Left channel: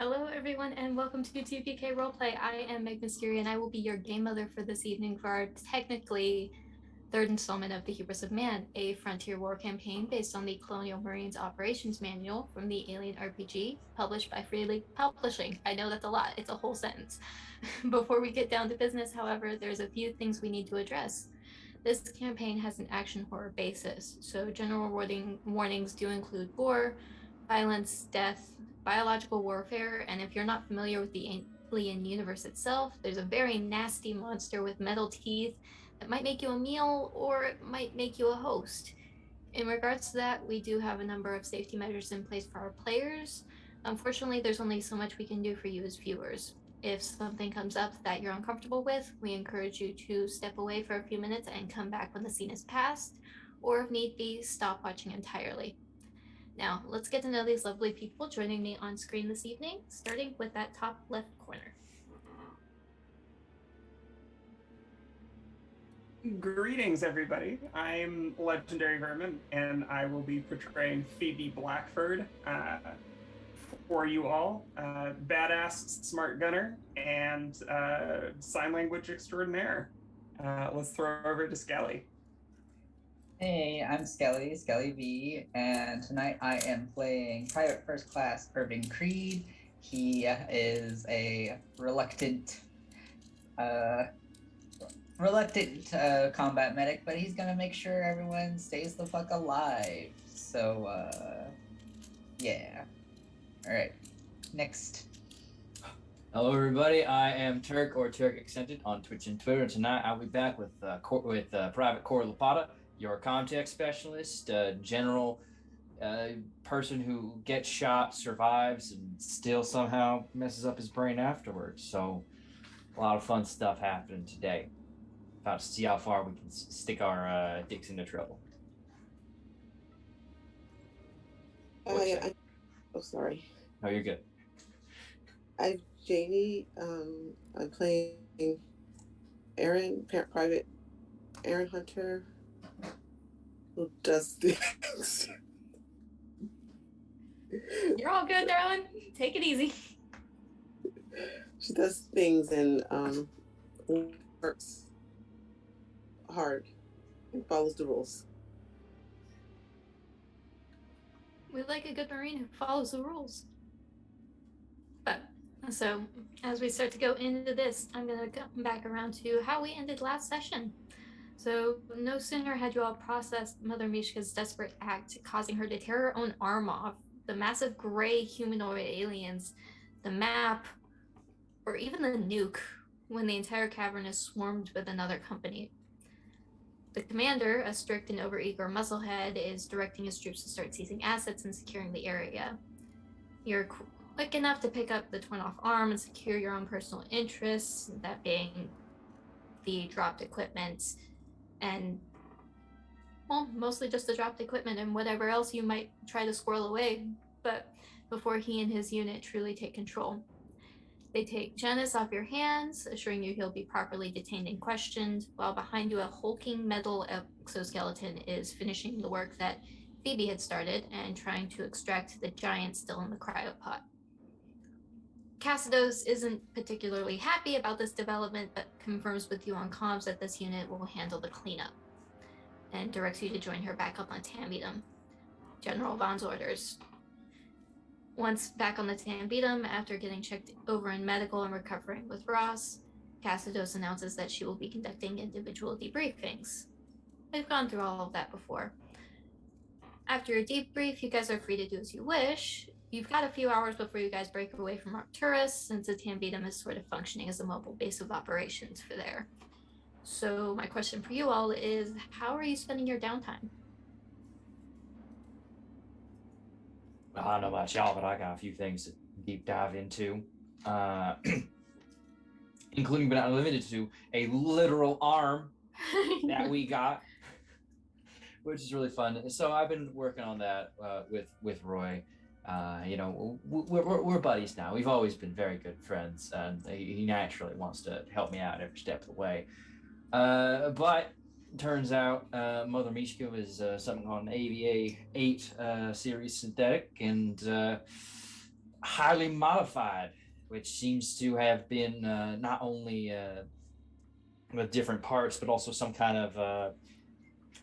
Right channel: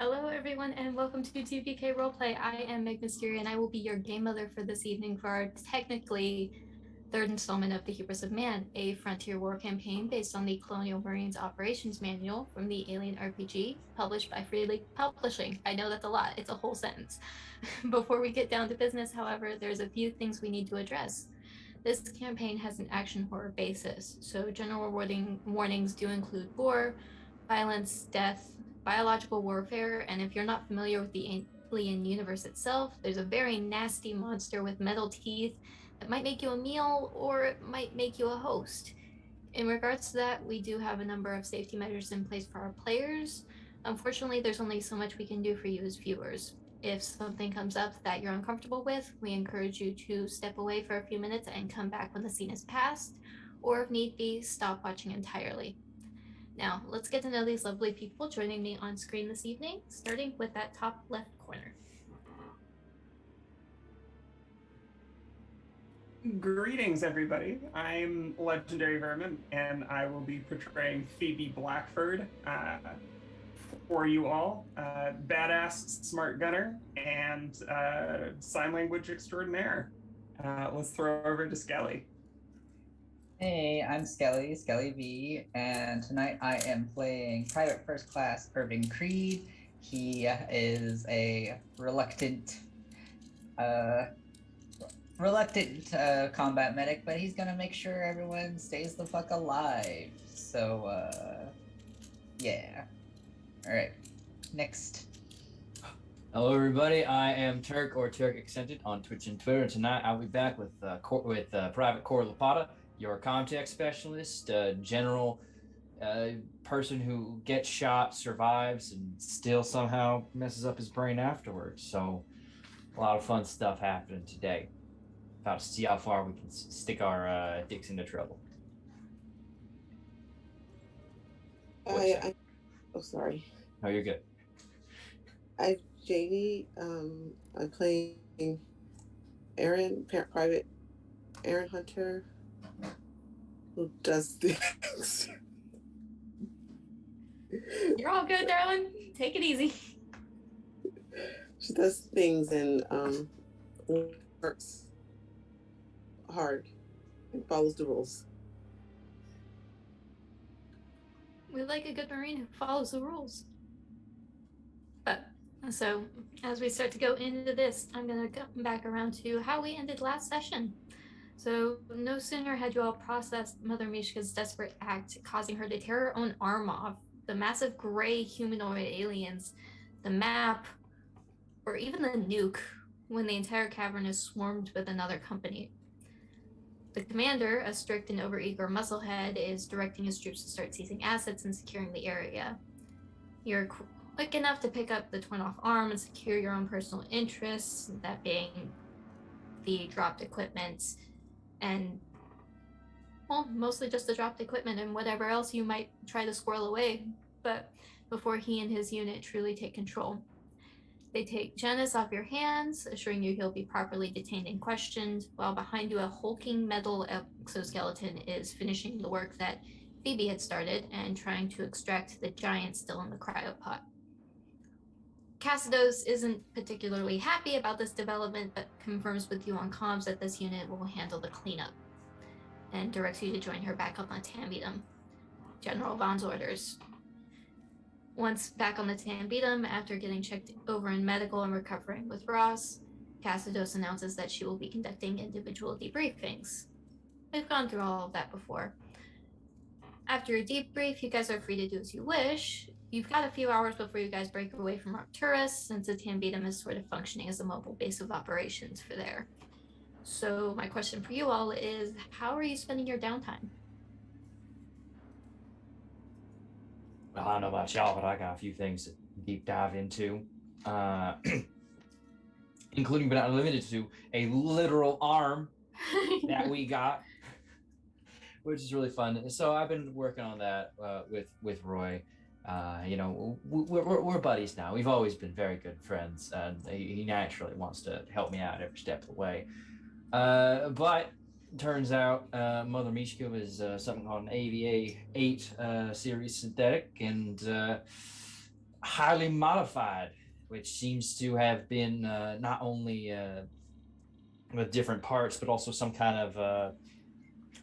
Hello, everyone, and welcome to 2PK Roleplay. I am Meg Mystery, and I will be your game mother for this evening for our technically third installment of the Hubris of Man, a frontier war campaign based on the Colonial Marines Operations Manual from the Alien RPG, published by Free League Publishing. I know that's a lot, it's a whole sentence. Before we get down to business, however, there's a few things we need to address. This campaign has an action horror basis, so general warnings do include gore, violence, death, biological warfare, and if you're not familiar with the alien universe itself, there's a very nasty monster with metal teeth that might make you a meal or it might make you a host. In regards to that, we do have a number of safety measures in place for our players. Unfortunately, there's only so much we can do for you as viewers. If something comes up that you're uncomfortable with, we encourage you to step away for a few minutes and come back when the scene is past, or if need be, stop watching entirely. Now, let's get to know these lovely people joining me on screen this evening, starting with that top left corner. Greetings, everybody. I'm Legendary Vermin, and I will be portraying Phoebe Blackford for you all. Badass smart gunner and sign language extraordinaire. Let's throw over to Skelly. Hey, I'm Skelly V, and tonight I am playing Private First Class Irving Creed. He is a reluctant combat medic, but he's gonna make sure everyone stays the fuck alive. So, yeah. All right, next. Hello, everybody. I am Turk or Turk Accented on Twitch and Twitter, and tonight I'll be back with Private Core Lapata, your contact specialist, general person who gets shot, survives, and still somehow messes up his brain afterwards. So, a lot of fun stuff happening today. About to see how far we can stick our dicks into trouble. Sorry. No, you're good. I'm Jamie. I'm playing Private Aaron Hunter, who does things. You're all good, darling. Take it easy. She does things and works hard and follows the rules. We like a good Marine who follows the rules. But, so, as we start to go into this, I'm going to come back around to how we ended last session. So, no sooner had you all processed Mother Mishka's desperate act, causing her to tear her own arm off, the massive gray humanoid aliens, the map, or even the nuke, when the entire cavern is swarmed with another company. The commander, a strict and overeager musclehead, is directing his troops to start seizing assets and securing the area. You're quick enough to pick up the torn off arm and secure your own personal interests, that being the dropped equipment and, well, mostly just the dropped equipment and whatever else you might try to squirrel away, but before he and his unit truly take control. They take Janice off your hands, assuring you he'll be properly detained and questioned, while behind you a hulking metal exoskeleton is finishing the work that Phoebe had started and trying to extract the giant still in the cryopod. Cassidos isn't particularly happy about this development, but confirms with you on comms that this unit will handle the cleanup, and directs you to join her back up on Tambitum. General Vaughn's orders. Once back on the Tambitum, after getting checked over in medical and recovering with Ross, Cassidos announces that she will be conducting individual debriefings. We've gone through all of that before. After your debrief, you guys are free to do as you wish. You've got a few hours before you guys break away from Arcturus, since the Tambitum is sort of functioning as a mobile base of operations for there. So my question for you all is, how are you spending your downtime? I don't know about y'all, but I got a few things to deep dive into, including but not limited to a literal arm that we got, which is really fun. So I've been working on that with Roy. We're buddies now. We've always been very good friends, and he naturally wants to help me out every step of the way. But turns out Mother Mishka is something called an AVA 8 series synthetic, and highly modified, which seems to have been not only with different parts, but also some kind of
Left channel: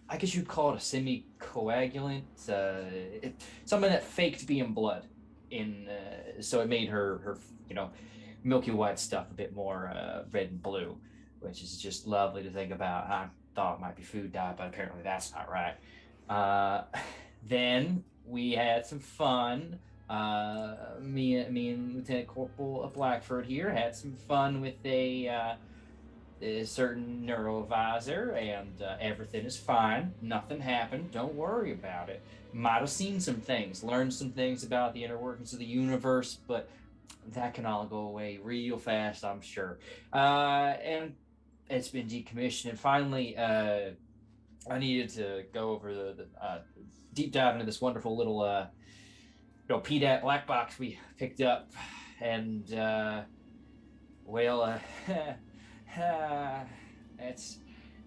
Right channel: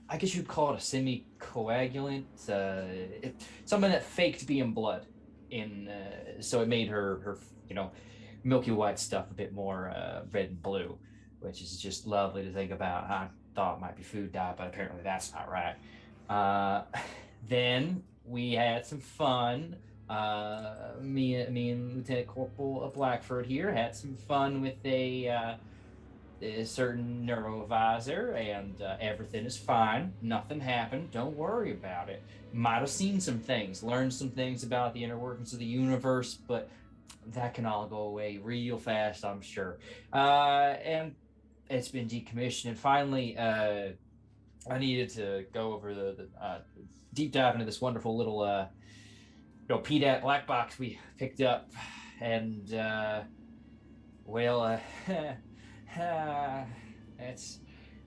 I guess you'd call it a semi-coagulant, something that faked being blood, so it made her milky white stuff a bit more red and blue, which is just lovely to think about. I thought it might be food dye, but apparently that's not right. Then we had some fun. Me and Lieutenant Corporal Blackford here had some fun with a certain neurovisor, and everything is fine. Nothing happened. Don't worry about it. Might have seen some things, learned some things about the inner workings of the universe, but that can all go away real fast, I'm sure. And it's been decommissioned. And finally, I needed to go over the deep dive into this wonderful little PDAT black box we picked up, and well, that's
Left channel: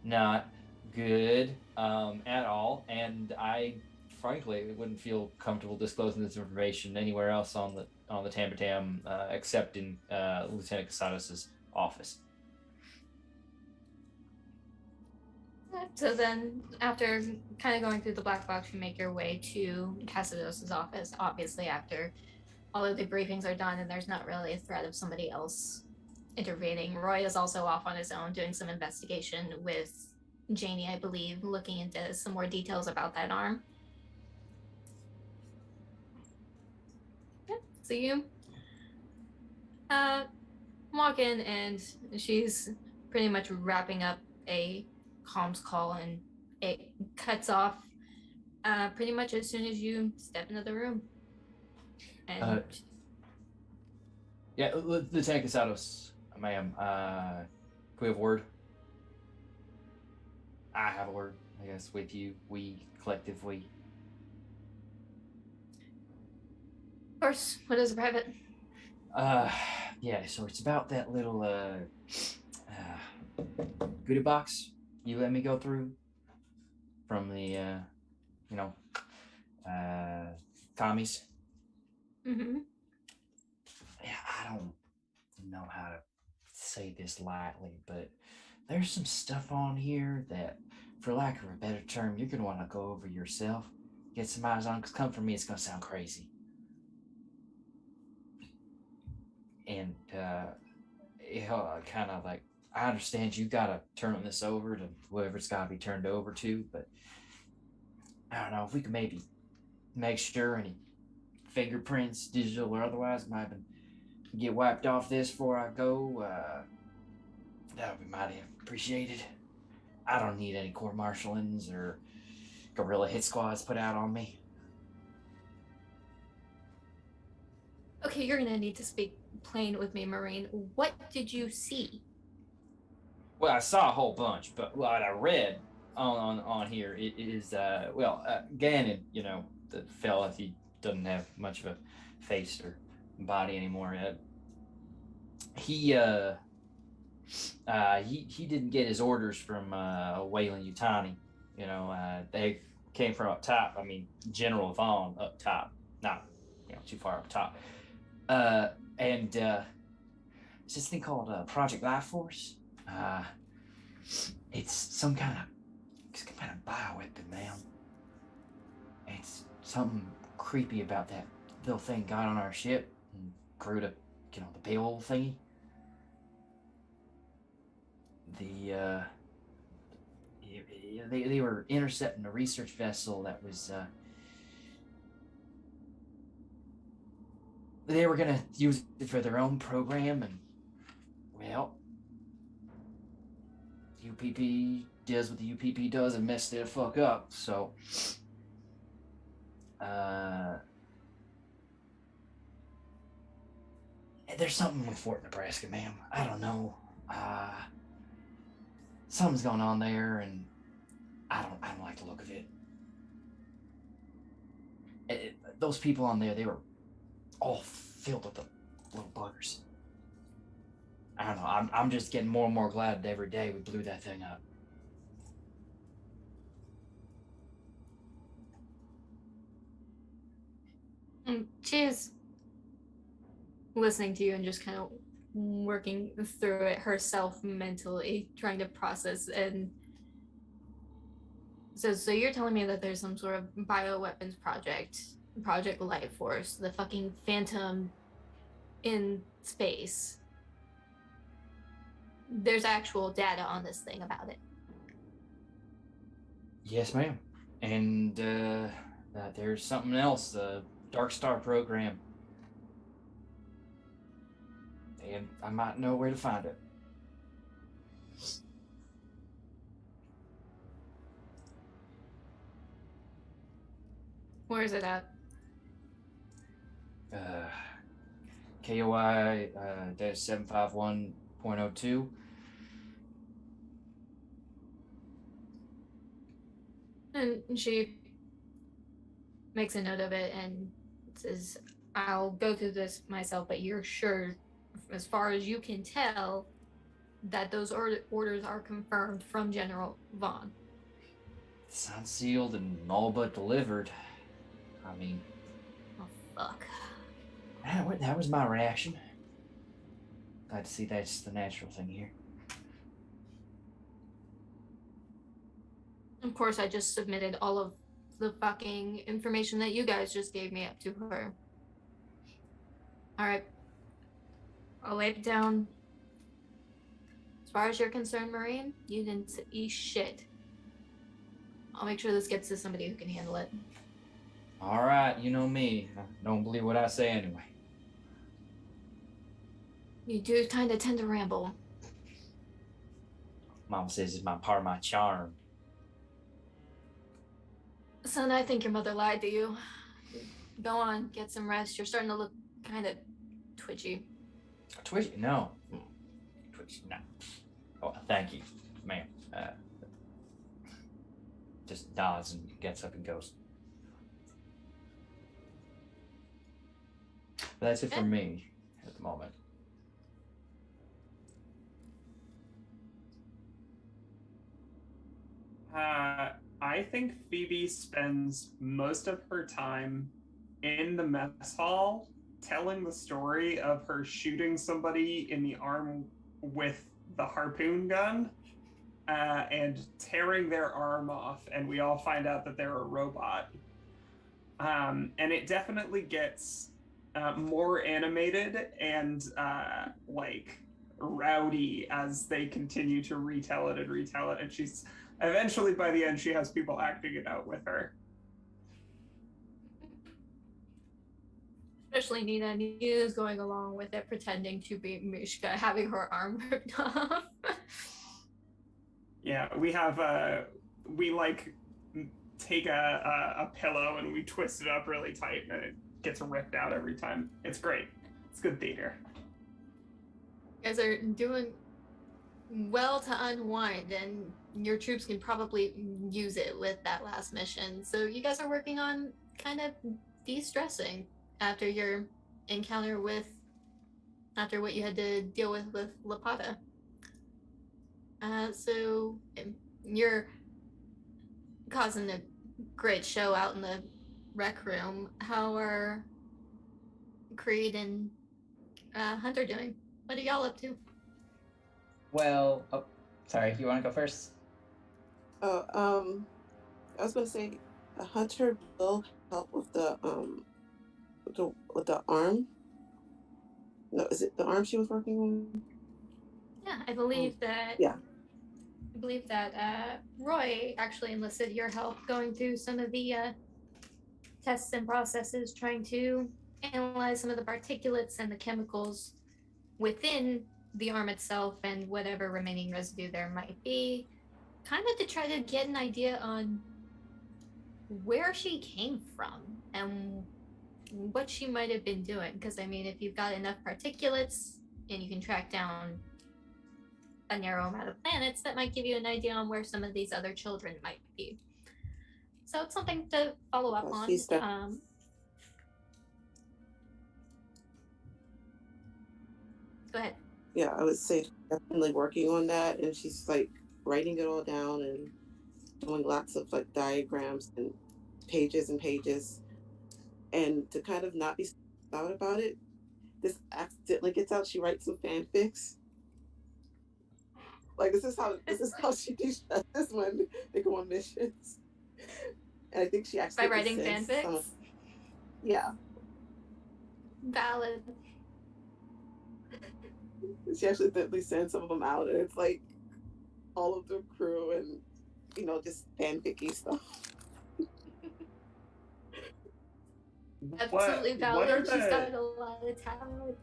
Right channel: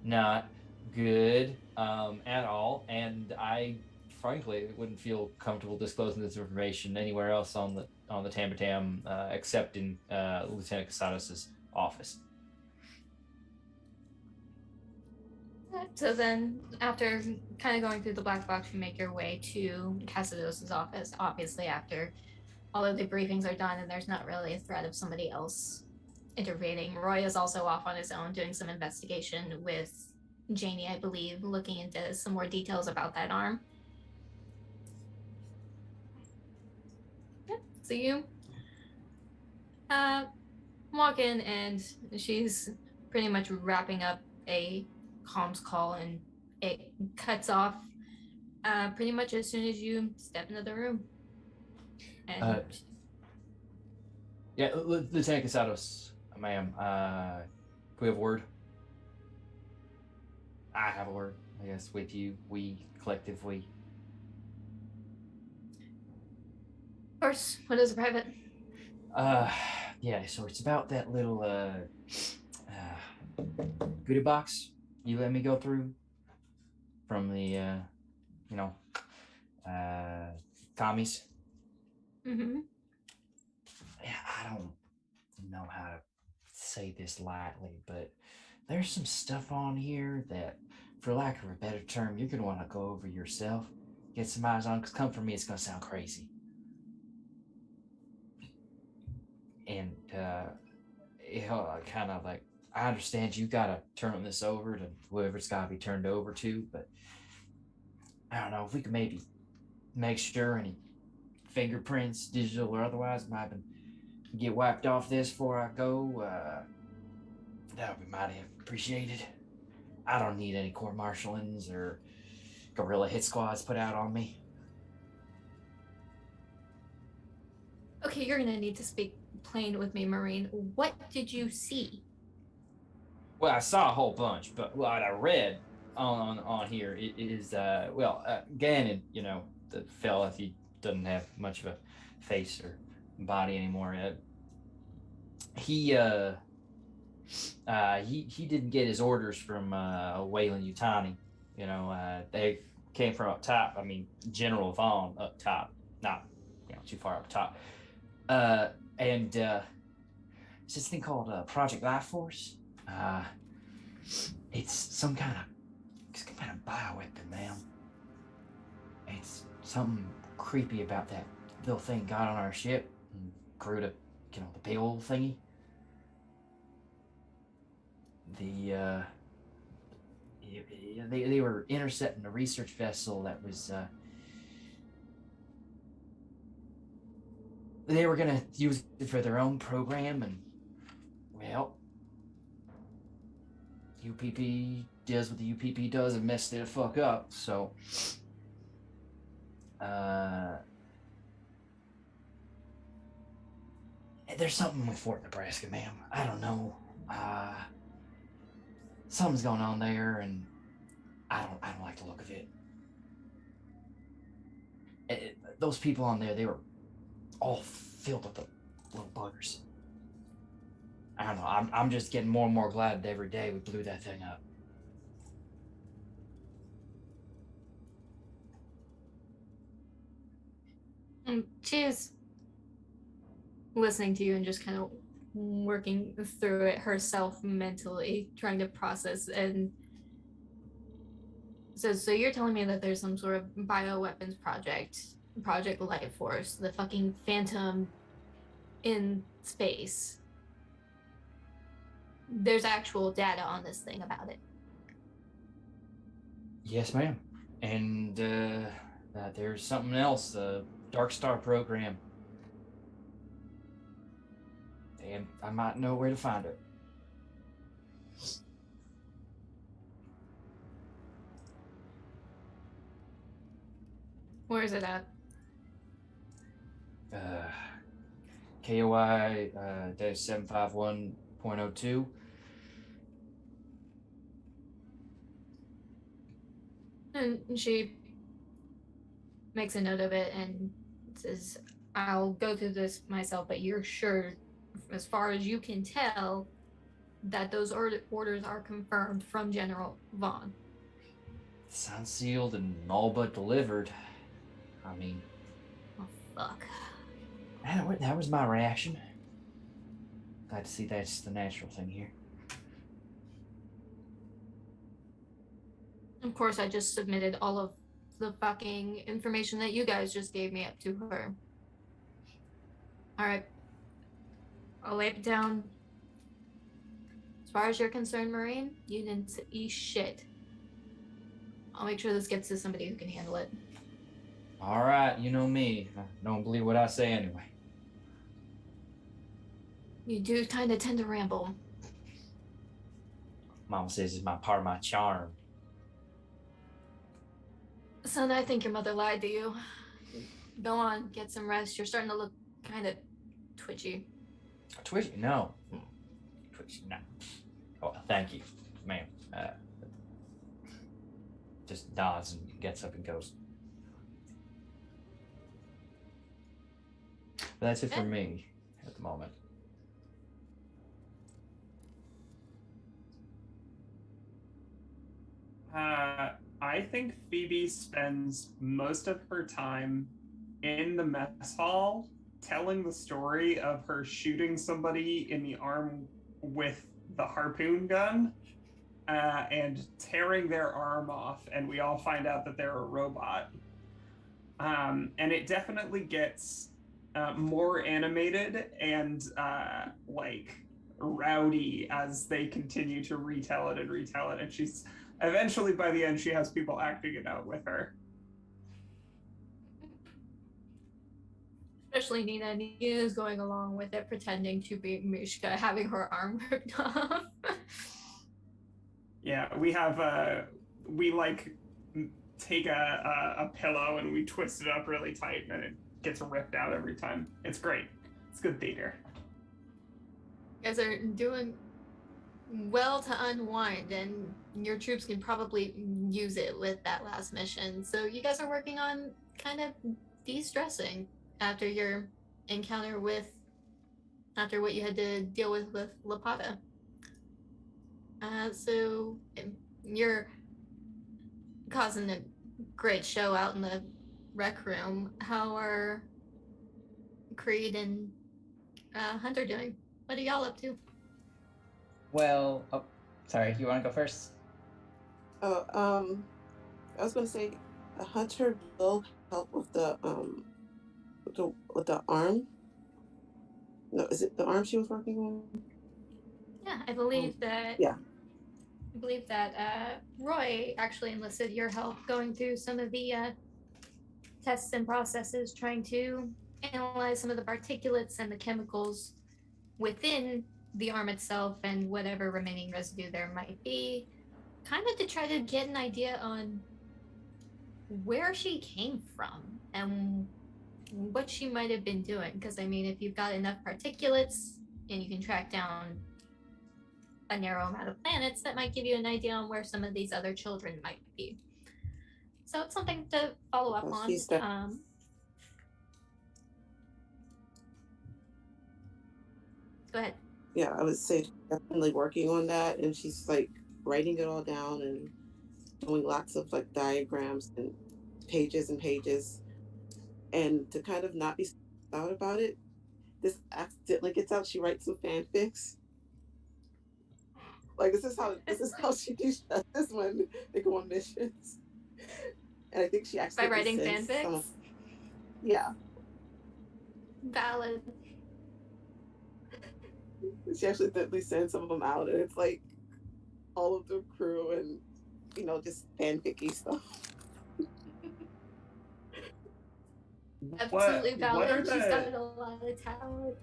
not good at all. And I, frankly, wouldn't feel comfortable disclosing this information anywhere else on the Tamatam except in Lieutenant Casados's office. So then, after kind of going through the black box, you make your way to Casados's office. Obviously, after all of the briefings are done and there's not really a threat of somebody else intervening. Roy is also off on his own doing some investigation with Janie, I believe, looking into some more details about that arm. Yeah, so you walk in and she's pretty much wrapping up a comms call, and it cuts off pretty much as soon as you step into the room. And yeah, Lieutenant Casados, ma'am, can we have a word? I have a word, I guess, with you. We, collective, we. Of course, what is a private? Yeah, so it's about that little goodie box you let me go through from the commies. Mm-hmm. Yeah, I don't know how to say this lightly, but there's some stuff on here that, for lack of a better term, you're gonna want to go over yourself, get some eyes on, because come from me, it's gonna sound crazy. And kind of like, I understand you gotta turn this over to whoever it's gotta be turned over to, but I don't know if we could maybe make sure any fingerprints, digital or otherwise, might get wiped off this before I go. That would be mighty appreciated. I don't need any court-martialings or guerrilla hit squads put out on me. Okay, you're gonna need to speak plain with me, Marine. What did you see? Well, I saw a whole bunch, but what I read on here is Gannon, the fella, he doesn't have much of a face or body anymore. He didn't get his orders from Wayland Yutani. They came from up top. I mean, General Vaughn up top, not too far up top. And it's this thing called Project Life Force. It's some kind of bioweapon, man. It's something creepy about that little thing got on our ship and grew to, the payroll thingy. They were intercepting a research vessel that was they were gonna use it for their own program, and well, UPP does what the UPP does and messed it the fuck up. So there's something with Fort Nebraska, ma'am. I don't know. Something's going on there, and I don't like the look of it. Those people on there, they were all filled with the little buggers. I don't know. I'm just getting more and more glad that every day we blew that thing up. Cheers. listening to you and just kind of working through it herself mentally, trying to process. And so you're telling me that there's some sort of bioweapons project Life Force, the fucking Phantom in space. There's actual data on this thing about it. Yes, ma'am. And there's something else, the Dark Star program. And I might know where to find it. Where is it at? KOI -751.02. And she makes a note of it and says, I'll go through this myself, but you're sure, as far as you can tell, that those orders are confirmed from General Vaughn. Signed, sealed, and all but delivered. I mean... Oh, fuck. That was my reaction. Glad to see that's the natural thing here. Of course, I just submitted all of the fucking information that you guys just gave me up to her. Alright. I'll lay it down. As far as you're concerned, Marine, you didn't see shit. I'll make sure this gets to somebody who can handle it. All right, you know me. I don't believe what I say anyway. You do kind of tend to ramble. Mama says it's part of my charm. Son, I think your mother lied to you. Go on, get some rest. You're starting to look kind of twitchy. Twitchy? No. Twitchy? No. Oh, thank you, ma'am. Just nods and gets up and goes. But that's it for me at the moment. I think Phoebe spends most of her time in the mess hall telling the story of her shooting somebody in the arm with the harpoon gun and tearing their arm off, and we all find out that they're a robot. And it definitely gets more animated and like rowdy as they continue to retell it, and she's eventually, by the end, she has people acting it out with her. Especially Nina. Nina's going along with it, pretending to be Mishka, having her arm ripped off. Yeah, we have we like take a pillow and we twist it up really tight, and it gets ripped out every time. It's great. It's good theater. You guys are doing well to unwind, and your troops can probably use it with that last mission. So you guys are working on kind of de-stressing after your encounter after what you had to deal with Lapata. So you're causing a great show out in the rec room. How are Creed and Hunter doing? What are y'all up to? Well, oh, sorry, you want to go first? I was gonna say, Hunter will help with the arm. No, is it the arm she was working on? Yeah, I believe that. Yeah. I believe that Roy actually enlisted your help going through some of the tests and processes, trying to analyze some of the particulates and the chemicals within the arm itself and whatever remaining residue there might be, kind of to try to get an idea on where she came from and what she might have been doing. Because I mean, if you've got enough particulates and you can track down a narrow amount of planets, that might give you an idea on where some of these other children might be. So it's something to follow up on. Go ahead. Yeah, I would say definitely working on that, and she's like writing it all down and doing lots of like diagrams and pages, and to kind of not be stressed out about it, this accidentally gets out, she writes some fanfics. Like this is how she de-stresses when they go on missions. And I think she actually By writing fanfics? Yeah. Valid. She accidentally sends some of them out, and it's like all of the crew and just fanficky stuff. Absolutely What valid. are She's the? got a lot of talent.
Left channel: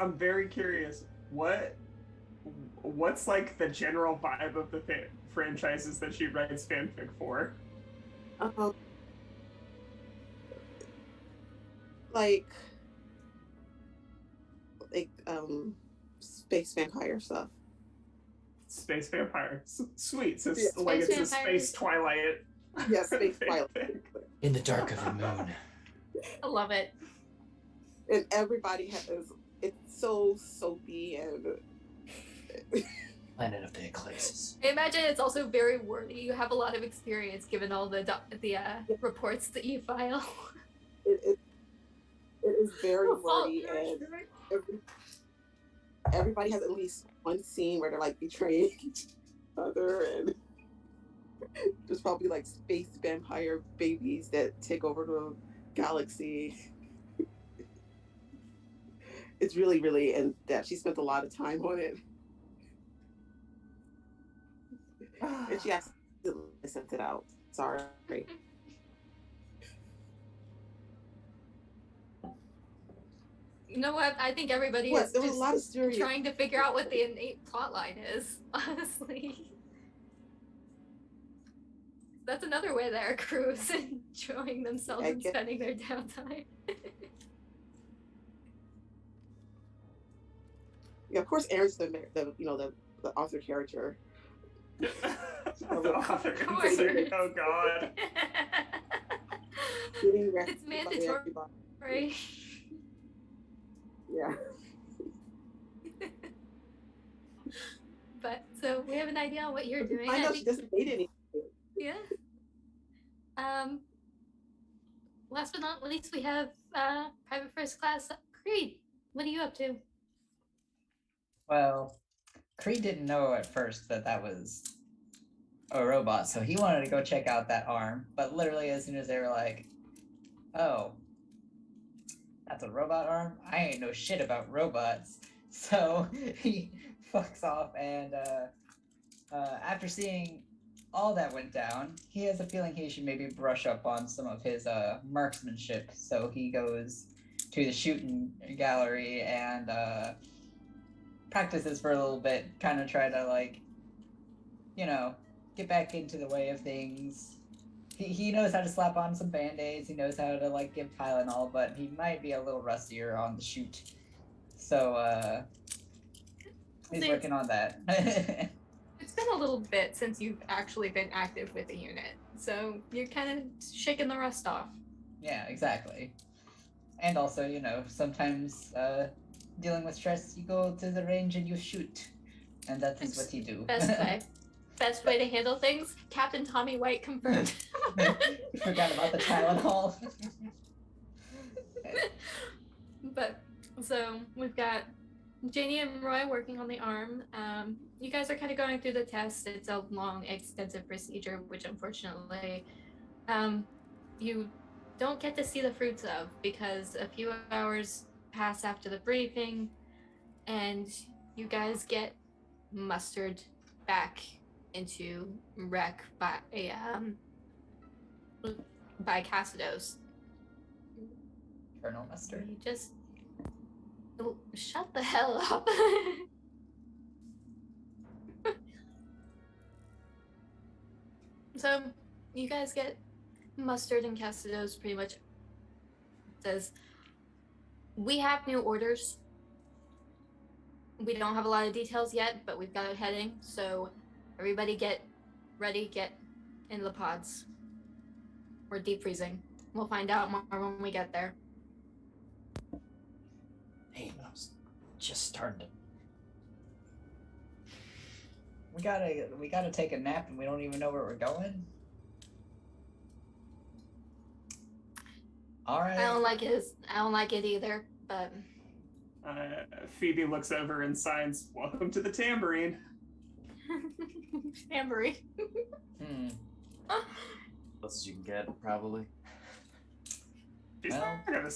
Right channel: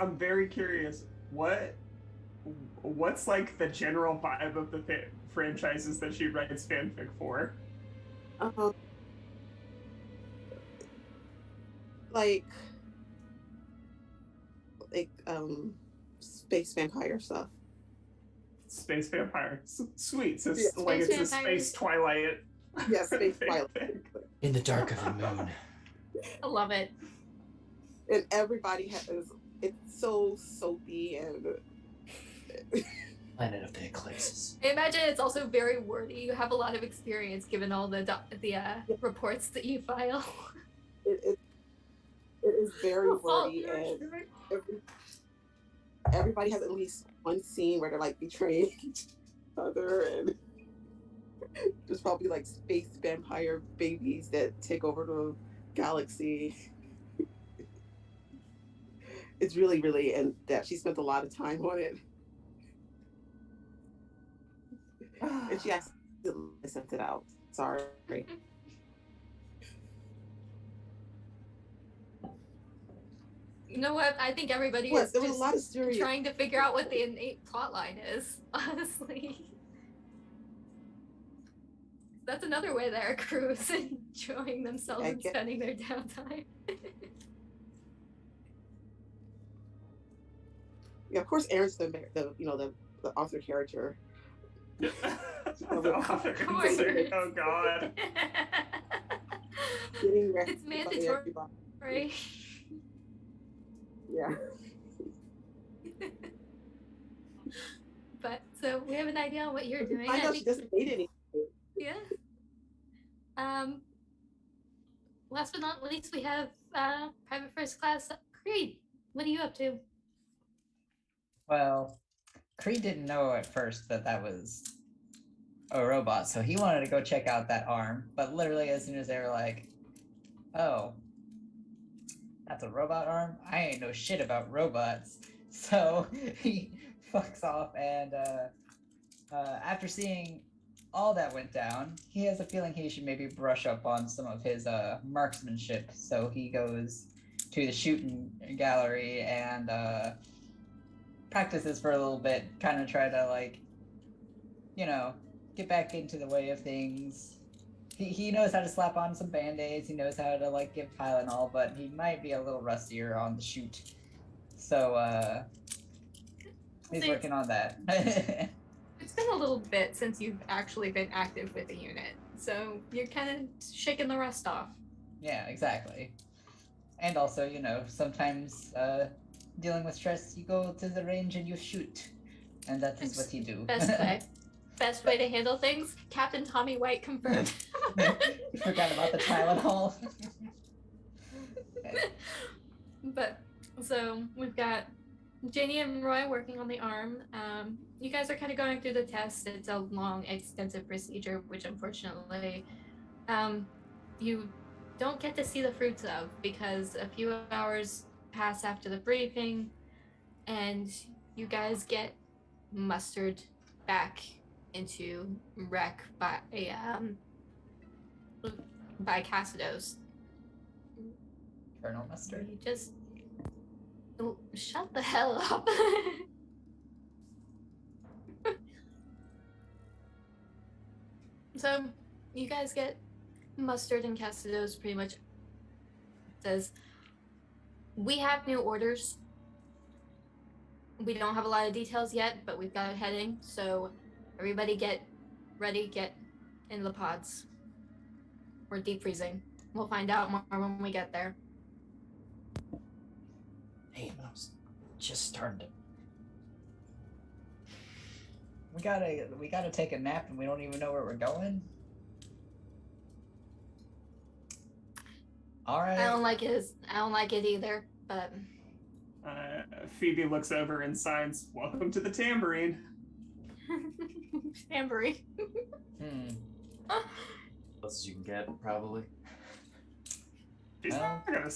I'm very curious. What's like the general vibe of the franchises that she writes fanfic for? Like space vampire stuff. Space vampire. Sweet. So Yeah. like Space it's a vampires. space Twilight. Yeah, space fanfic. Twilight. In the dark of the moon. I love it. And everybody it's so soapy and Planet of the Eclipses. I imagine it's also very wordy. You have a lot of experience given all the reports that you file. it is very wordy, and everybody has at least one scene where they're like betraying each other, and there's probably like space vampire babies that take over the galaxy. It's really, really in depth. She spent a lot of time on it. And she accidentally sent it out. Sorry. You know what? I think everybody What? is There was just a lot of serious. trying to figure out what the innate plot line is, honestly. That's another way that our crew is enjoying themselves and spending their downtime. Yeah, of course, Aaron's the author character. The author insert. Oh god. It's mandatory. Right? Yeah. But so we have an idea on what you're doing. I know she doesn't hate anything. Yeah. Last but not least, we have Private First Class Creed. What are you up to? Well, Creed didn't know at first that was a robot, so he wanted to go check out that arm. But literally, as soon as they were like, "Oh, that's a robot arm," I ain't know shit about robots. So he fucks off, and after seeing all that went down, he has a feeling he should maybe brush up on some of his marksmanship. So he goes to the shooting gallery and practices for a little bit, kind of try to get back into the way of things. He knows how to slap on some band-aids, he knows how to give Tylenol, but he might be a little rustier on the shoot. So he's working on that. It's been a little bit since you've actually been active with the unit, so you're kind of shaking the rust off. Yeah, exactly. And also, sometimes dealing with stress, you go to the range and you shoot. And that is what you do. Best way to handle things. Captain Tommy White confirmed. You forgot about the Tylenol. But, so, we've got Janie and Roy working on the arm. You guys are kind of going through the test. It's a long, extensive procedure, which unfortunately you don't get to see the fruits of, because a few hours pass after the briefing and you guys get mustered back into rec by Cassidos. Colonel Mustard. You just shut the hell up. So you guys get mustered, and Cassidos pretty much says, "We have new orders. We don't have a lot of details yet, but we've got a heading, so everybody get ready, get in the pods. We're deep freezing. We'll find out more when we get there." Hey, I was just starting to. We gotta take a nap and we don't even know where we're going. All right. I don't like it either. But Phoebe looks over and signs, "Welcome to the tambourine." tambourine. Close as you can get, probably. She's not gonna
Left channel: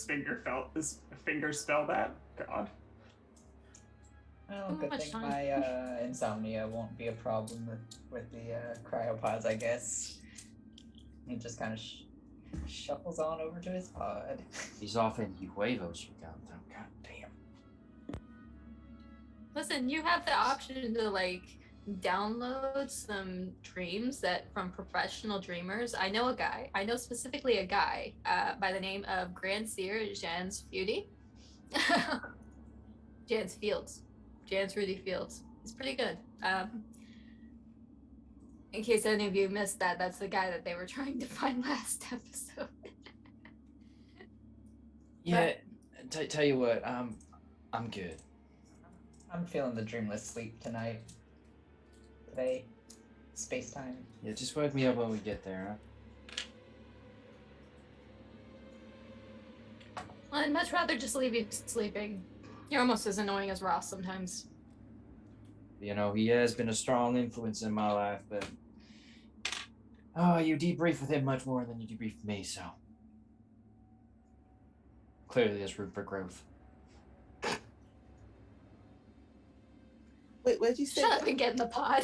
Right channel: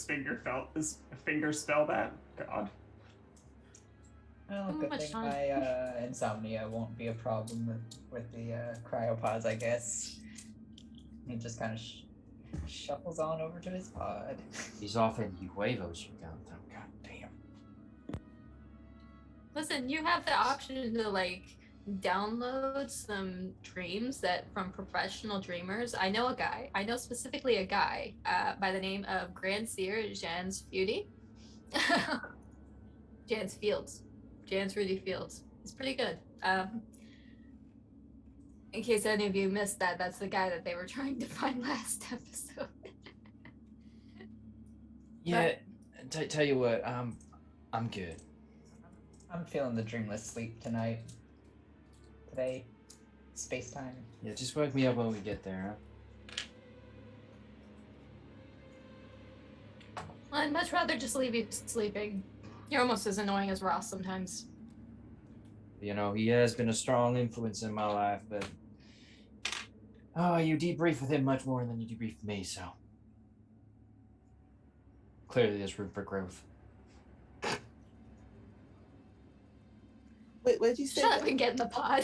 finger spell that. God. Well, Too good much thing time. my insomnia won't be a problem with the cryopods, I guess. He just kind of shuffles on over to his pod. He's off in huevos, you got them. God damn. Listen, you have the option to like download some dreams that from professional dreamers. I know specifically a guy by the name of Grand Seer Jans Feudy. Jans Rudy Fields. He's pretty good. In case any of you missed that, that's the guy that they were trying to find last episode. Yeah, tell you what, I'm good. I'm feeling the dreamless sleep tonight. Today, space time. Yeah, just wake me up when we get there, huh? I'd much rather just leave you sleeping. You're almost as annoying as Ross sometimes. You know, he has been a strong influence in my life, but you debrief with him much more than you debrief with me, so clearly there's room for growth. Wait, what did you say? Shut up and get in the pod.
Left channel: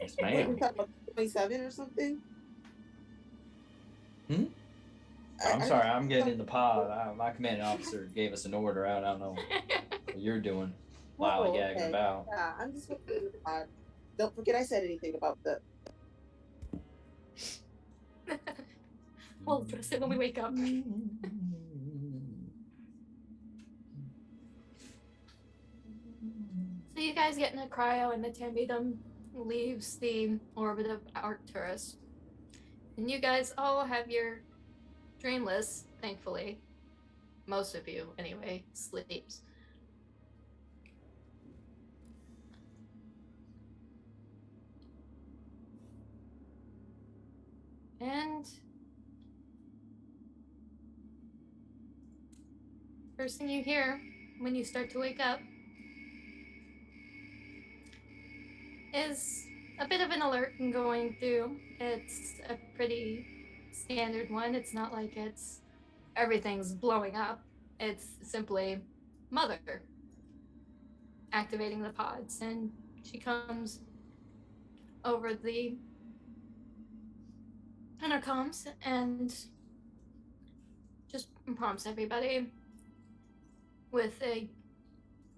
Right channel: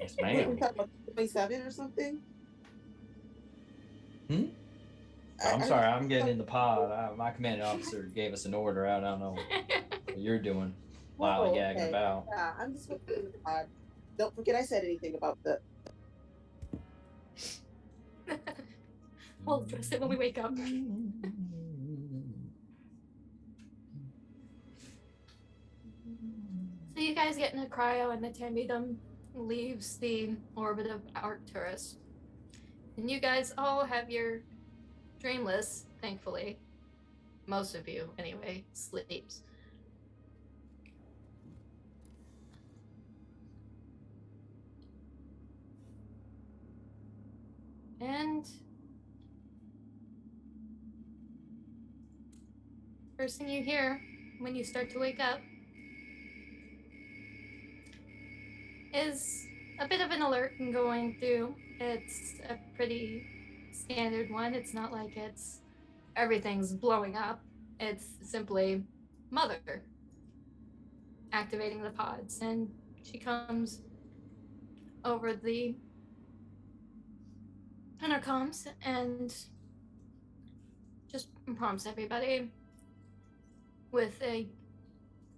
Yes, ma'am. 27 or something? I'm sorry, I'm getting in the pod. My commanding officer gave us an order out. I don't know what you're doing. Lollygagging about. Yeah, I'm just looking in the pod. Don't forget I said anything about the... We'll address it when we wake up. So you guys get in a cryo and the Tambidum leaves the orbit of Arcturus. And you guys all have your dreamless, thankfully. Most of you, anyway, sleeps. And first thing you hear when you start to wake up is a bit of an alert going through. It's a pretty standard one. It's not like everything's blowing up. It's simply Mother activating the pods, and she comes over the intercoms and just prompts everybody with a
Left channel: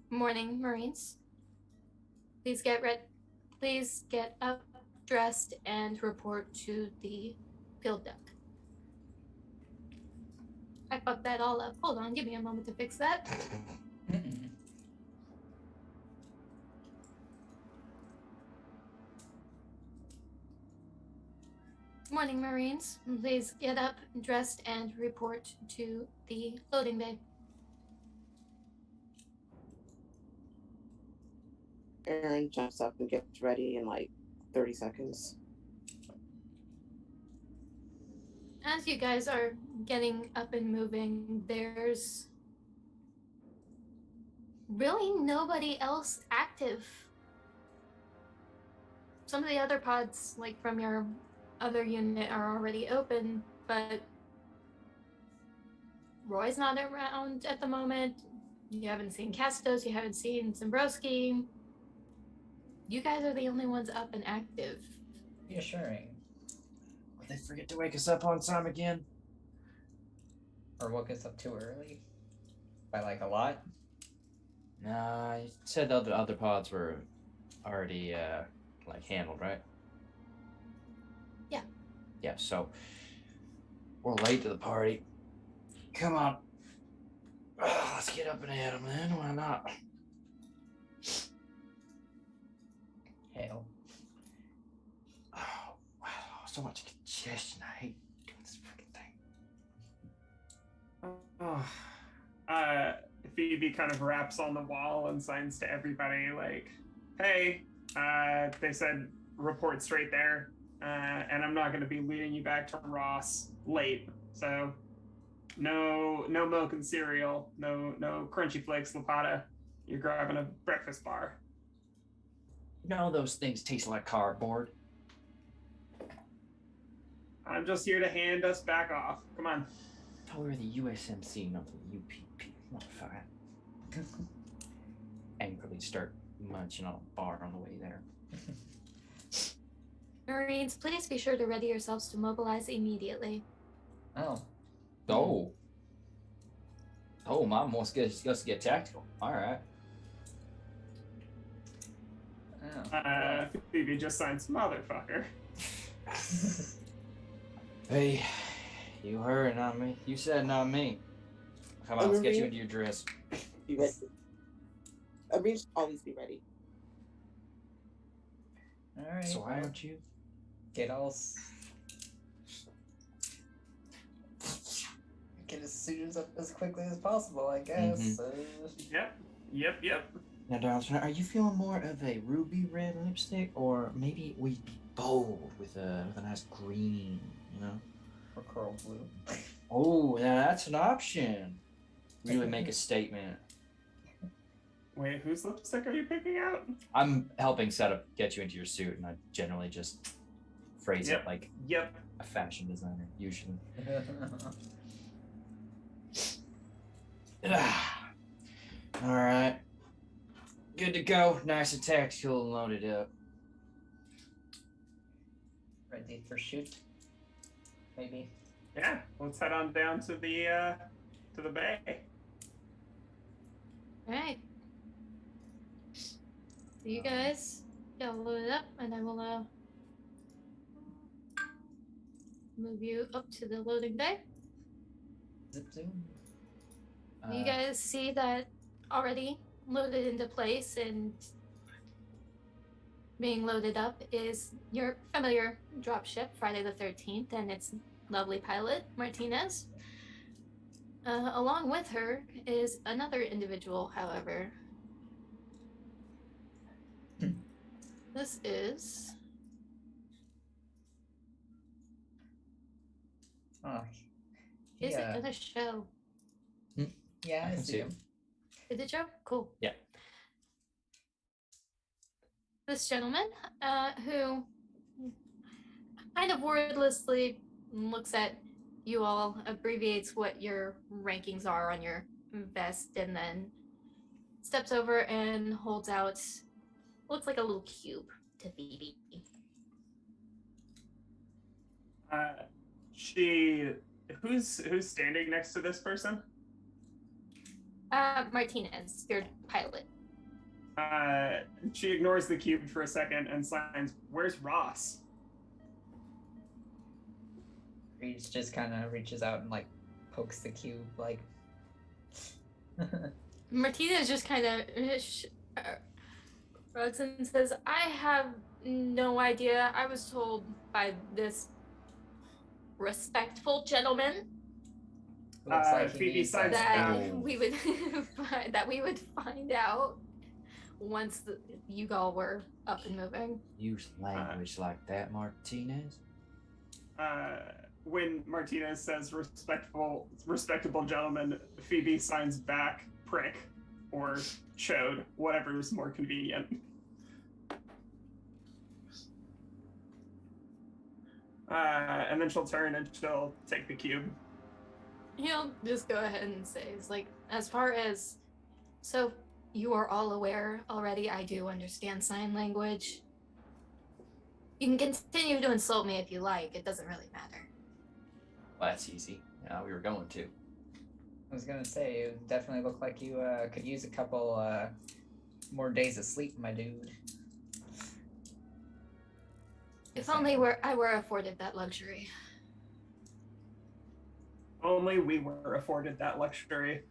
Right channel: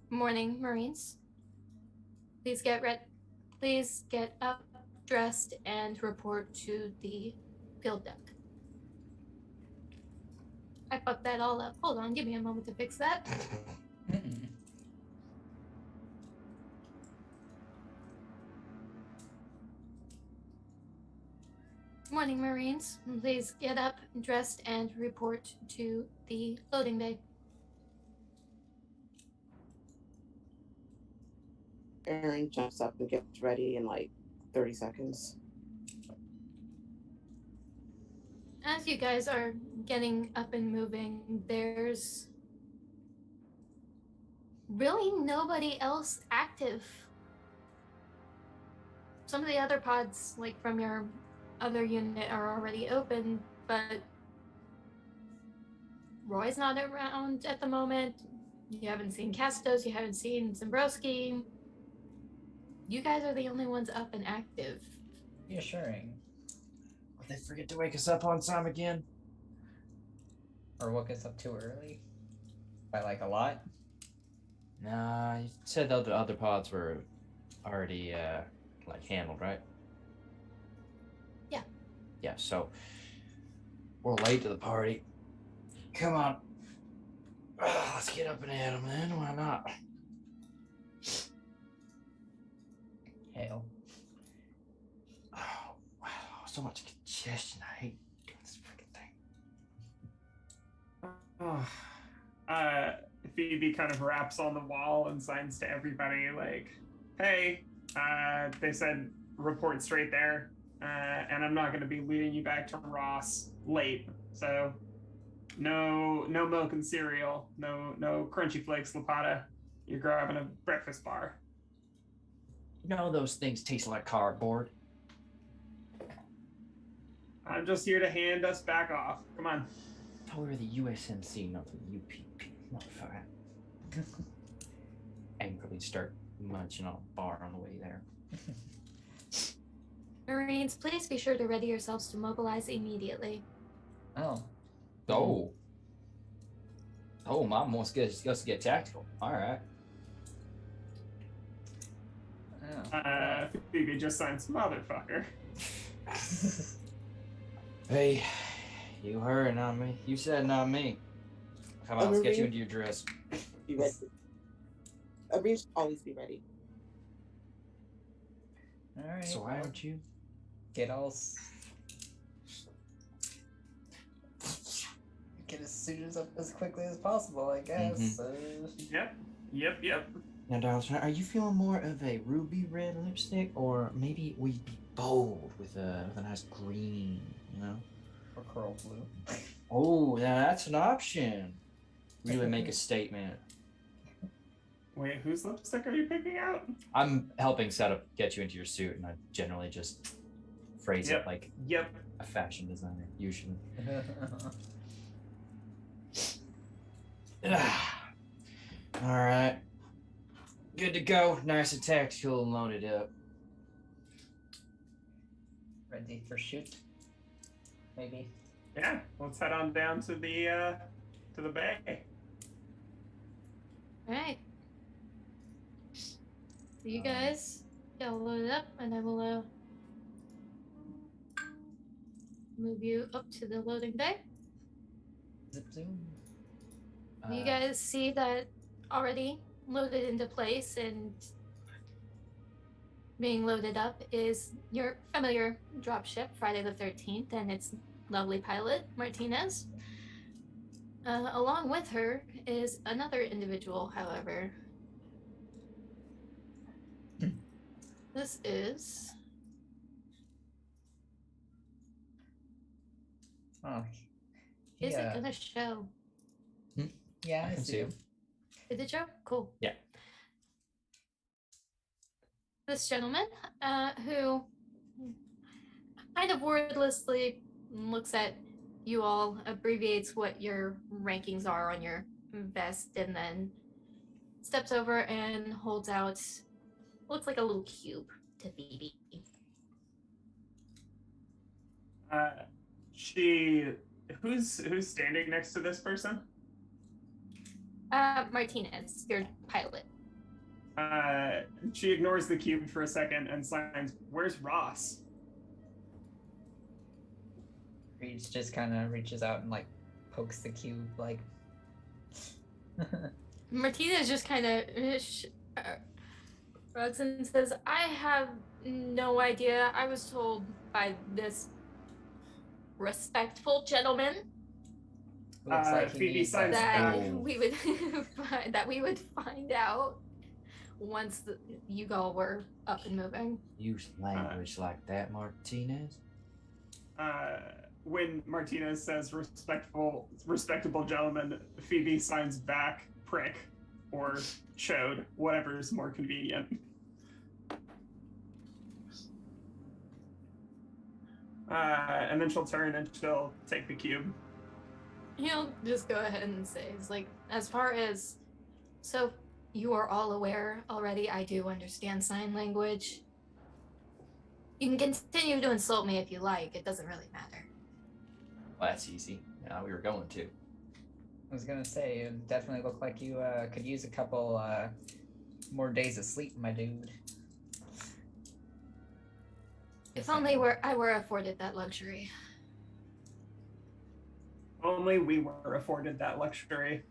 morning, Marines. Please get up, dressed, and report to the field deck. I fucked that all up. Hold on, give me a moment to fix that. Morning, Marines. Please get up, dressed, and report to the loading bay. Aaron jumps up and gets ready in like 30 seconds. As you guys are getting up and moving, there's really nobody else active. Some of the other pods, like from your other unit, are already open, but Roy's not around at the moment. You haven't seen Castos, you haven't seen Zimbrowski. You guys are the only ones up and active. Reassuring. Would they forget to wake us up on time again? Or woke us up too early? By like a lot? Nah, you said the other pods were already like handled, right? Yeah. Yeah, so we're late to the party. Come on. Let's get up and at 'em then. Why not? Hell. Oh, wow, so much congestion. I hate doing this freaking thing. Phoebe kind of raps on the wall and signs to everybody like, "Hey, they said report straight there, and I'm not going to be leading you back to Ross late, so No milk and cereal. No crunchy flakes, Lapata. You're grabbing a breakfast bar. No, those things taste like cardboard. I'm just here to hand us back off. Come on. Oh, we're the USMC, not the UPP. Motherfucker. Angrily start munching on a bar on the way there. Marines, please be sure to ready yourselves to mobilize immediately. Oh. Oh. Oh, Mom wants us to get tactical. All right. Oh. Phoebe just signs motherfucker. Hey, you heard, not me. You said not me. Come on, let's get you into your dress. Be ready. A Marine should always be ready. All right. So why don't you get as suited up as quickly as possible, I guess. Yep. Now, Darlington, are you feeling more of a ruby red lipstick, or maybe we'd be bold with a nice green, you know? Or coral blue. Oh, now that's an option. Really make a statement. Wait, whose lipstick are you picking out? I'm helping get you into your suit, and I generally just phrase it like a fashion designer, usually. All right. Good to go. Nice and tactical and loaded up. Ready for shoot? Maybe. Yeah, let's head on down to the bay. All right. So you guys get all loaded up, and I will move you up to the loading bay. Zip zoom. You guys see that already loaded into place, and being loaded up is your familiar dropship, Friday the 13th, and its lovely pilot, Martinez. Along with her is another individual, however. This is... Oh. Is it gonna show? Yeah, I see see. him. Did it show? Cool. Yeah. This gentleman, who kind of wordlessly looks at you all, abbreviates what your rankings are on your vest, and then steps over and holds out, looks like a little cube to Phoebe. Who's standing next to this person? Martinez, your pilot. She ignores the cube for a second and signs, "Where's Ross?" Reese just kind of reaches out and like pokes the cube, like. Martinez just kind of shrugs and says, "I have no idea. I was told by this respectful gentleman Looks like he Phoebe needs signs that back. we would find out once you all were up and moving." Use language like that, Martinez. When Martinez says respectable gentleman, Phoebe signs back prick or chode, whatever's more convenient. And then she'll turn and she'll take the cube. He'll just go ahead and say, it's like, as far as, so you are all aware already, I do understand sign language. You can continue to insult me if you like, it doesn't really matter. Well, that's easy. Yeah, we were going to. I was gonna say, it definitely looked like you could use a couple more days of sleep, my dude. If only I were afforded that luxury. Only we were afforded that luxury.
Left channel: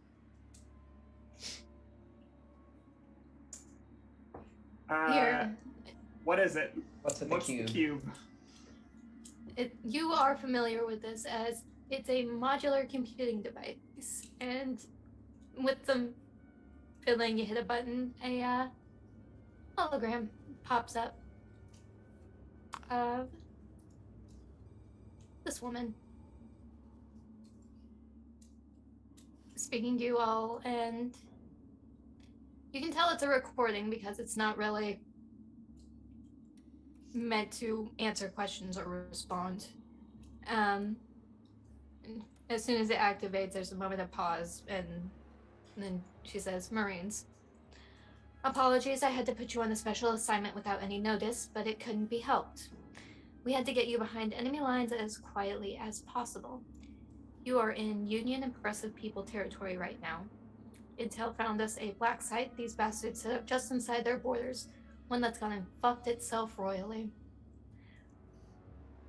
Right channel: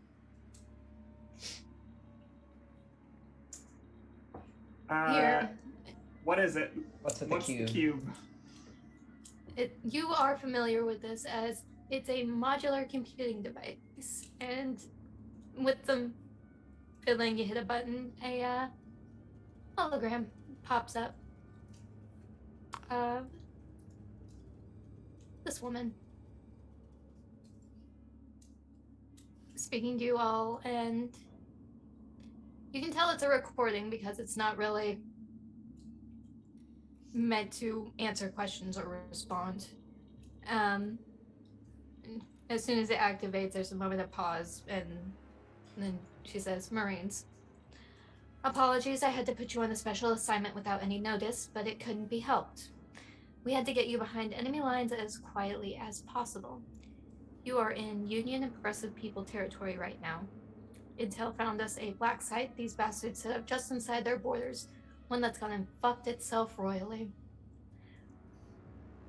Here. What is it? What's with What's the cube? the cube? You are familiar with this as it's a modular computing device, and with some filling, you hit a button, a hologram pops up of this woman. speaking to you all, and you can tell it's a recording because it's not really meant to answer questions or respond. As soon as it activates, there's a moment of pause, and then she says, Marines. Apologies, I had to put you on a special assignment without any notice, but it couldn't be helped. We had to get you behind enemy lines as quietly as possible. You are in Union Oppressive People territory right now. Intel found us a black site these bastards set up just inside their borders, one that's gone and fucked itself royally.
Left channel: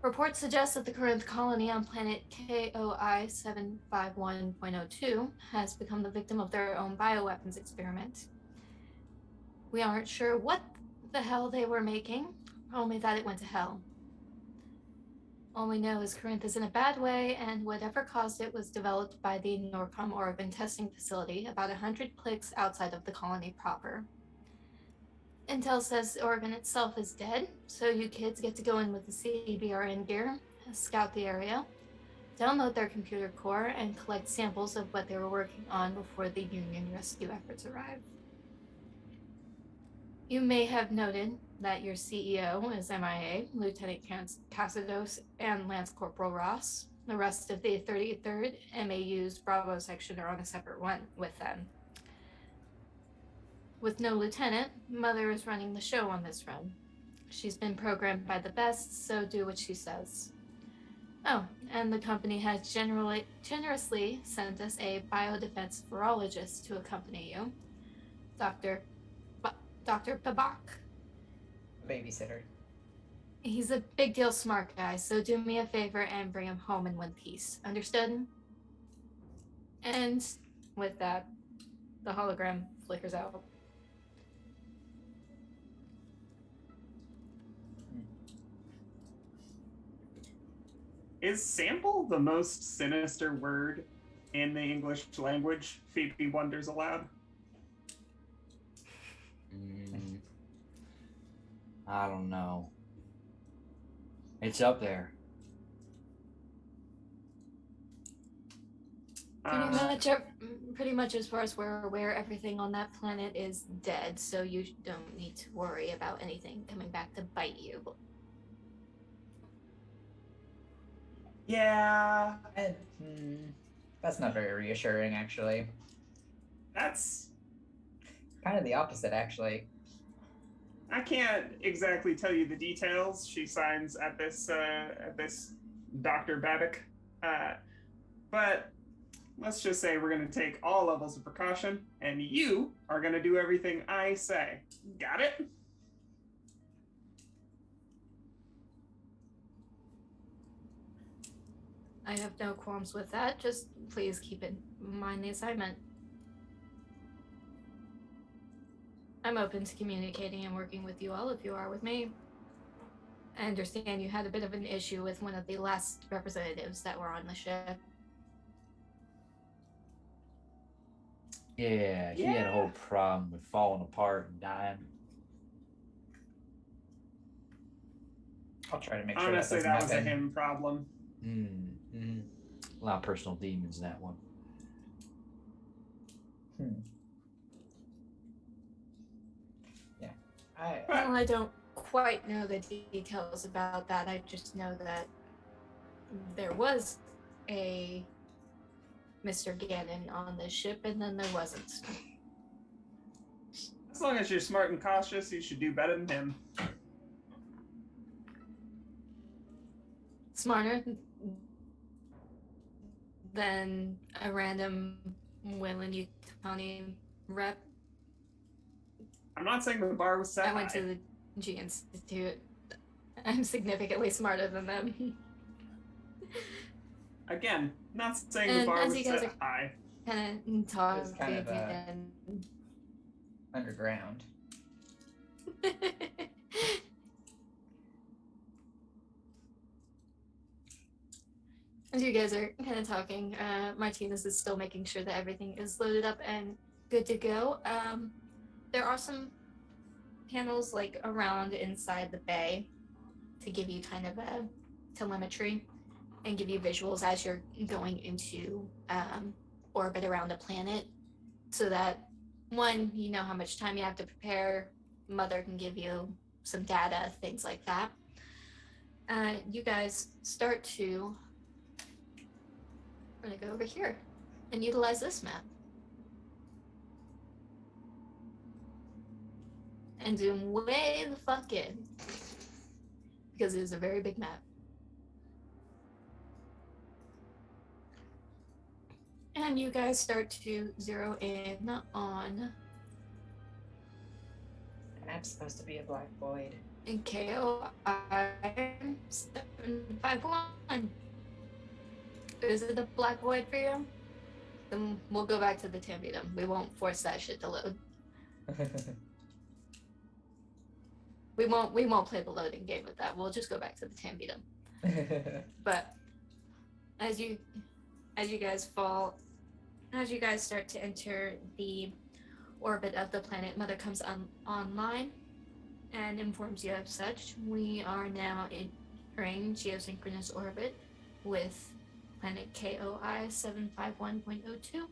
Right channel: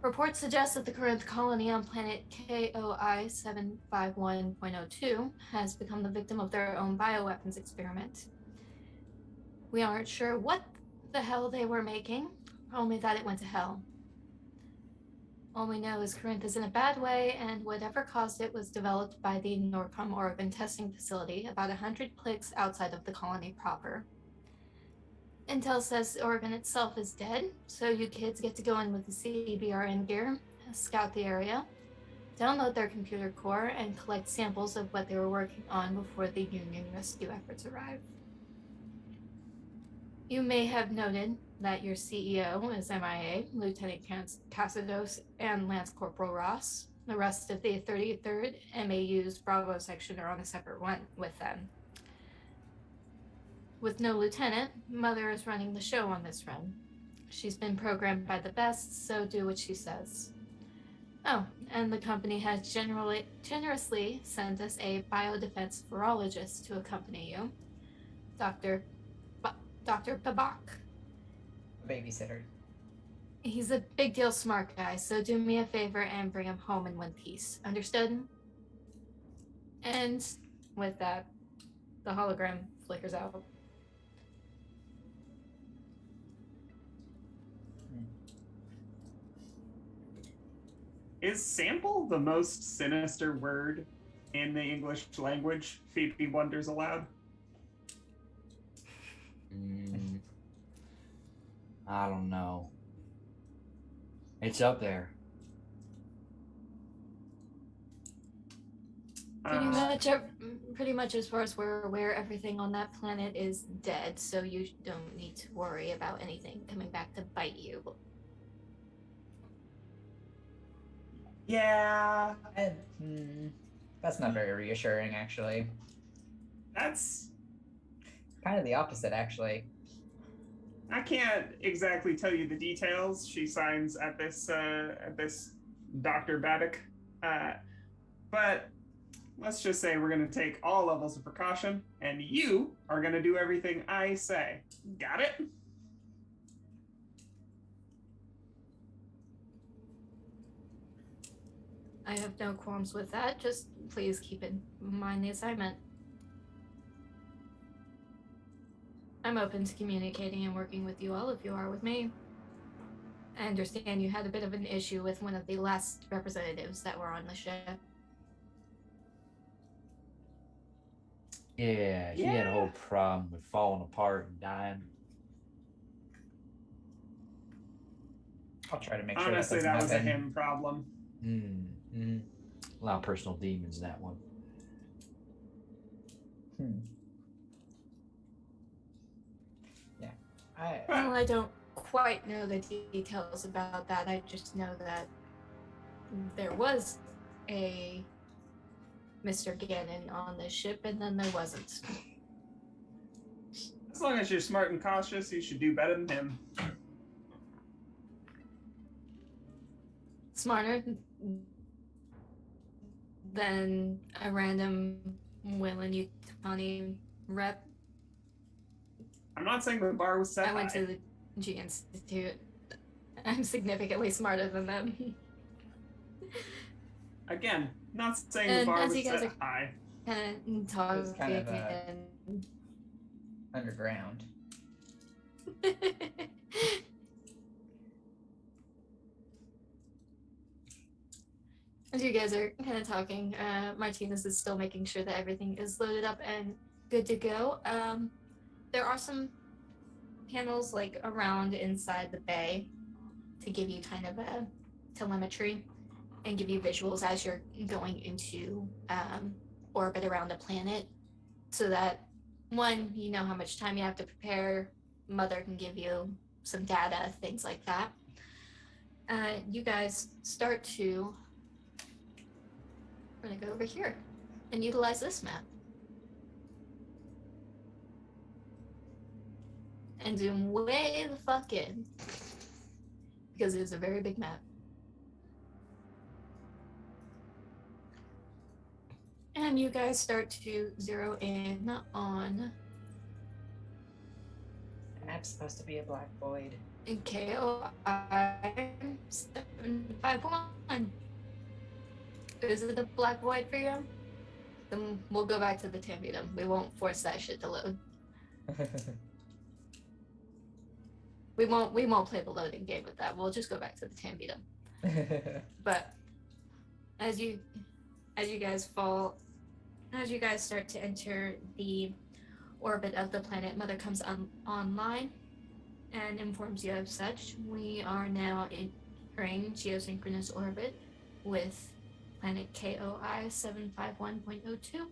Reports suggest that the current colony on planet KOI 751.02 has become the victim of their own bioweapons experiment. We aren't sure what the hell they were making, only that it went to hell. All we know is Corinth is in a bad way, and whatever caused it was developed by the Norcom Oregon testing facility about 100 clicks outside of the colony proper. Intel says the Oregon itself is dead, so you kids get to go in with the CBRN gear, scout the area, download their computer core, and collect samples of what they were working on before the Union rescue efforts arrive. You may have noted that your CEO is MIA, Lieutenant Cassidos, and Lance Corporal Ross. The rest of the 33rd MAU's Bravo section are on a separate one with them. With no lieutenant, Mother is running the show on this run. She's been programmed by the best, so do what she says. Oh, and the company has generously sent us a biodefense virologist to accompany you, Dr. Babak. A babysitter. He's a big deal smart guy, so do me a favor and bring him home in one piece. Understood? And with that, the hologram flickers out. Is sample the most sinister word in the English language? Phoebe wonders aloud. I don't know. It's up there. Pretty much as far as we're aware, everything on that planet is dead, so you don't need to worry about anything coming back to bite you. Yeah. That's not very reassuring, actually. That's kind of the opposite, actually. I can't exactly tell you the details. She signs at this Dr. Babak, but let's just say we're going to take all levels of precaution, and you are going to do everything I say. Got it? I have no qualms with that. Just please keep in mind the assignment. I'm open to communicating and working with you all if you are with me. I understand you had a bit of an issue with one of the last representatives that were on the ship. Yeah, he had a whole problem with falling apart and dying. I'll try to make sure honestly, that was a him problem. A lot of personal demons in that one. Yeah. Well, I don't quite know the details about that. I just know that there was a Mr. Gannon on this ship, and then there wasn't. As long as you're smart and cautious, you should do better than him. Smarter than a random Wayland County rep. I'm not saying the bar was set I went high. to the G Institute. I'm significantly smarter than them. Again, not saying And the bar as was you guys set are high. Kind of talking It's kind of, and underground. as you guys are kind of talking, Martinez is still making sure that everything is loaded up and good to go. There are some panels like around inside the bay to give you kind of a telemetry and give you visuals as you're going into orbit around a planet, so that one, you know how much time you have to prepare. Mother can give you some data, things like that. You guys start to. We're gonna go over here and utilize this map. And zoom way the fuck in. Because it is a very big map. And you guys start to zero in on The map's supposed to be a black void. KOI 751. Is it a black void for you? Then we'll go back to the Tambidum. We won't force that shit to load. We won't play the loading game with that. We'll just go back to the Tambidum. But as you guys start to enter the orbit of the planet, Mother comes online and informs you of such. We are now entering geosynchronous orbit with planet KOI 751.02.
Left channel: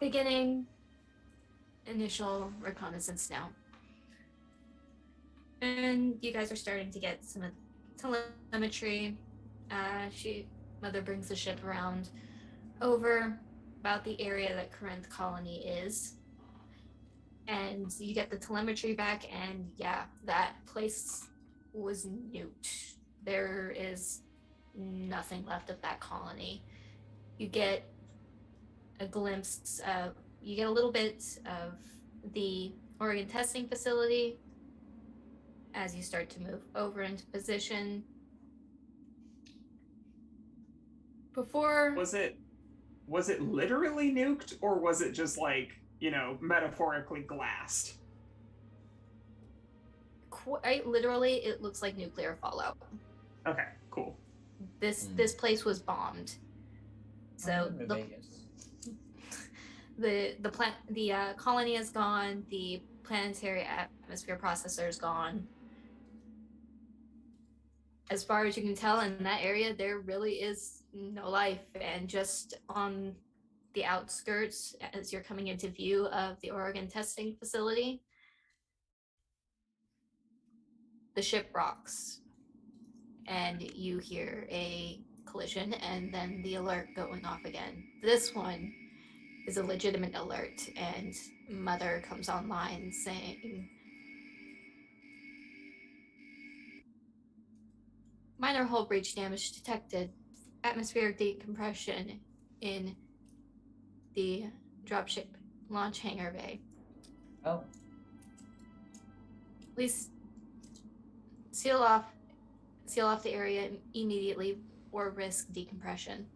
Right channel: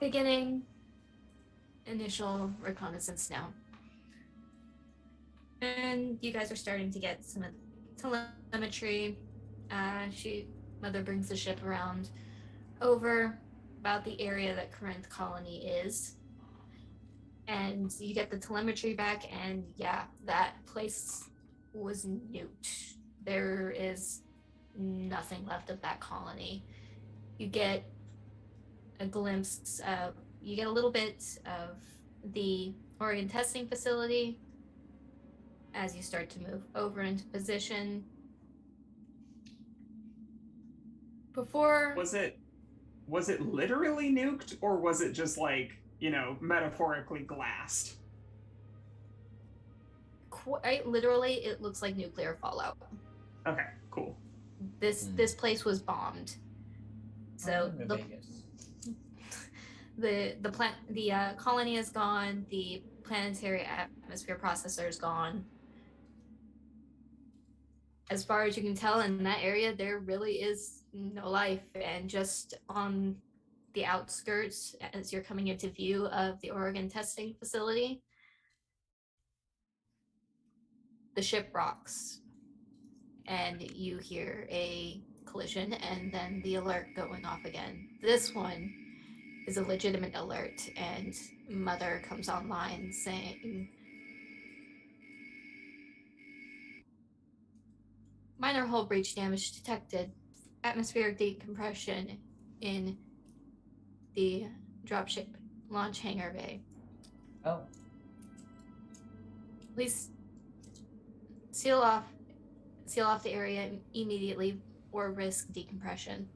Beginning initial reconnaissance now. And you guys are starting to get some telemetry. Mother brings the ship around over about the area that current colony is. And you get the telemetry back, and yeah, that place was nuked. There is nothing left of that colony. You get a glimpse of, you get a little bit of the Oregon testing facility as you start to move over into position. Before Was it literally nuked, or was it just like, you know, metaphorically glassed? Quite literally, it looks like nuclear fallout. Okay, cool. This place was bombed. So the colony is gone. The planetary atmosphere processor is gone. As far as you can tell, in that area, there really is no life. And just on the outskirts, as you're coming into view of the Oregon testing facility, the ship rocks. And you hear a collision and then the alert going off again. This one is a legitimate alert, and Mother comes online saying, minor hull breach damage detected. Atmospheric decompression in the dropship launch hangar bay. Oh. Please seal off the area immediately or risk decompression.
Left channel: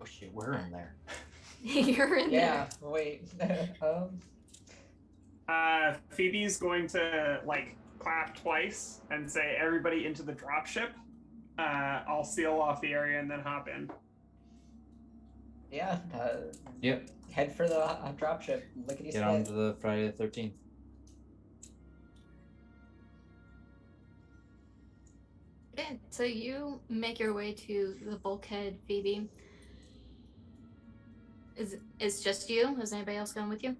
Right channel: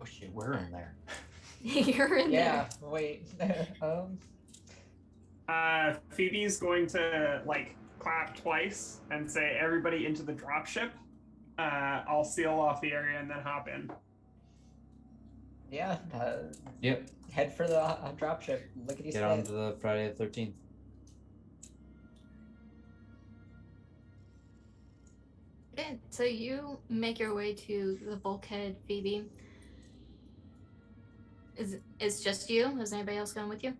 Oh shit, we're in there. You're in Yeah, there. wait. Phoebe's going to like clap twice and say, "Everybody into the dropship." I'll seal off the area and then hop in. Yeah. Yep. Head for the dropship. Lickety Get on to the Friday the 13th. Okay, so you make your way to the bulkhead, Phoebe. Is just you? Is anybody else going with you?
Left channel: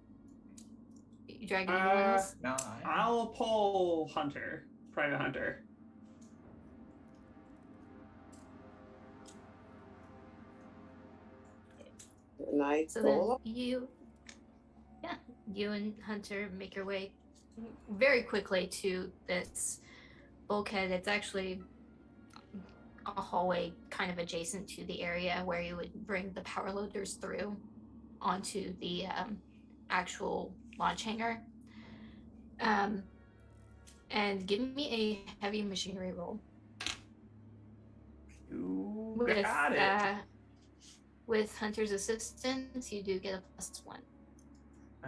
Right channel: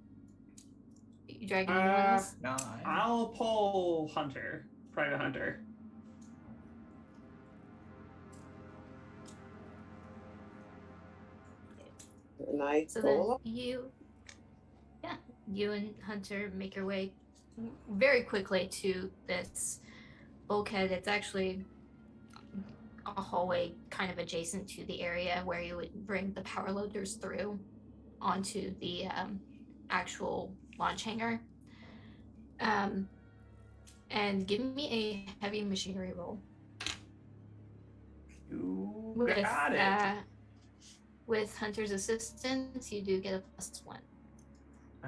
You dragging anyone else? No. I'll pull Hunter, Private Hunter. Night. So then you and Hunter make your way very quickly to this bulkhead. It's actually a hallway kind of adjacent to the area where you would bring the power loaders through onto the actual launch hangar. And give me a heavy machinery roll. You got it. With Hunter's assistance, you do get a +1.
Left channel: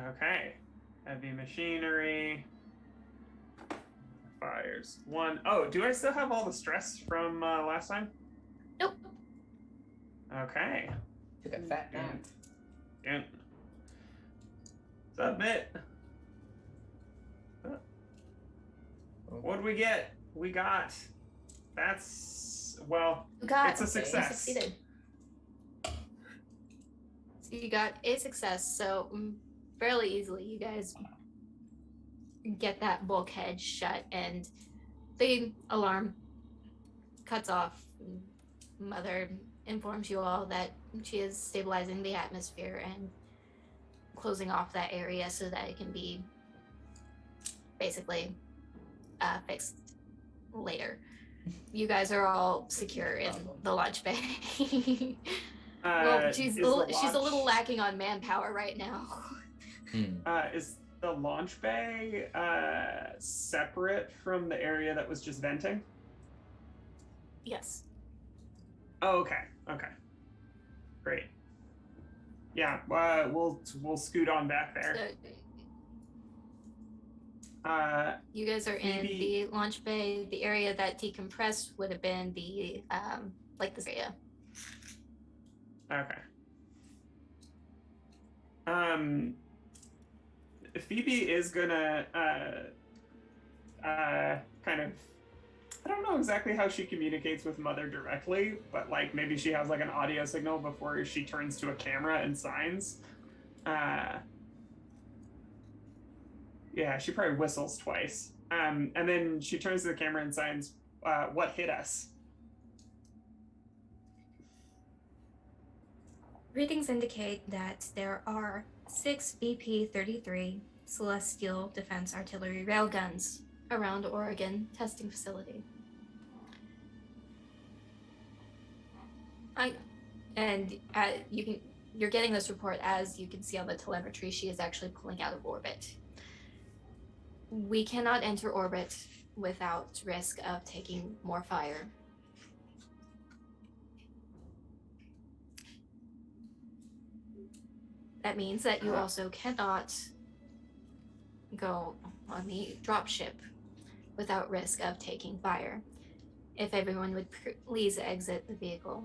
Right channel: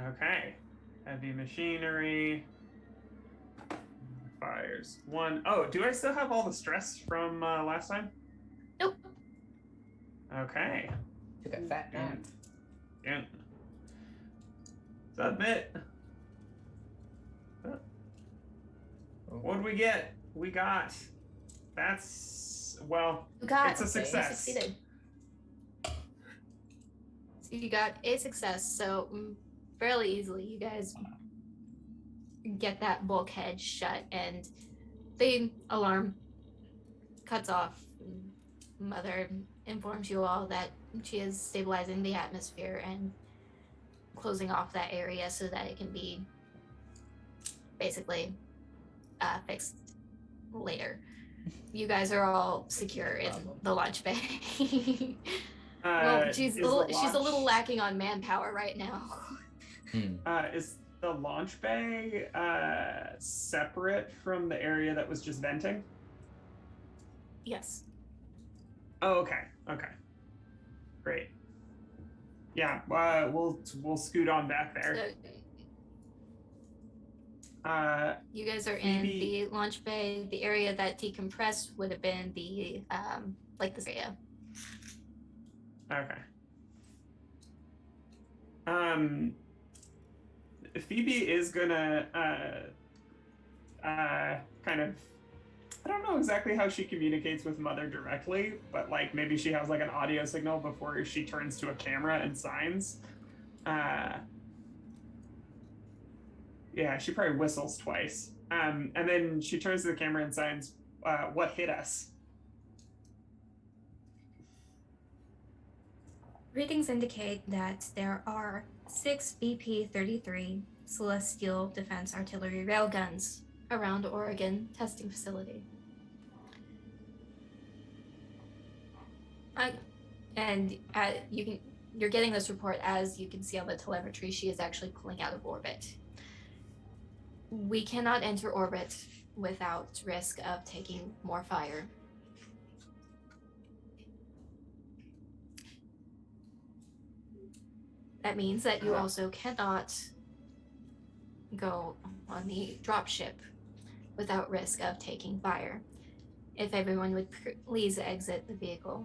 Okay. Heavy machinery. Fires 1. Oh, do I still have all the stress from last time? Nope. Took Okay. a fat nap. Good. Submit. What do we get? We got. That's Well, You got it's a You success. succeeded. So you got a success. So fairly easily, you guys get that bulkhead shut, and the alarm cuts off. Mother informs you all that she is stabilizing the atmosphere and closing off that area so that it can be basically fixed later. You guys are all secure in the launch bay. Well, she's a little lacking on manpower right now. Is the launch bay separate from the area that was just venting? Yes. Oh, okay. Okay. Great. Yeah. We'll scoot on back there. So, you guys are in Phoebe... the launch bay. The area that decompressed would have been the like this area. Okay. Phoebe is gonna kind of, I don't know exactly how she communicates with Mother directly, but like maybe she has like an audio signal before she turns to a camera and signs. Yeah, she probably whistles twice. And then she turns to the camera and signs, what hit us? Readings indicate that there are 6 BP-33 Celestial Defense Artillery railguns around Oregon testing facility. You're getting this report as you can see on the telemetry. She is actually pulling out of orbit. We cannot enter orbit without risk of taking more fire. That means that you also cannot go on the dropship without risk of taking fire. If everyone would please exit the vehicle.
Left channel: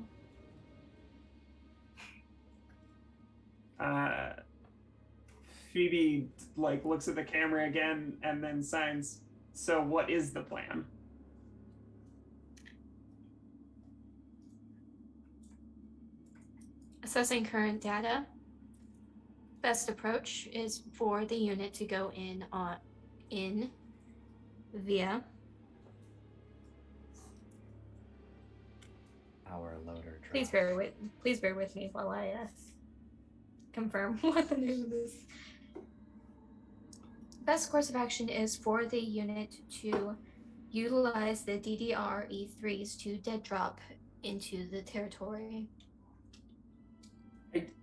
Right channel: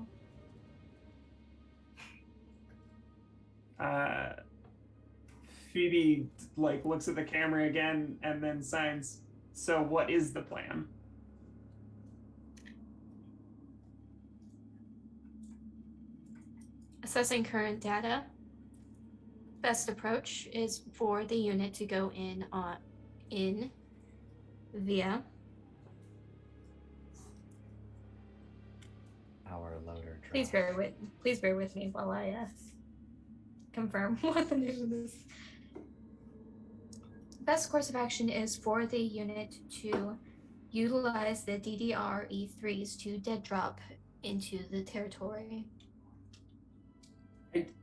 Phoebe like looks at the camera again and then signs, so what is the plan? Assessing current data, best approach is for the unit to go in via our loader drop. Please bear with me while I confirm what the name is. Best course of action is for the unit to utilize the DDR E3s to dead drop into the territory.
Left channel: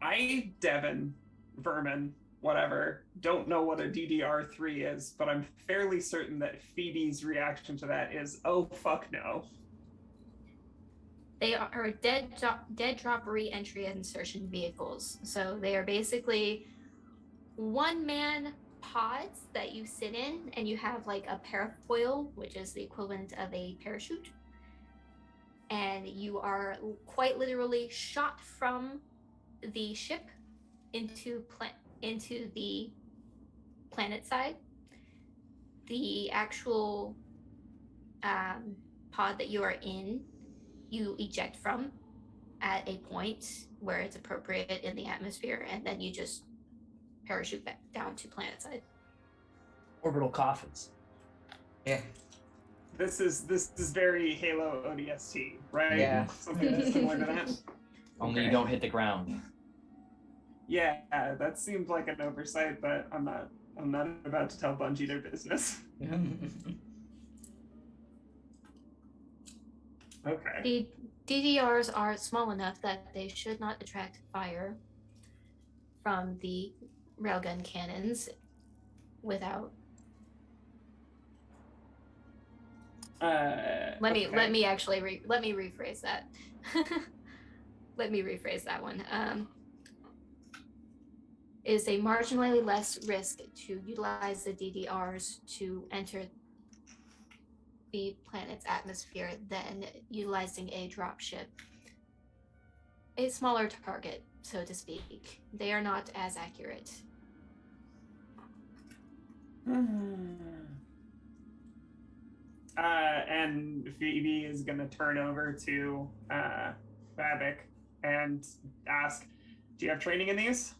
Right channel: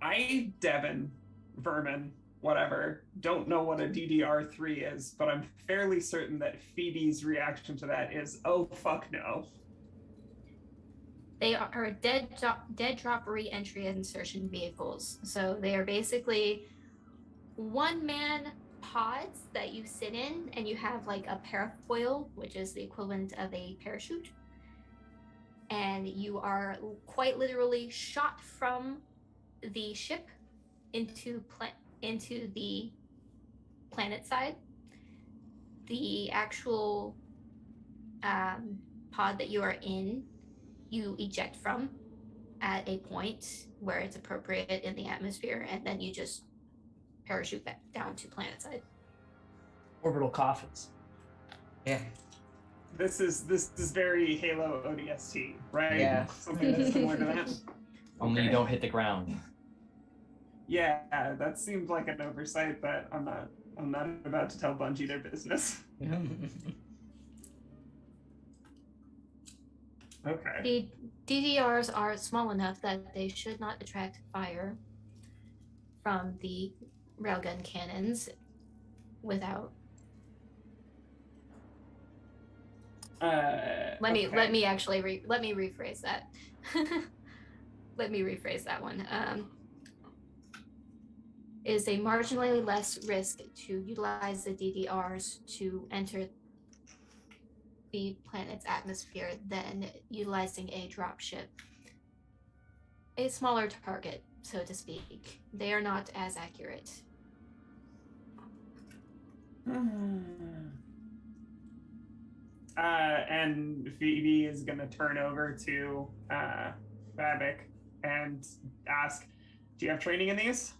I Devin, Vermin, whatever, don't know what a DDR3 is, but I'm fairly certain that Phoebe's reaction to that is, oh, fuck no. They are dead drop re-entry and insertion vehicles. So they are basically one-man pods that you sit in, and you have like a parafoil, which is the equivalent of a parachute. And you are quite literally shot from the ship into the planet side. The actual pod that you are in, you eject from at a point where it's appropriate in the atmosphere, and then you just parachute back down to planet side. Orbital coffins. Yeah. This is very Halo ODST, right? Yeah. Something that's similar to that. Only you don't hit the ground. Yeah, that seemed like an oversight, but I'm not about to tell Bungie their business. Okay. The DDRs are small enough that they should not attract fire from the railgun cannons without. Let me rephrase that. Let me rephrase that one. Is a marginally less risk to utilize the DDRs to enter the planet's atmosphere than utilizing a dropship. A smaller target, so to speak. They are not as accurate. And Phoebe is going to turn over to Babak and ask, do you have training in these?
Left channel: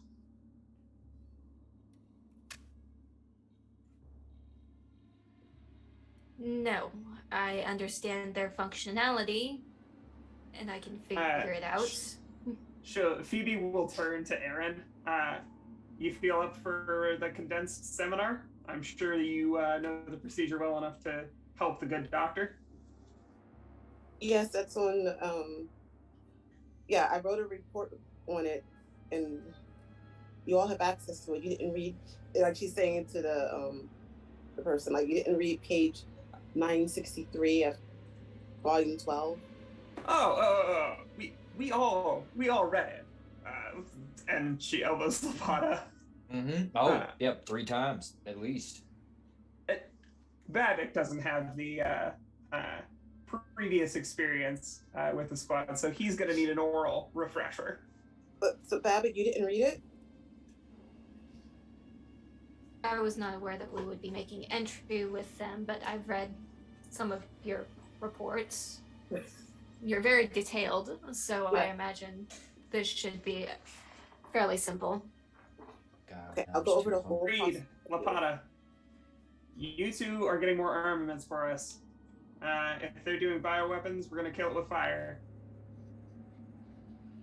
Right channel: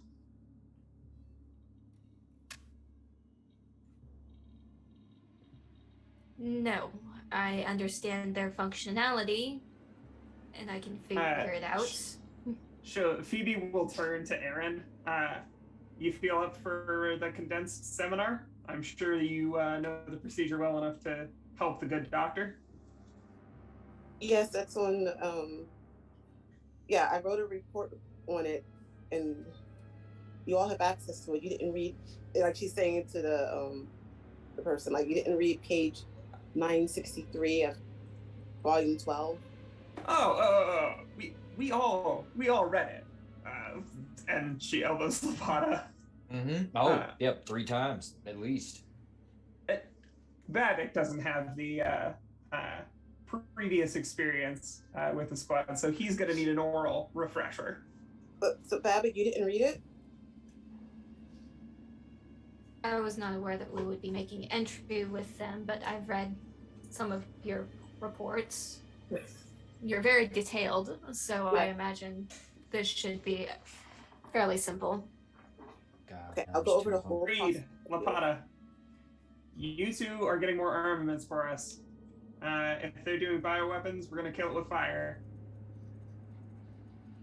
No, I understand their functionality, and I can figure it out. Sure. Phoebe will turn to Aaron. You feel up for the condensed seminar? I'm sure you know the procedure well enough to help the good doctor. Yes, that's on. Yeah, I wrote a report on it, and you all have access to it. You didn't read, like she's saying to the person, like you didn't read page 963 of volume 12. We all read it. And she elbows Lapata. Mm-hmm. Oh, yep, 3 times at least. Babak doesn't have the previous experience with the squad, so he's going to need an oral refresher. But so Babak, you didn't read it? I was not aware that we would be making entry with them, but I've read some of your reports. You're very detailed, so Yeah. I imagine this should be fairly simple. God, Okay, that I'll go was over too the whole Reed, Lapata, you two are getting more armaments for us. If they're doing bioweapons, we're going to kill it with fire.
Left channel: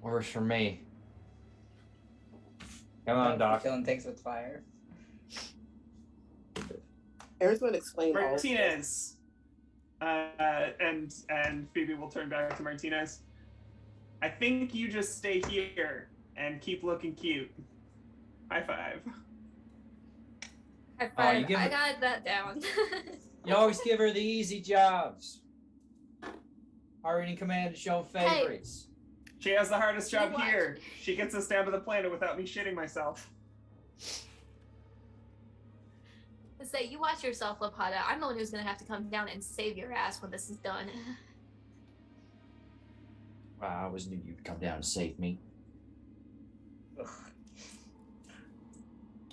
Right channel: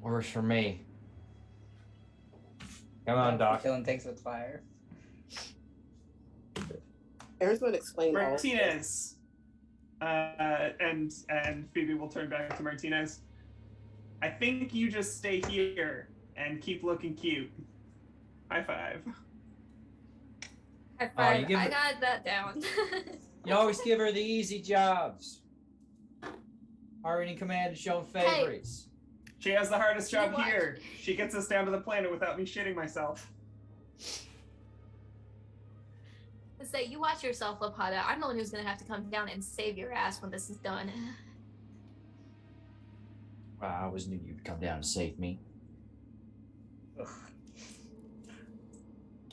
Works for me. Come on, Doc. Killing things with fire. Aaron's going to explain all of this. Martinez. And Phoebe will turn back to Martinez. I think you just stay here and keep looking cute. High five. High Oh, five. you give I it- got that down. You always give her the easy jobs. Already in command of showing favorites. She has the hardest job You watch. here. She gets us down to the planet without me shitting myself. Say, you watch yourself, Lapata. I'm the one who's gonna have to come down and save your ass when this is done. Wow, I always knew you'd come down and save me. Get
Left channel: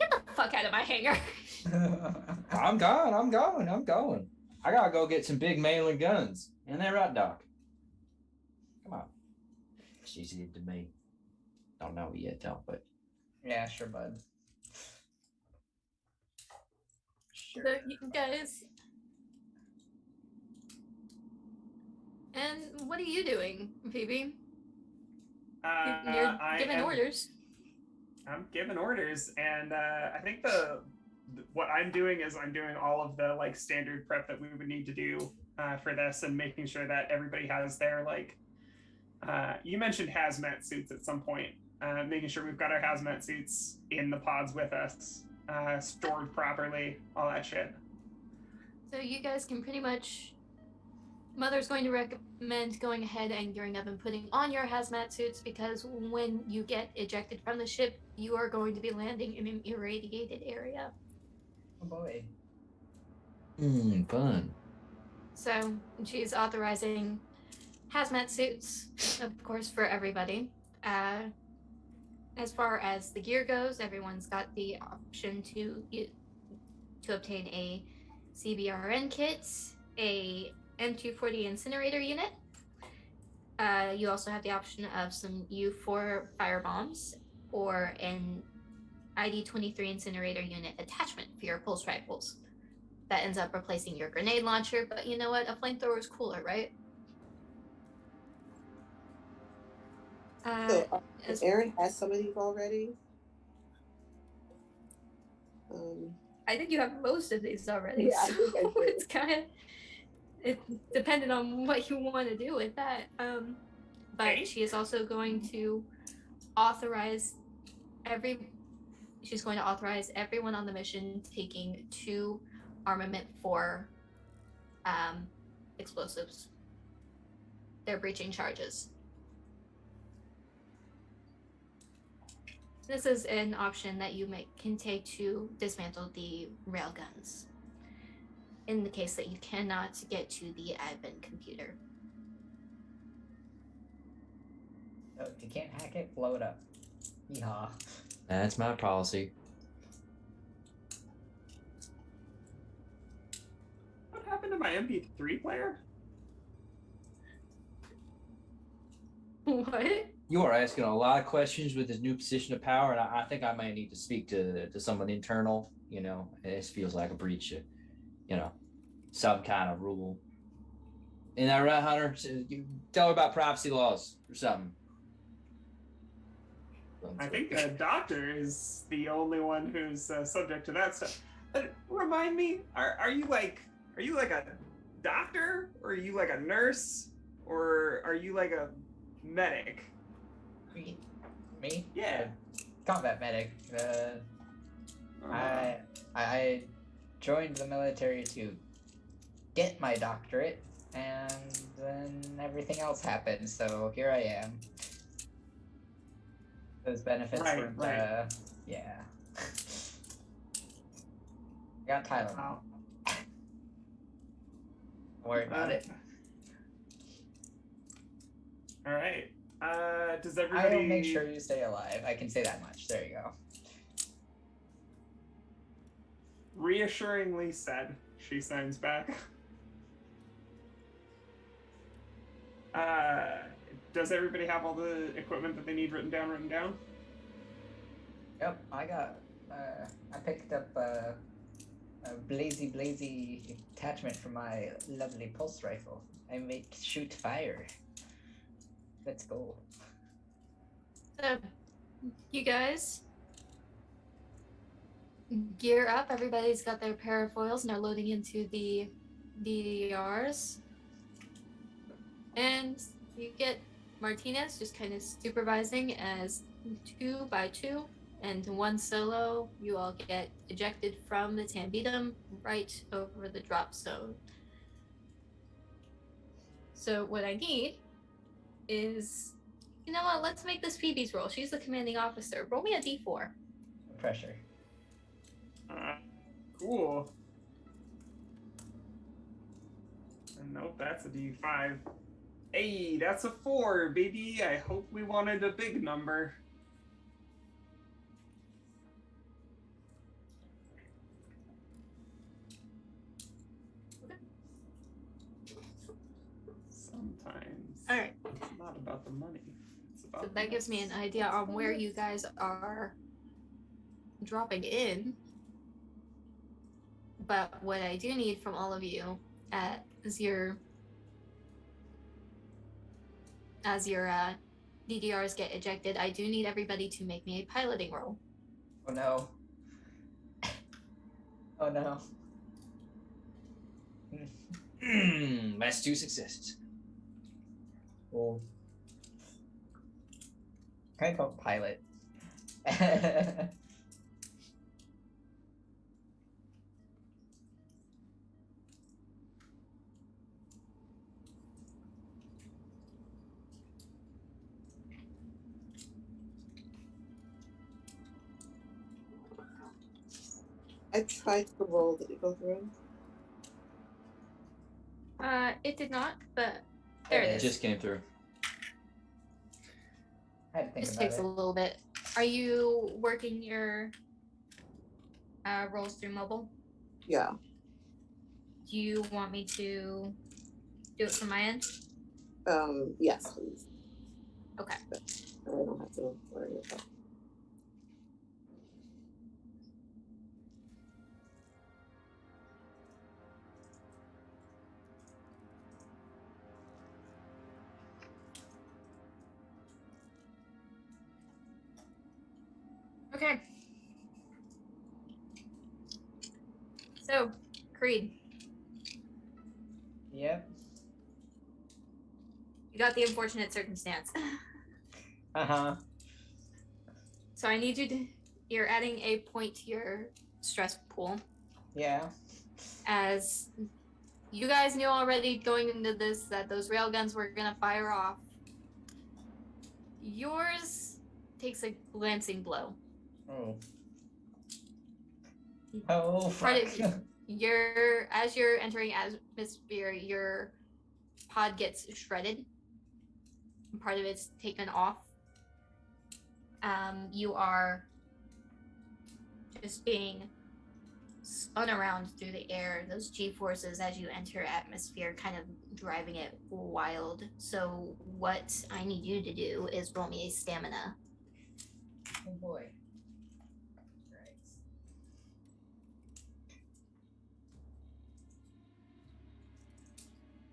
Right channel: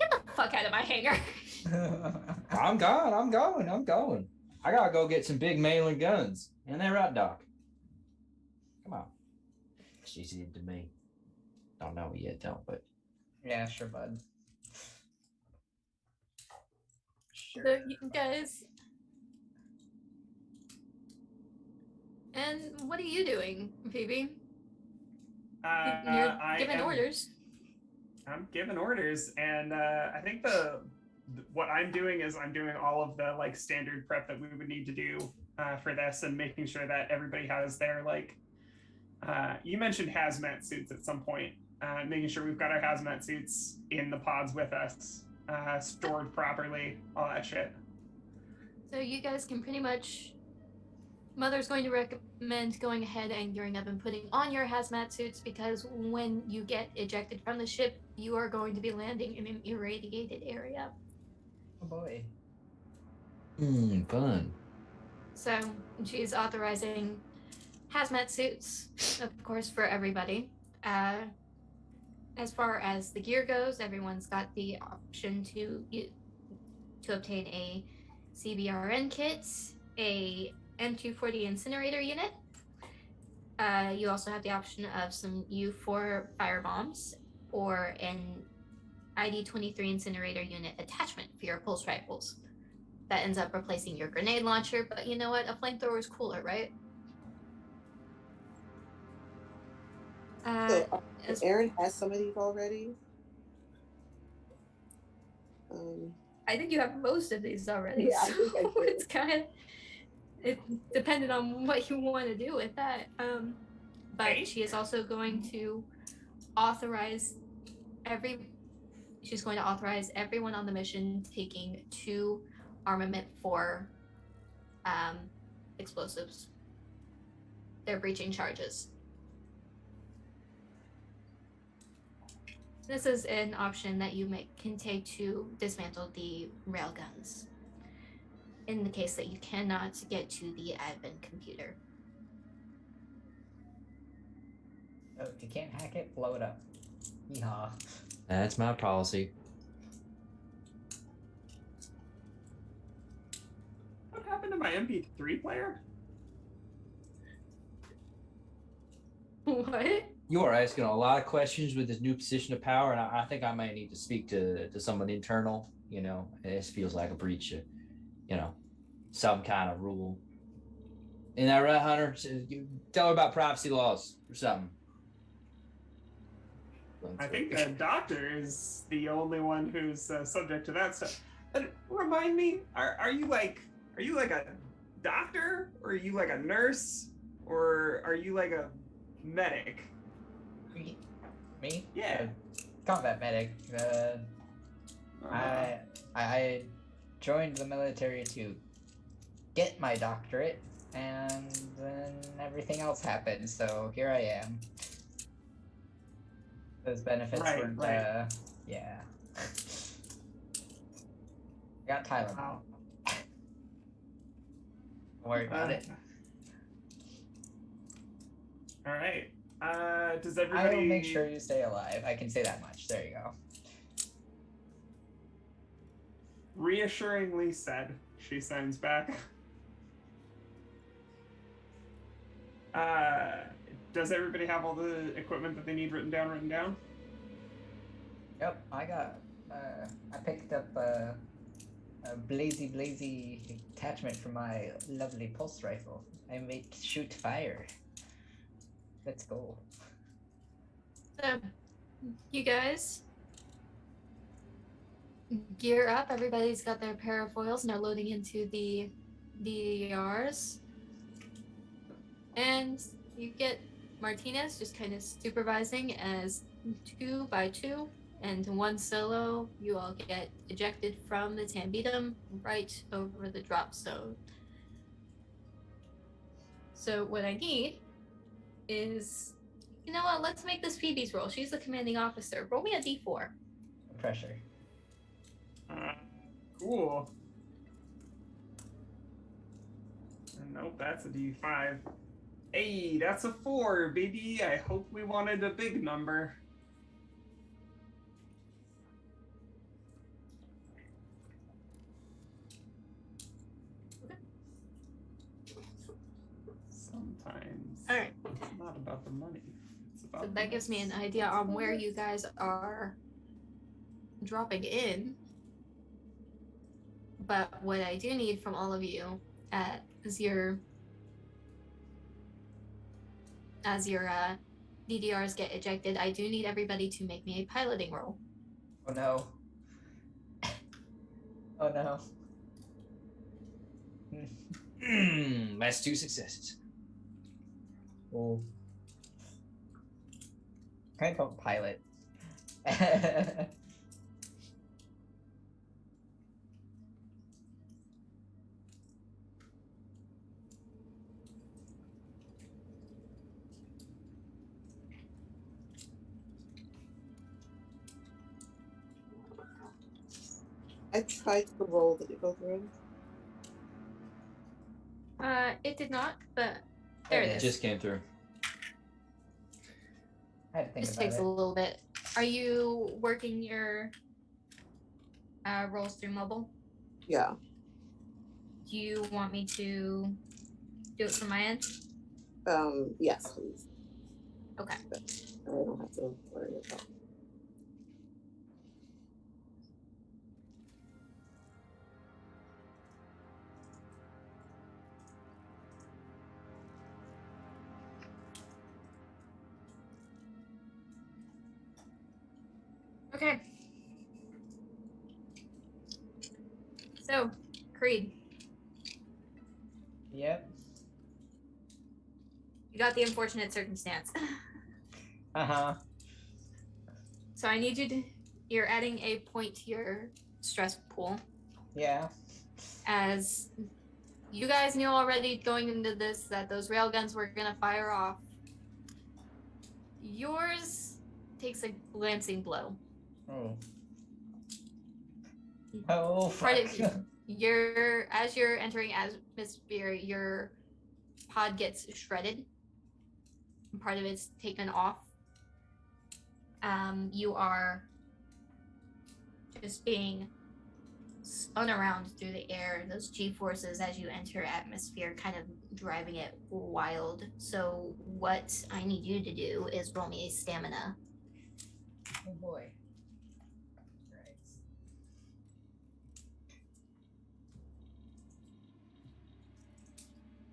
the fuck out of my hangar. I'm going. I gotta go get some big mailing guns. Ain't that right, Doc? Come on. She's into me. Don't know it yet, though, but Yeah, sure, bud. Sure. So, you guys. And what are you doing, Phoebe? You're giving orders. I'm giving orders, and I think what I'm doing is I'm doing all of the like standard prep that we would need to do for this, and making sure that everybody has their like. You mentioned hazmat suits at some point. Making sure we've got our hazmat suits in the pods with us, stored properly, all that shit. So you guys can pretty much. Mother's going to recommend going ahead and gearing up and putting on your hazmat suits, because when you get ejected from the ship, you are going to be landing in an irradiated area. Oh boy. fun. So she's authorizing hazmat suits, of course, for everybody. As far as the gear goes, everyone's got the option to obtain a CBRN kit, a M240 incinerator unit. You also have the option of some U4 fire bombs or an ID-23 incinerator unit attachment for your pulse rifles. That ends up replacing your grenade launcher, but you know what? A flamethrower is cooler, right? So Aaron has some of these already. I think you have most of these already. Yeah, I so think I do. it's kind of dependent on what you want to do with that. But she is also going to authorize everyone on the mission taking 2 armament for explosives. They're breaching charges. This is an option that you can take to dismantle the railguns in the case that you cannot get to the admin computer. So if you can't hack it, blow it up. Yeehaw. That's my policy. What happened to to my MP3 player? What? You are asking a lot of questions with this new position of power, and I think I might need to speak to someone internal. You know, this feels like a breach of, you know, some kind of rule. Isn't that right, Hunter? You tell her about privacy laws or something. I think the doctor is the only one who's subject to that stuff. Remind me, are you like a doctor, or are you like a nurse, or are you like a medic? Me? Yeah. Combat medic. I joined the military to get my doctorate, and then everything else happened. So here I am. Those benefits weren't. Yeah. I got Tylenol. Wow. Don't worry about it. All right. Does everybody? I'll make sure you stay alive. I can say that much. There you go. Reassuringly said. She sends back. Does everybody have all the equipment that they need written down? Yep, I got. I picked up a blazy attachment for my lovely pulse rifle. I make shoot fire. Let's go. So, you guys gear up. Everybody's got their parafoils and they're loading into the DDRs. And you get Martinez just kind of supervising as 2 by 2 and 1 solo. You all get ejected from the Tambitum right over the drop zone. So what I need is, you know what, let's make this Phoebe's roll. She's the commanding officer. Roll me a d4. Pressure. Cool. Nope, that's a D5. Hey, that's a 4, baby. I hope we wanted a big number. Sometimes. All right. It's not about the money. It's about So the that gives me an mess. idea on where you guys are dropping in. But what I do need from all of you as your DDRs get ejected, I do need everybody to make me a piloting roll. Oh no. Oh no. That's 2 successes. Oh. Can I call pilot? I tried to roll. Did it go through? It did not, but there it It is. just came through. I had to think This about takes it. a little bit. Are you working your rolls through mobile? Yeah. Do you want me to do it from my end? Yes, please. Okay. I don't have to worry about it. Okay. So, Creed, Yep. you got the unfortunate circumstance. Uh-huh. So I need you to, you're adding a point to your stress pool, Yeah. as you guys knew already going into this that those railguns were gonna fire off. Yours takes a glancing blow. Oh. Oh, Part fuck. of as you're entering atmosphere, your pod gets shredded. Part of it's taken off. You are just being spun around through the air, those G-forces as you enter atmosphere kind of driving it wild. So what I need you to do is roll me a stamina. Oh boy. Right.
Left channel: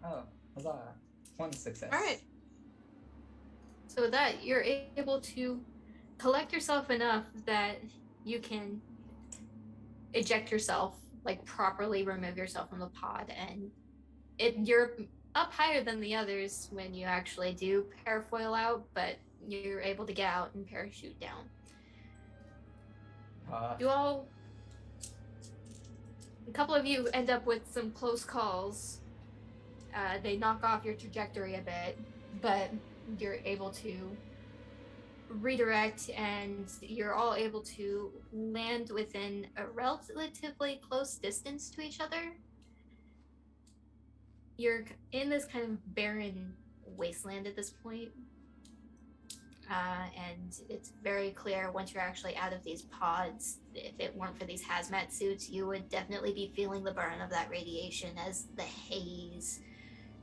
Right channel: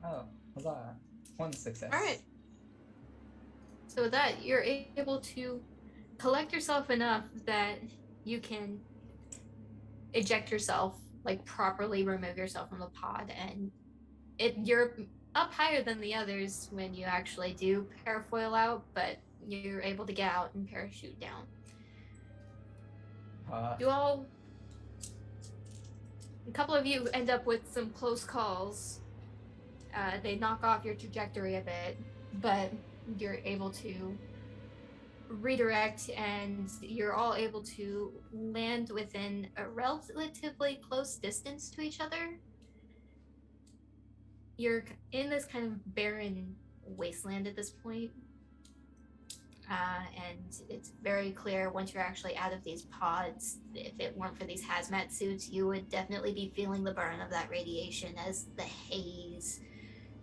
Oh, huzzah. One success. All right. So with that, you're able to collect yourself enough that you can eject yourself, like properly remove yourself from the pod, and you're up higher than the others when you actually do parafoil out, but you're able to get out and parachute down. You all, a couple of you end up with some close calls. They knock off your trajectory a bit, but you're able to redirect, and you're all able to land within a relatively close distance to each other. You're in this kind of barren wasteland at this point. And it's very clear once you're actually out of these pods, if it weren't for these hazmat suits, you would definitely be feeling the burn of that radiation as the haze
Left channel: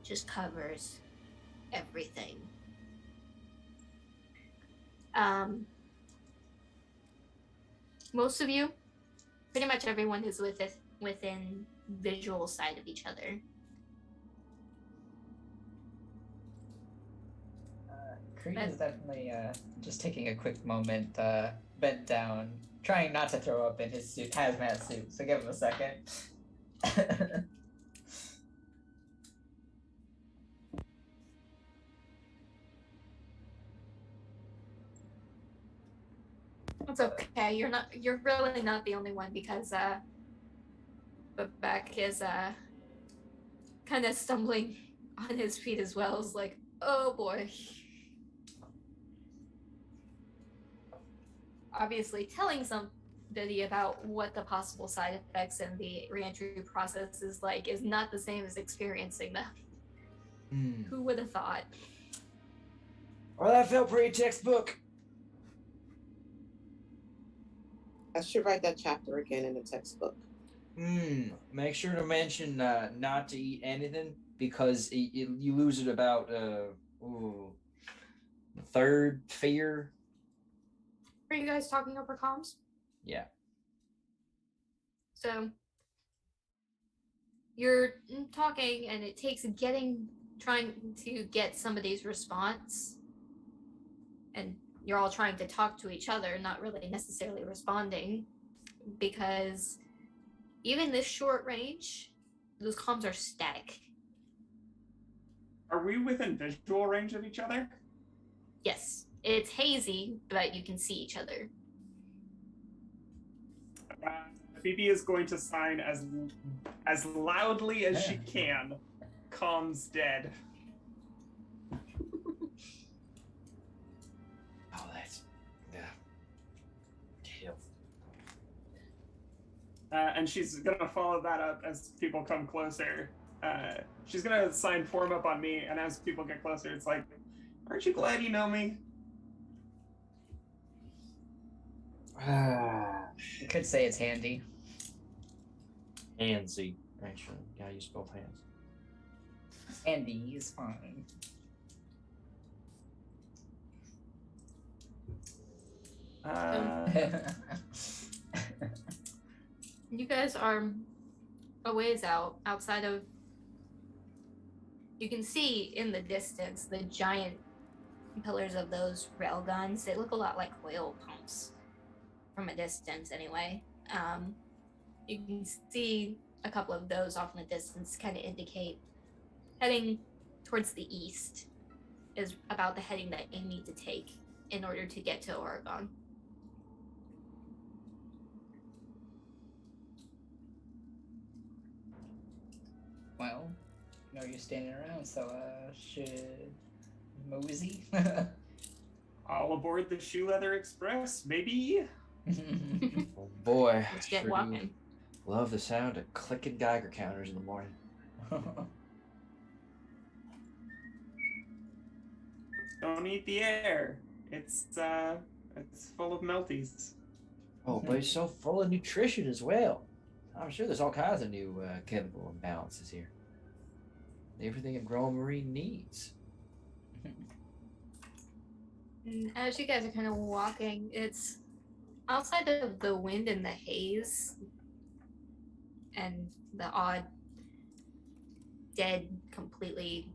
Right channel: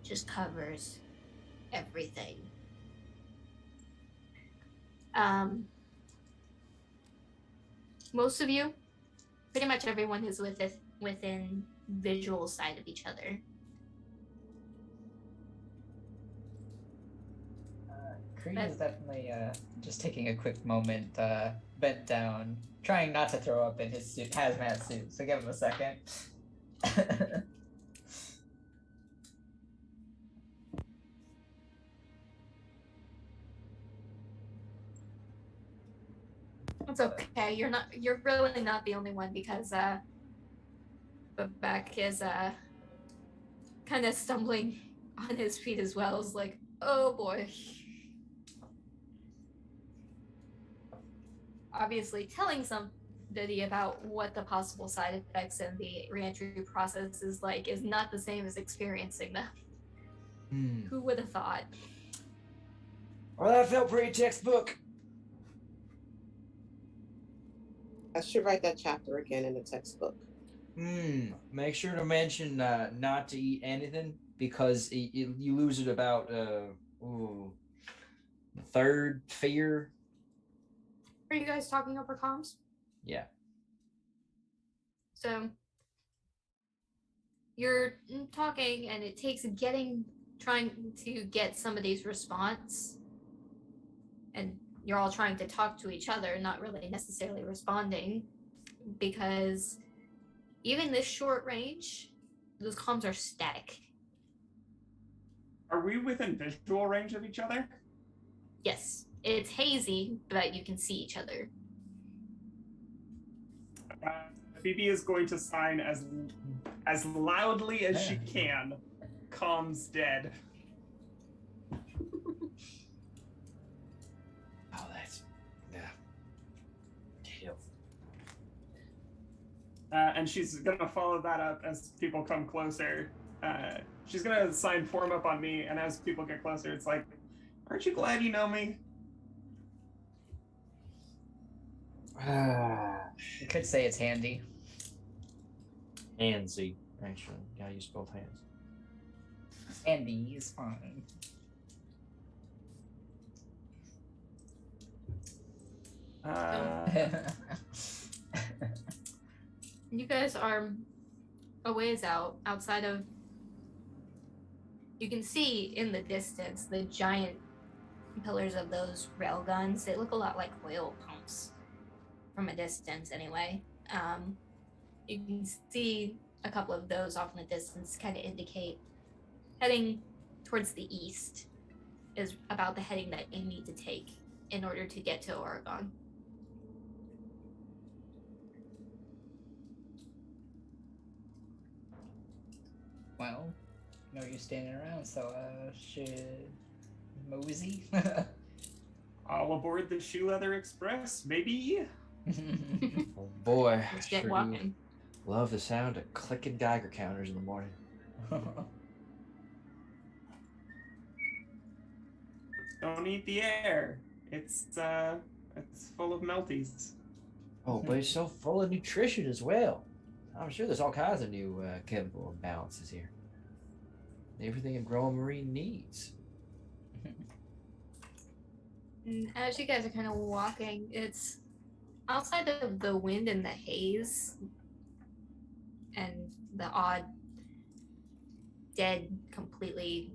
just covers everything. Most of you, pretty much everyone is within visual sight of each other. Creed is definitely just taking a quick moment, bent down, trying not to throw up in his suit, hazmat suit, so give him a second. It's okay. You're really not the only one, because Babak is kind of stumbling on his feet as well. It's like, oh boy. Obviously telling somebody about what the possible side effects and the reentry process is like is not the same as experiencing them. Who would have thought? Well, that felt pretty textbook. I should write that chapter again in the textbook. Make sure to mention not to eat anything, because you lose it about third fear. Are you guys talking over comms? Yeah. So you're talking, and it takes trying to get somebody's response, and you're all trying to talk to each other, not really necessarily responding, because even this short range, those comms are static. Are we within visual range of each other? Yes, it's hazy, but you can see each other. Phoebe is going to sign as loudly as she can. Comms dead. Oh, that's hell. And she's gonna follow that up as people come closer. She's gonna sign form up on me, and as people get closer, it's like, aren't you glad you know me? You could say it's handy. Handsy, actually. Gotta use both hands. Handy is fine. You guys are a ways outside of. You can see in the distance the giant pillars of those rail guns. They look a lot like oil pumps from a distance, anyway. You can see a couple of those off in the distance, kind of indicate heading towards the east is about the heading that you need to take in order to get to Oregon. Well, no use standing around, so should mosey. All aboard the Shoe Leather Express, maybe. Oh boy, Let's get sure do walking. love the sound of clicking Geiger counters in the morning. Don't eat the air. It's full of melties. Oh, but it's so full of nutrition as well. I'm sure there's all kinds of new chemical imbalances here. Everything a growing marine needs. And as you guys are kind of walking, it's outside of the wind and the haze and the odd dead, completely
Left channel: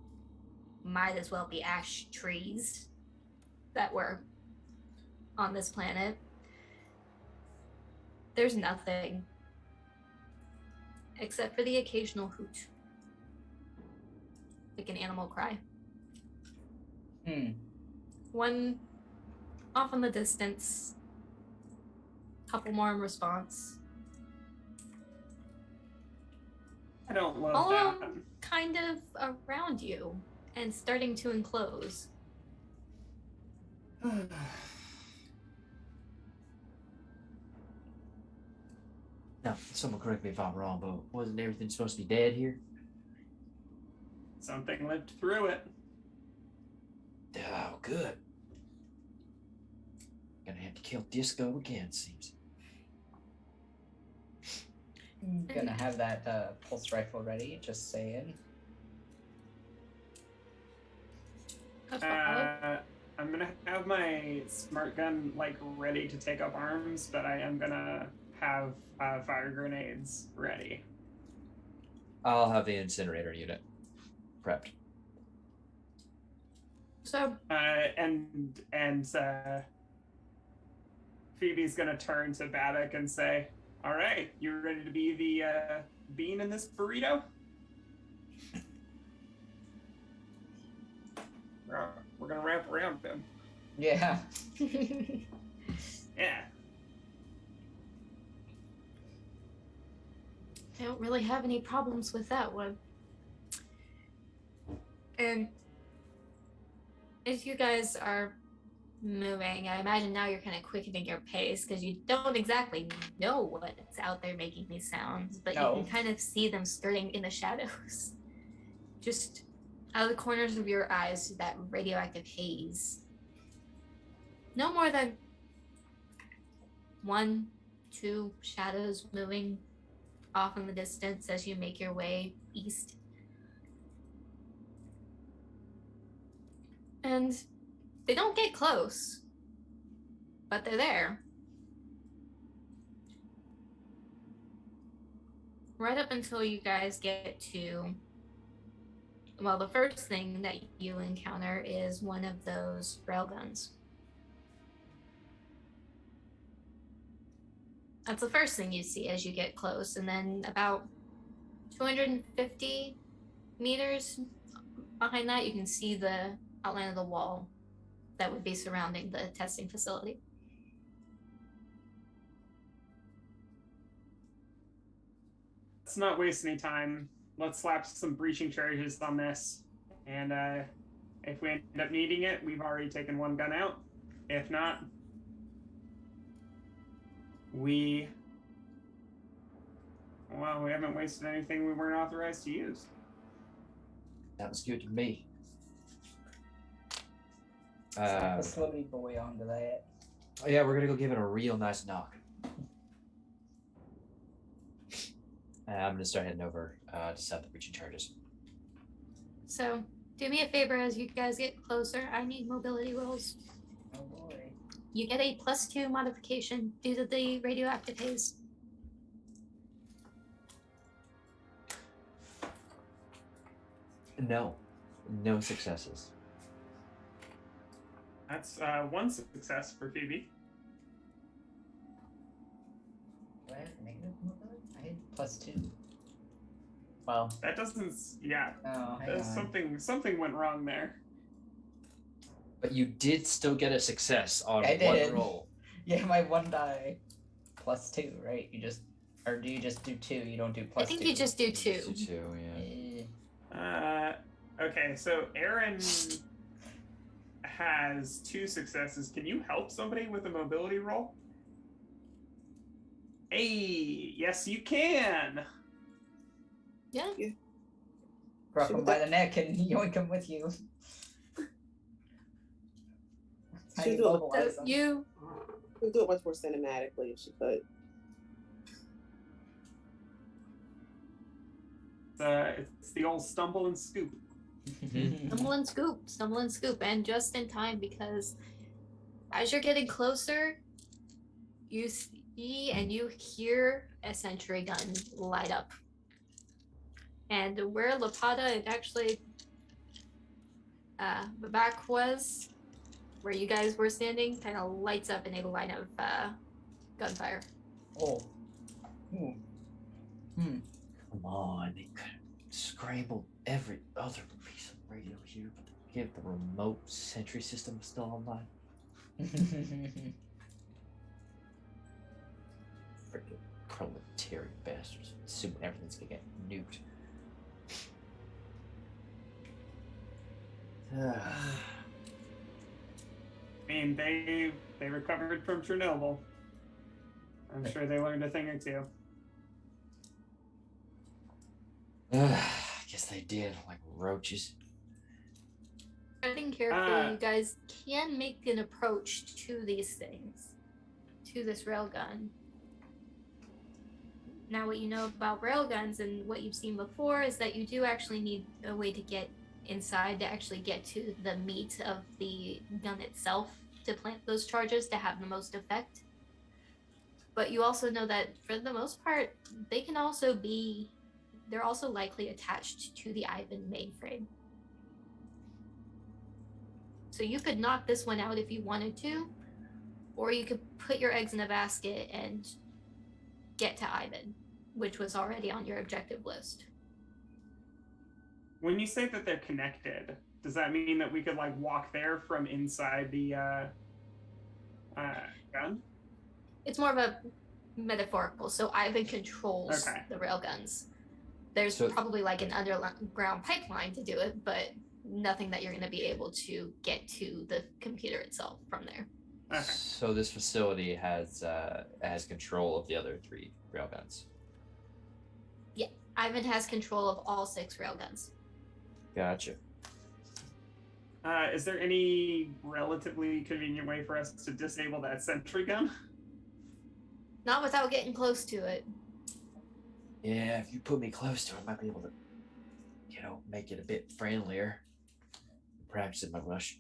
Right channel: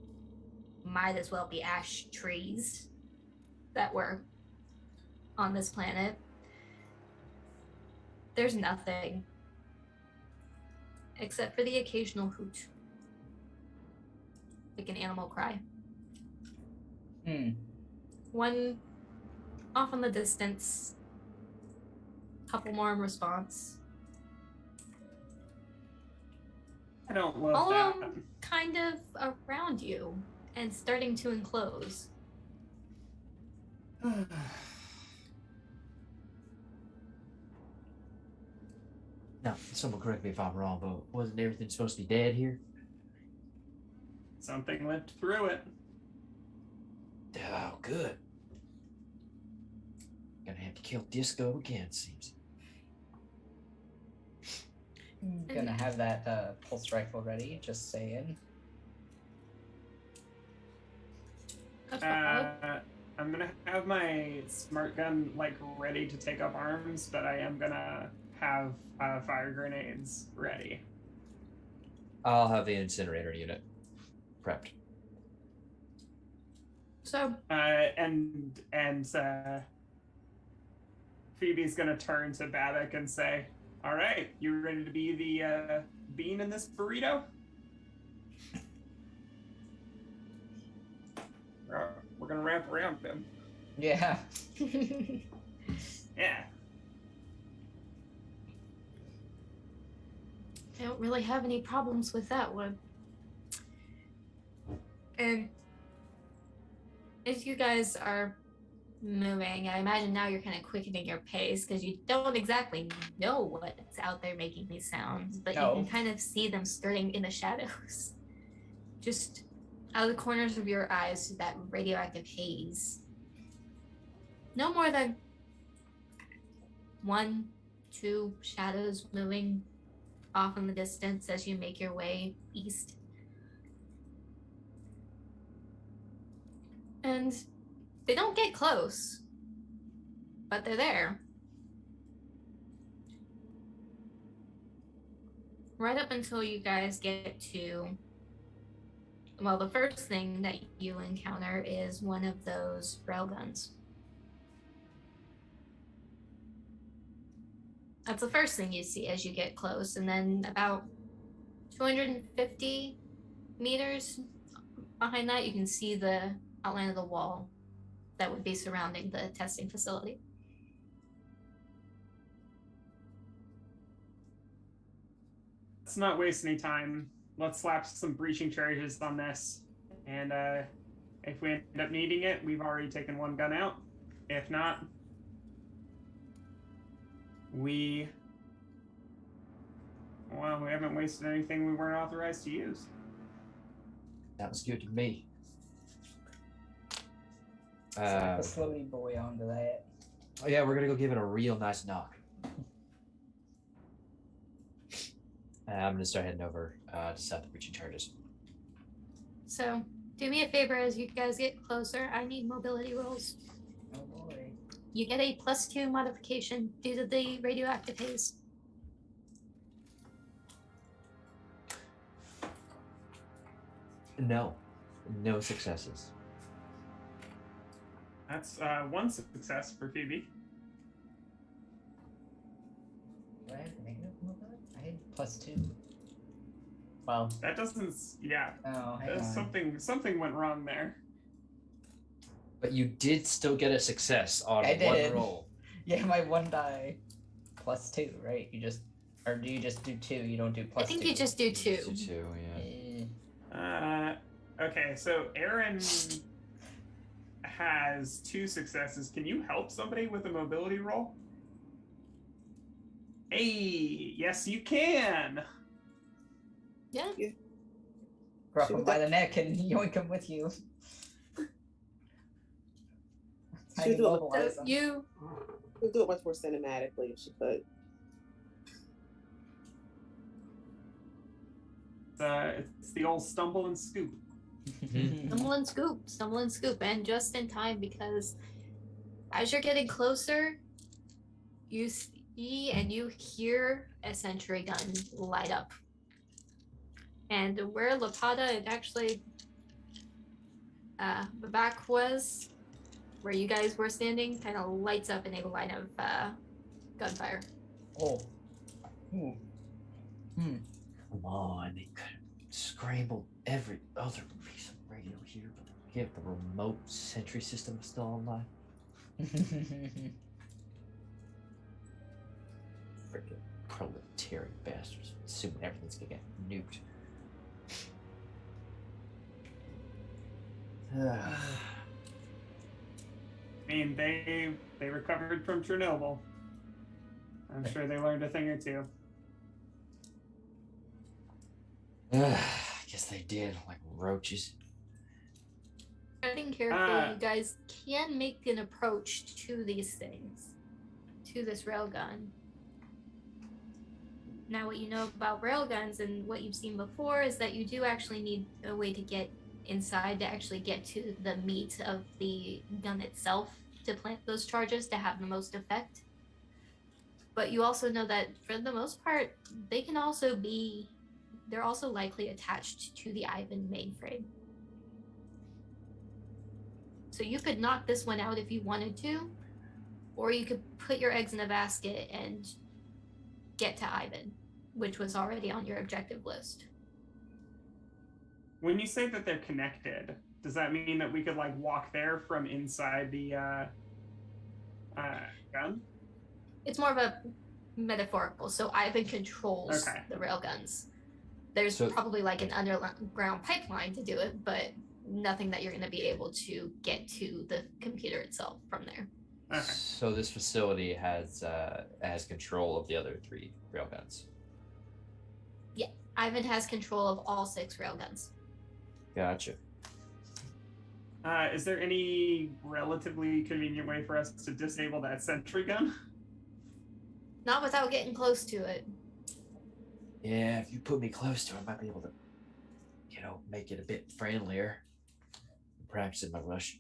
might as well be ash trees that were on this planet. There's nothing except for the occasional hoot, like an animal cry. One off in the distance, couple more in response. I don't love All that. of them kind of around you and starting to enclose. Now, someone correct me if I'm wrong, but wasn't everything supposed to be dead here? Something lived through it. Oh, good. Gonna have to kill Disco again, seems. Gonna have that pulse rifle ready, just saying. I'm gonna have my smart gun like ready to take up arms, but I am gonna have fire grenades ready. I'll have the incinerator unit prepped. So And Phoebe's gonna turn to Babak and say, "All right, you ready to be the bean in this burrito?" We're gonna wrap around him. Yeah. Yeah. I don't really have any problems with that one. And as you guys are moving, I imagine now you're kind of quickening your pace because you don't exactly know what's out there making these sounds, but No. you can kind of see them skirting in the shadows. Just out of the corners of your eyes, that radioactive haze. No more than 1, 2 shadows moving off in the distance as you make your way east. And they don't get close, but they're there. Right up until you guys get to, well, the first thing that you encounter is one of those railguns. That's the first thing you see as you get close, and then about 250 meters behind that, you can see the outline of the wall that would be surrounding the testing facility. Let's not waste any time. Let's slap some breaching charges on this. And if we end up needing it, we've already taken one gun out. If not, we haven't wasted anything we weren't authorized to use. Sounds good to me. Slap a slowly boy onto that. Oh yeah, we're gonna go give it a real nice knock. I'm gonna start heading over to set the breaching charges. So do me a favor as you guys get closer. I need mobility rolls. Oh boy. You get a +2 modification due to the radioactive haze. No successes. That's one success for Phoebe. Do I have negative mobility? I had +2. Well. That doesn't. Yeah. Oh, hang on. Something went wrong there. But you did still get a success on I one did. roll. Yeah, my one die +2, right? You just, or do you just do 2? You don't do +2. I think you just do 2. Just do 2, yeah. Okay, so Aaron has 2 successes. Can you help somebody with a mobility roll? Hey, yes you can. Yeah. Grab him by the neck and yoink him with you. How do you mobilize So him? you We can do it much more cinematically if she could. It's the old stumble and scoop. Stumble and scoop, and just in time because as you're getting closer, you see and you hear a sentry gun light up. And where Lapata and actually Babak was, where you guys were standing, kind of lights up in a line of gunfire. Oh. Ooh. Come on, they could have scrambled every other piece of radio here, but give the remote sentry system still online. Freaking proletariat bastards, assuming everything's gonna get nuked. I mean, they recovered from Chernobyl. I'm sure they learned a thing or two. I guess they did, like roaches. Treading carefully, you guys can make an approach to these things, to this railgun. Now, what you know about railguns and what you've seen before is that you do actually need a way to get inside to actually get to the meat of the gun itself to plant those charges to have the most effect. But you also know that for the most part, they're also likely attached to the Ivan mainframe. So you could knock this one out if you wanted to, or you could put your eggs in a basket and get to Ivan, which was already on your objective list. When you say that they're connected, does that mean that we could like walk there from inside the gun? It's more of a metaphorical. So Ivan controls Okay. the railguns. There's probably like an underground pipeline to do it, but nothing that you're going to be able to get to the computer itself from there. Okay. So this facility has control of the other 3 railguns. Yeah, Ivan has control of all 6 railguns. Gotcha. Is there any relatively convenient way for us to disable that sentry gun? Not without getting close to it. Yeah, if you put me close to it, I might be able to, make it a bit friendlier. Perhaps in my rush.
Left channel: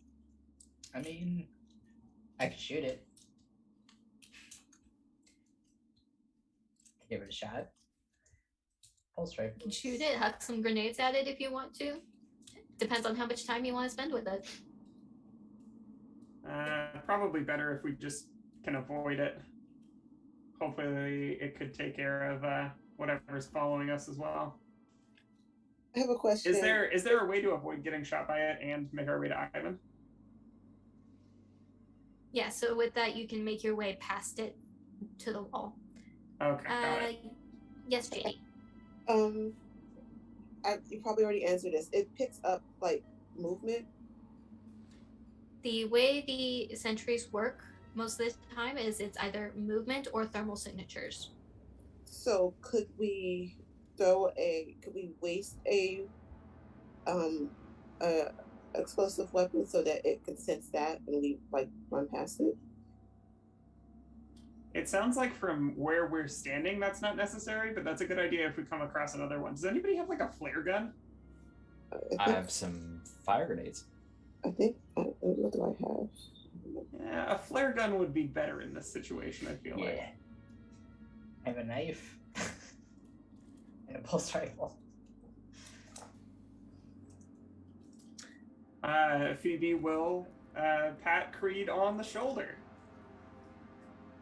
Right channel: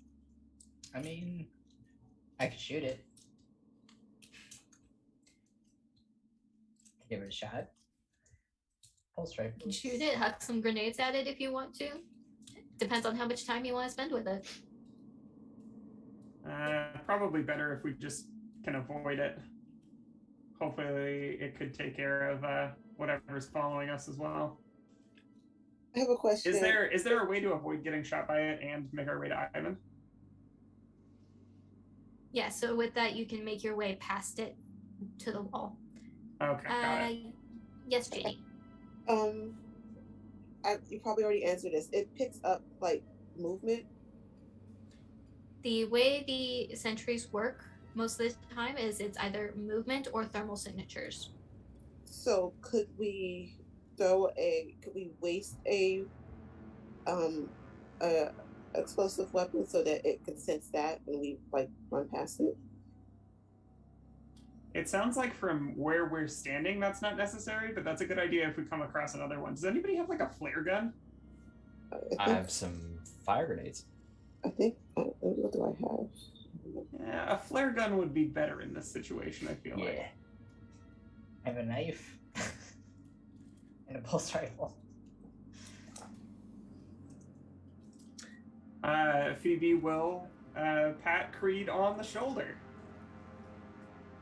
I mean, I could shoot it. Give it a shot. Pulse rifle. You can shoot it, huck some grenades at it if you want to. Depends on how much time you want to spend with it. Probably better if we just can avoid it. Hopefully it could take care of whatever's following us as well. I have a question. Is there a way to avoid getting shot by it and make our way to Ivan? Yeah, so with that you can make your way past it to the wall. Okay, got it. Yes, Janie. You probably already answered this. It picks up like movement. The way the sentries work most of the time is it's either movement or thermal signatures. So could we waste a explosive weapon so that it can sense that and we like run past it? It sounds like from where we're standing, that's not necessary, but that's a good idea if we come across another one. Does anybody have like a flare gun? I have some fire grenades. I think, what do I have? Yeah, a flare gun would be better in this situation, I feel like. I have a knife and a pulse rifle. Phoebe will pat Creed on the shoulder.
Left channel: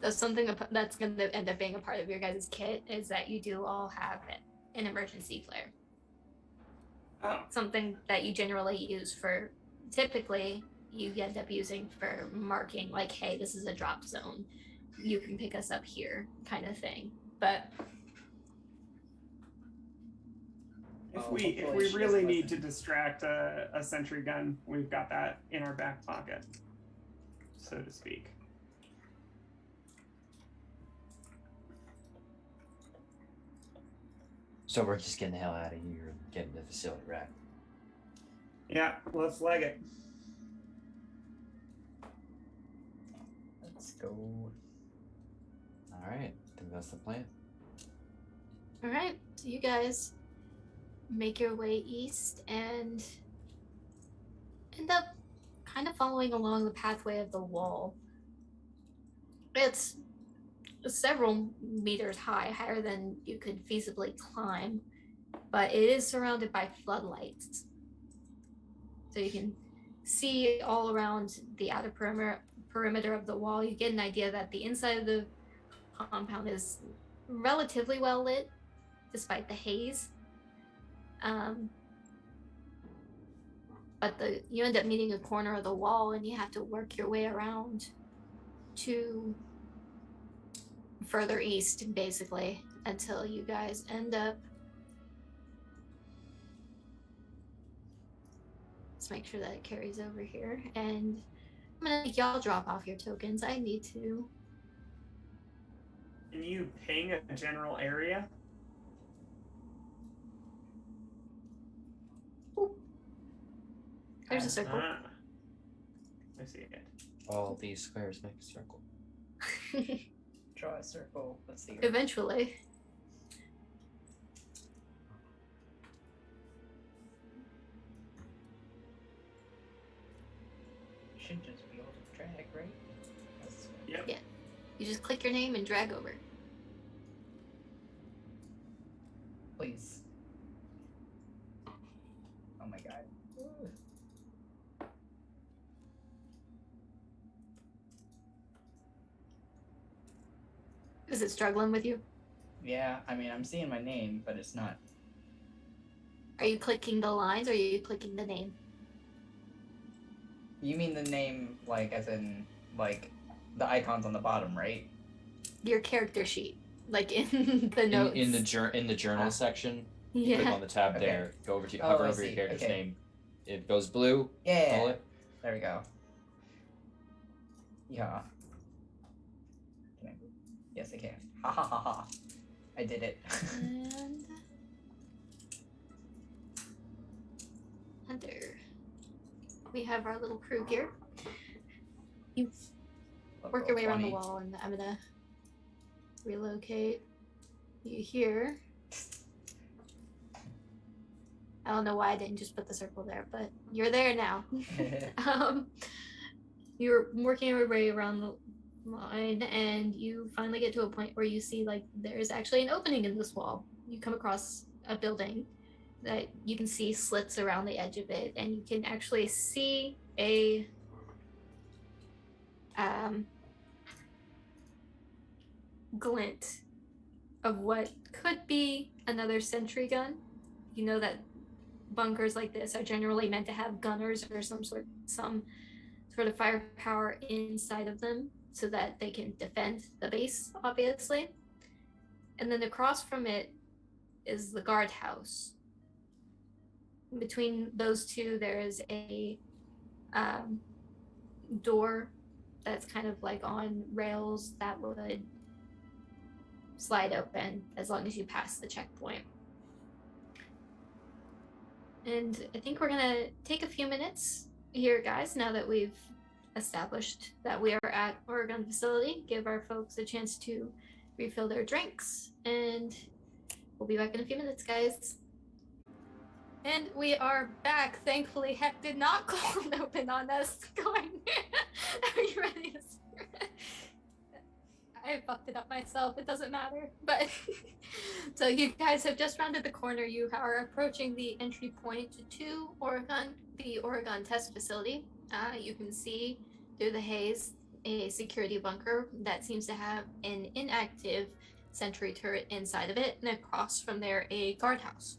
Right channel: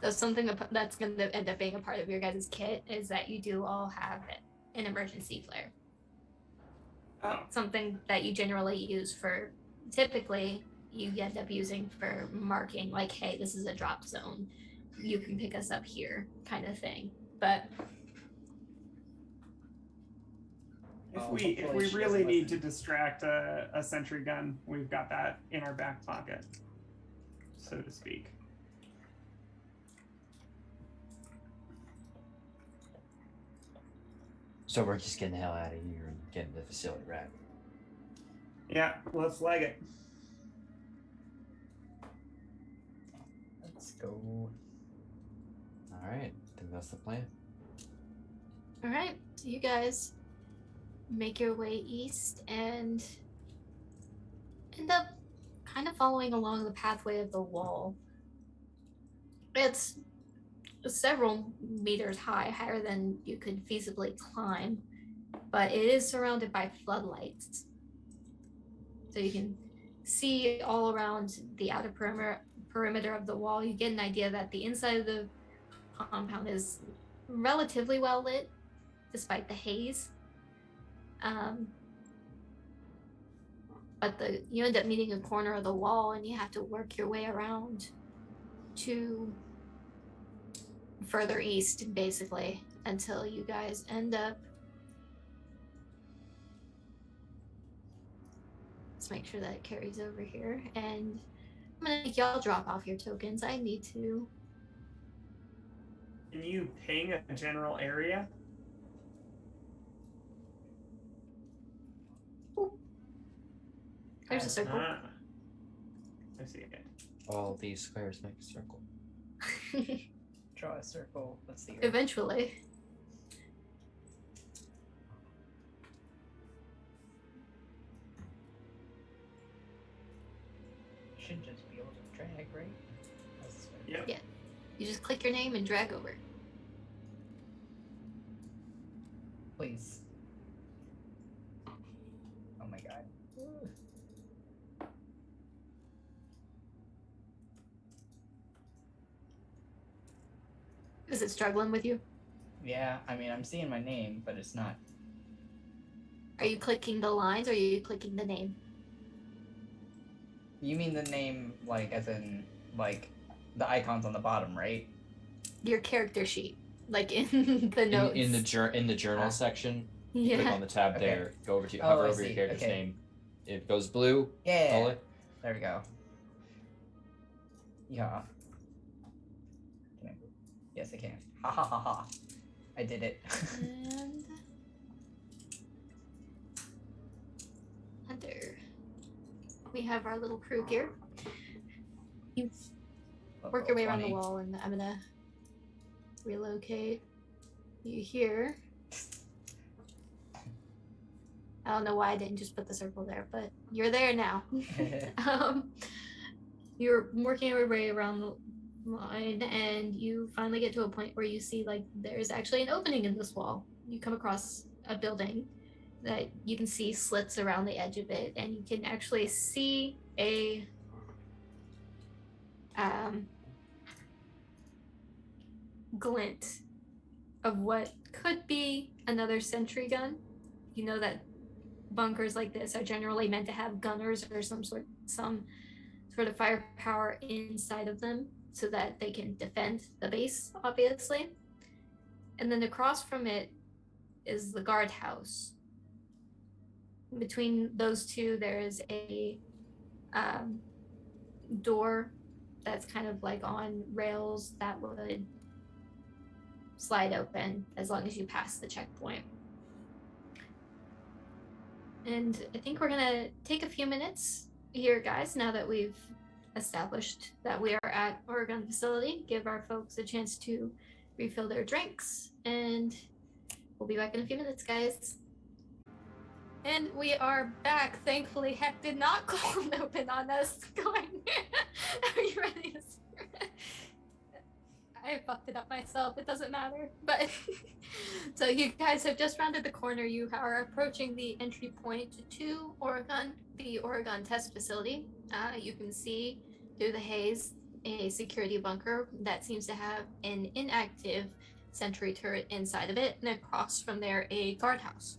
So something that's going to end up being a part of your guys' kit is that you do all have an emergency flare. Oh. Something that you generally use for, typically you end up using for marking like, hey, this is a drop zone. You can pick us up here kind of thing. But if we really need to distract a sentry gun, we've got that in our back pocket, so to speak. So we're just getting the hell out of here and getting to the facility, right? Yeah, let's leg it. Let's go. All right, I think that's the plan. all right, so you guys make your way east and end up kind of following along the pathway of the wall. It's several meters high, higher than you could feasibly climb, but it is surrounded by floodlights. So you can see all around the outer perimeter of the wall. You get an idea that the inside of the compound is relatively well lit, despite the haze. But you end up meeting a corner of the wall, and you have to work your way around to further east, basically, until you guys end up. Let's make sure that it carries over here, and I'm gonna make y'all drop off your tokens. I need to. Can you ping a general area? There's a circle. I see it. All these squares make a circle. Draw a circle. Let's see. Eventually. You should just be able to drag, right? That's good. Yep. Yeah. You just click your name and drag over. Please. Oh my god. Is it struggling with you? Yeah, I mean, I'm seeing my name, but it's not. Are you clicking the lines or are you clicking the name? You mean the name, like, as in, like, the icons on the bottom, right? Your character sheet, like in the notes. In the journal section, yeah. click on the tab Okay. there. Go over to Oh, hover I over see. your character's Okay. name. It goes blue. Yeah. Follow it. There we go. Yeah. Can I move? Yes, I can. Ha ha ha ha. I did it. And under, we have our little crew here. You work your way around the 20. wall, and I'm gonna relocate you here. I don't know why I didn't just put the circle there, but you're there now. You're working your way around the line, and you finally get to a point where you see like there's actually an opening in this wall. You come across a building that you can see slits around the edge of it, and you can actually see a glint of what could be another sentry gun. You know that bunkers like this are generally meant to have gunners or some sort of firepower inside of them so that they can defend the base, obviously. And then across from it is the guardhouse. Between those two, there is a door that's kind of like on rails that would slide open as long as you pass the checkpoint. And I think we're gonna take a few minutes here, guys, now that we've established that we are at Oregon facility. Give our folks a chance to refill their drinks, and we'll be back in a few minutes, guys. And we are back. Thankfully, Heck did not cold open on us. Going, are you ready to start? I fucked it up myself. It doesn't matter. But so you guys have just rounded the corner. You are approaching the entry point to Oregon, the Oregon test facility. You can see through the haze a security bunker that seems to have an inactive sentry turret inside of it, and across from there a guardhouse.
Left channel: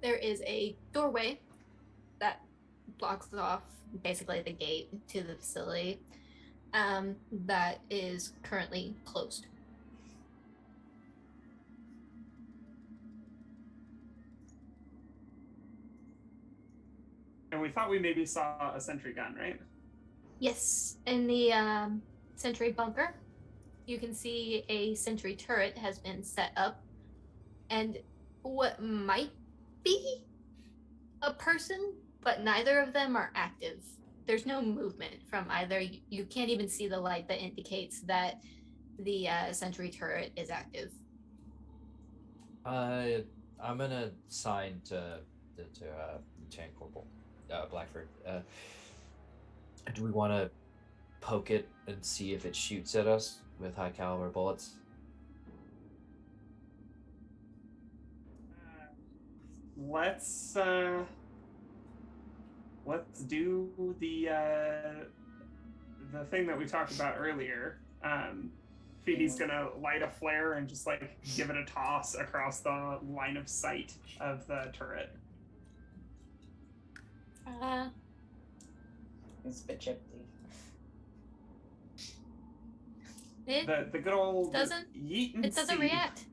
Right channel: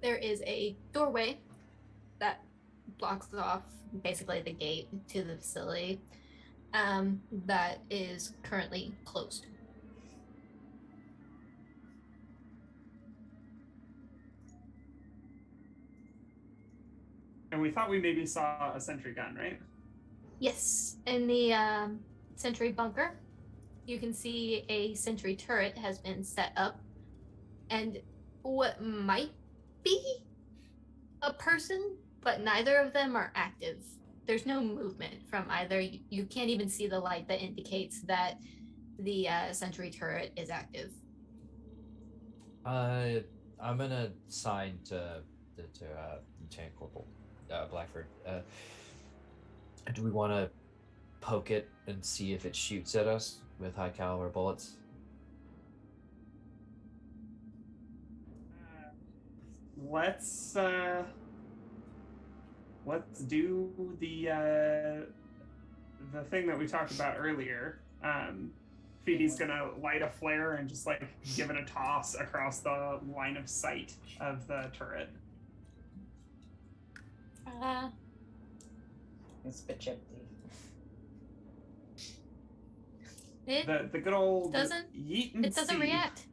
There is a doorway that blocks off basically the gate to the facility that is currently closed. And we thought we maybe saw a sentry gun, right? Yes, in the sentry bunker, you can see a sentry turret has been set up, and what might be a person, but neither of them are active. There's no movement from either. You can't even see the light that indicates that the sentry turret is active. I'm gonna sign to Lieutenant Corporal Blackford. Do we want to poke it and see if it shoots at us with high caliber bullets? Let's do the thing that we talked about earlier. Phoebe's gonna light a flare and just like give it a toss across the line of sight of the turret. It's a bit chippy. It The good old doesn't. yeet and It doesn't see. react.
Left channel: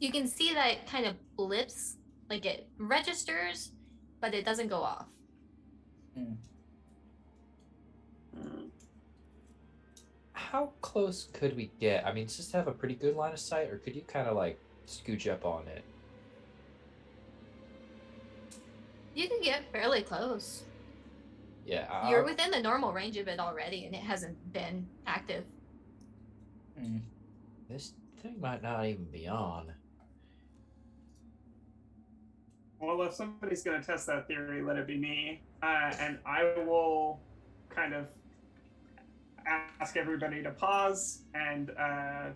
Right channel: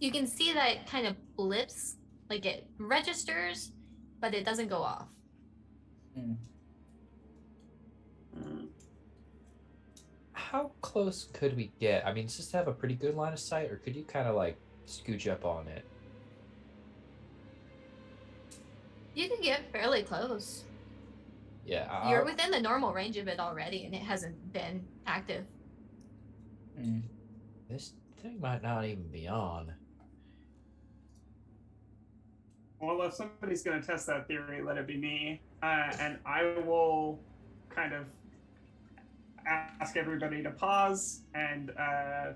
You can see that it kind of blips, like it registers, but it doesn't go off. Mm. How close could we get? I mean, does this have a pretty good line of sight, or could you kind of like scooch up on it? You can get fairly close. Yeah, You're within the normal range of it already, and it hasn't been active. Mm. This thing might not even be on. Well, if somebody's going to test that theory, let it be me. And I will kind of ask everybody to pause, and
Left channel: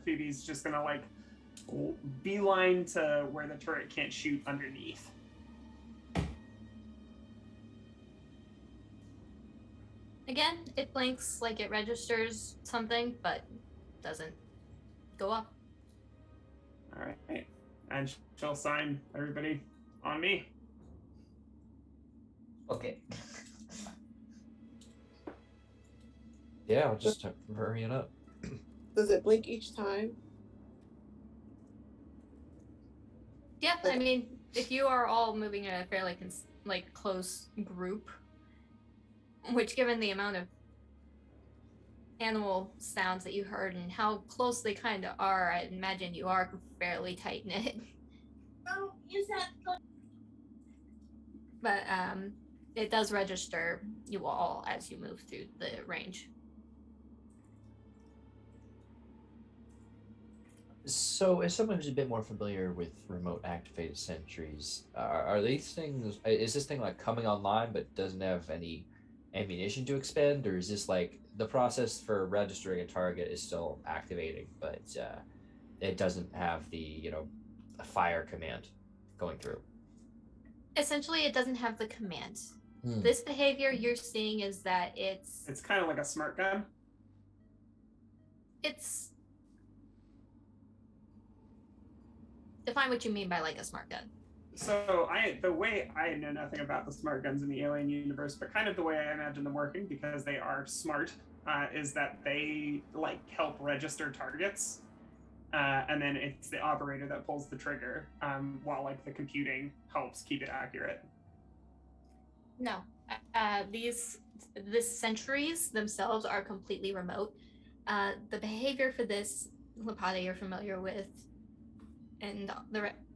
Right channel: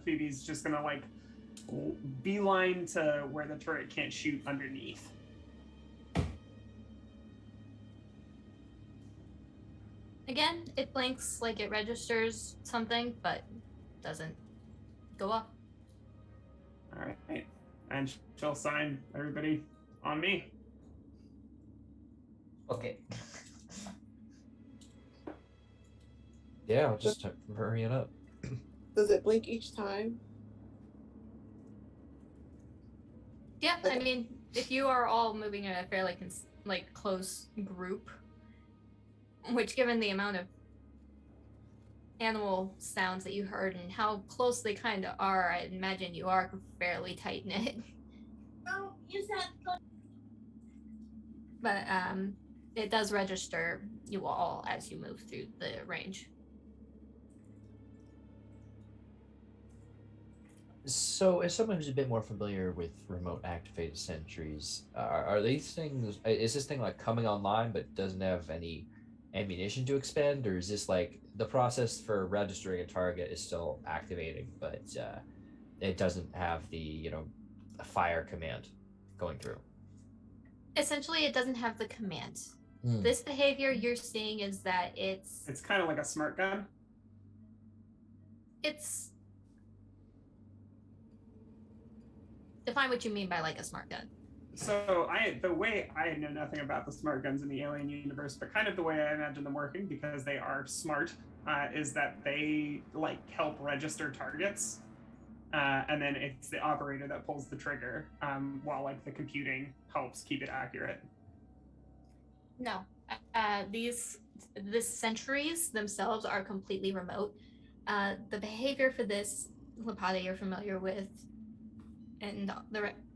Phoebe's just going to like beeline to where the turret can't shoot underneath. Again, it blinks like it registers something, but doesn't go up. All right. And she'll sign everybody on me. Okay. Yeah, I'll just hurry it up. Does it blink each time? Yeah, I mean, if you are all moving in a fairly close group, which given the amount of animal sounds that you heard and how close they kind of are, I imagine you are fairly tight knit. Oh, use that. But it does register you all as you move through the range. So, as someone who's a bit more familiar with remote activated sentries, are these things? Is this thing like coming online but doesn't have any ammunition to expend, or is this like the process for registering a target is still activating, but it doesn't have the a fire command going through? Essentially, it doesn't have the command. This behavior you're seeing is that It's kind of like a smart gun. It's define what you mean by like a smart gun. So the way I know nothing about the smart guns in the Alien universe, but kind of the way I imagine them working, because they are smart, is that they like help register targets, and then it's the operator that pulls the trigger, while like the computing helps keep it accurate. No, these sentries themselves are completely remote. The behavior for this Lapata you're familiar with, and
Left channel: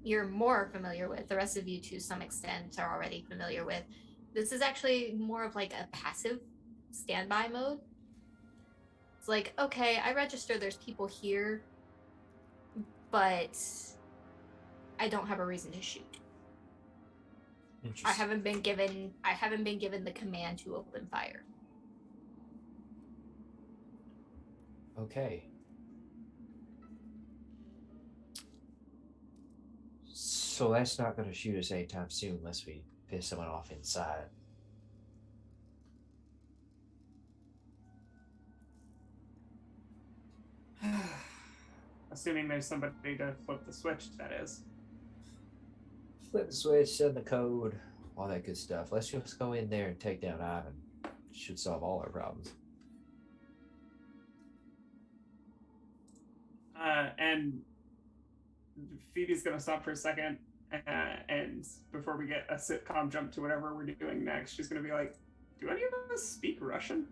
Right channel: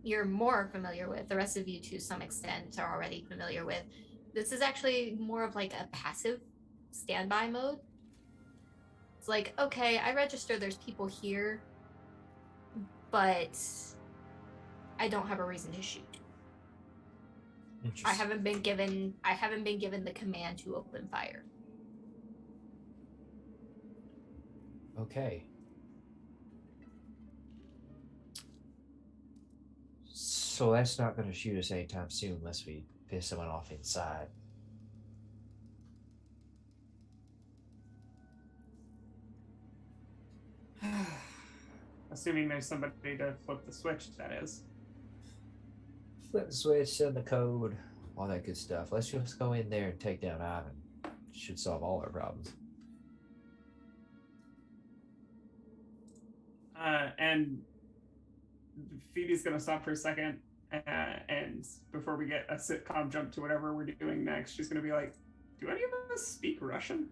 you're more familiar with. The rest of you, to some extent, are already familiar with. This is actually more of like a passive standby mode. It's like, okay, I register there's people here, but I don't have a reason to shoot. I haven't been given the command to open fire. Okay. So that's not going to shoot us anytime soon unless we piss someone off inside. Assuming there's somebody to flip the switch, that is. Flip the switch, send the code, all that good stuff. Let's just go in there and take down Ivan. Should solve all our problems. And Phoebe's going to stop for a second, and before we get a sitcom jump to whatever we're doing next, she's going to be like, do any of us speak Russian?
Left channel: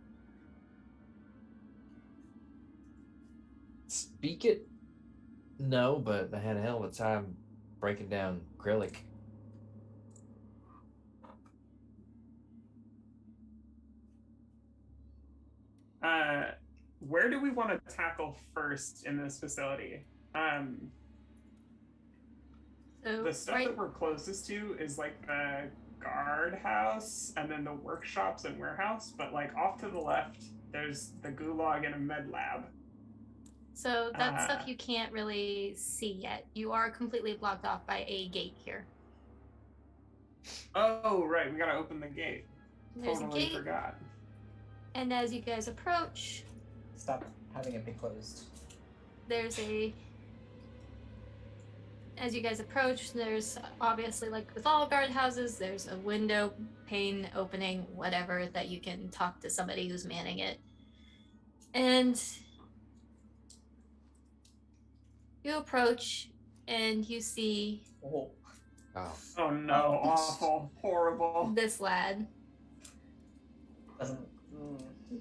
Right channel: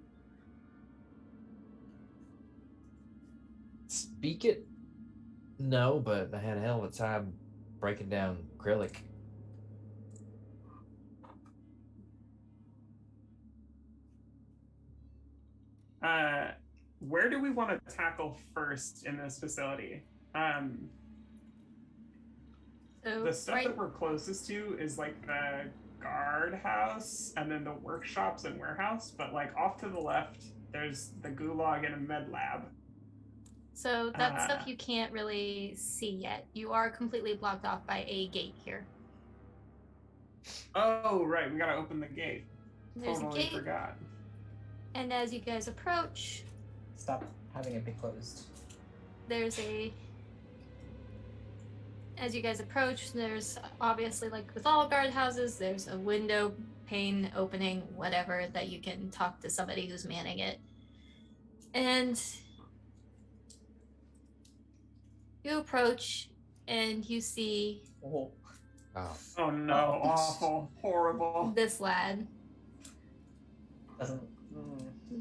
Speak it? No, but I had a hell of a time breaking down acrylic. Where do we want to tackle first in this facility? So The stuff right, that we're closest to is like the guardhouse and then the workshops and warehouse, but like off to the left, there's the gulag and a med lab. so that stuff Ah. you can't really see yet. You are completely blocked off by a gate here. Oh, right, we gotta open the gate. There's Totally a gate, forgot. and as you guys approach, Stop having it be closed. there's a as you guys approach, there's obviously, like with all guardhouses, there's a window, pane opening, whatever, that you can talk to somebody who's manning it. And you approach and you see Oh. Oh. Oh no, awful, horrible. this lad. Doesn't.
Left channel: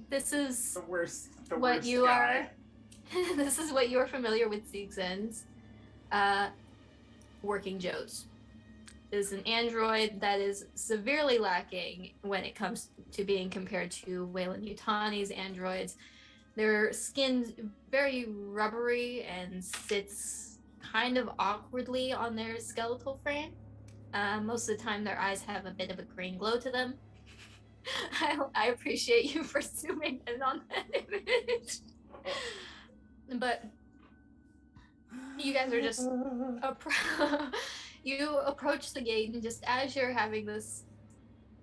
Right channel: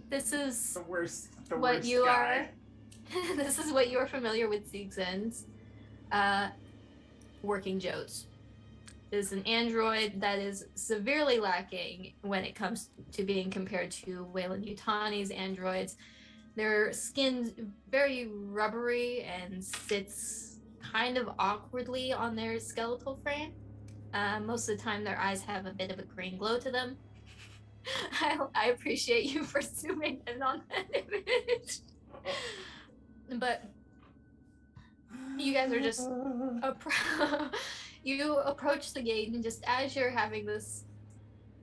This is The worst what you guy. are. This is what you're familiar with Siegzen's working Joes. Is an android that is severely lacking when it comes to being compared to Wayland Yutani's androids. Their skin's very rubbery and sits kind of awkwardly on their skeletal frame. Most of the time, their eyes have a bit of a green glow to them. I appreciate you for zooming in on that image. But you guys are just you approach the gate, and just as you're having this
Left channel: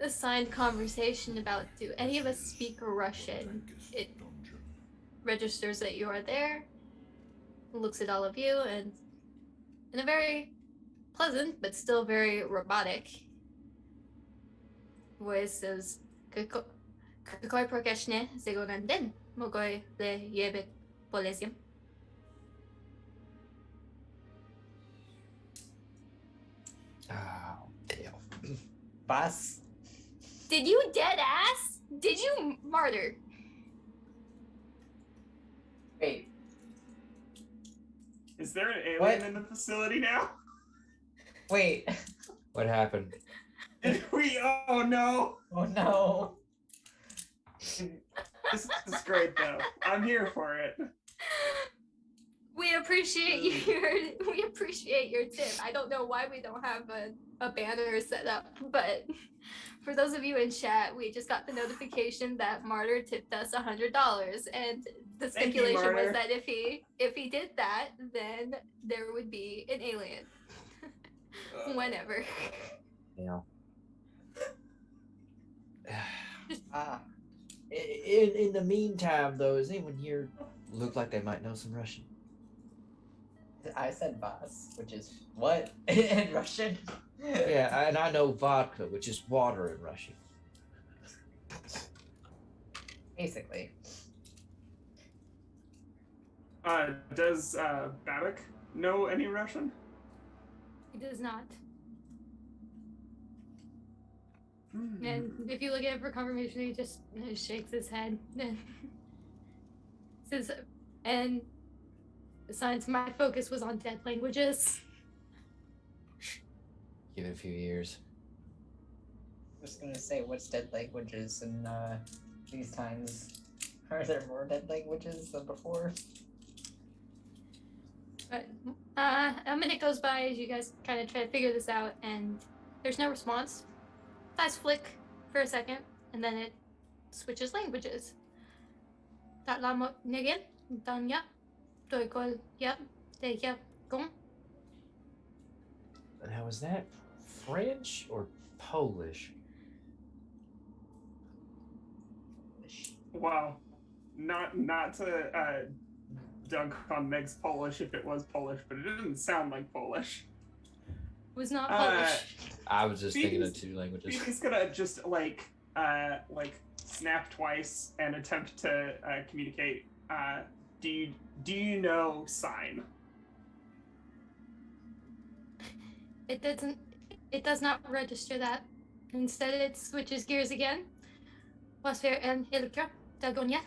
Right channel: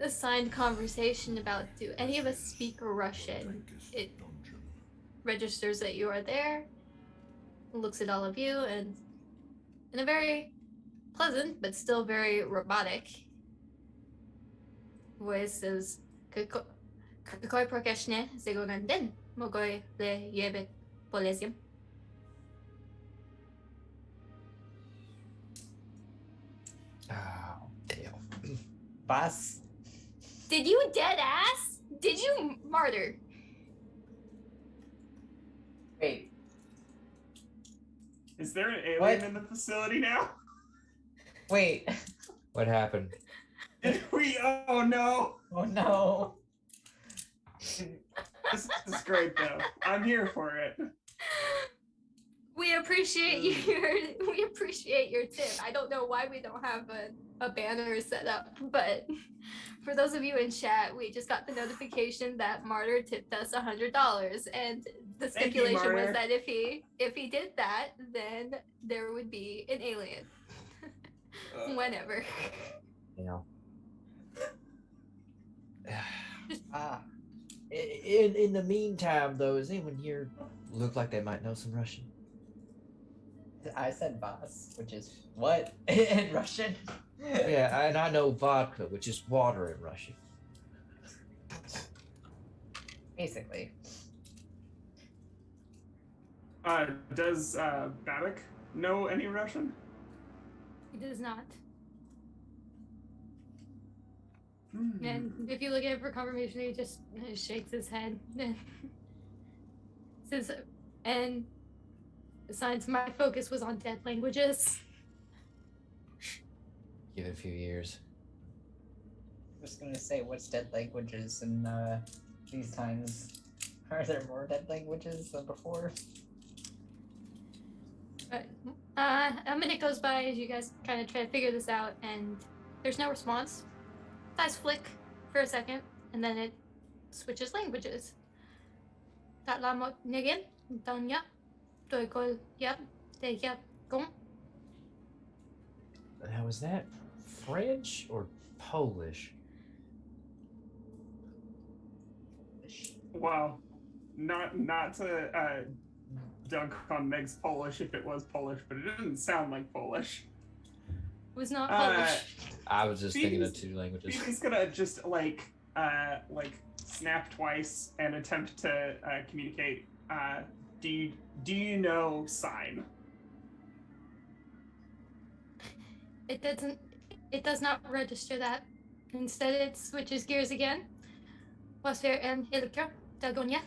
signed conversation about do any of us speak Russian, it registers that you are there, looks at all of you, and in a very pleasant but still very robotic voice says, "Какой прокашне сегодня день? Могу ли я быть полезен?" Oh, damn. Boss. Did you dead ass? Did you martyr? Wait. Is there an alien What? in the facility now? Wait. What happened? Oh no! Oh no. This is great though. I'm here for it. We appreciate your tip. I don't know why we don't have a banner set up, but for those of you in chat, we just got the notification that Martyr tipped us $100, and the Thank you, stipulation was Martyr. that if he did that, then there would be an alien. Whenever. Yeah. Ah. In the meantime, though, does anyone here look like they might know some Russian? I said boss, which is what in Russian? Yeah, and I know vodka, which is water in Russian. Basically. Does Babak know any Russian? He does not. Hmm. And if you look at him for confirmation, he just shakes his head. Says, and besides, my focus was on dead languages. Give it a few years. I was gonna say, what's dead languages in these times? Are there more dead languages than before? But a minute goes by as you guys kind of try to figure this out, and there's no response. Eyes flick for a second, and then it switches languages. Tatlamo nigin, Donya, Toikol yap, te yap gong. Now, is that French or Polish? Wow. Not to dunk on Meg's Polish if it was Polish, but it didn't sound like Polish. It was not Polish. I was just thinking of Phoebe's- two languages. He's gonna just like snap twice and attempt to communicate. Do you know sign? It does not register that. Instead, it switches gears again. Was weer een helikopter Dagonia.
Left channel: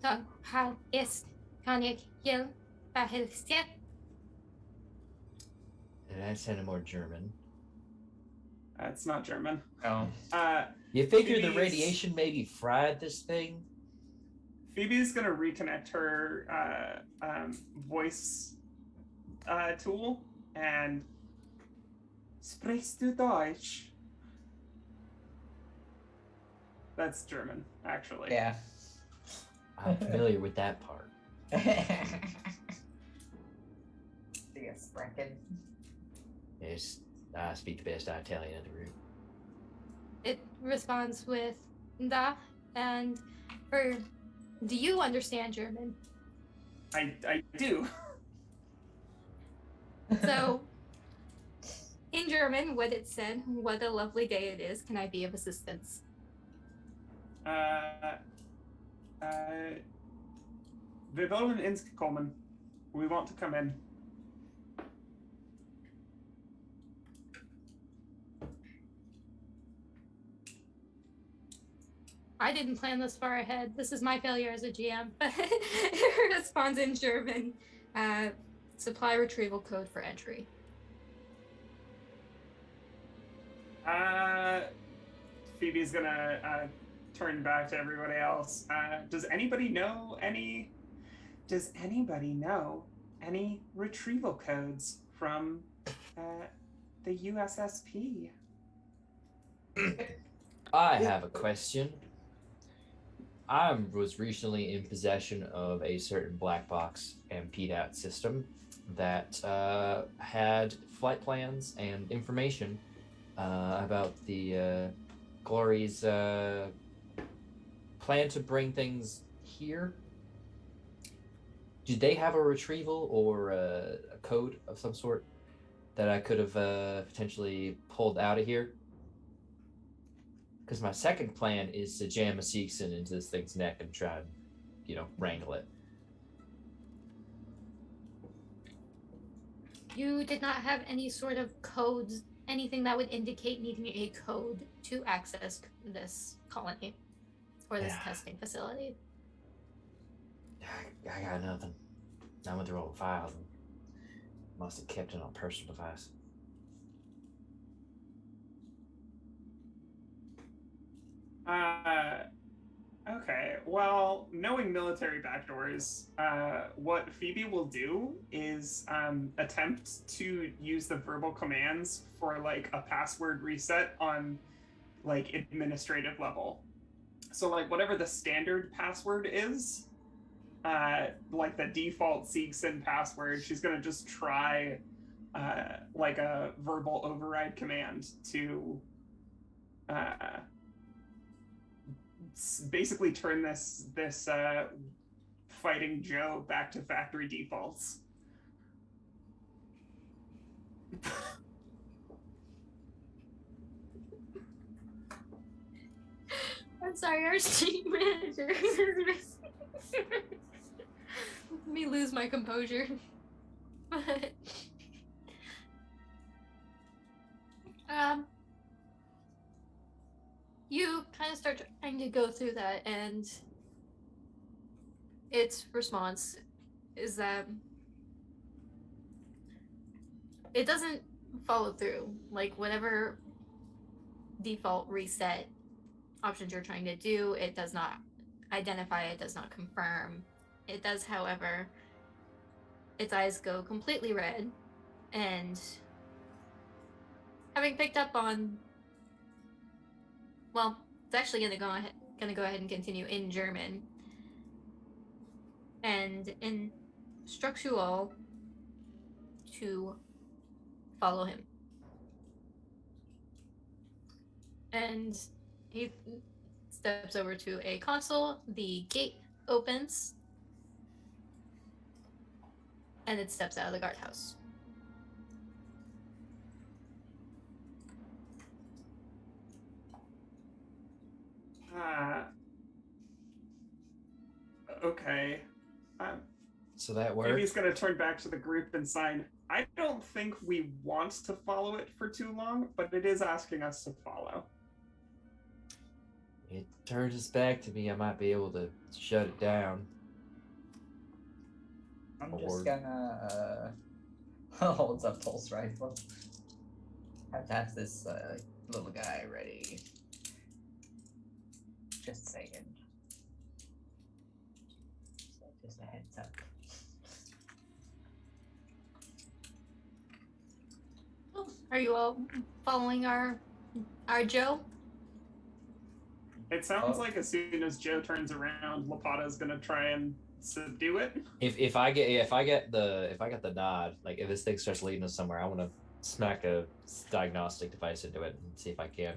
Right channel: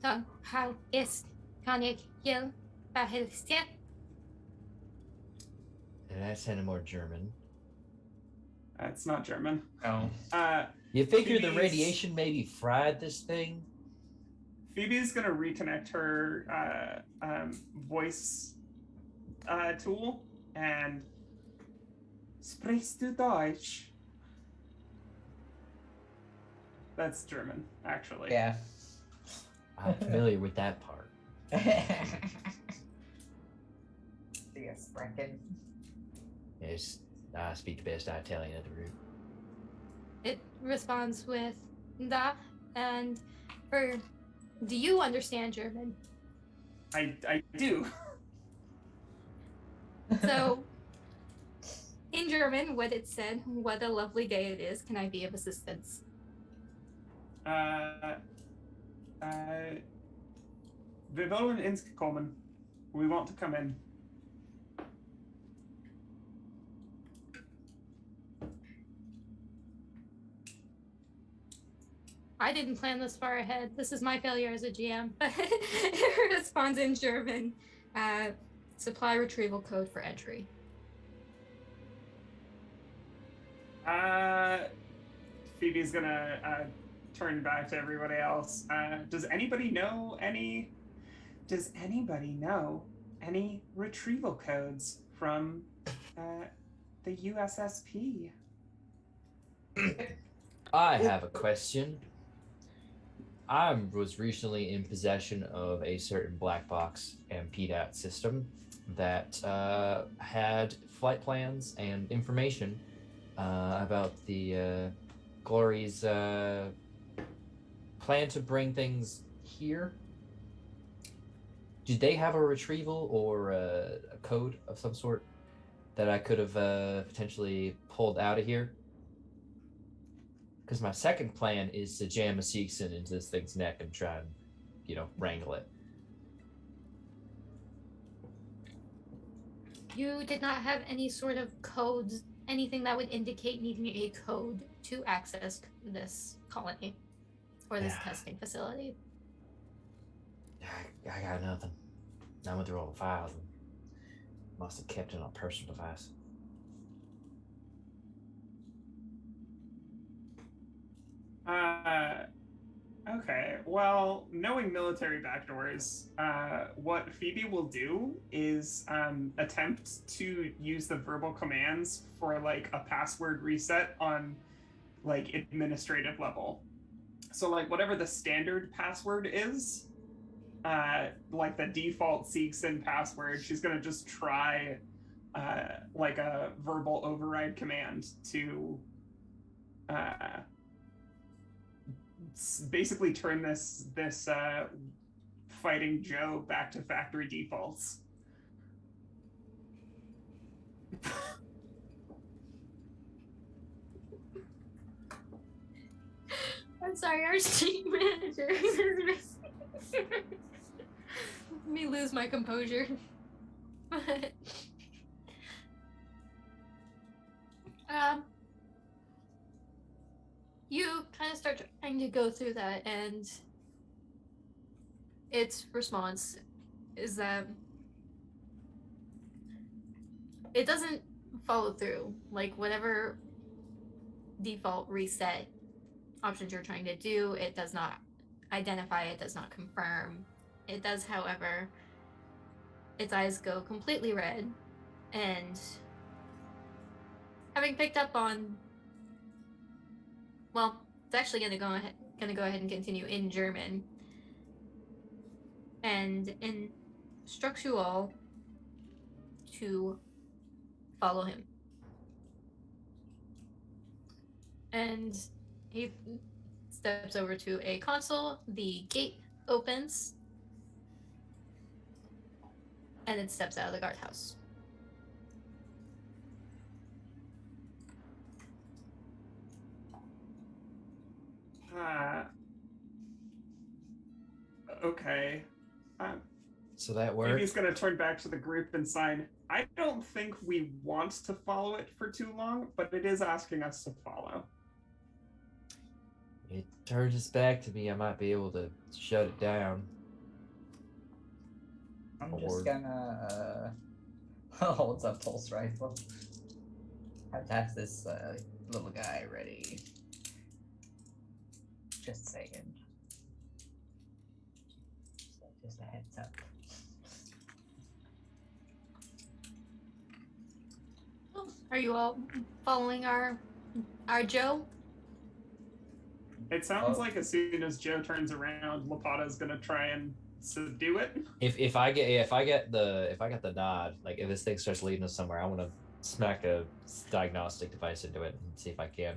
Dan how is kan ik je verhelsten? And that sounded more German. It's not German. No. You figure the Phoebe's- radiation maybe fried this thing? Phoebe's gonna reconnect her voice tool, and Sprichst du Deutsch? That's German, actually. Yeah. I'm familiar with that part. Yeah, Sprechen. Yes, I speak the best Italian of the group. It responds with da, and for do you understand German? I do. So in German, what it said, what a lovely day it is, can I be of assistance? Wir wollen ins kommen. We want to come in. I didn't plan this far ahead. This is my failure as a GM. It responds in German. Supply retrieval code for entry. Phoebe's gonna turn back to everybody else. Does anybody know any retrieval codes from the USSP? I have a question. I was recently in possession of a certain black box and PDAT system that had flight plans and information about the Glory's plan to bring things here. Did they have a retrieval or a code of some sort that I could have potentially pulled out of here? Because my second plan is to jam a Seegson into this thing's neck and try and, wrangle it. You did not have any sort of codes, anything that would indicate needing a code to access this colony or this testing facility. I got nothing. I went through all the files and must have kept it on a personal device. Okay. Well, knowing military backdoors, what Phoebe will do is attempt to use the verbal commands for like a password reset on like administrative level. So like whatever the standard password is, like the default Seegson password, she's gonna just try like a verbal override command to basically turn this fighting Joe back to factory defaults. I'm sorry, our stream manager. Let me lose my composure. You kind of start trying to go through that, and its response is that it doesn't follow through. Like, whatever default reset options you're trying to do, it does not identify, it does not confirm. It does, however, its eyes go completely red, and having picked up on, well, it's actually gonna go ahead and continue in German, and instructs you all to follow him. And he steps over to a console, the gate opens, and it steps out of the guardhouse. Okay. So that Maybe works. he's gonna turn back to the group and sign, I don't think we want to follow it for too long, but it is asking us to follow. It turns its back to me, I might be able to shut it down. I'm just gonna holds up pulse rifle. Have this little guy ready. Just saying. So just a heads up. Are you all following our Joe? It sounds Oh. like as soon as Joe turns around, Lapata's gonna try and subdue it. If I get the nod, like if this thing starts leading us somewhere, I want to smack a diagnostic device into it and see if I can't.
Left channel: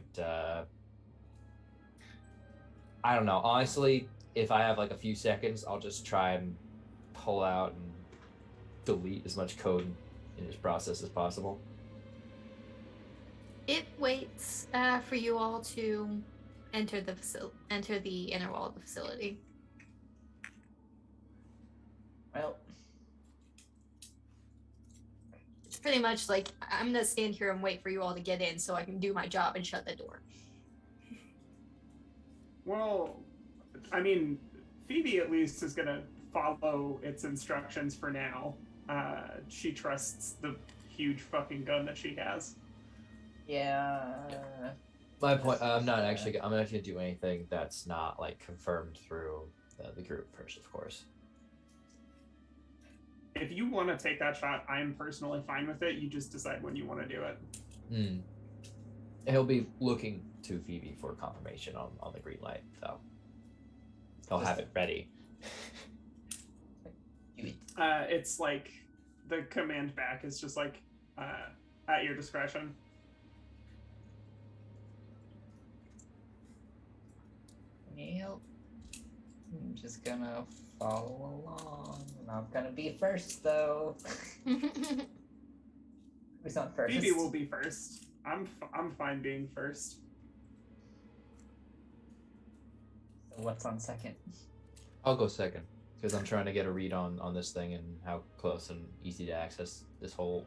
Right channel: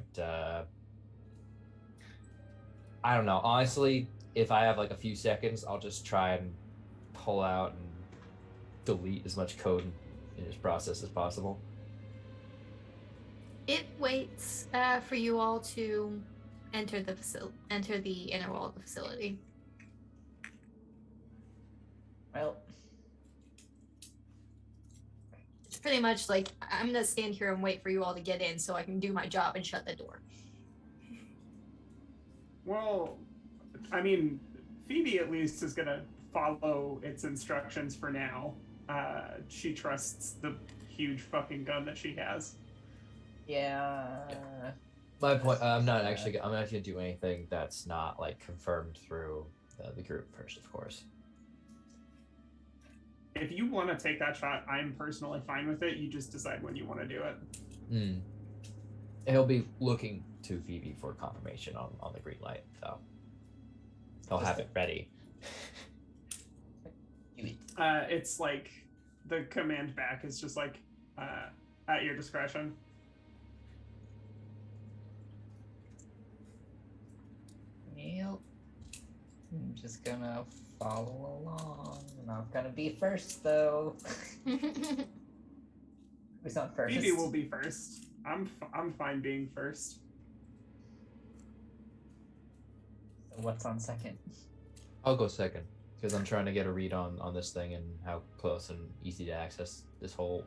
I don't know. Honestly, if I have like a few seconds, I'll just try and pull out and delete as much code in this process as possible. It waits for you all to enter the inner wall of the facility. Well, It's pretty much like I'm gonna stand here and wait for you all to get in so I can do my job and shut the door. Well, I mean, Phoebe at least is gonna follow its instructions for now. She trusts the huge fucking gun that she has. yeah. My point. I'm not gonna do anything that's not like confirmed through the group first, of course. If you want to take that shot, I'm personally fine with it. You just decide when you want to do it. He'll be looking to Phoebe for confirmation on the green light, so he'll have it ready. It's like the command back is just like at your discretion. Yep. I'm just gonna follow along. Not gonna be first though. Who's not first? Phoebe will be first. I'm fine being first. So what's on second? I'll go second because I'm trying to get a read on this thing and how close and easy to access this whole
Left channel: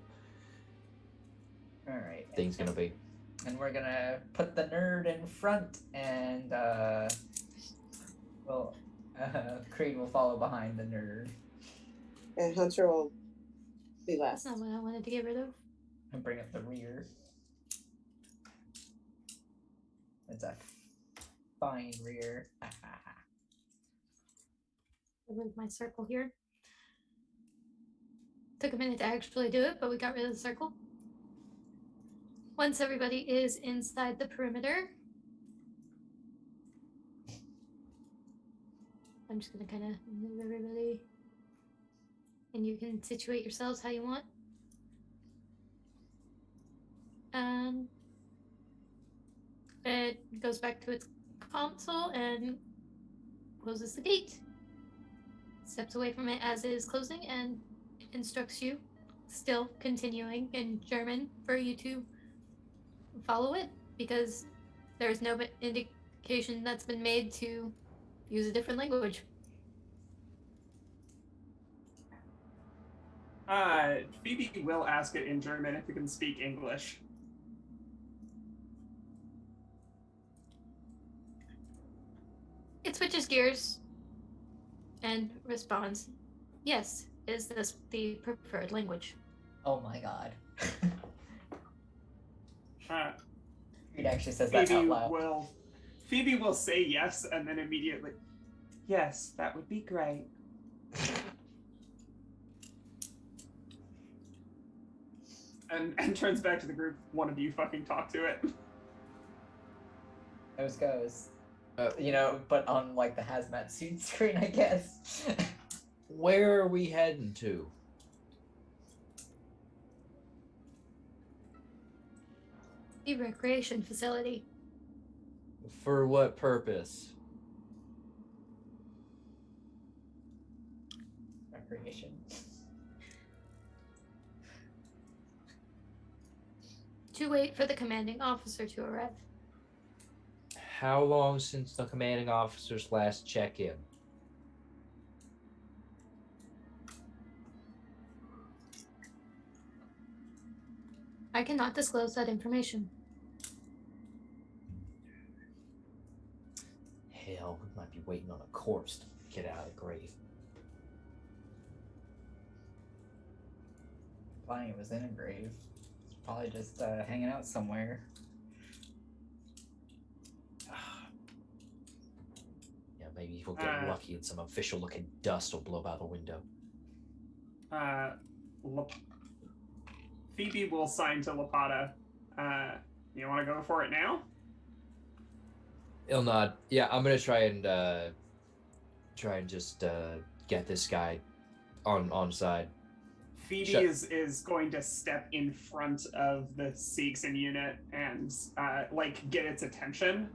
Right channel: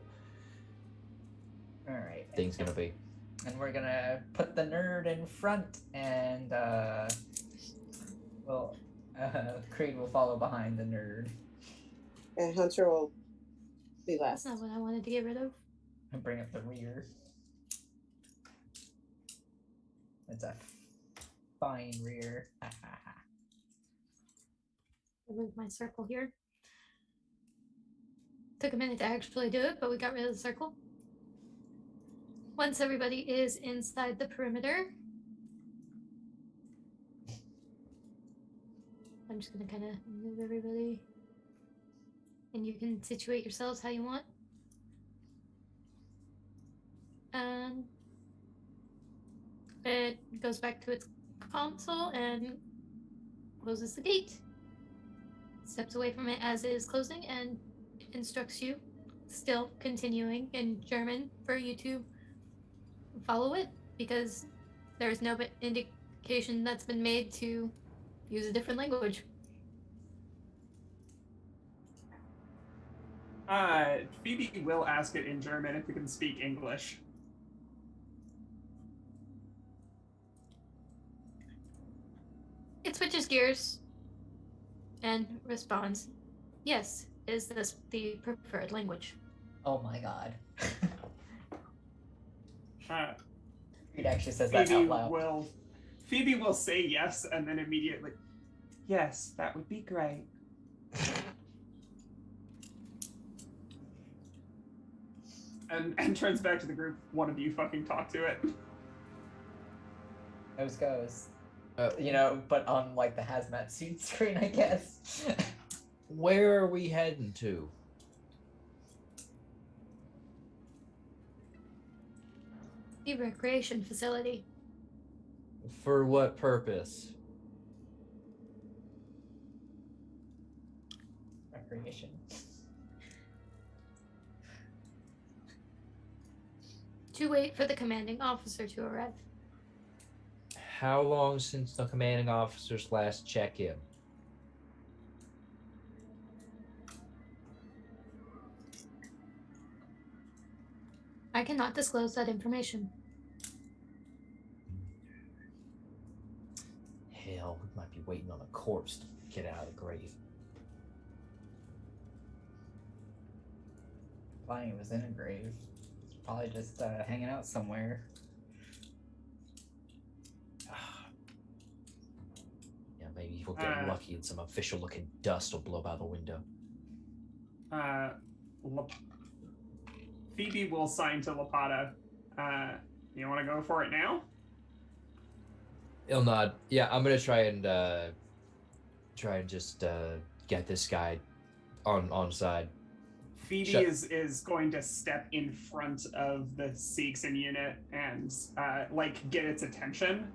All right. thing's gonna be. And we're gonna put the nerd in front, and Creed will follow behind the nerd And Hunter will be That's last. not what I wanted to get rid of. and bring up the rear. It's a fine rear. I moved my circle here. Took a minute to actually do it, but we got rid of the circle. Once everybody is inside the perimeter, I'm just gonna kind of move everybody, and you can situate yourselves how you want. And it goes back to its console and closes the gate. Steps away from it as it is closing and instructs you, still continuing in German, for you to follow it, because there's no indication that's been made to use a different language. Phoebe will ask it in German if it can speak English. It switches gears and responds, yes, is this the preferred language? Oh my god. Creed Uh, actually says that out loud. Phoebe will say yes, and then immediately, yes, that would be great. and turns back to the group. One of you fucking talk to it. Goes. You know, but on like the hazmat suit screen, I guess. Where are we heading to? The recreation facility. For what purpose? Recreation. To wait for the commanding officer to arrive. How long since the commanding officer's last check-in? I cannot disclose that information. Hell, we might be waiting on a corpse to get out of the grave. Bonnie was in a grave. It's probably just hanging out somewhere. Yeah, maybe we'll get lucky and some official-looking dust will blow by the window. Phoebe will sign to Lapata You want to go for it now? He'll nod. Yeah, I'm gonna try and just get this guy on side. Phoebe is going to step in front of the Seegson unit and get its attention,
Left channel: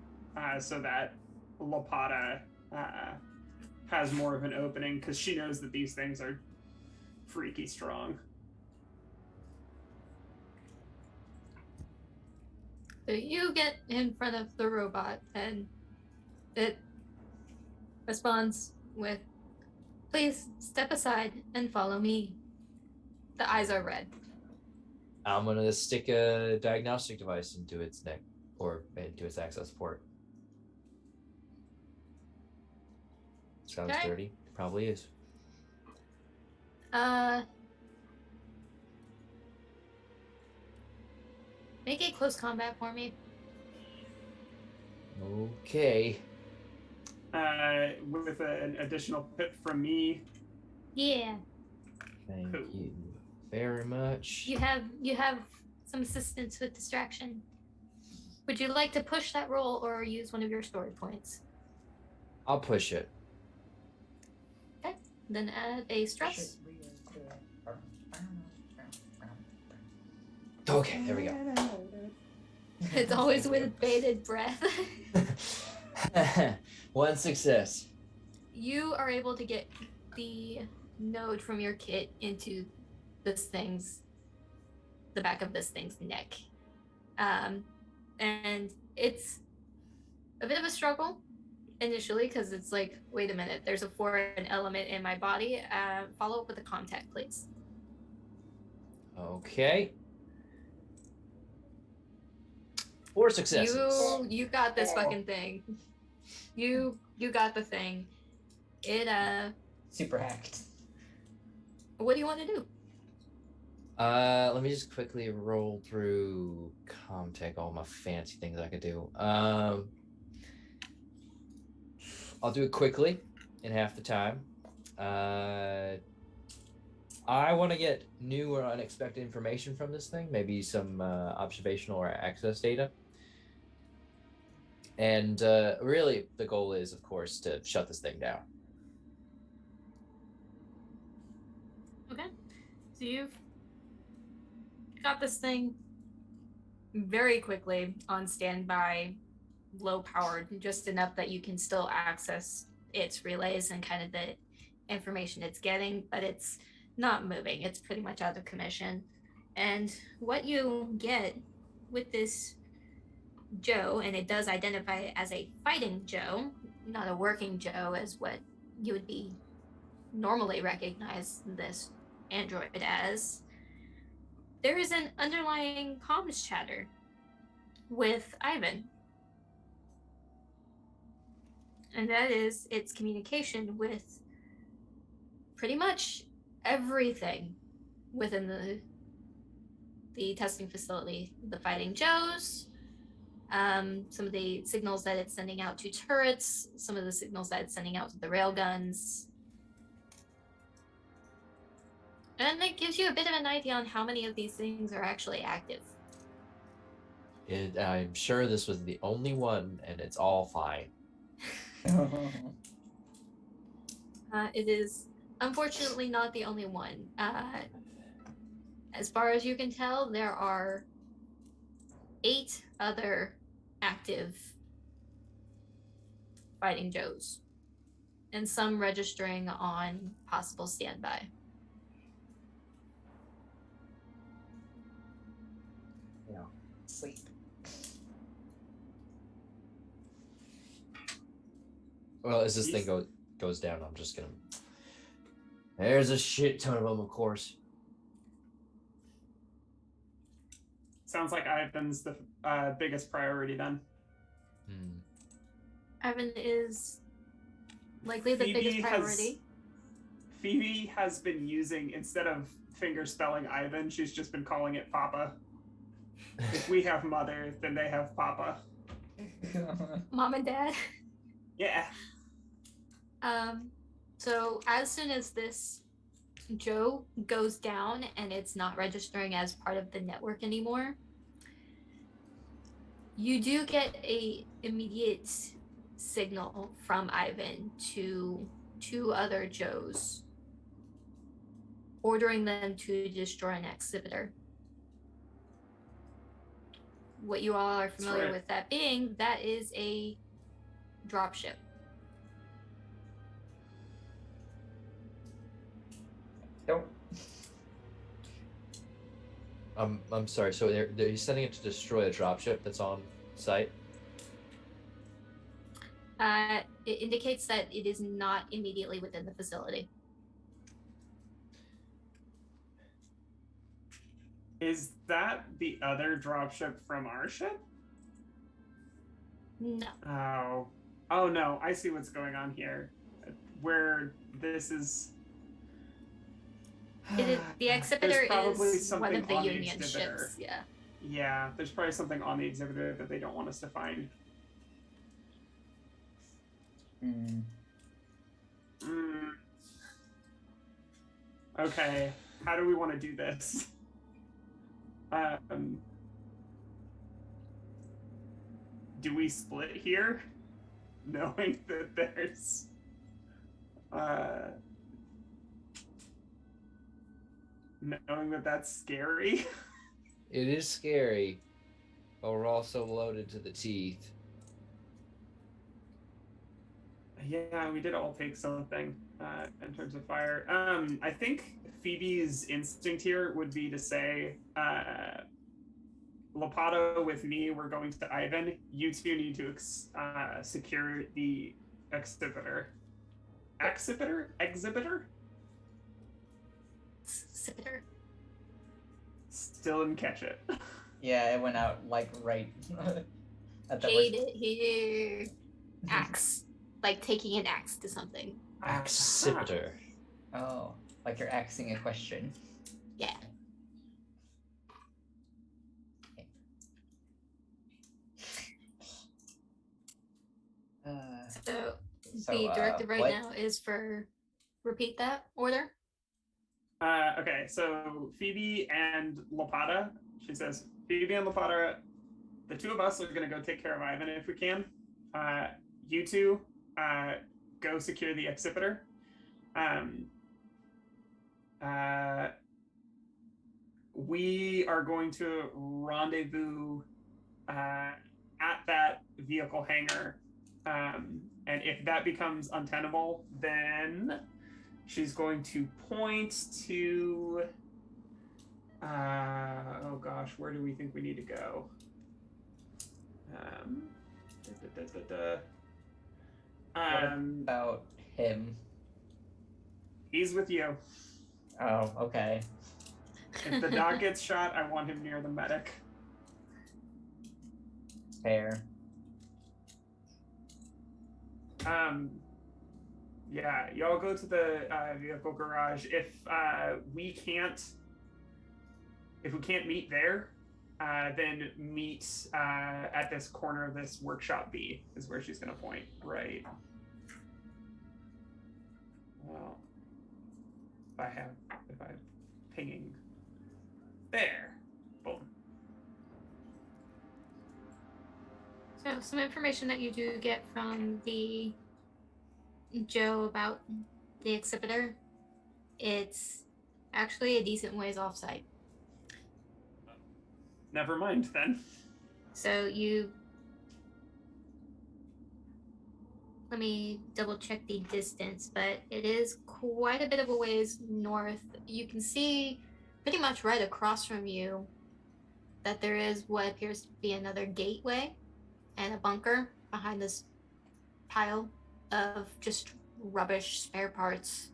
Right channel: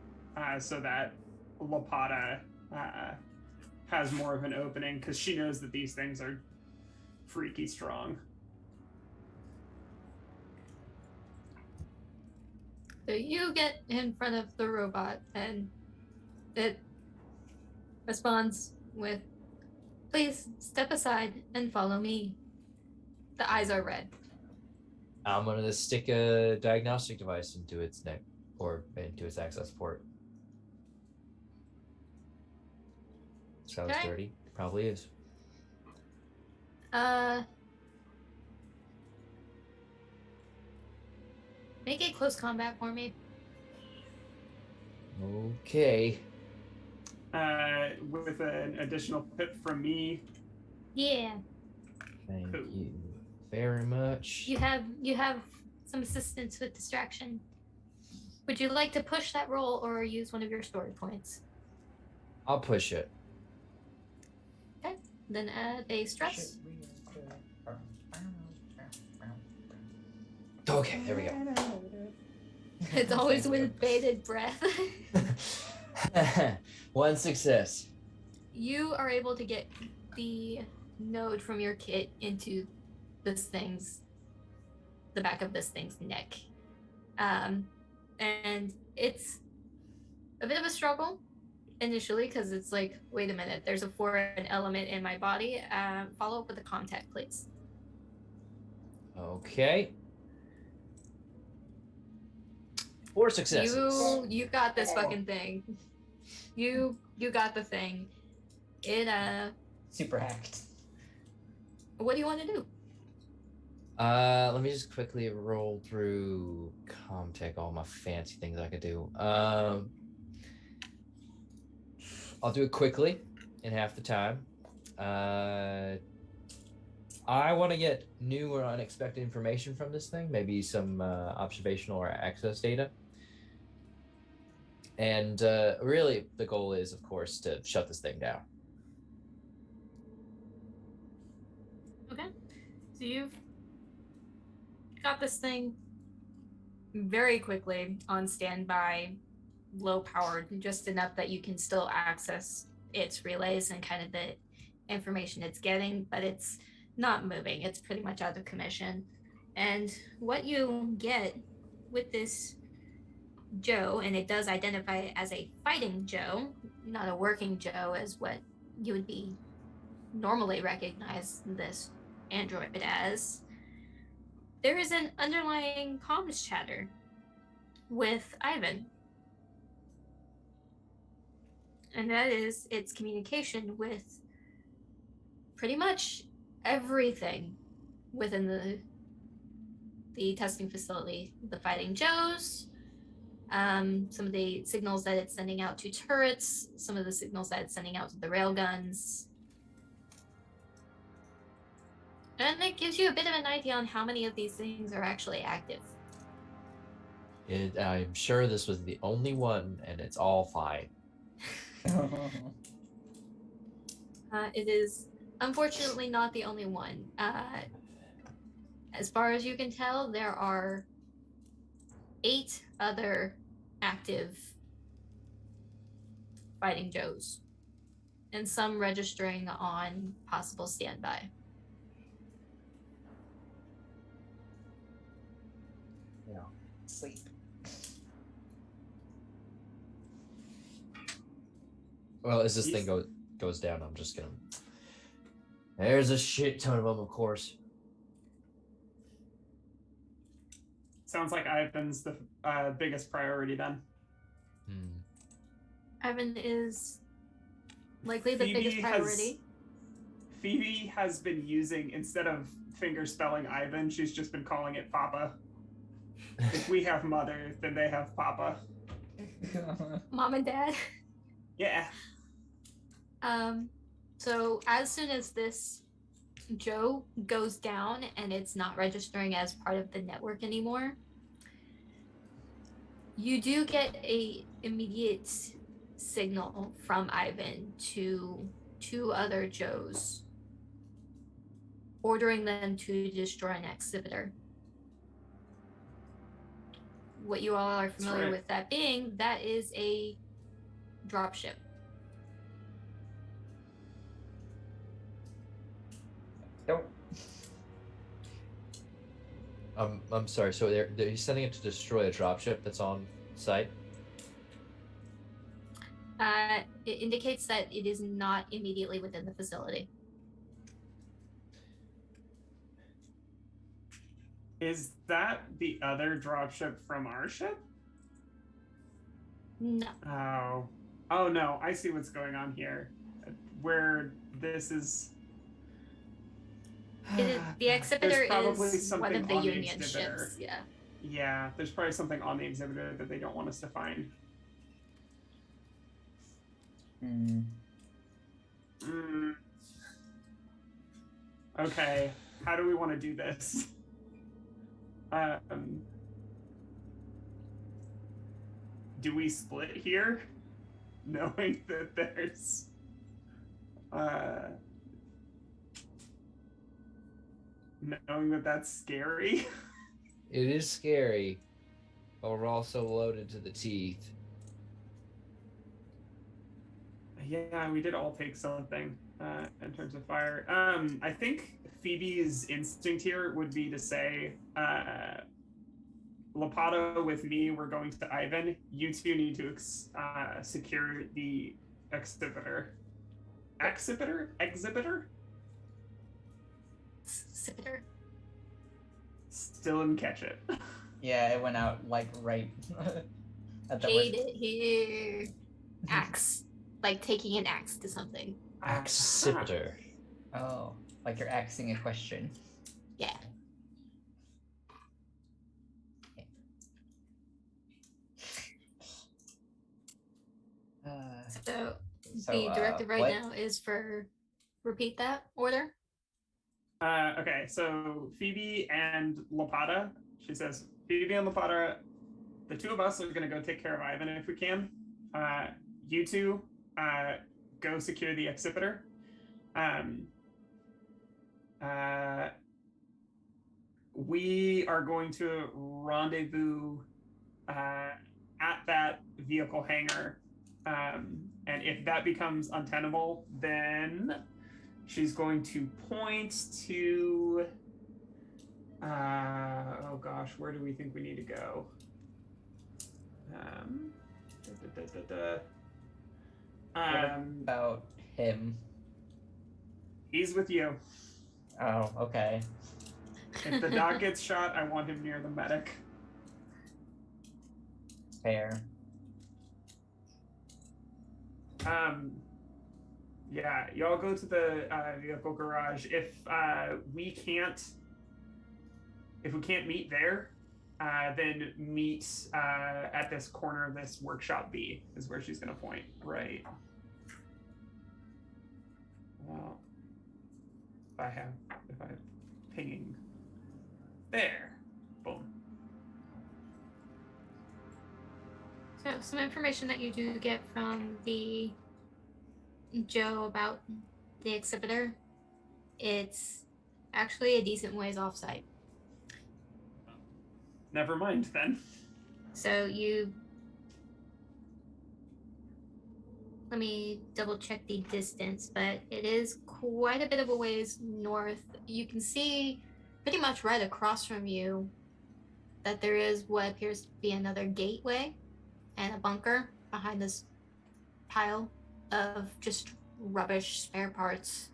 so that Lapata has more of an opening, because she knows that these things are freaky strong. So you get in front of the robot, and it responds with, "Please step aside and follow me." The eyes are red. I'm gonna stick a diagnostic device into its neck, or into its access port. Sounds Okay. dirty. Probably is. Make it close combat for me. Okay. With an additional pip from me. Yeah. Thank Cool. you very much. You have some assistance with distraction. Would you like to push that roll or use one of your story points? I'll push it. Okay. Then add a stress. Okay, there we go. It's always with bated breath. One success. You are able to get the node from your kit into the back of this thing's neck. And it's a bit of a struggle initially, because it's like, wait a minute, there's a foreign element in my body. Follow up with a contact, please. Okay. 4 successes. You got this fucking thing. You got the thing. It Super hacked. what do you want to do? Let me just quickly roll through Comtech, all my fancy things I could do. I'll do it quickly in half the time. I want to get new or unexpected information from this thing, maybe some observational or access data. And really, the goal is, of course, to shut this thing down. Okay. So you've got this thing very quickly on standby, low powered, just enough that you can still access its relays and kind of the information it's getting, but it's not moving. It's pretty much out of commission. And what you get with this Joe, and it does identify it as a fighting Joe, not a working Joe, as what you would be normally recognize this android as, there is an underlying comms chatter with Ivan. And that is its communication with pretty much everything within the testing facility. The fighting Joes, some of the signals that it's sending out to turrets, some of the signals that it's sending out to the railguns. And it gives you a bit of an idea on how many of these things are actually active. I'm sure this was the only one, and it's all fine. It is unfortunately not the only one. As far as you can tell, there are 8 other active fighting Joes, and some registering on possible standby. Sleep. Well, as this thing goes down, I'm just gonna... There's a shit ton of them, of course. Sounds like Ivan's the biggest priority then. Ivan is likely the biggest priority. Phoebe has been using, instead of finger spelling Ivan, she's just been calling it Papa. If we have mother, then they have Papa. Mom and Dad. Yeah. So as soon as this Joe goes down and it's not registering as part of the network anymore, You do get a immediate signal from Ivan to two other Joes, ordering them to destroy an exhibitor. What you all are familiar with that being, that is a dropship. Don't. I'm sorry. So he's sending it to destroy a dropship that's on site. It indicates that it is not immediately within the facility. Is that the other dropship from our ship? No. Oh no, I see what's going on here. Where this is... The exhibitor is one of the on Union the ships. Yeah. Yeah, there's probably something on the exhibitor that they don't want us to find. Okay, how do we want to do this? Do we split here? Knowing that there's... knowing that that's scary? It is scary, but we're also loaded to the teeth. Yeah, we did all take something in terms of fire. I think Phoebe's instinct here would be to say, Lapato with me, we're going to Ivan. You two need to secure the exhibitor. Exhibitor? Exhibitor. Still didn't catch it. Yeah, it went out like right at the Hate it here. Axe. Like taking an axe to something. Exhibitor. Oh, like you're axing a question. Yeah. So the directive right now is for repeat that order. Okay, so Phoebe and Lapata, she says, Phoebe and Lapata, the two of us are going to go take care of Ivan if we can. You two go secure the exhibitor. We are going to rendezvous at that vehicle hangar. And if that becomes untenable, then she's going to point to... oh gosh, where do we think we need to go? What about him? He's with you. Oh, okay. If the dog gets shot, I want him near the medic. Fair. Yeah, y'all go to the vehicle garage. If we can't meet there, then meet at this corner of this workshop B is where she's gonna point. Right. Well, if I'm pinging there, boom. So some information that you do get from the Joe about the exhibitor, it's actually a decent ways off-site. Never mind then. So let me double check the distance, but it is quite a bit of a ways north. You can see pretty much right across from you that there is what appears to be another gateway and a bunker behind this pile of just rubbish, spare parts,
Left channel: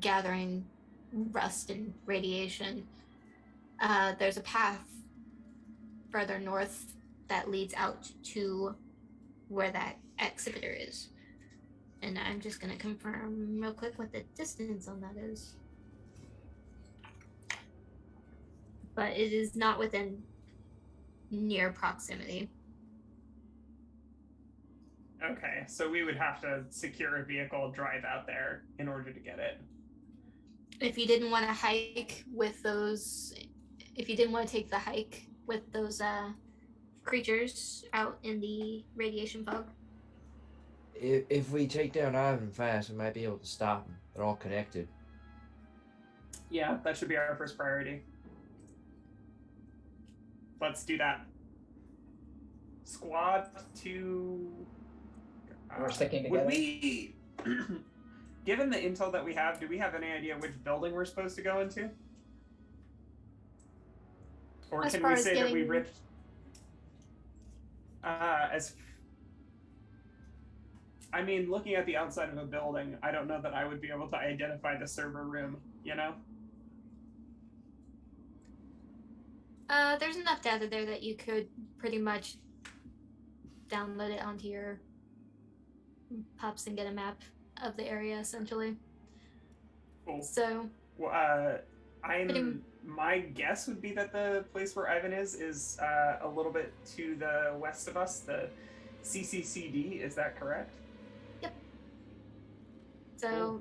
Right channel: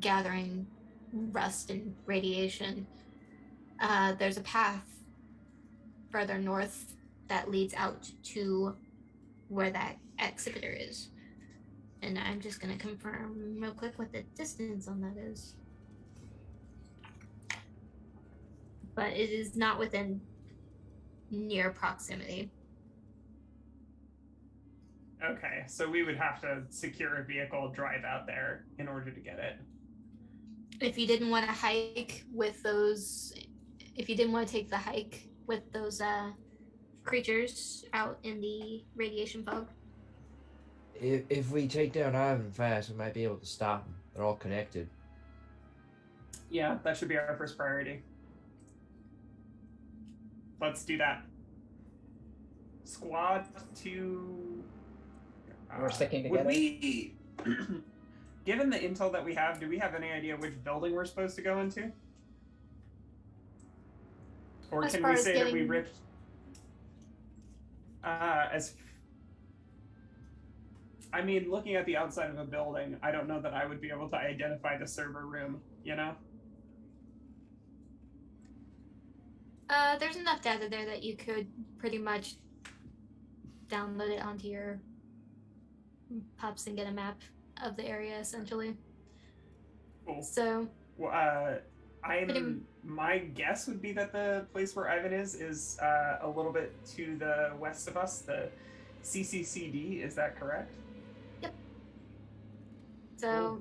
gathering rust and radiation. There's a path further north that leads out to where that exhibitor is. And I'm just going to confirm real quick what the distance on that is. But it is not within near proximity. Okay, so we would have to secure a vehicle, drive out there in order to get it. If you didn't want to hike with those, if you didn't want to take the hike with those creatures out in the radiation fog. If we take down Ivan fast, we might be able to stop them. They're all connected. Yeah, that should be our first priority. Let's do that. Squad to. We're sticking Would together. we, given the intel that we have, do we have any idea which building we're supposed to go into? Or As can far we as say that we getting- ripped? I mean, looking at the outside of a building, I don't know that I would be able to identify the server room, you know? There's enough data there that you could pretty much download it onto your pops and get a map of the area, essentially. Cool. So, My guess would be that the place where Ivan is a little bit to the west of us, the CCCD. Is that correct? so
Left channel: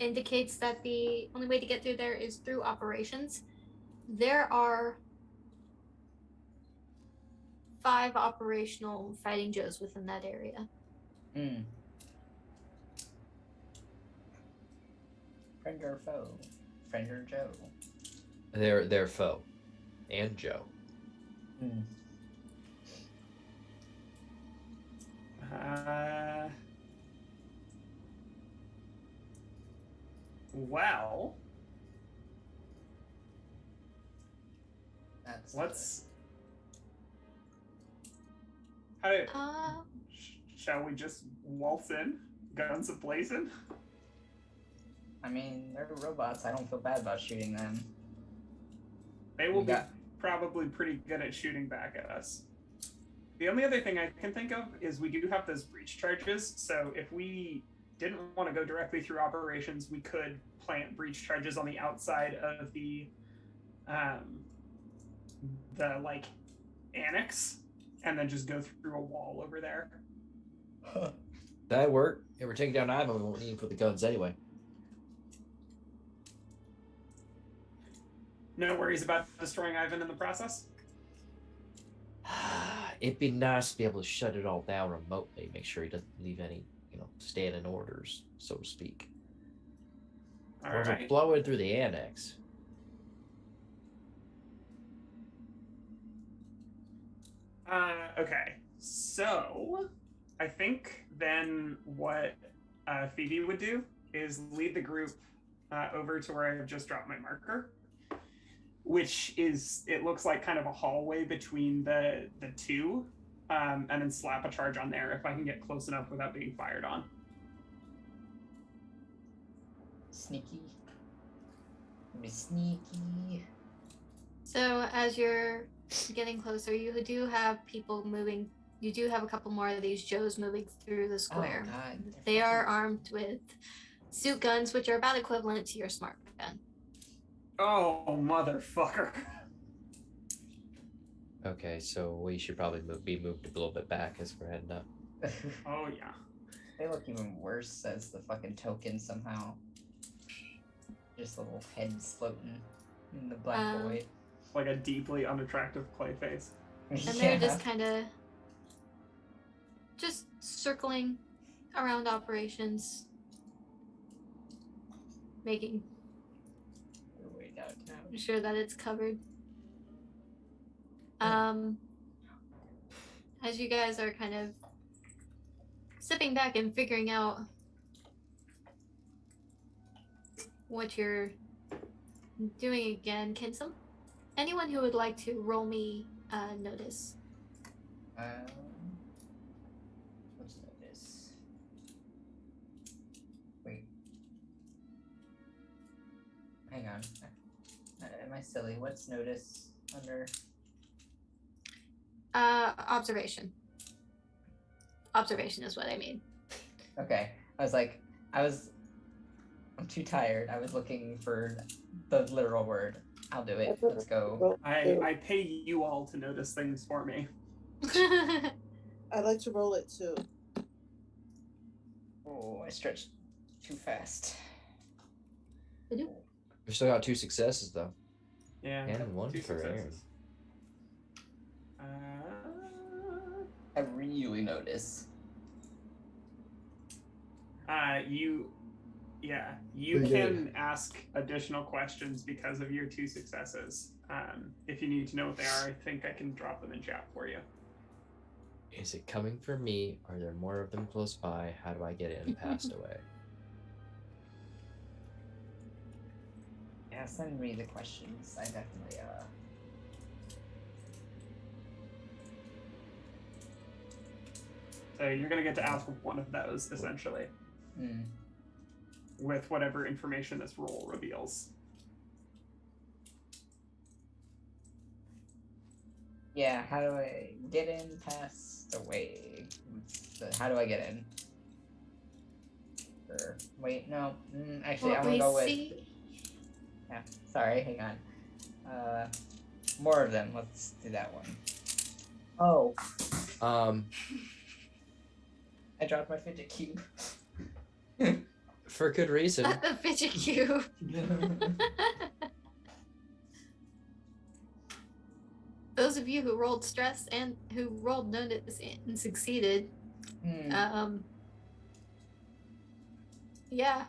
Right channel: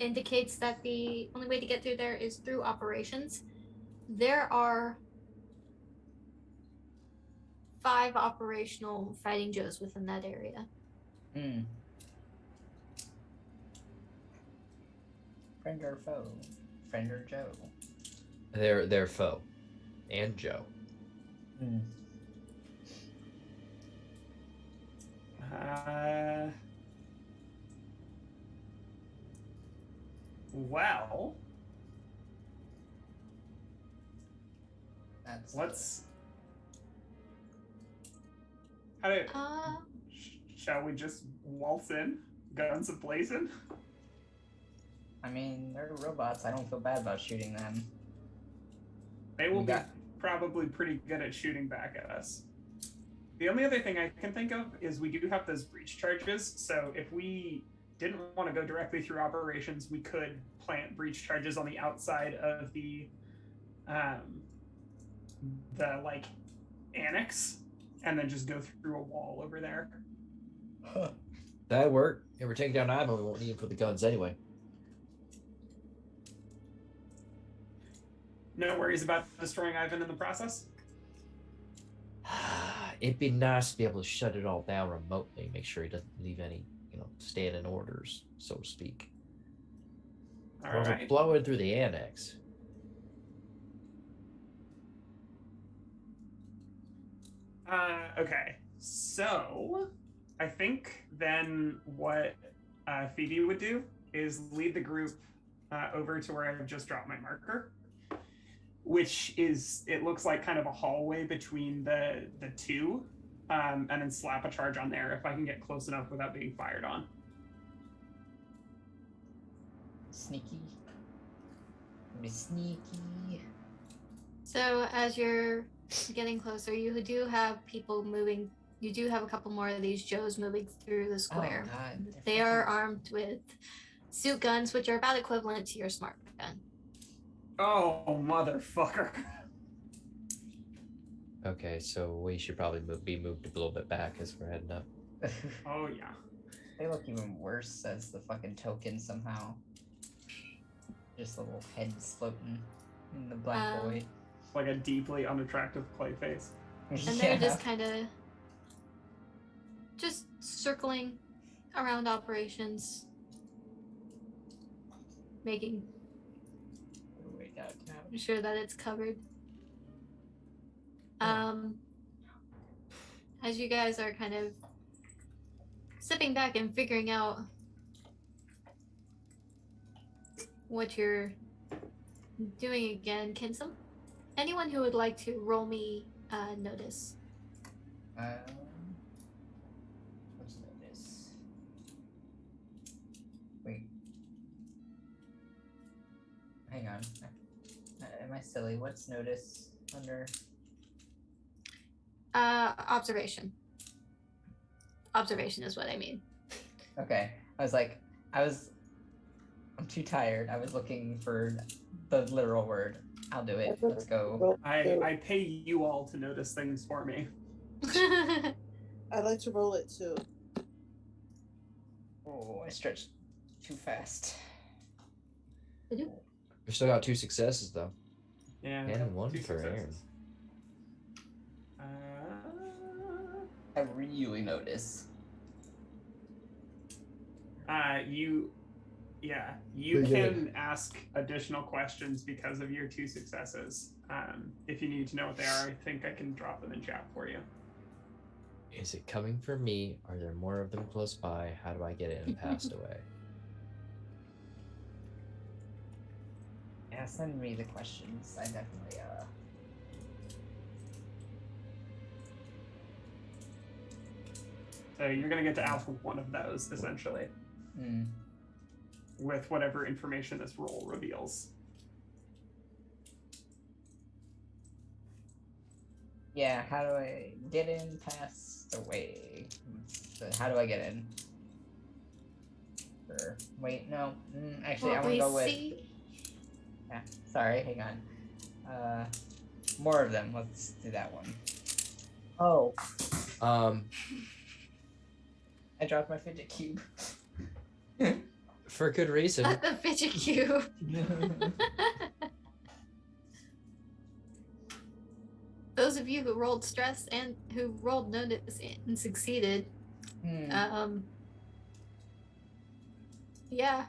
indicates that the only way to get through there is through operations. There are 5 operational fighting Joes within that area. Hmm. Friend or foe? Friend or Joe? They're foe, and Joe. Hmm. Well, That's let's. How do? Shall we just waltz in, guns a-blazing? I mean, they're robots. I don't feel bad about shooting them. They will We be got- probably pretty good at shooting back at us. The only other thing I can think of is we do have those breach charges, so if we didn't want to go directly through operations, we could plant breach charges on the outside of the like annex, and then just go through a wall over there. That'd work. If we're taking down Ivan, we won't need him for the guns anyway. No worries about destroying Ivan in the process? It'd be nice to be able to shut it all down remotely, make sure he doesn't leave any, standing orders, so to speak. All Or right. blow it through the annex. Okay, so I think then what Phoebe would do is lead the group over to where I've just dropped my marker, which is, it looks like kind of a hallway between the two, and then slap a charge on there if I can get close enough without being fired on. Sneaky. Be sneaky. So as you're getting closer, you do have people moving. You do have a couple more of these Joes moving through the square. Oh, God. They are armed with suit guns, which are about equivalent to your smart gun. Oh, motherfucker. Okay, so we should probably be moved a little bit back as we're heading up. Oh, yeah. They look even worse as the fucking token somehow. Just little heads floating in the black void. Like a deeply unattractive clay face. And they're just kind of just circling around operations, making way downtown. sure that it's covered. As you guys are kind of stepping back and figuring out what you're doing again, can anyone who would like to roll me notice? What's notice? Wait. Hang on. Am I silly? What's notice under? Observation. Observation is what I mean. Okay. I'm too tired. I was looking for the literal word. I'll do it. Let's go. I pay you all to notice things for me. I'd like to roll it too. Oh, I stretched too fast. We still got 2 successes though. Yeah. And 1 2 for Aaron. successes. I really notice. You Pretty can good. ask additional questions because of your 2 successes. If you need to know what they are, I think I can drop them in chat for you. Is it coming from me? Are there more of them close by? How do I get it and passed away? Yeah, send me the questions. I definitely So you're going to get to ask one of those, essentially, with whatever information this roll reveals. Yeah, how do I get in, passed away? How do I get in? Wait, no. Actually, What I want we to go with. see. Yeah, sorry, hang on. More of them. Let's do that one. Oh, I dropped my fidget cube. For good reason. Not the fidget cube. Those of you who rolled stress and who rolled notice and succeeded, yeah,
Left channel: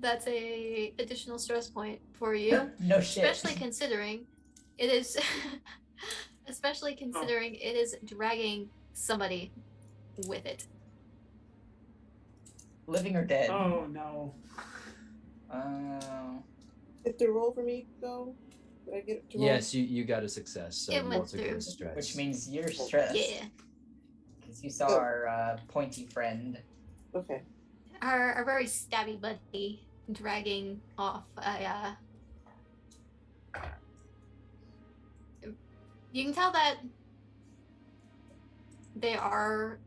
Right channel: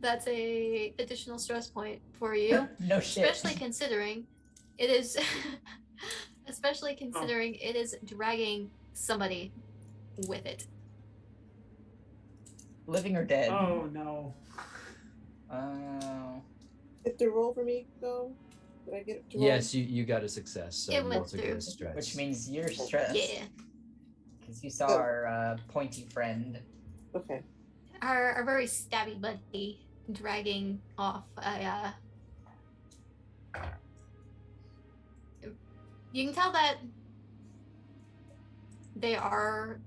that's a additional stress point for you. No shit. Especially considering it is, it is dragging somebody with it. Living or dead? Oh, no. Did the roll for me go? Did I get to roll? Yes, you got a success. So It you went also get through. a stress. Which means you're stressed. Yeah. Because you saw our pointy friend. Okay. Our very stabby buddy dragging off a. You can tell that they are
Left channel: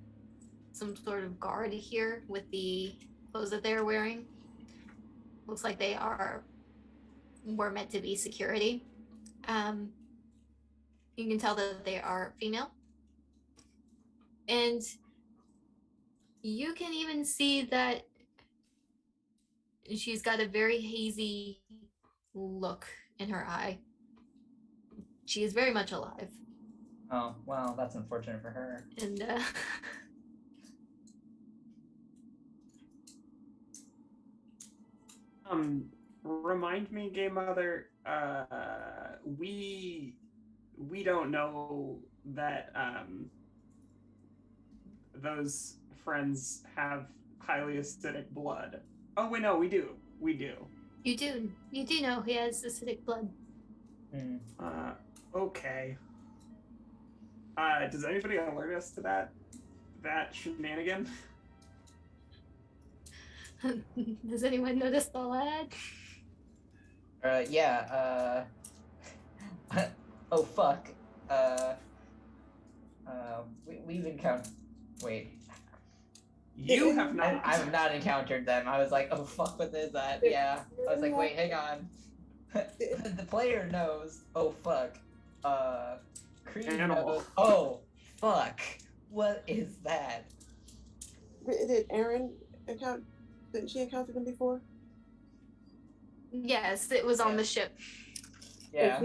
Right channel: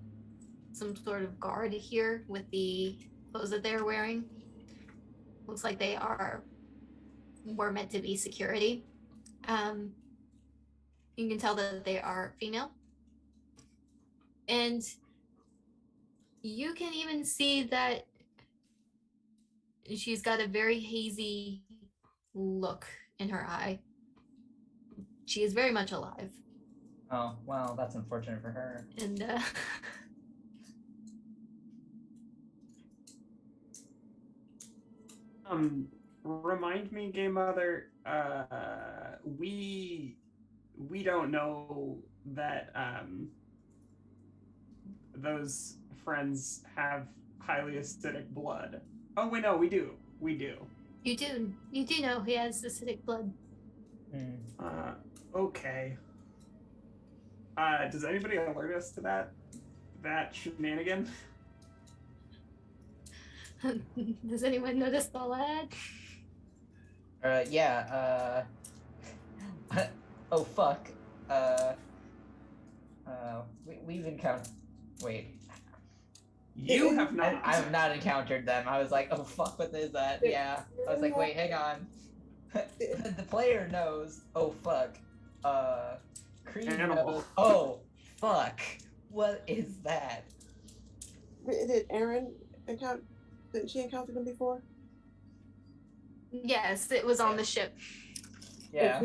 some sort of guard here with the clothes that they're wearing. Looks like they were meant to be security. You can tell that they are female. And you can even see that she's got a very hazy look in her eye. She is very much alive. Oh, well, that's unfortunate for her. And Remind me, Game Mother, we don't know that those friends have highly acidic blood. Oh wait, no, we do. you do know he has acidic blood. Okay. Does anybody alert us to that shenanigan? Does anyone notice the lad? Yeah, oh fuck. We've encountered. Wait. You have not. I have not encountered them. I was like, oh fuck, what is that? Yeah. I was like, wait, hang on. The player knows. Oh fuck. Creed Animal. knows. Oh fuck. What is that? Did Erin encounter? Didn't she encounter them before? Yes, it was on the ship. Yeah.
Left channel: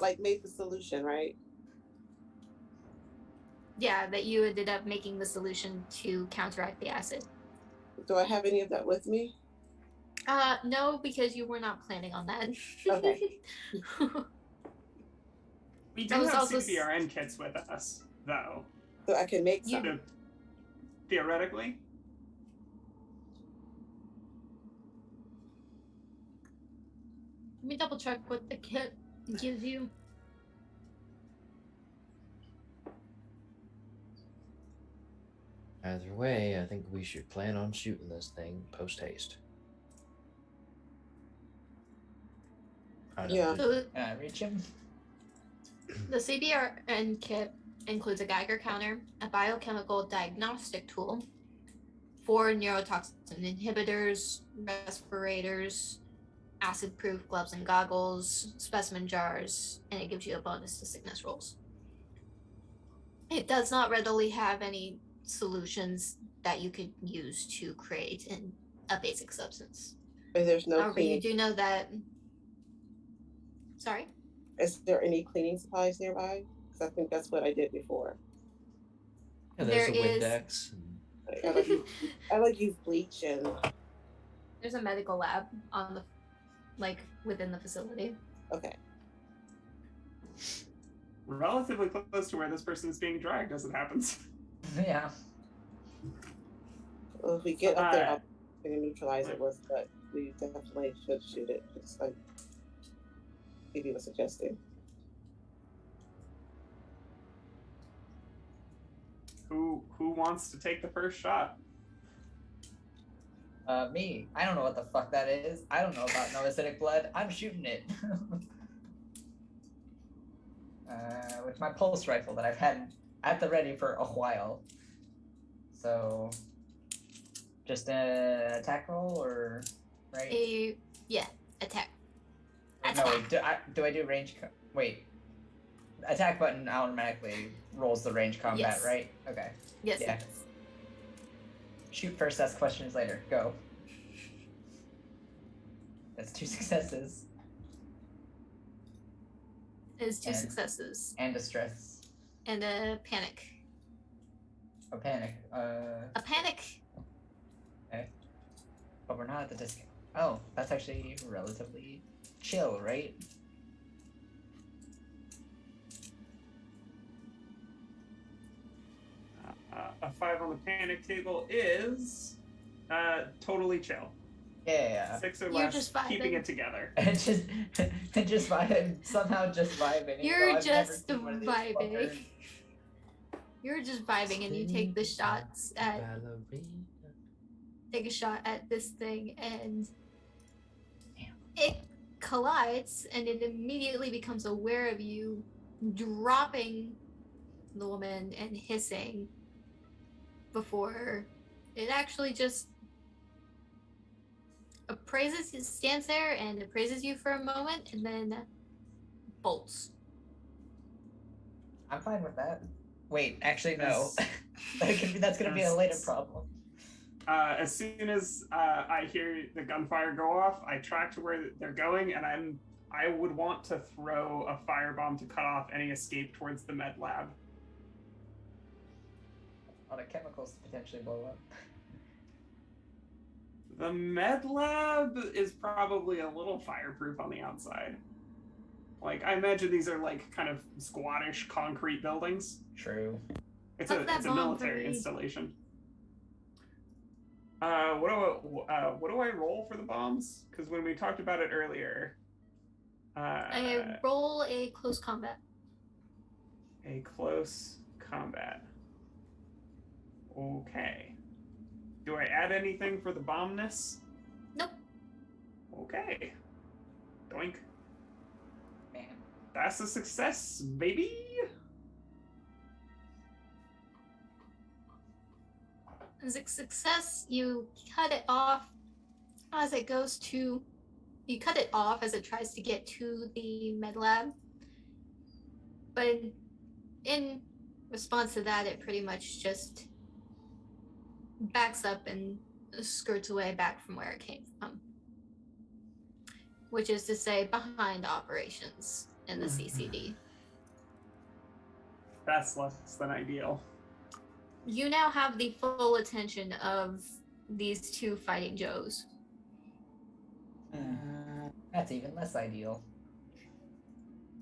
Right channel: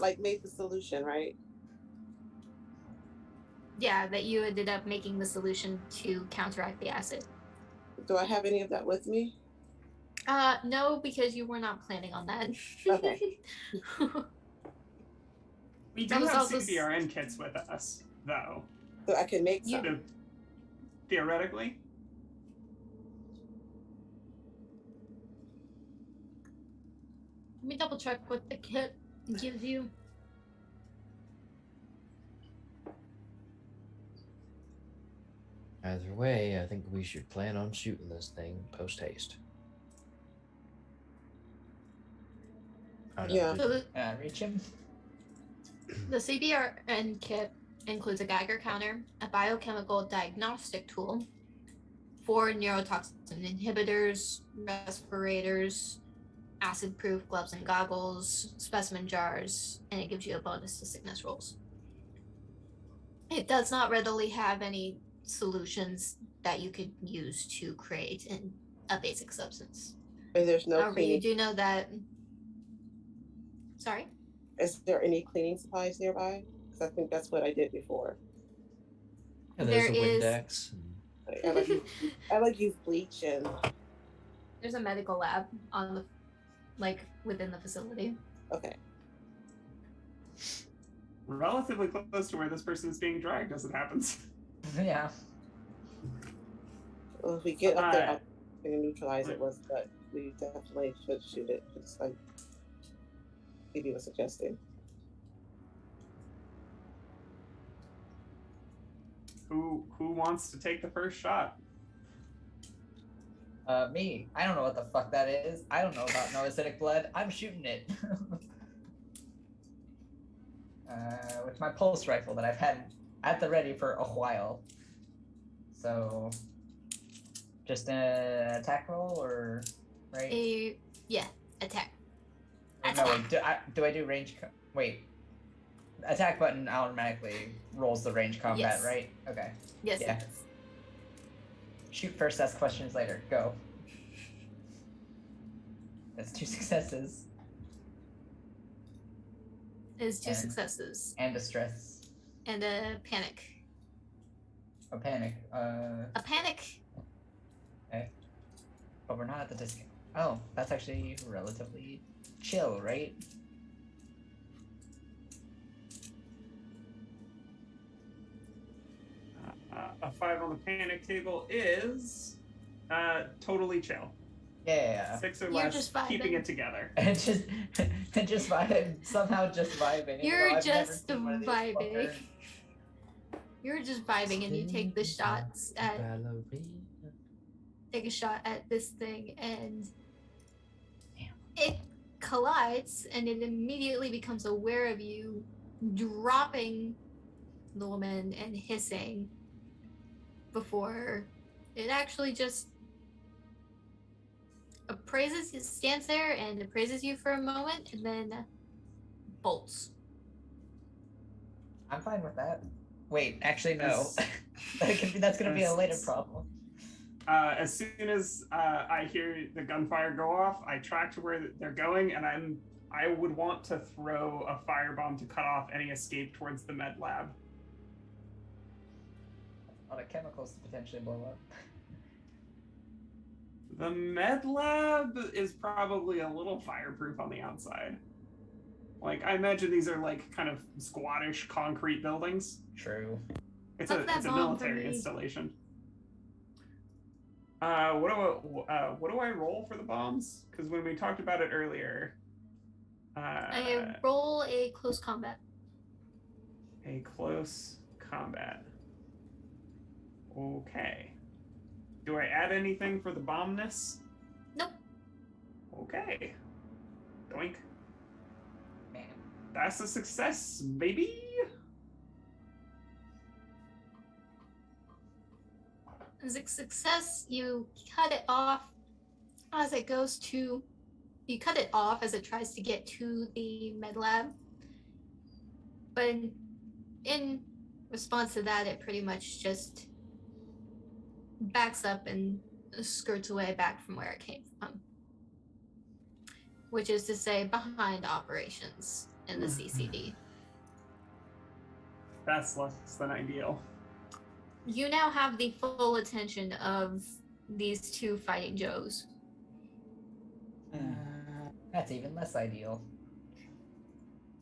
Like made the solution, right? Yeah, that you ended up making the solution to counteract the acid. Do I have any of that with me? No, because you were not planning on that. Okay. We That do was have also CBRN kits with us, though. So I can make some. So, theoretically. Let me double check what the kit gives you. Either way, I think we should plan on shooting this thing post haste. Yeah. So Reach him. the CBRN kit includes a Geiger counter, a biochemical diagnostic tool, 4 neurotoxin inhibitors, respirators, acid-proof gloves and goggles, specimen jars, and it gives you a bonus to sickness rolls. It does not readily have any solutions that you could use to create a basic substance. And there's no However, you cleaning. do know that. Sorry? Is there any cleaning supplies nearby? Because I think that's what I did before. Yeah, there's There a is- Windex. I like use bleach and There's a medical lab on the, like, within the facility. okay. Relatively close to where this person is being dragged as it happens. Yeah. Well, if we get up there, I'll neutralize it with, but we definitely should shoot it. Just like Phoebe was suggesting. Who wants to take the first shot? Me. I don't know what the fuck that is. I don't know about no acidic blood. I'm shooting it. With my pulse rifle that I've had at the ready for a while. So, just an attack roll or right? Yeah, attack. No, wait, do I do range? Wait, attack button automatically rolls the range combat, Yes. right? Okay. Yes. Yeah. Shoot first, ask questions later. Go. That's 2 successes Is 2 And- successes and a stress. and a panic. A panic. A panic. But we're not at the discount. Oh, that's actually relatively chill, right? A 5 on the panic table is totally chill. Yeah. 6 or You're less, just keeping vibing. it together. And just vibing, somehow just vibing. even You're though I've never just seen one of these vibing. fuckers. You're just vibing, and you take the shots at Ballerina. take a shot at this thing, and Damn. it collides, and it immediately becomes aware of you, dropping the woman and hissing before it actually just appraises, it stands there and appraises you for a moment, and then bolts. I'm fine with that. Wait, actually no. Yes. That's gonna be a later Yes. problem. As soon as I hear the gunfire go off, I track to where they're going, and I would want to throw a firebomb to cut off any escape towards the med lab. A lot of chemicals to potentially blow up. The med lab is probably a little fireproof on the outside. Like, I imagine these are like kind of squattish concrete buildings. True. It's Fuck a that it's a bomb military for me. installation. What do I roll for the bombs? Because when we talked about it earlier, I roll a close combat. a close combat. Okay. Do I add anything for the bombness? Nope. Okay. Doink. Man. That's a success, baby. As a success, you cut it off as it goes to. You cut it off as it tries to get to the med lab. But in response to that, it pretty much just backs up and skirts away back from where it came from. Which is to say, behind operations in the CCD. That's less than ideal. You now have the full attention of these 2 fighting Joes. That's even less ideal.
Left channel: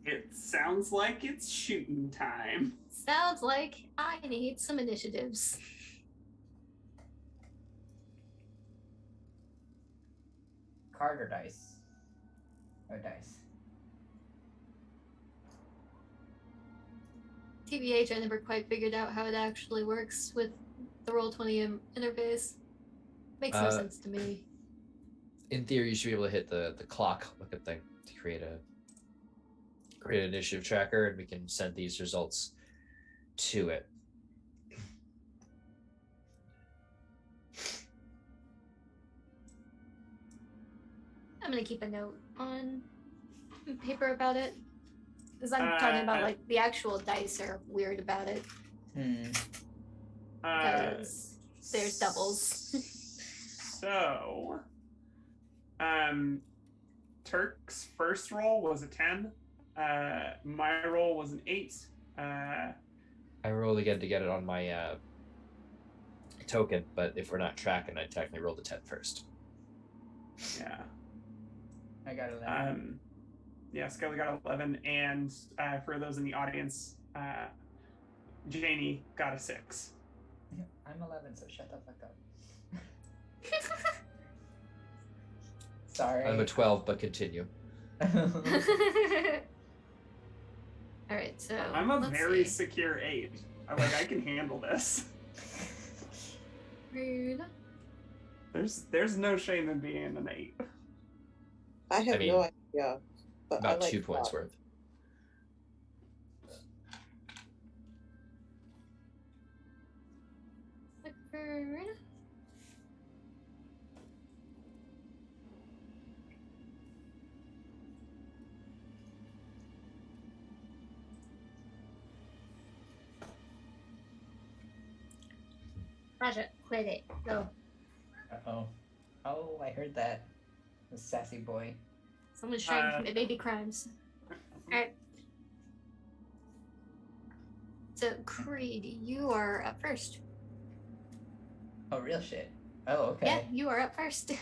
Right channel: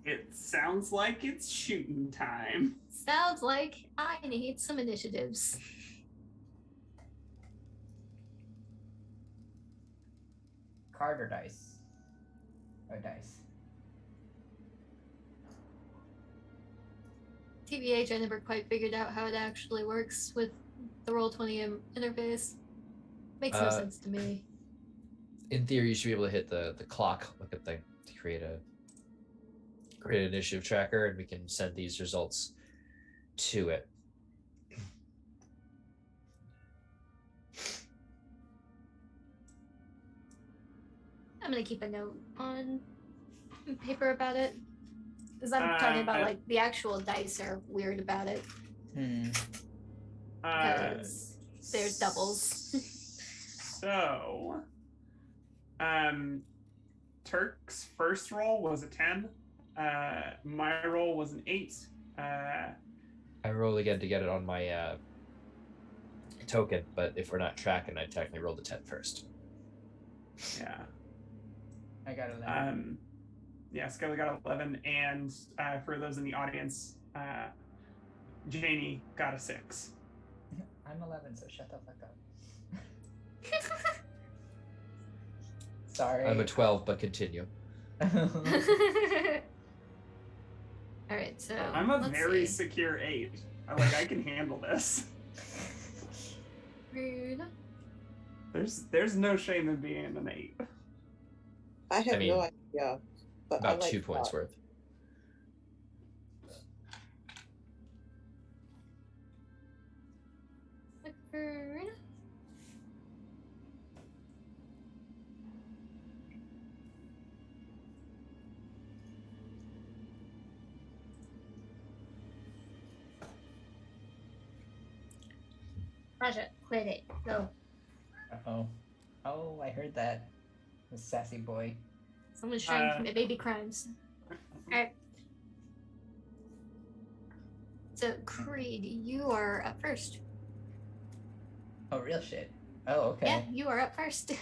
It sounds like it's shooting time. Sounds like I need some initiatives. Card or dice? Or dice. TBH, I never quite figured out how it actually works with the Roll20 interface. Makes no sense to me. In theory, you should be able to hit the clock looking thing to create an initiative tracker, and we can send these results to it. I'm gonna keep a note on paper about it. Because I'm talking about, like, the actual dice are weird about it. Because there's doubles. So, Turk's first roll was a 10. My roll was an 8. I roll again to get it on my token, but if we're not tracking, I technically roll the 10 first. Yeah. I got 11. Yeah, Skelly got 11, and for those in the audience, Janie got a 6. I'm 11, so shut the fuck up. Sorry. I'm a 12, but continue. All right, so I'm a let's very see. secure 8. I can handle this. Rude. There's no shame in being an 8. I have I mean, no idea. But About I like 2 points that. worth. Rude. Raja, quit it. Go. Uh-oh. Oh, I heard that. The sassy boy. Someone's trying to commit baby crimes. Alright. So, Creed, you are up first. Oh, real shit. Oh, okay. Yeah, you are up first.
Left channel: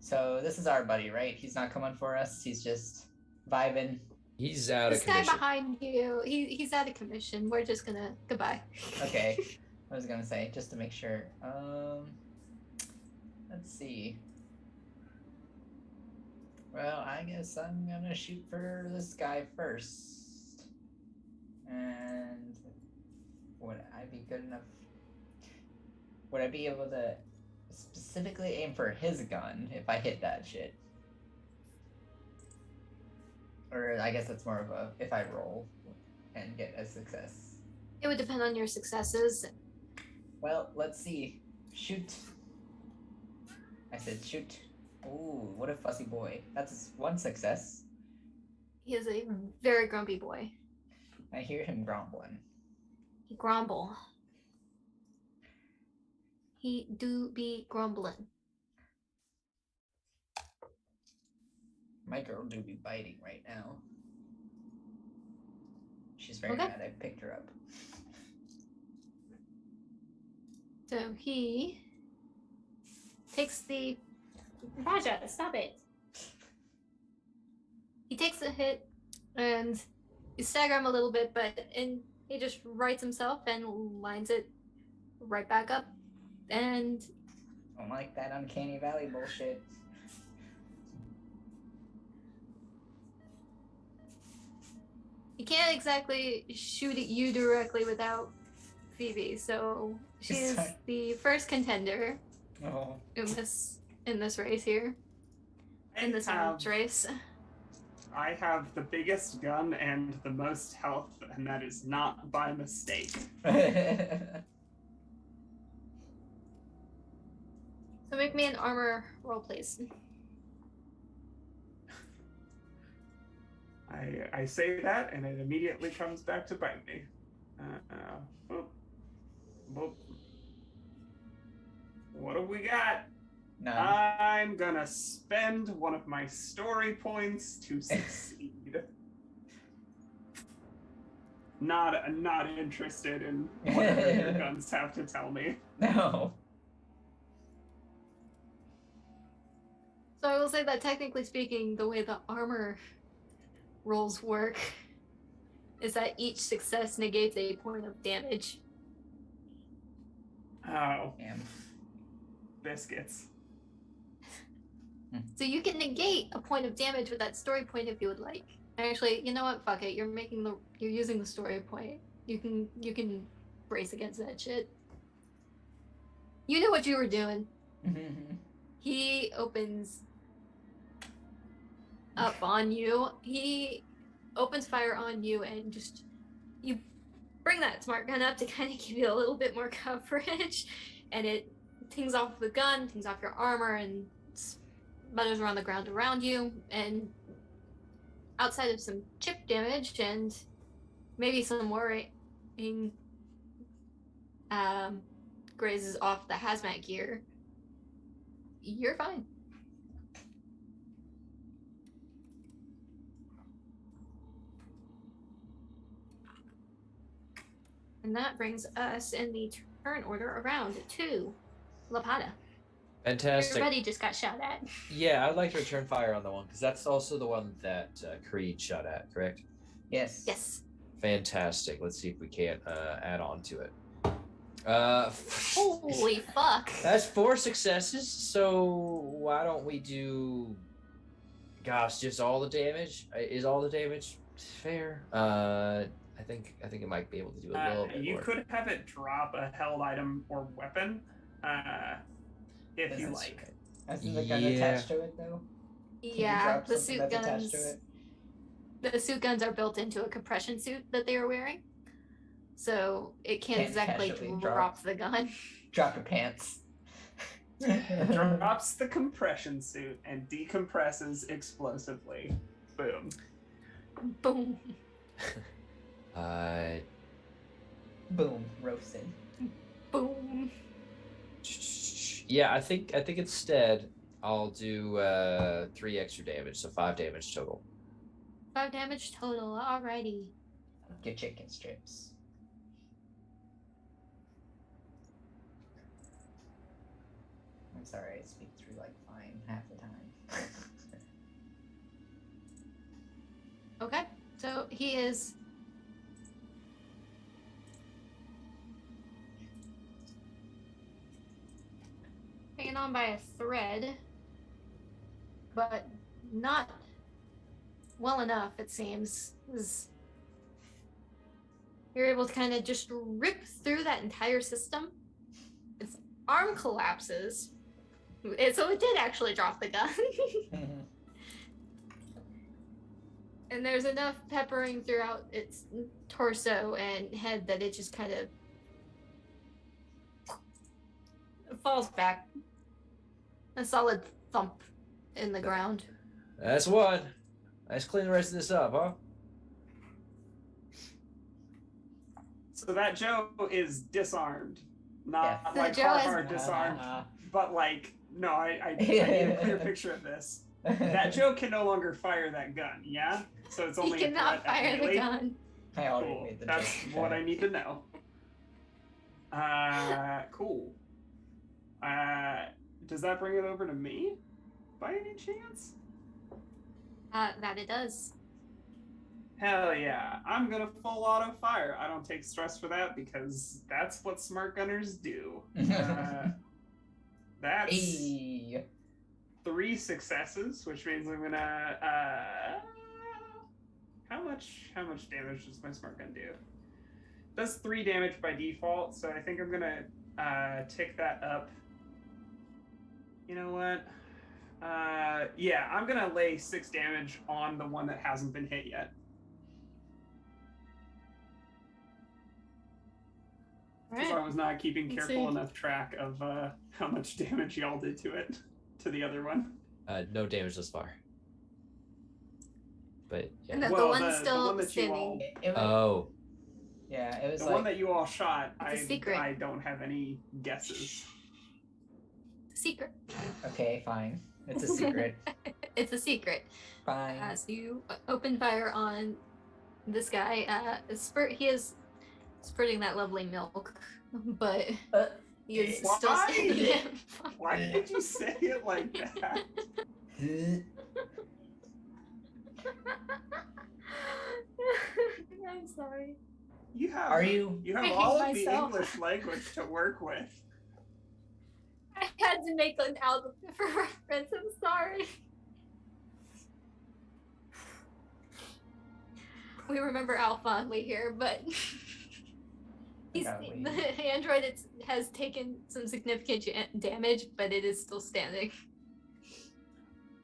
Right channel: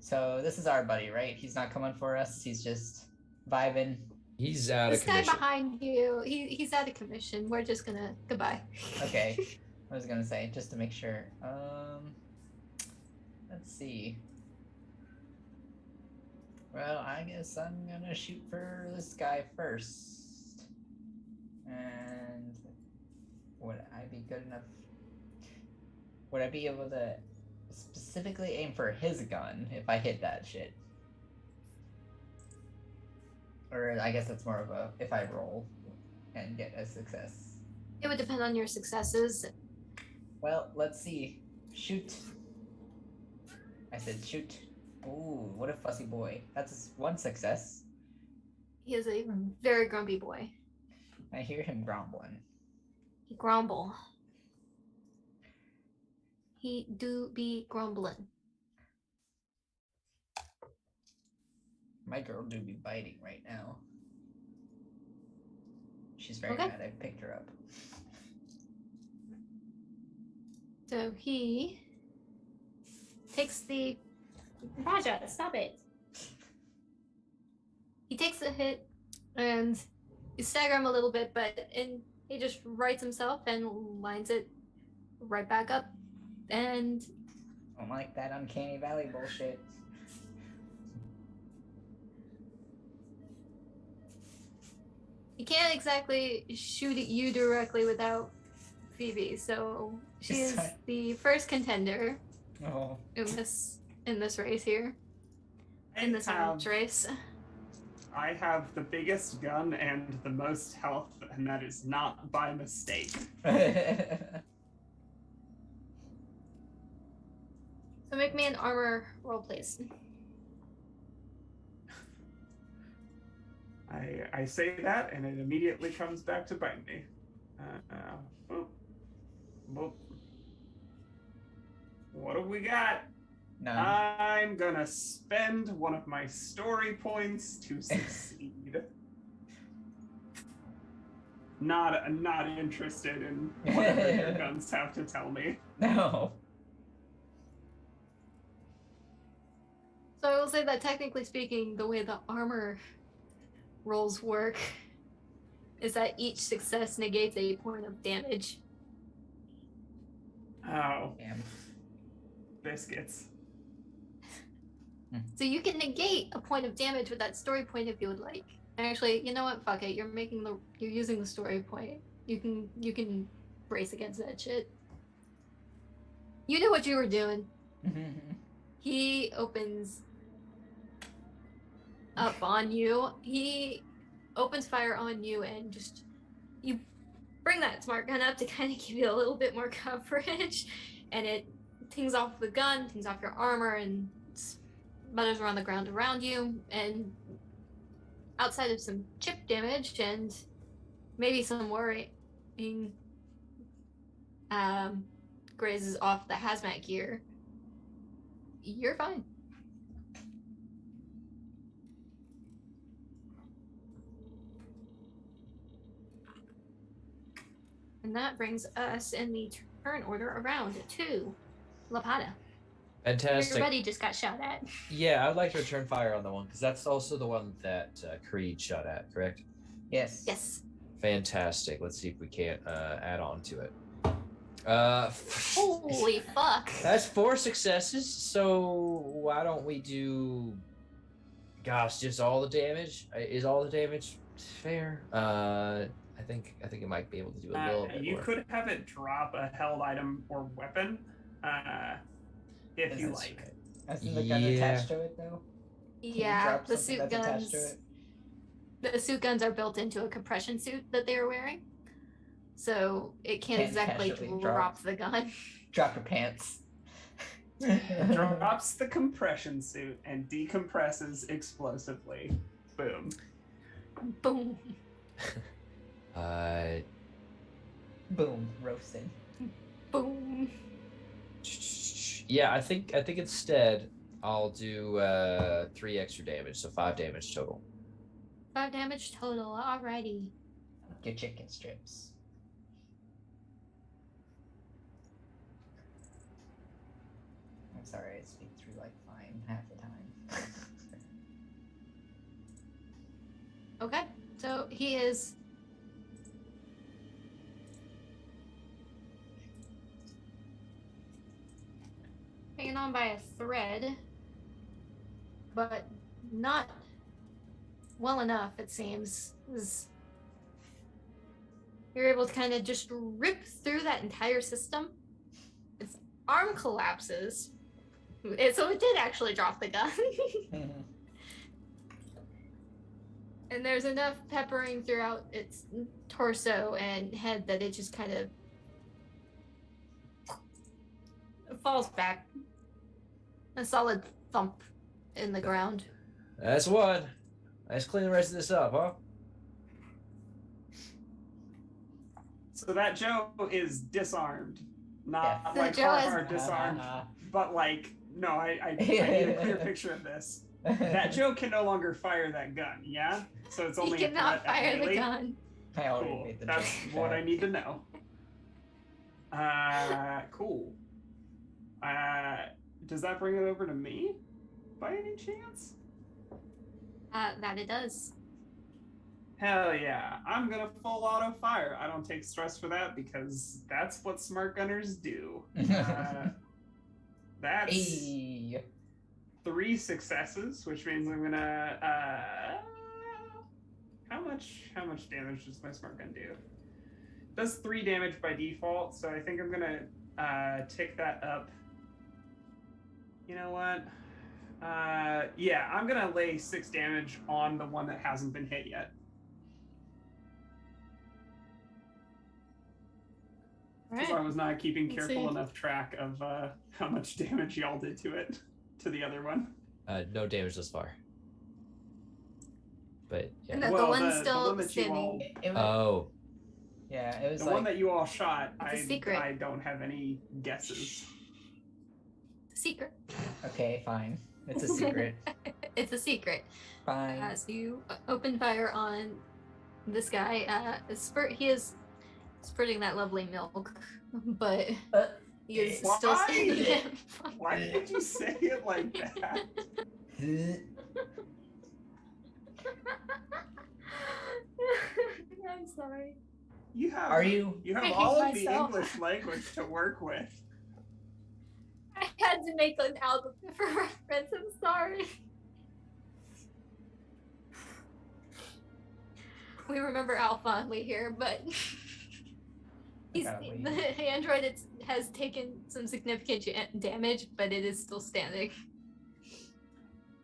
So this is our buddy, right? He's not coming for us. He's just vibing. He's out This of guy commission. behind you, he's out of commission. We're just gonna goodbye. Okay. I was gonna say, just to make sure. Let's see. Well, I guess I'm gonna shoot for this guy first. And would I be good enough? Would I be able to specifically aim for his gun if I hit that shit? Or I guess that's more of a if I roll and get a success. It would depend on your successes. Well, let's see. Shoot. I said shoot. Ooh, what a fussy boy. That's one success. He is a very grumpy boy. I hear him grumbling. He grumble. He do be grumbling. My girl do be biting right now. She's very Okay. mad I picked her up. So he takes the Raja, stop it. He takes the hit and you stagger him a little bit, and he just rights himself and lines it right back up. And Don't like that uncanny valley bullshit. he can't exactly shoot at you directly without Phoebe, so she is Sorry. the first contender Oh. in this race here. In this arms race. I have the biggest gun and the most health, and that is not by mistake. So make me an armor roll, please. I say that, and it immediately comes back to bite me. Boop. Boop. What do we got? None. I'm gonna spend one of my story points to succeed. Not interested in whatever your guns have to tell me. No. So I will say that technically speaking, the way the armor rolls work is that each success negates a point of damage. Oh, Damn. biscuits. So you can negate a point of damage with that story point if you would like. Actually, you know what? Fuck it. You're using the story point. You can brace against that shit. You knew what you were doing. He opens up on you. He opens fire on you and just you bring that smart gun up to kind of give you a little bit more coverage, and it tings off the gun, tings off your armor, and sputters around the ground around you. And outside of some chip damage and maybe some worrying grazes off the hazmat gear, you're fine. And that brings us in the turn order around to Lapata. Fantastic. Everybody just got shot at. Yeah, I would like to return fire on the one because that's also the one that Creed shot at, correct? Yes. Yes. Fantastic. Let's see if we can't add on to it. Holy fuck. That's 4 successes, so why don't we do... Gosh, just all the damage? Is all the damage fair? I think it might be able to do a little bit You more. could have it drop a held item or weapon, if you like. Isn't the gun attached to it though? Can you Yeah, drop the something suit that's attached guns. to it? The suit guns are built into a compression suit that they are wearing, so it can't exactly casually drop the gun. Drop your pants. Drops the compression suit and decompresses explosively. Boom. Boom. Boom, roasted. Boom. Yeah, I think instead I'll do 3 extra damage, so 5 damage total. 5 damage total. Alrighty. Your chicken strips. I'm sorry, I speak through like fine half the time. Okay, so he is hanging on by a thread, but not well enough, it seems. You're able to kind of just rip through that entire system. Its arm collapses. So it did actually drop the gun. And there's enough peppering throughout its torso and head that it just kind of falls back. A solid thump in the ground. That's one. Let's clean the rest of this up, huh? So that Joe is disarmed. Not Yes. like Joe hard disarmed, but like, no, I need a clear picture of this. That Joe can no longer fire that gun, yeah? So it's only He a cannot threat at fire the melee? gun. I already Cool. made the That's joke. what I need to know. Cool. Does that bring it over to me by any chance? That it does. Hell yeah. I'm gonna full auto fire. I don't take stress for that because that's what smart gunners do. That's Hey. 3 successes, which means I'm gonna how much damage does my smart gun do? Does 3 damage by default, so I think I'm gonna tick that up. You know what? Yeah, I'm gonna lay 6 damage on the one that hasn't been hit yet. Because I was not keeping Let's careful see. enough track of how much damage y'all did to it, to the other one. No damage thus far. But yeah. And the Well, one's the still one that you standing. all, It was, Oh, yeah, it was the like one that you all shot, It's a secret. I don't have any guesses. Secret. okay, fine. It's a secret. It's a secret. Fine. So you open fire on this guy. He is spurting that lovely milk, but he is still Why? standing. Why did you say it like that? I'm sorry. You have Are you? You I have hate all of the myself. English language to work with. I had to make an album for reference. I'm sorry. We remember Al fondly here, but Golly. the android has taken some significant damage, but it is still standing.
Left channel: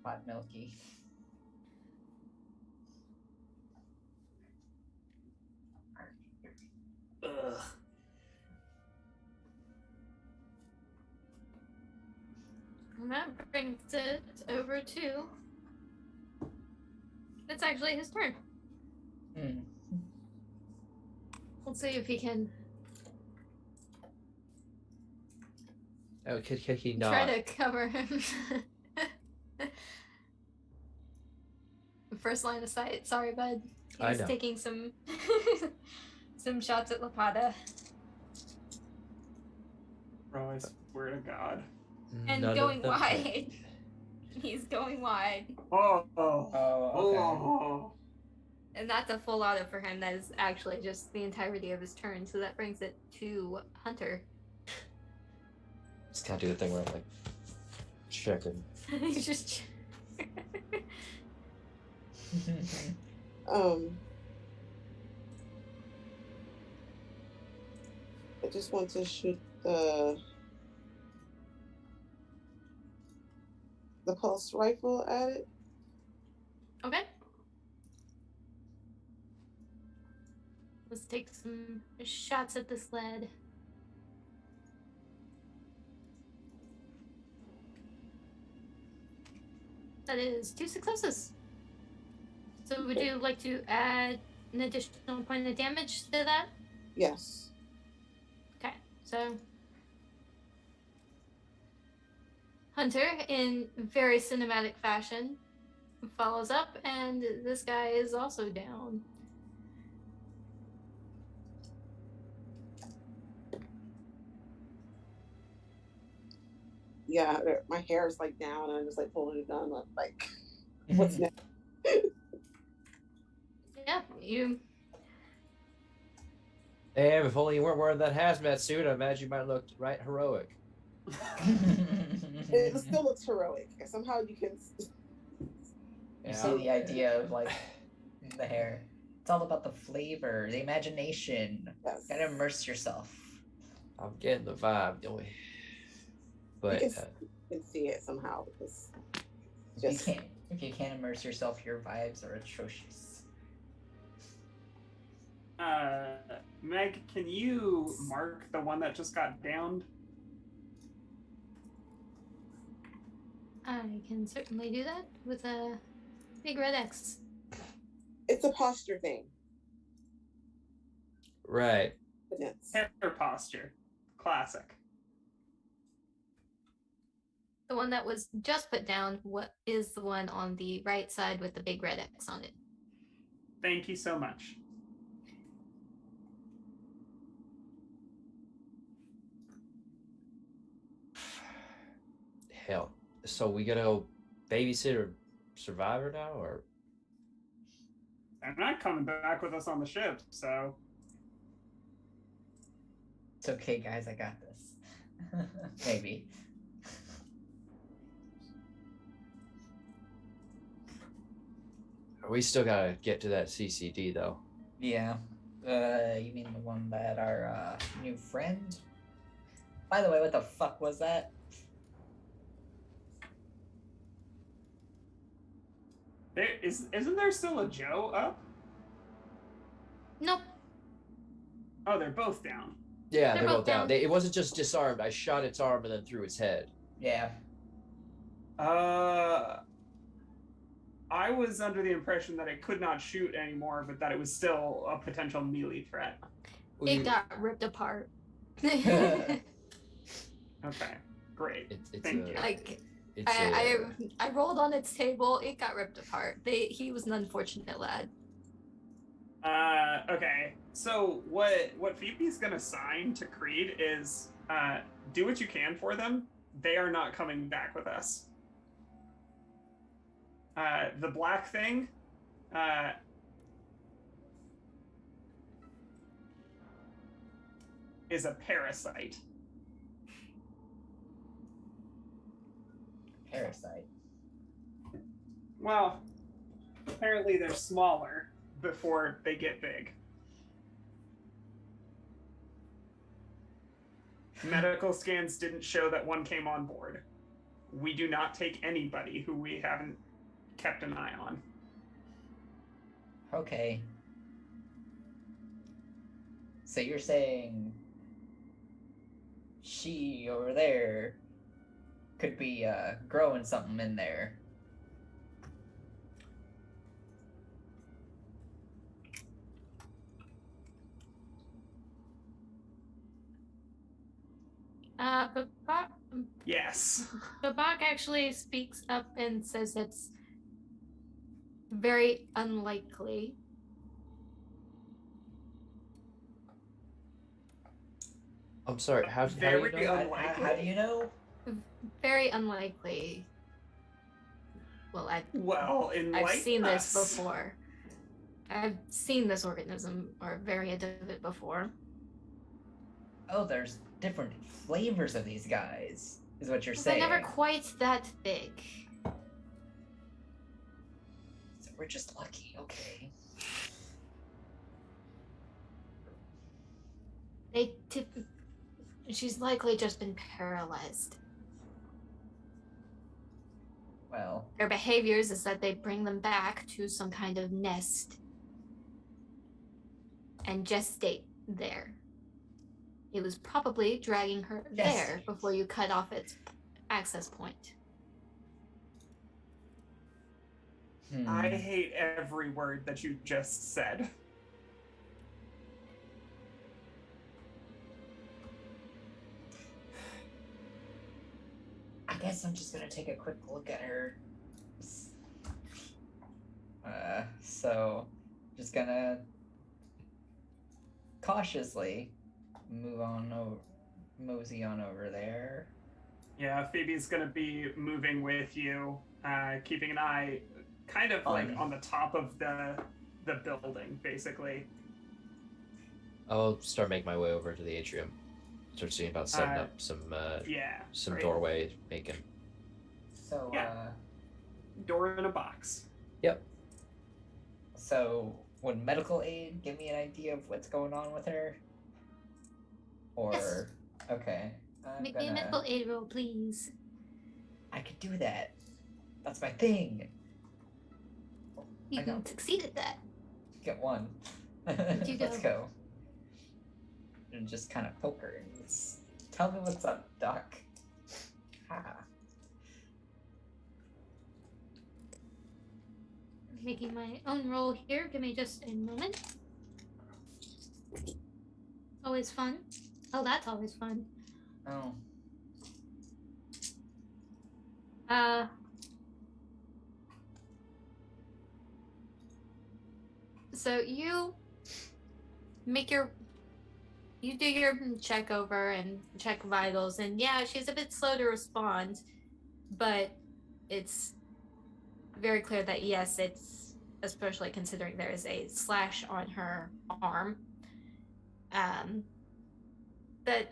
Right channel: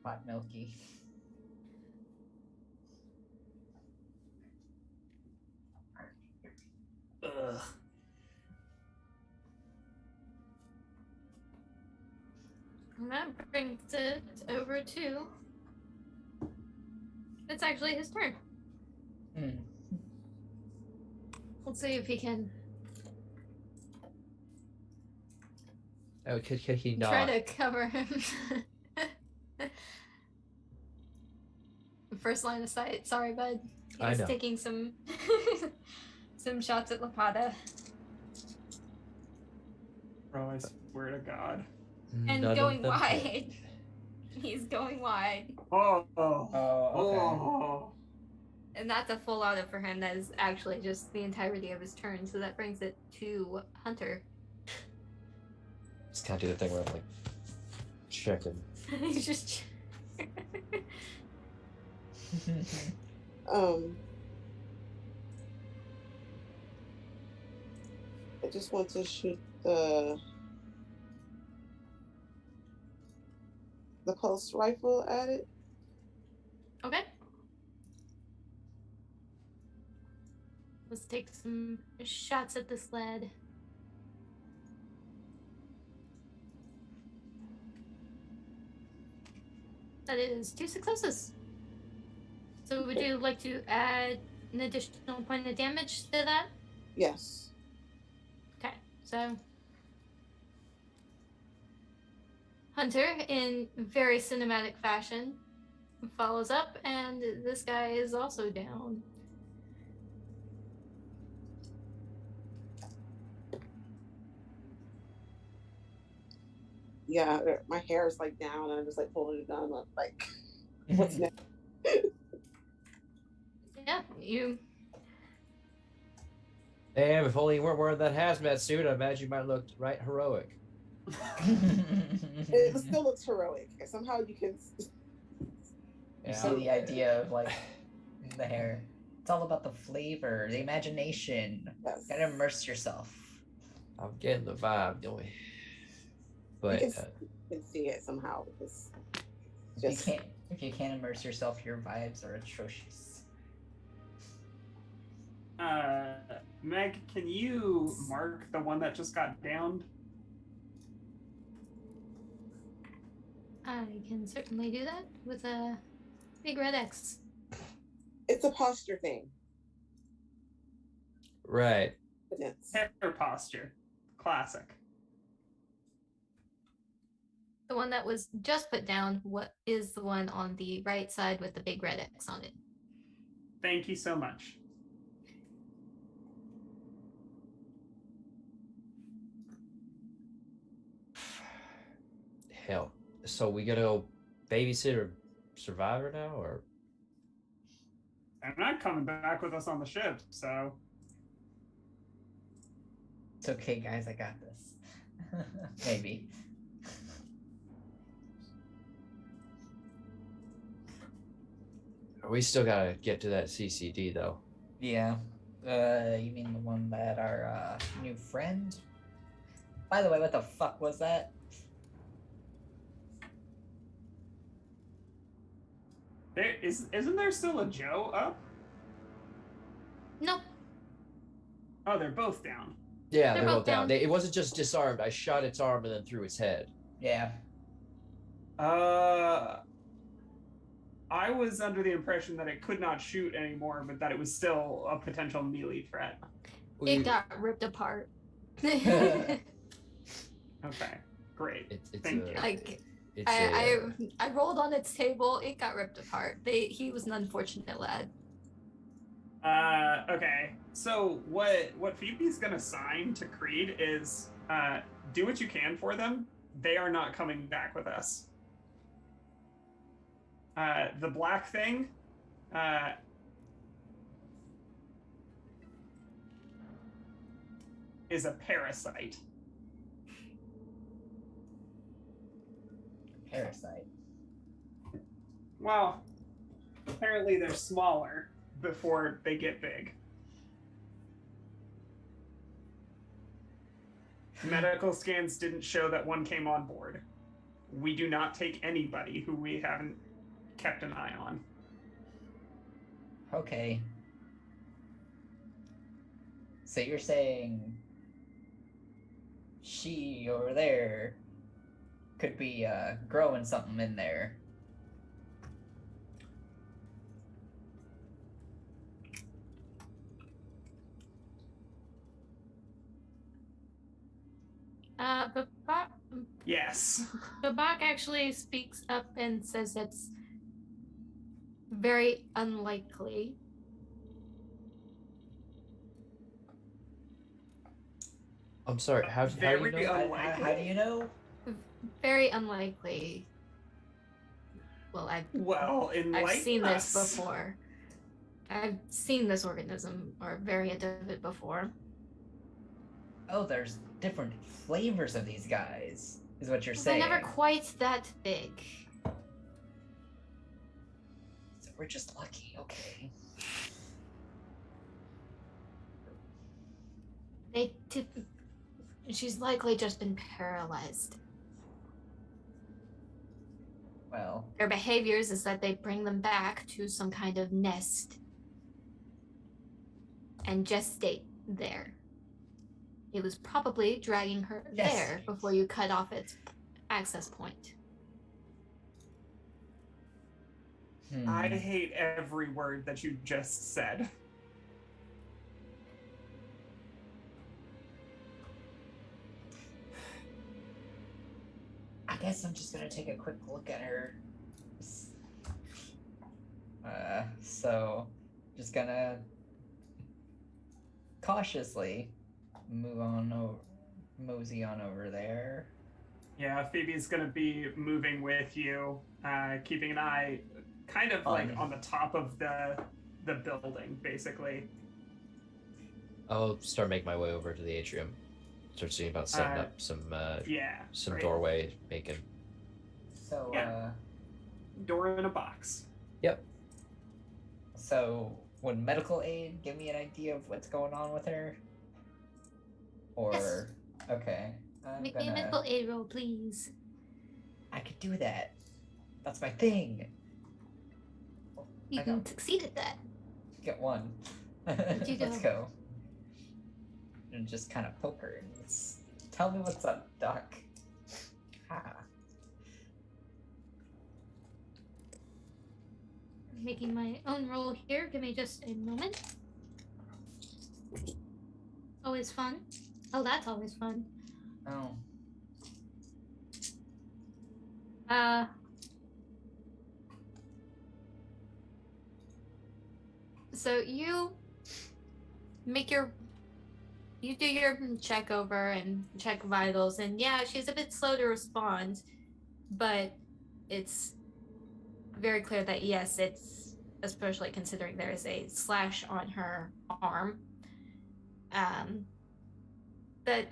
Hot milky. Ugh. And that brings it over to. It's actually his turn. Hmm. Let's see if he can oh, could he try not? to cover him. First line of sight. Sorry, bud. I He's know. taking some some shots at Lapata. Bro, I swear to God. And None of going them wide. hit. He's going wide. Oh. Oh, okay. Oh. And that's a full auto for him. That is actually just the entirety of his turn. So that brings it to Hunter. Just kind of do the thing where I'm like checking. He's just. I just want to shoot the pulse rifle at it. Okay. Let's take some shots at this lad. That is 2 successes. So would you like to add an additional point of damage to that? Yes. Okay, so Hunter, in very cinematic fashion, follows up, and this guy is also down. Yeah, my hair is like down, and I'm just like holding a gun up, like, what's next? Yeah, you. Damn, if only you weren't wearing that hazmat suit, I imagine you might look right heroic. It still looks heroic. Somehow you can. You see the idea of like the hair. It's all about the flavor, the imagination. Yes. Gotta immerse yourself. I'm getting the vibe, don't we? But You can see it somehow because If you can't immerse yourself, your vibes are atrocious. Meg, can you mark the one that just got downed? I can certainly do that with a big red X. it's a posture thing. right. Yes. Hair posture. Classic. The one that was just put down, what is the one on the right side with the big red X on it? Thank you so much. Hell. So we gotta go babysit or survivor now, or They're not coming back with us on the ship, so It's okay, guys. I got this. Maybe. we still gotta get to that CCD though. Yeah. You mean the one that our new friend? By the way, what the fuck was that? isn't there still a Joe up? Nope. Oh, they're both down. Yeah, They're they're both both down. down. It wasn't just disarmed. I shot its arm and then threw its head. Yeah. I was under the impression that it could not shoot anymore, but that it was still a potential melee threat. It got ripped apart. Okay, great. It's Thank a, you. Like it's I rolled on its table. It got ripped apart. He was an unfortunate lad. Okay. So what Phoebe's gonna sign to Creed is do what you can for them. They are not coming back with us. The black thing, is a parasite. Parasite. Well, apparently they're smaller before they get big. Medical scans didn't show that one came on board. We do not take anybody who we haven't kept an eye on. Okay. So you're saying she over there could be growing something in there. Babak, Yes. Babak actually speaks up and says it's very unlikely. I'm sorry. How do you Very know? How do you know? Very unlikely. Well, Well, I've enlighten seen this us. before. I've seen this organism or variant of it before. Oh, there's different flavors of these guys, is what you're They're saying. never quite that big. So we're just lucky, okay. She's likely just been paralyzed. Well, Their behaviors is that they bring them back to some kind of nest and gestate there. It was probably dragging her there before you cut off its access point. I hate every word that you just said. I guess I'm just gonna take a quick look at her. So just gonna cautiously mosey on over there. Yeah, Phoebe's gonna be moving with you, keeping an eye kind of like on the top of the building, basically. I'll start making my way over to the atrium. Start seeing about setting up some great. doorway making. So door in a box. Yep. So would medical aid give me an idea of what's going on with her? Or Yes. Okay. Make me a medical aid roll, please. I could do that. That's my thing. You can succeed at that. Get one. You Let's go. go. And just kind of poke her and tell me what's up, Doc. Ha. Making my own roll here. Give me just a moment. Always fun. Oh, that's always fun. Oh. So you do your check over and check vitals, and yeah, she's a bit slow to respond, but it's very clear that yes, it's especially considering there is a slash on her arm that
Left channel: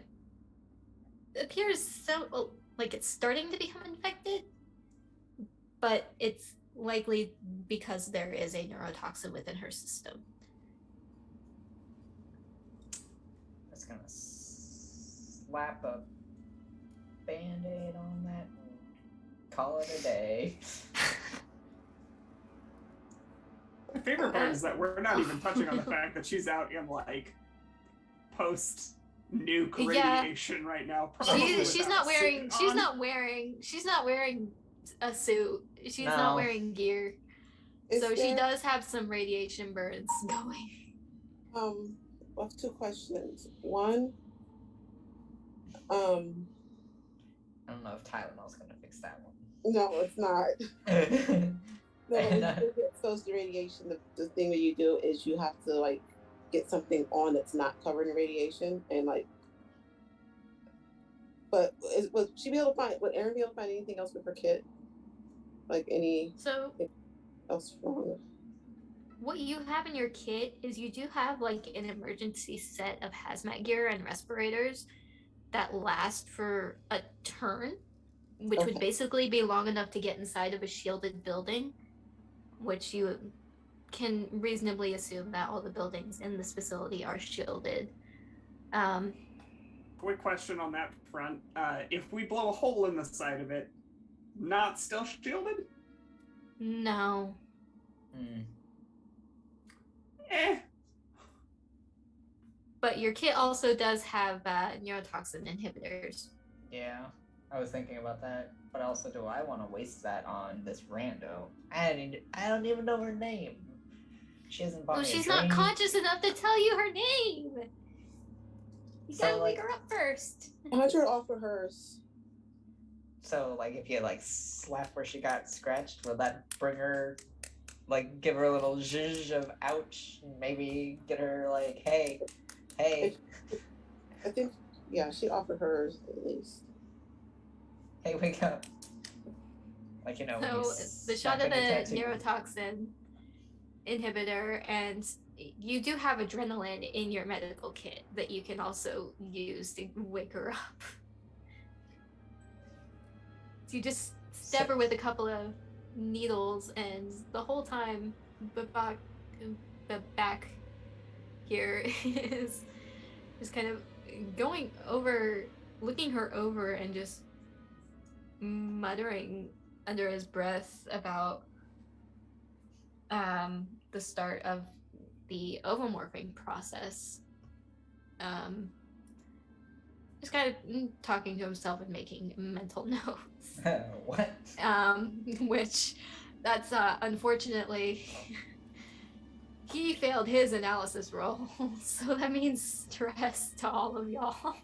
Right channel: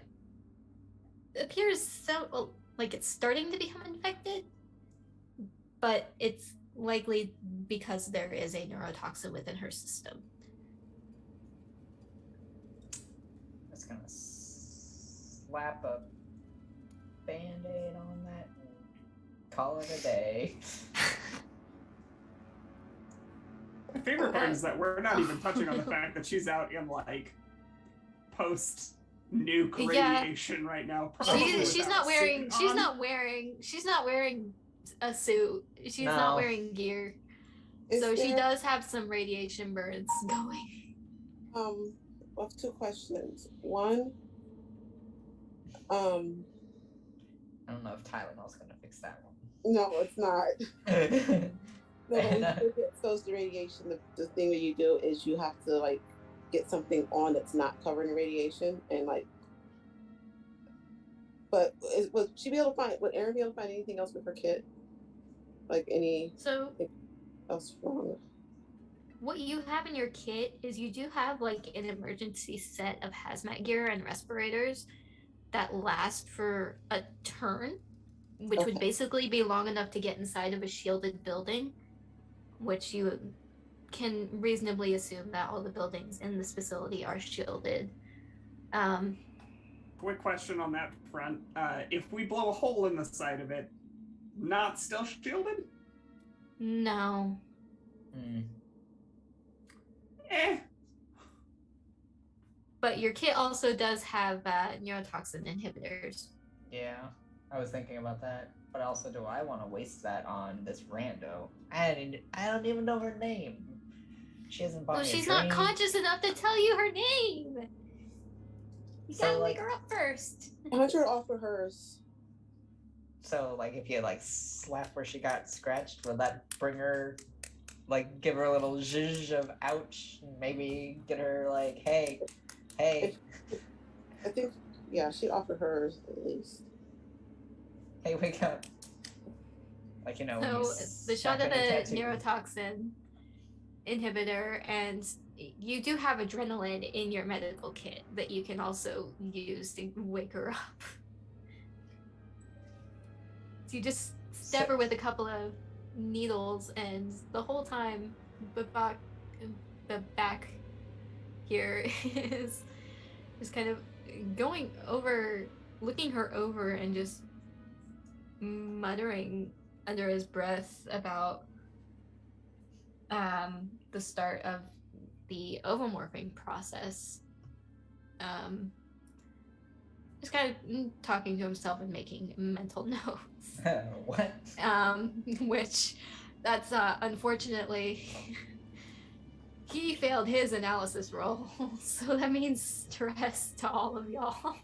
appears so like it's starting to become infected, but it's likely because there is a neurotoxin within her system. Just gonna slap a band-aid on that and call it a day. My favorite part is that we're not even touching on the fact that she's out in like post-nuke radiation right now. She's not wearing a suit. She's not wearing gear. So she does have some radiation burns going. I have two questions. One, I don't know if Tylenol's gonna fix that one. no, it's not. No, when you get exposed to radiation, the thing that you do is you have to like get something on that's not covered in radiation, and like. But would she be able to find? Would Erin be able to find anything else with her kit? Like anything else wrong? What you have in your kit is you do have like an emergency set of hazmat gear and respirators that last for a turn, which would basically be long enough to get inside of a shielded building, which you can reasonably assume that all the buildings in this facility are shielded. Quick question on that front. If we blow a hole in the side of it, not still shielded? No. But your kit also does have neurotoxin inhibitors. Yeah, I was thinking about that. But also, do I want to waste that on this rando? I don't even know her name. She hasn't bought me a she's drink. not conscious enough to tell you her name. You gotta wake her up first. I want her to offer hers. So, like, if you like slap where she got scratched, will that bring her, like, give her a little zhuzh of ouch, and maybe get her like, hey. I think Yeah, she offered hers at least. Hey, wake up. Like, when you So the shot smack of on your the tattoo. neurotoxin inhibitor, and you do have adrenaline in your medical kit that you can also use to wake her up. So you just stab her with a couple of needles, and the whole time Babak here is kind of going over, looking her over, and just muttering under his breath about the start of the ovomorphing process. Just kind of talking to himself and making mental notes. What? Which that's unfortunately he failed his analysis roll, so that means stress to all of y'all.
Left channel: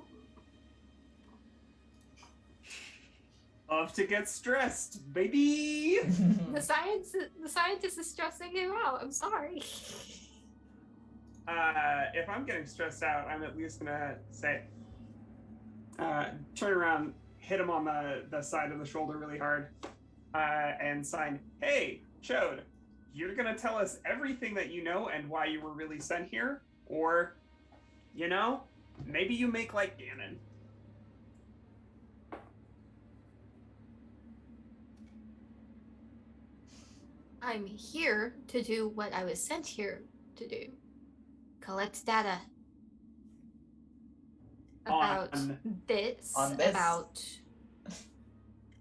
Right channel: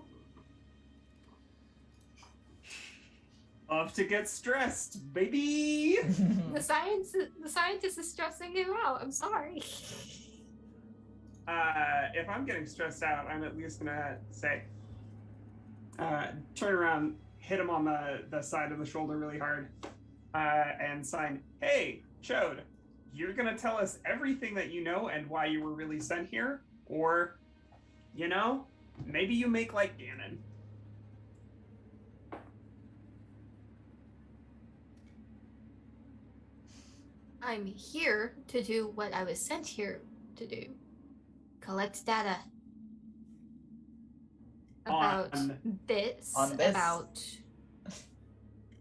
Love to get stressed, baby. The scientist is stressing you out. I'm sorry. If I'm getting stressed out, I'm at least gonna say, turn around, hit him on the side of the shoulder really hard, and sign, "Hey, Chode, you're gonna tell us everything that you know and why you were really sent here, or, maybe you make like Ganon." I'm here to do what I was sent here to do. Collect data about this,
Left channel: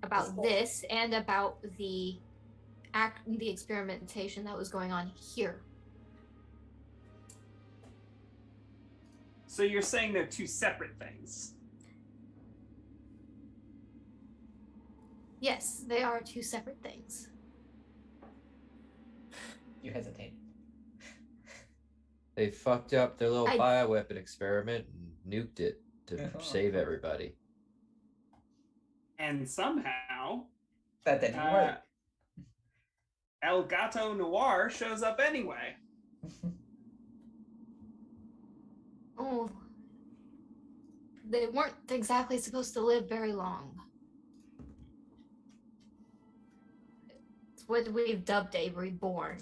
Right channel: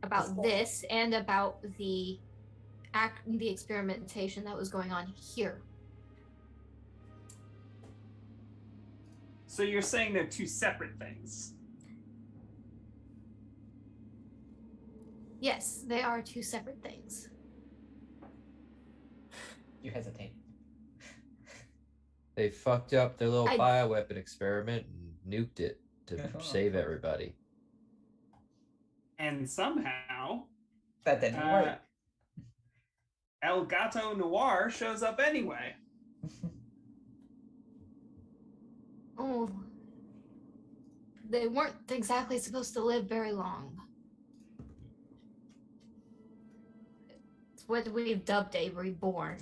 about this, and about the experimentation that was going on here. So you're saying they're two separate things? Yes, they are two separate things. You hesitate. They fucked up their little bioweapon experiment and nuked it to save everybody. And somehow that didn't work. El Gato Noir shows up anyway. Oh, they weren't exactly supposed to live very long. It's what we've dubbed a reborn.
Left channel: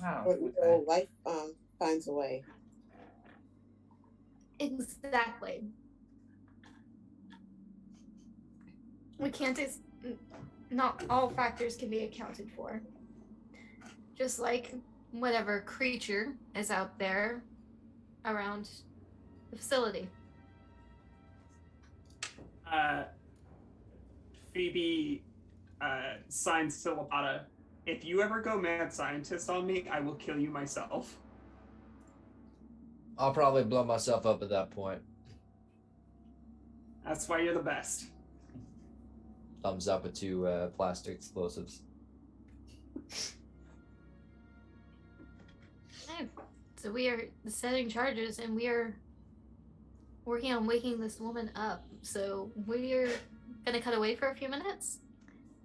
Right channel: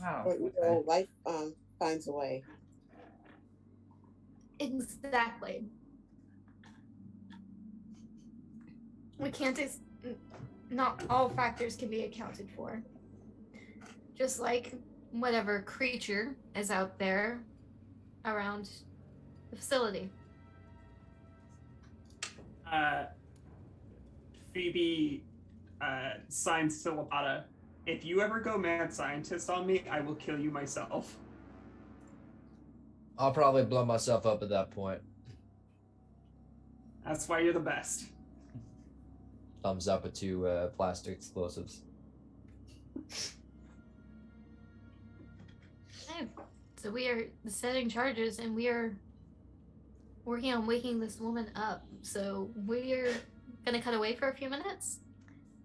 Oh, okay. Life finds a way. Exactly. We can't. Not all factors can be accounted for. Just like whatever creature is out there around the facility. Phoebe signs to Lapata, "If you ever go mad scientist on me, I will kill you myself." I'll probably blow myself up at that point. That's why you're the best. Thumbs up at two plastic explosives. Okay. So we are setting charges, and we are working on waking this woman up. So we're gonna cut away for a few minutes.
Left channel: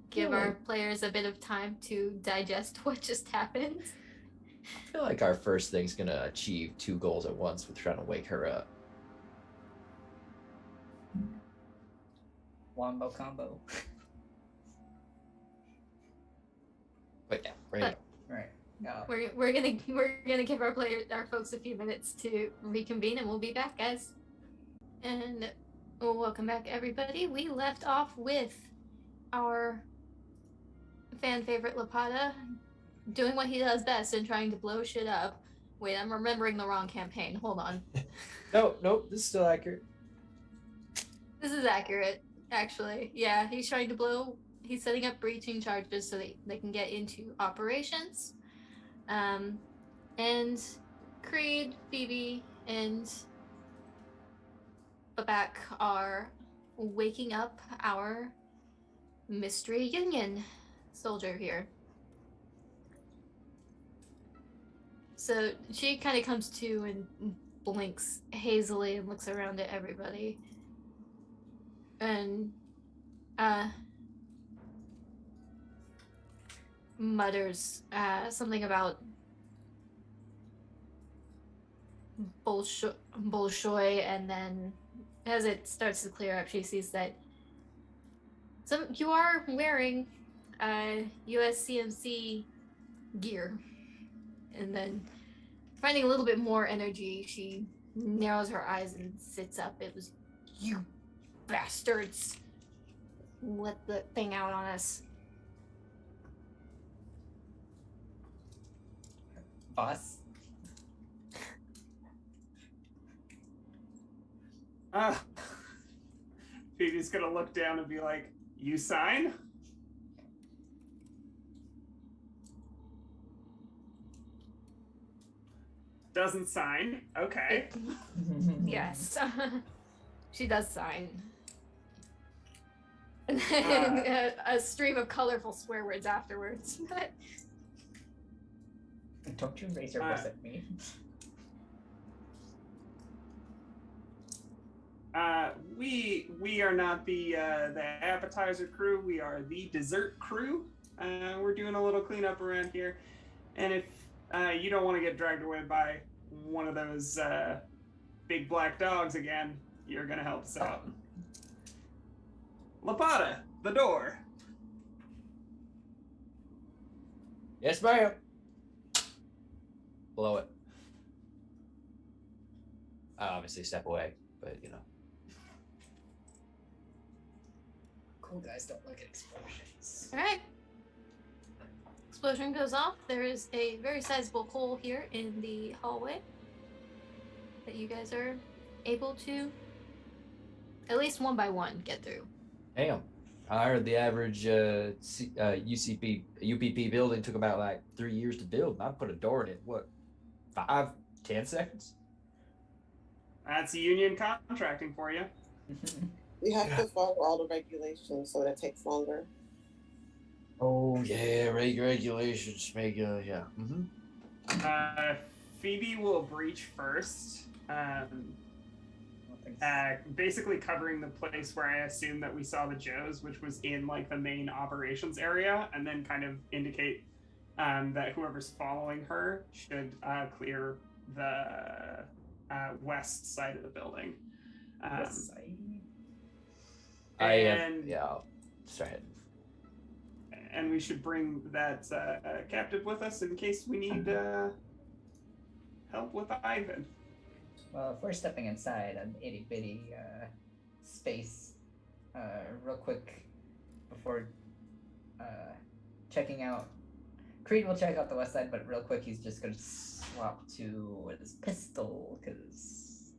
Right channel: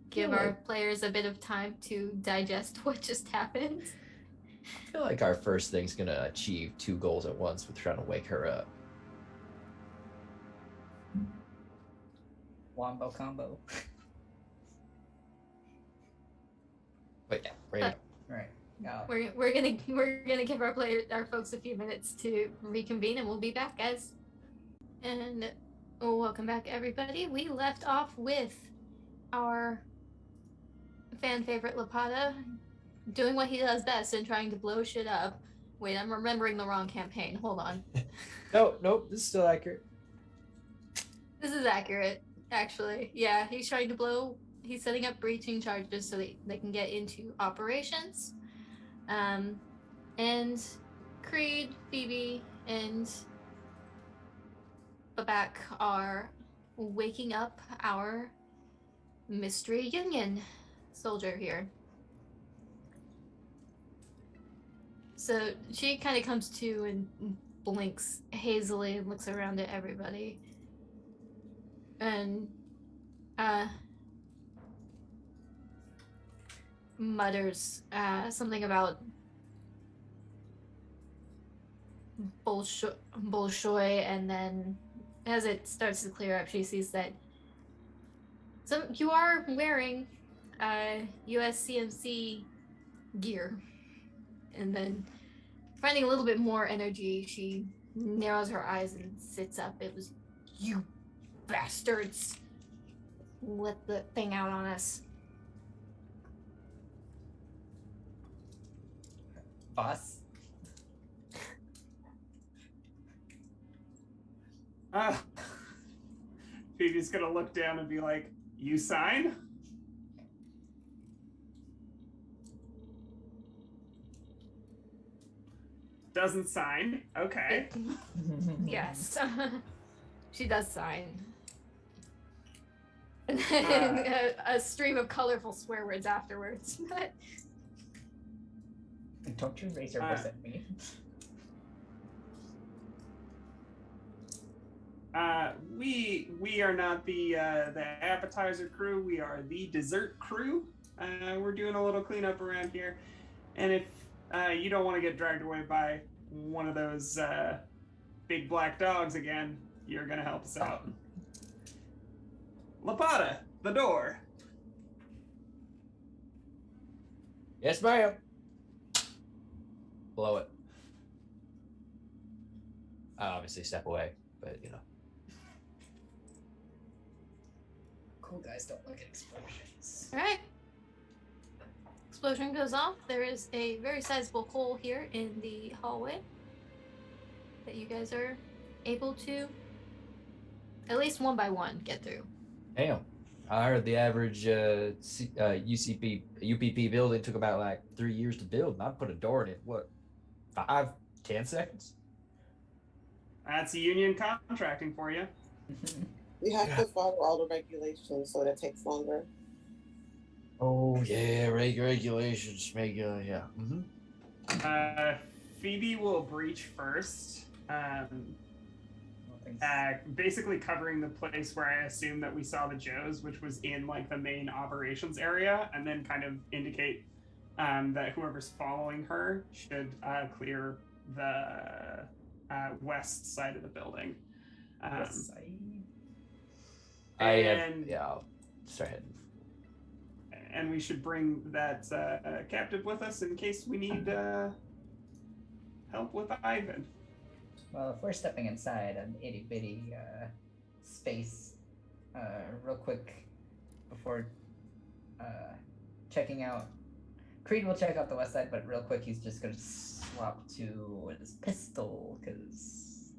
Give our players a bit of time to digest what just happened. I feel like our first thing's gonna achieve two goals at once with trying to wake her up. Wombo combo. But yeah, right. We're gonna give our folks a few minutes to reconvene, and we'll be back, guys. And welcome back, everybody. We left off with our fan favorite Lapata doing what he does best and trying to blow shit up. Wait, I'm remembering the wrong campaign. Hold on. Nope, this is still accurate. This is accurate, actually. Yeah, he's trying to he's setting up breaching charges so they can get into operations. And Creed, Phoebe, and Babak are waking up our Mystery Union soldier here. So she kind of comes to and blinks hazily and looks around at everybody. And mutters something about Bolshoi, and then as it starts to clear up, she sees that you are wearing USCMC gear, and then finding a little bit more energy, she narrows her eyes and sits up. It was you bastards let the thing out on us. Boss. Phoebe's gonna look down and be like, "You sign?" Doesn't sign. Okay. Yes. She does sign. And then a stream of colorful swear words afterwards. Don't you raise your voice at me. We are not the appetizer crew. We are the dessert crew. We're doing a little cleanup around here, and if you don't want to get dragged away by one of those big black dogs again, you're gonna help us out. Lapata, the door. Yes, ma'am. Blow it. I obviously step away, but you know. Cool guys don't look at explosions. All right. Explosion goes off. There is a very sizable hole here in the hallway that you guys are able to, at least one by one, get through. Damn. I heard the average UPP building took about like 3 years to build, and I put a door in it. What? 5-10 seconds? That's union contracting for you. We have to follow all the regulations, so that takes longer. Oh yeah, regulations make yeah. Phoebe will breach first. Basically covering the place where I assume that we saw the Joes, which was in like the main operations area, and then kind of indicate that whoever's following her should clear the west side of the building. West side. I'll start heading. And we should bring that captive with us in case we need help with Ivan. Well, if we're stepping inside an itty bitty space, real quick before checking out, Creed will check out the west side, but real quick he's just gonna swap to his pistol, because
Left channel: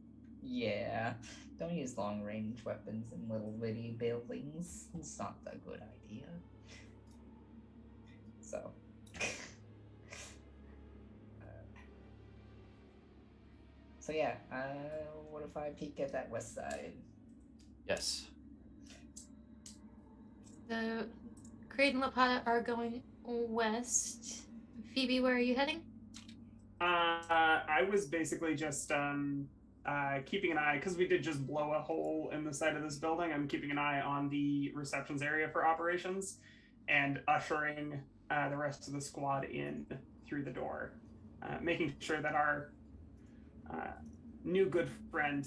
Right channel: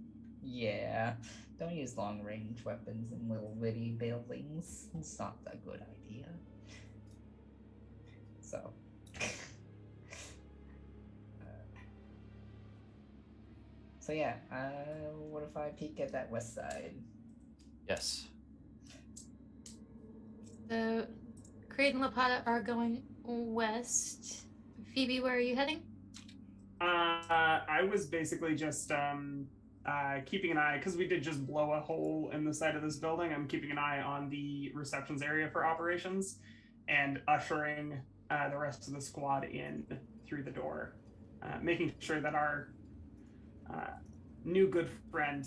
yeah, don't use long range weapons in little bitty buildings. It's not a good idea. So. So yeah, what if I peek at that west side? Yes. So, Creed and Lapata are going west. Phoebe, where are you heading? I was basically just keeping an eye, because we did just blow a hole in the side of this building. I'm keeping an eye on the receptions area for operations and ushering the rest of the squad in through the door, making sure that our new good friend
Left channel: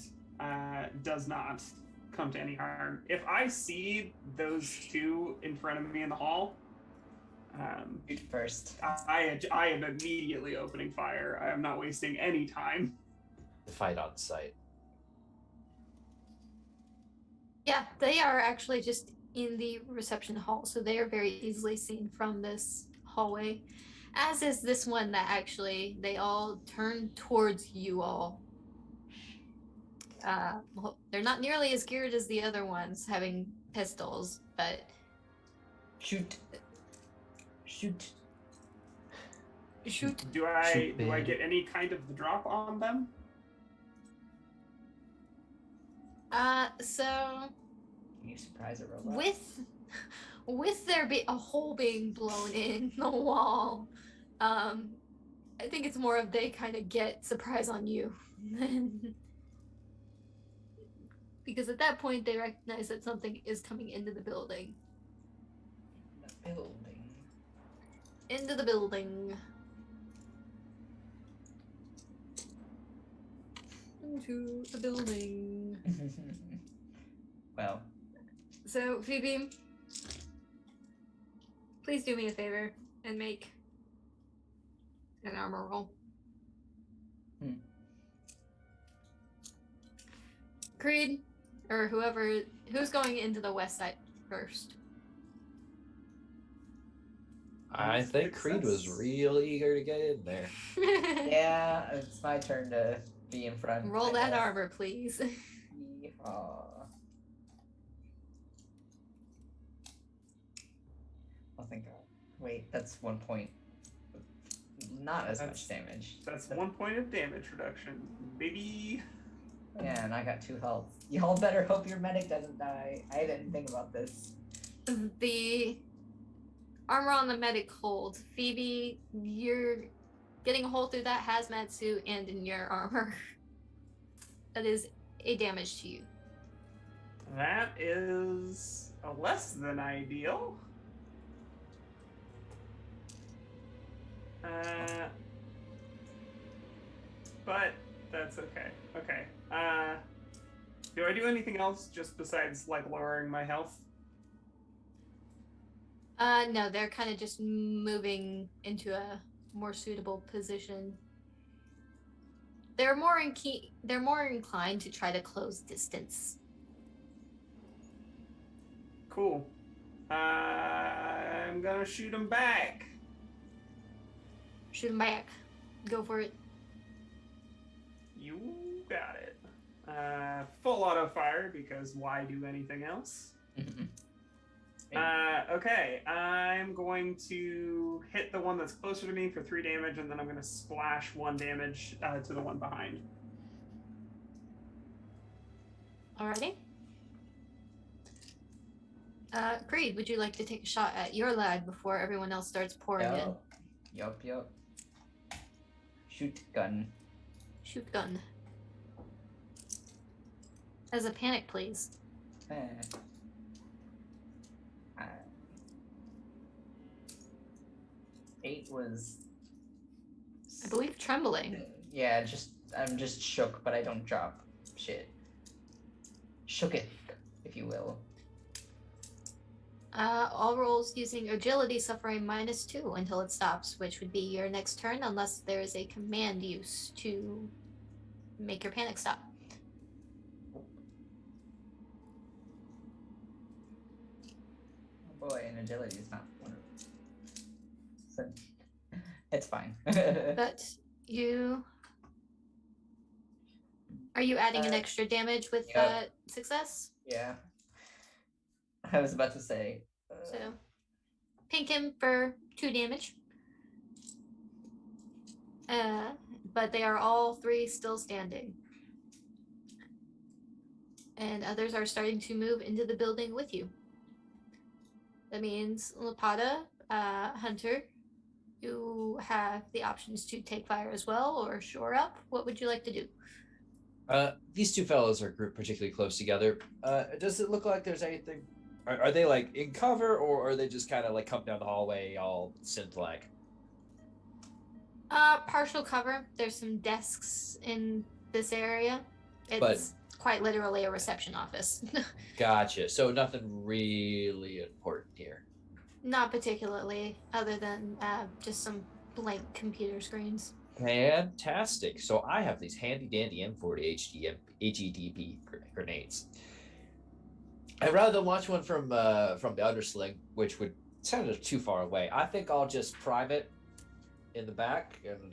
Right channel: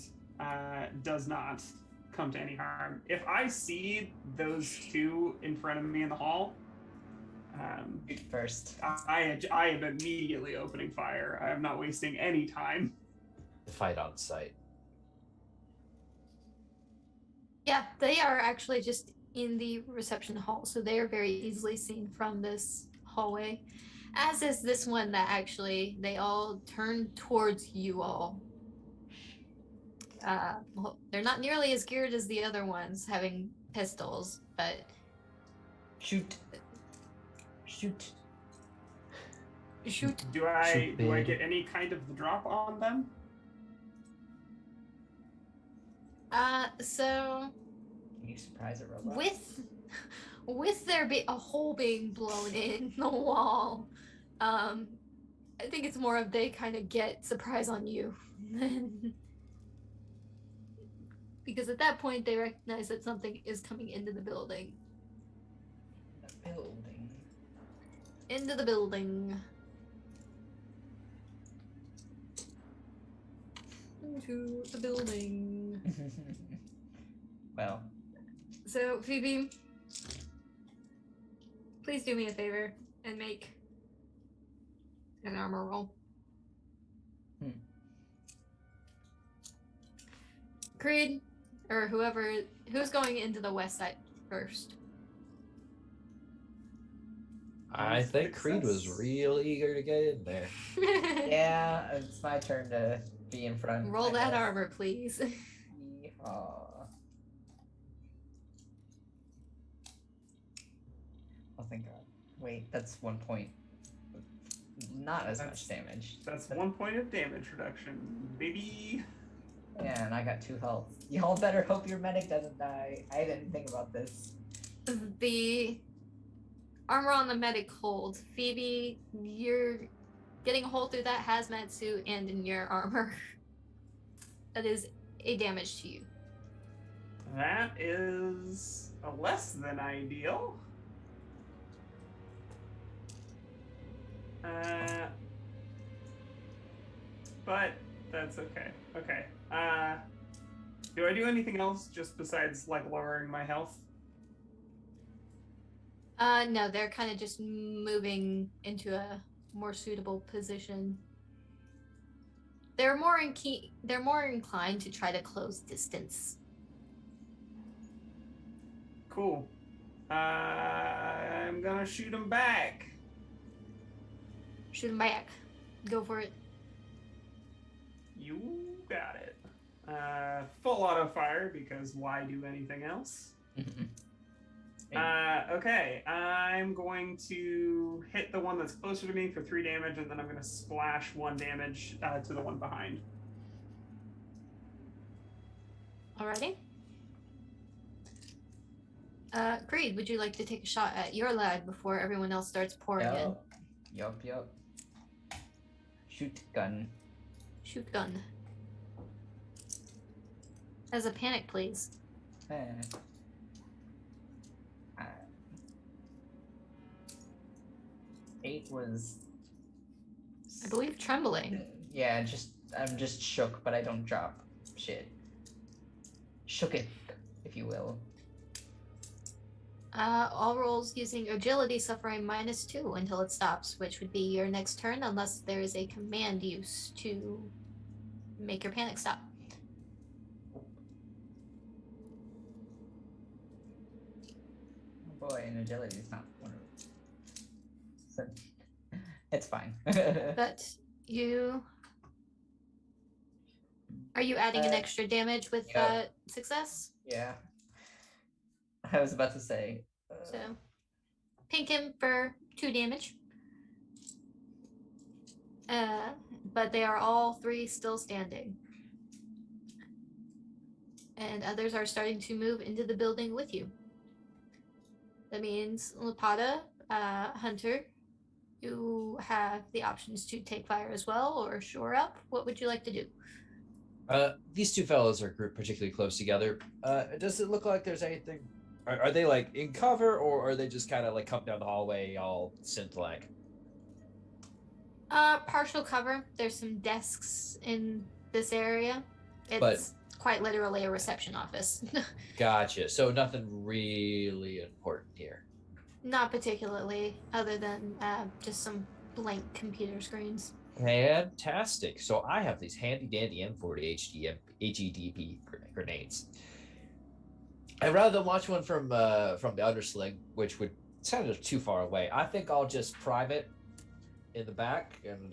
does not come to any harm. If I see those two in front of me in the hall, first, I am immediately opening fire. I am not wasting any time. The fight on site. Yeah, they are actually just in the reception hall, so they are very easily seen from this hallway. As is this one that actually they all turn towards you all. Well, they're not nearly as geared as the other ones, having pistols, but shoot. Do I get any kind of the drop on them? So Can you surprise a robot? with there be a hole being blown in the wall, I think it's more of they kind of get surprise on you. Because at that point they recognize that something is coming into the building. Into the building. into the building. Well, So, Phoebe, please do me a favor and make an armor roll. Creed, or who's going into the west side first? I think Creed was Success. real eager to get in there. yeah, it's my turn to be in front. Roll I that guess. armor, please. Yeehaw. Oh, thank God. Wait, that's 1 point. Not as much damage. That's 1 point of damage reduction, baby. Yeah, and I got 2 health. Y'all better hope your medic doesn't die. I didn't think about this. The armor on the medic holds. Phoebe, you're getting a hole through that hazmat suit and in your armor. That is a damage to you. That is a less than ideal. But that's okay. Okay. Do I do anything else just besides like lowering my health? No, they're kind of just moving into a more suitable position. They're more inclined to try to close distance. Cool. I'm gonna shoot him back. Shoot 'em back. Go for it. You got it. Full auto fire because why do anything else? Okay, I'm going to hit the one that's closer to me for 3 damage, and then I'm going to splash 1 damage to the one behind. Alrighty. Creed, would you like to take a shot at your lad before everyone else starts pouring in? Yup. Shoot gun. Shoot gun. As a panic, please. Eh. 8 was. I believe trembling. Yeah, I'm just shook, but I don't drop shit. Shook it, if you will. All rolls using agility suffer a -2 until it stops, which would be your next turn unless there is a command use to make your panic stop. Oh boy, and agility is not one of them. So, it's fine. But are you adding an extra damage with success? Yeah. I was about to say. So, pink him for 2 damage. But they are all 3 still standing. And others are starting to move into the building with you. That means Lapata, Hunter, you have the options to take fire as well or shore up. What would you like to do? These two fellows are grouped particularly close together. Does it look like there's anything? Are they like in cover, or are they just kind of like come down the hallway all synth-like? Partial cover. There's some desks in this area. It's quite literally a reception office. Gotcha. So nothing really important here. Not particularly, other than just some blank computer screens. Fantastic. So I have these handy dandy M40 HEDP grenades. And rather than launch one from the undersling, which would sound too far away, I think I'll just prime it in the back and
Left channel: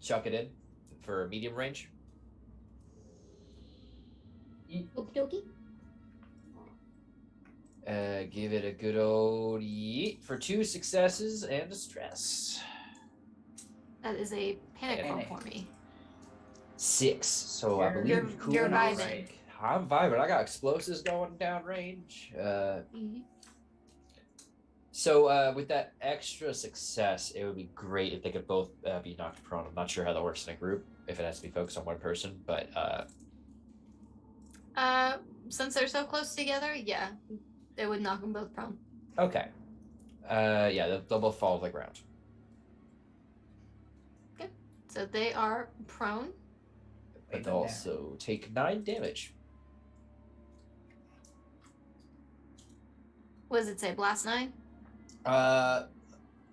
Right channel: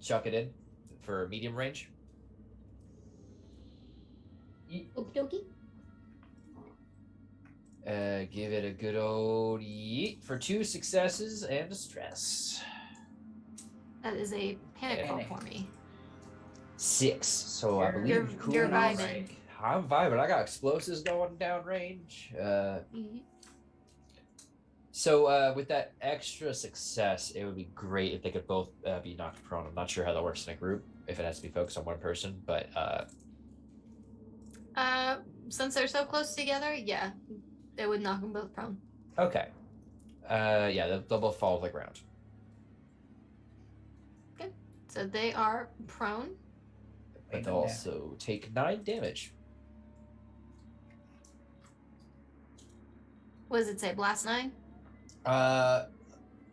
chuck it in for medium range. Okie dokie. Give it a good old yeet for 2 successes and a stress. That is a panic roll for me. 6. So I believe You're vibing. I'm vibing. I got explosives going down range. So with that extra success, it would be great if they could both be knocked prone. I'm not sure how that works in a group, if it has to be focused on one person, but since they're so close together, yeah, it would knock them both prone. okay. Yeah, they'll both fall to the ground. Okay, so they are prone. Wait, and also take 9 damage. What does it say? Blast 9?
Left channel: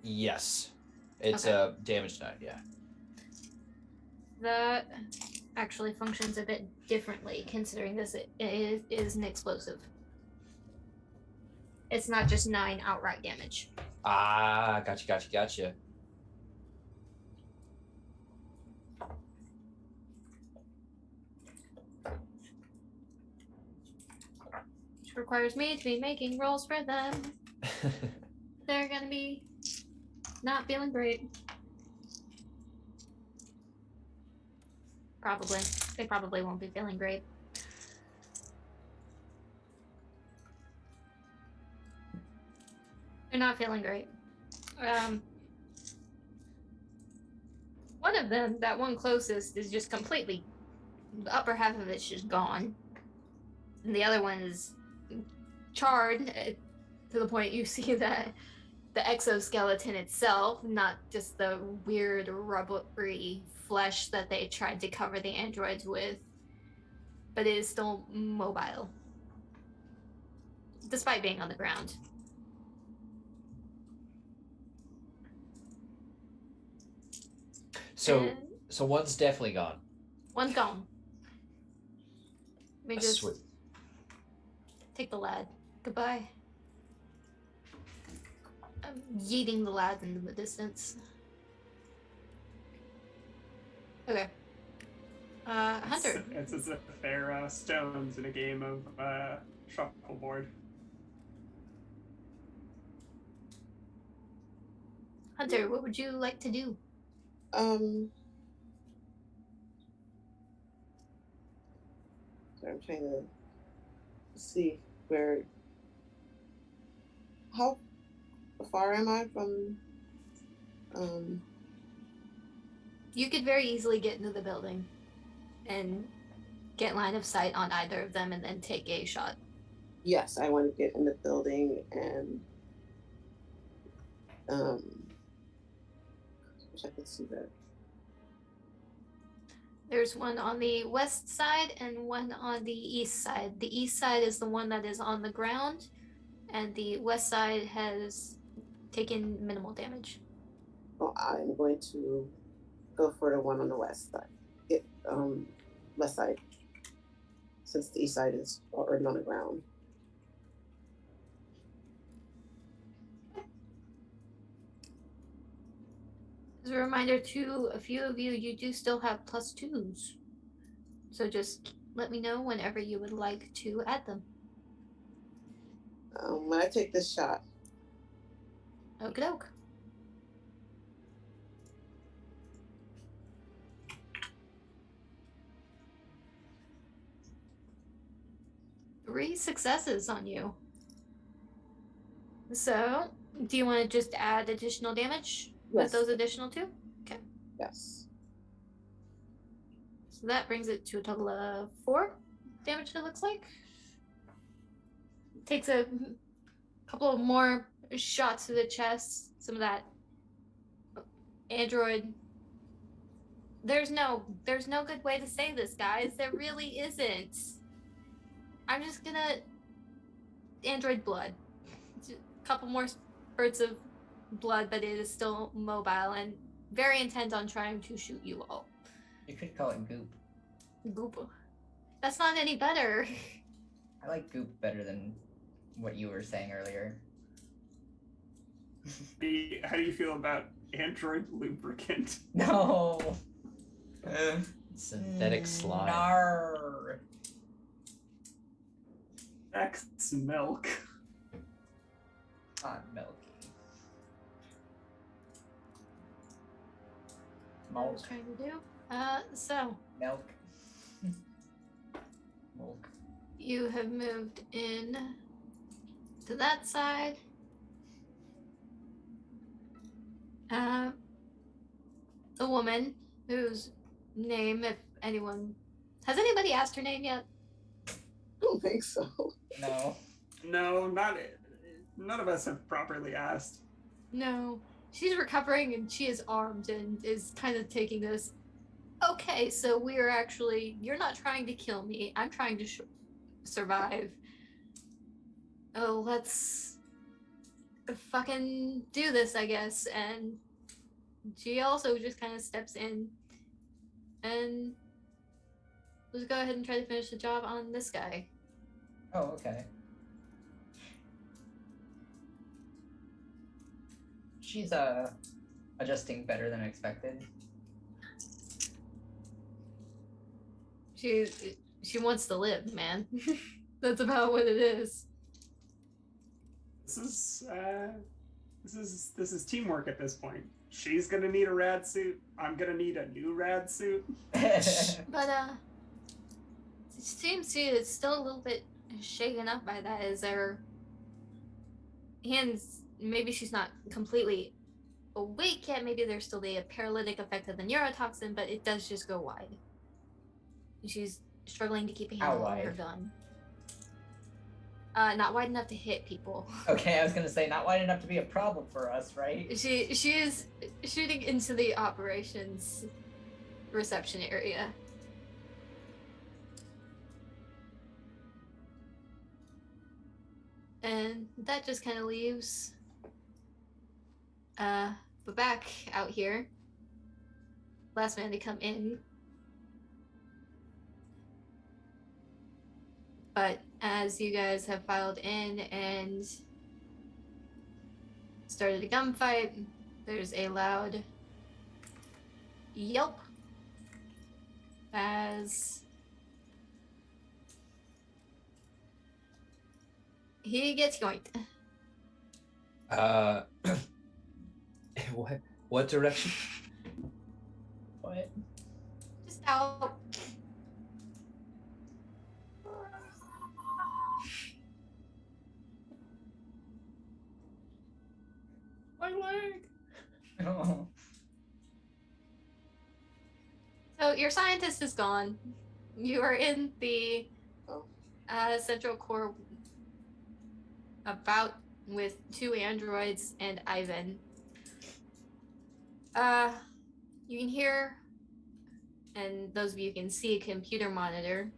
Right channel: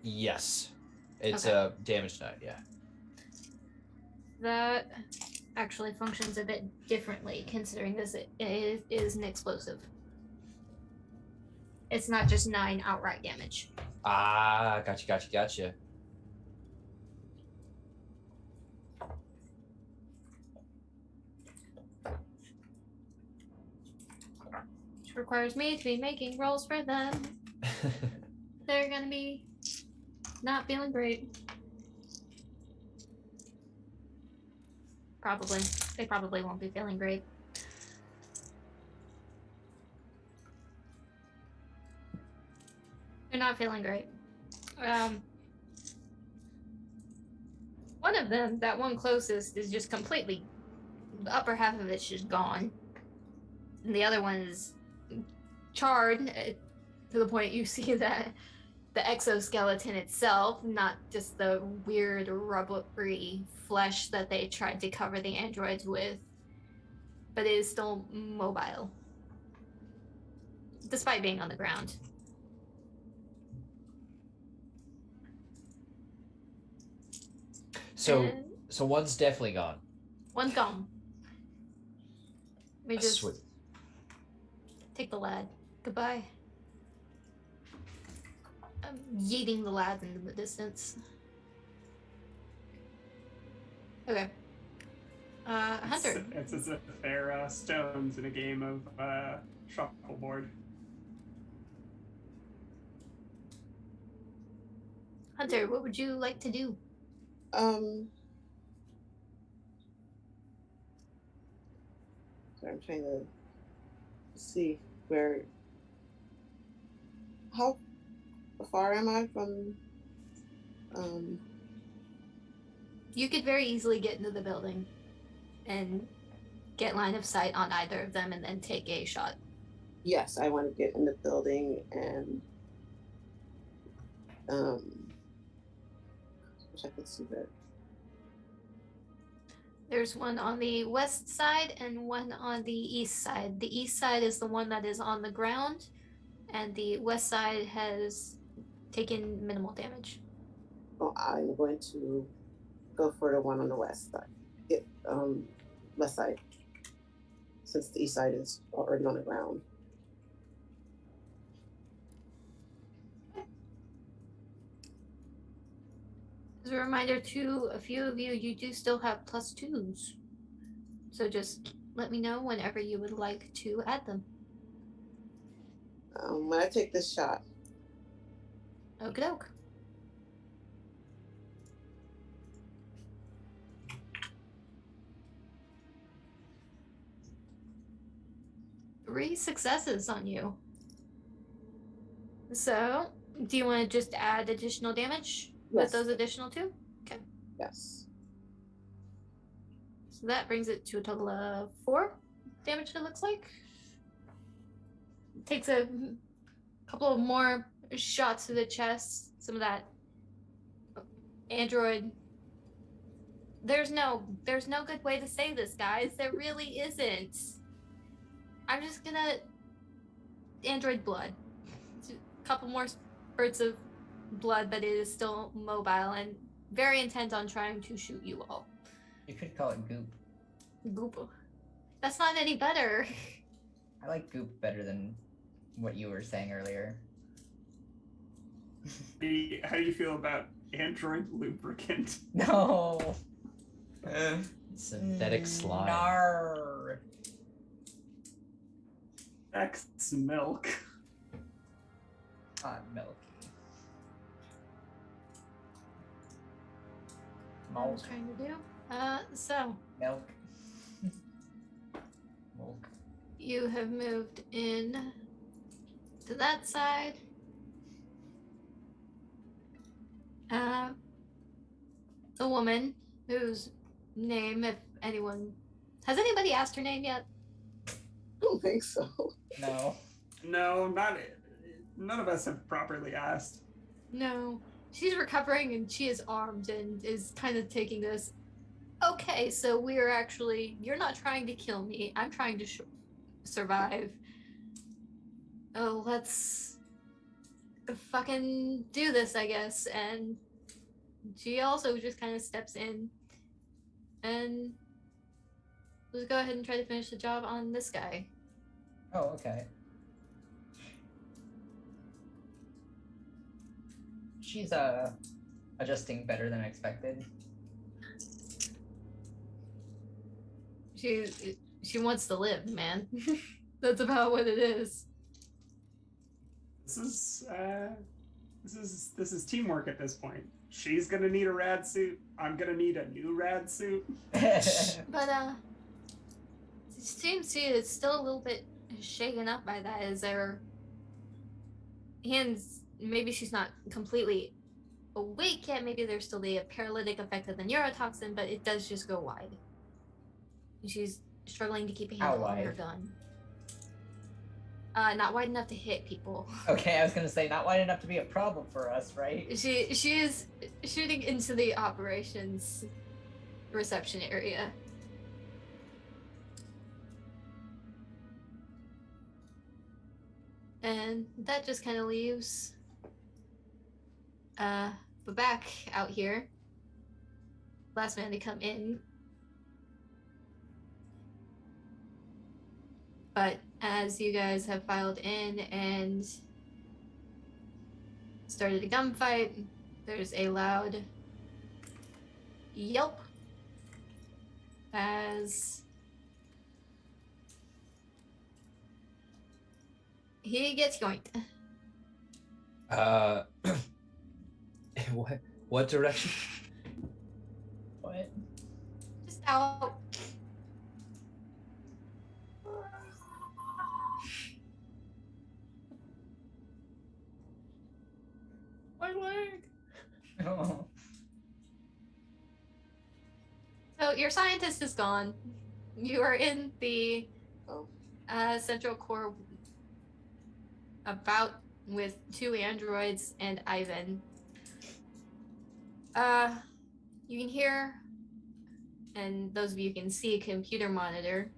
Yes. It's Okay. damage 9, yeah. That actually functions a bit differently, considering this is an explosive. It's not just 9 outright damage. Ah, gotcha. Which requires me to be making rolls for them. They're gonna be not feeling great. Probably. They probably won't be feeling great. They're not feeling great. One of them, that one closest, is just completely, the upper half of it's just gone. And the other one is charred to the point you see that the exoskeleton itself, not just the weird rubbery flesh that they tried to cover the androids with, but it is still mobile, despite being on the ground. So And one's definitely gone. one's gone. Let me just Sweet. take the lad. Goodbye. I'm yeeting the lad into the distance. Okay. Hunter. It's as if they're stones in a game of shuffleboard. Hunter, what would you like to do? So I'm trying to see where. How far am I from? You could very easily get into the building and get line of sight on either of them and then take a shot. Yes, I want to get in the building and wish I could see that. There's one on the west side and one on the east side. The east side is the one that is on the ground, and the west side has taken minimal damage. Well, I'm going to go for the one on the west side. West side, since the east side is already on the ground. As a reminder to a few of you, you do still have +2s. So just let me know whenever you would like to add them. When I take this shot, Okie doke. Three successes on you. So, do you want to just add additional damage with Yes. those additional 2? yes. So that brings it to a total of 4 damage, it looks like. Takes a couple of more shots to the chest. Some of that android. There's no good way to say this, guys. There really isn't. I'm just gonna android blood. A couple more spurts of blood, but it is still mobile and very intent on trying to shoot you all. You could call it goop. Goop. That's not any better. I like goop better than what you were saying earlier. How do you feel about android lubricant? No. Synthetic slime. Nar. X milk. Hot milky. What I was Milk. trying to do. So Milk. Milk. you have moved in to that side. The woman whose name, if anyone has anybody asked her name yet? I don't think so. No. No, none of us have properly asked. No. She's recovering and she is armed and is kind of taking this Okay, so we're actually. You're not trying to kill me. I'm trying to survive. Oh, let's fucking do this, I guess. And she also just kind of steps in and let's go ahead and try to finish the job on this guy. Oh, okay. She's adjusting better than expected. She wants to live, man. That's about what it is. This is teamwork at this point. She's gonna need a rad suit. I'm gonna need a new rad suit. But it seems she is still a little bit shaken up by that. Is her hands? Maybe she's not completely awake yet. Maybe there's still the paralytic effect of the neurotoxin, but it does just go wide. She's struggling to keep a handle on her gun. Not wide enough to hit people. Okay, I was gonna say not wide enough to be a problem for us, right? She is shooting into the operations reception area. And that just kind of leaves Babak out here. Last man to come in. But as you guys have filed in and started a gunfight, there's a loud yelp as he gets yoinked. What direction? What? Just out. My leg. Oh. So your scientist is gone. You are in the central core about with 2 androids and Ivan. You can hear, and those of you can see, a computer monitor.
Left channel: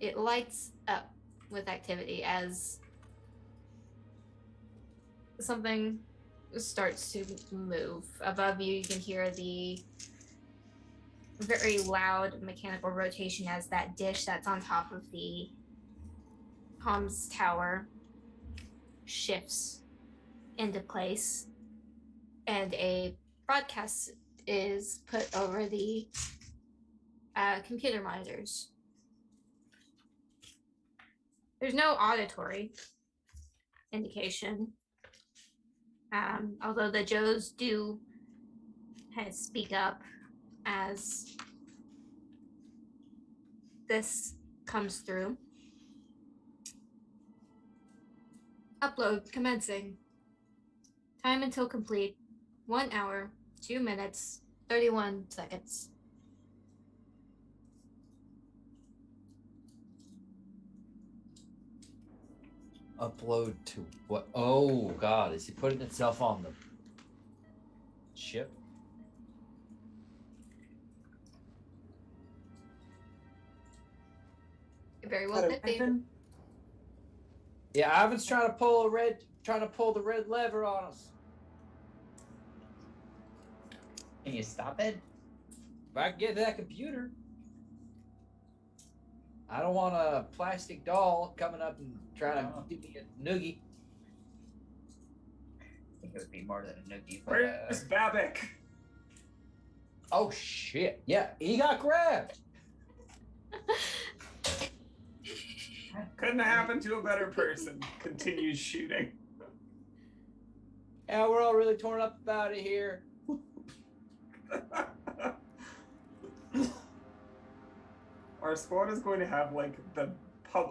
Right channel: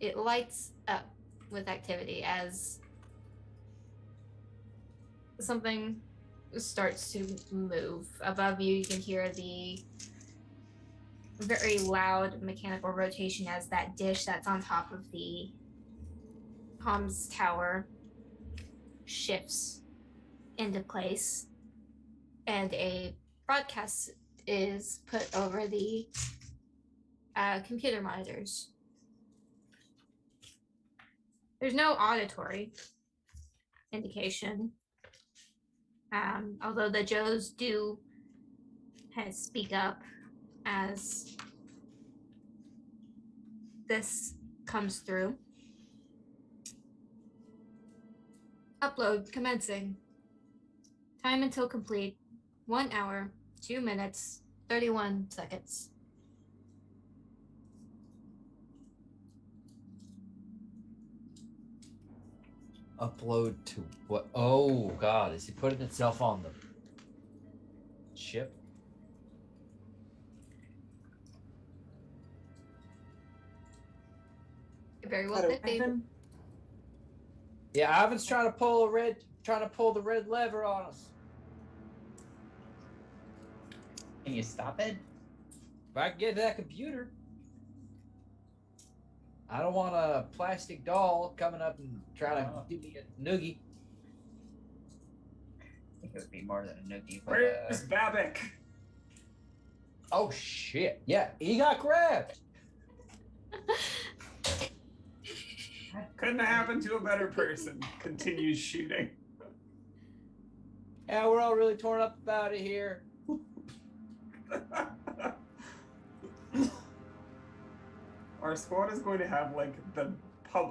It lights up with activity as something starts to move. Above you, you can hear the very loud mechanical rotation as that dish that's on top of the comms tower shifts into place, and a broadcast is put over the computer monitors. There's no auditory indication, although the Joes do speak up as this comes through. Upload commencing. Time until complete, 1 hour, 2 minutes, 31 seconds. Upload to what? Oh God, is he putting itself on the ship? Very well could be. Yeah, Ivan's trying to pull the red lever on us. Can you stop it? If I can get to that computer, I don't want a plastic doll coming up and trying to give me a noogie. I think it would be more than a noogie. But, Where's Babak? Oh shit! Yeah, he got grabbed. Couldn't have happened to a better person. Continues shooting. Yeah, we're all really torn up about it here. Our squad is going to have like the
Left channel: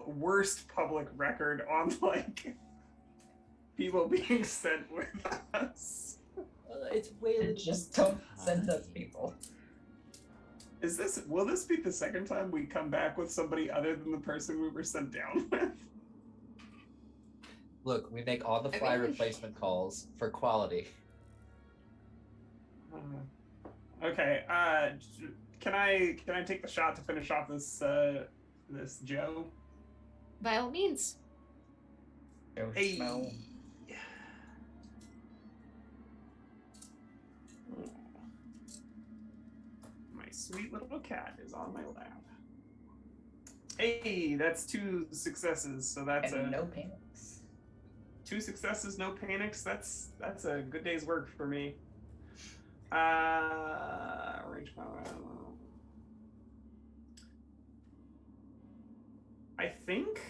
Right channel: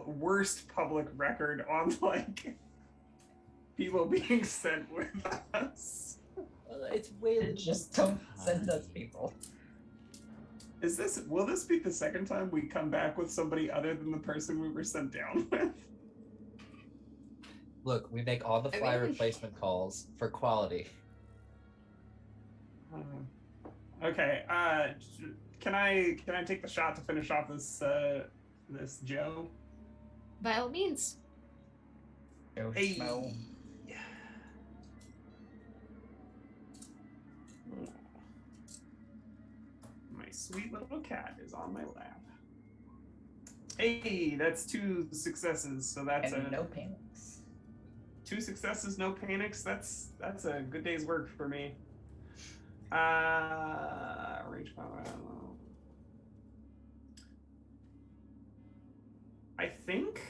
worst public record on like people being sent with us. It's way. Just don't send us people. Will this be the second time we come back with somebody other than the person we were sent down with? Look, we make on-the-fly replacement calls for quality. Okay. Can I take the shot to finish off this Joe? By all means. Joe Hey. Schmo. My sweet little cat is on my lap. Hey, that's 2 successes. So that's And no panics. 2 successes, no panics. That's a good day's work for me. Range combat. I think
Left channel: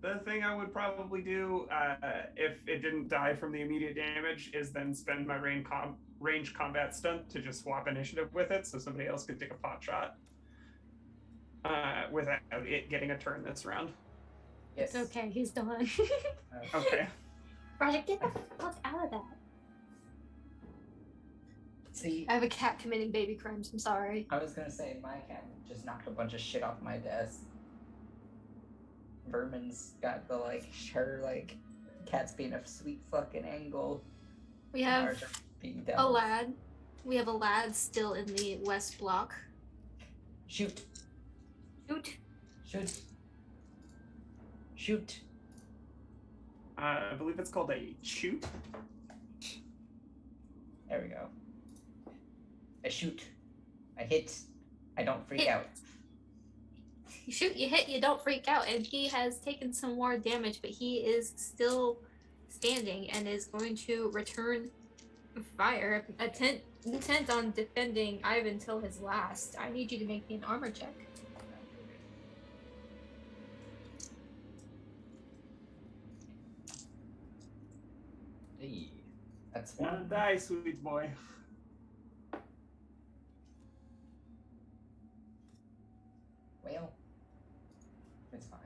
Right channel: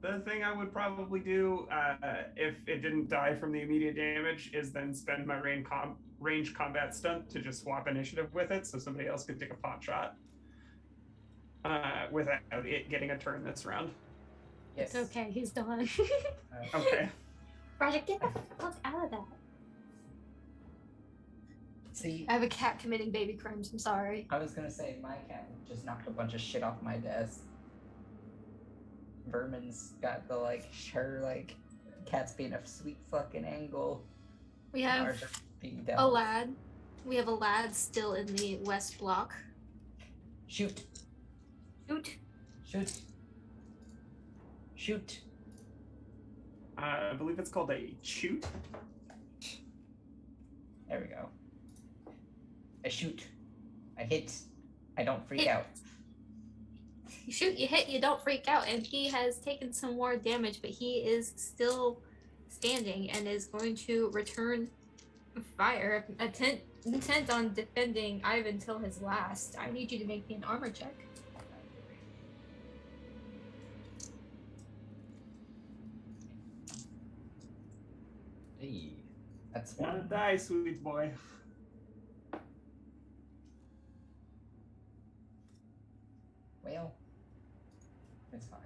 the thing I would probably do, if it didn't die from the immediate damage, is then spend my range combat stunt to just swap initiative with it, so somebody else could take a pot shot without it getting a turn this round. Yes. It's okay, he's done. Okay. Project, get the fuck out of that. See, I have a cat committing baby crimes, I'm sorry. I was gonna say my cat just knocked a bunch of shit off my desk. Vermin's got the cat's being a sweet fucking angle. We have Ours are being a devils. lad. We have a lad still in the west block. Shoot. Shoot. Shoot. Shoot. I believe it's called a shoot. There we go. I shoot. I hit. I don't freak Hit. out. You shoot, you hit, you don't freak out, and he has taken some more damage, but he is still standing and is going to return fire, intent on defending Ivan till his last. I need you to make me an armor check. Hey. That's Wanna one. die, sweet boy. Well, it's fine.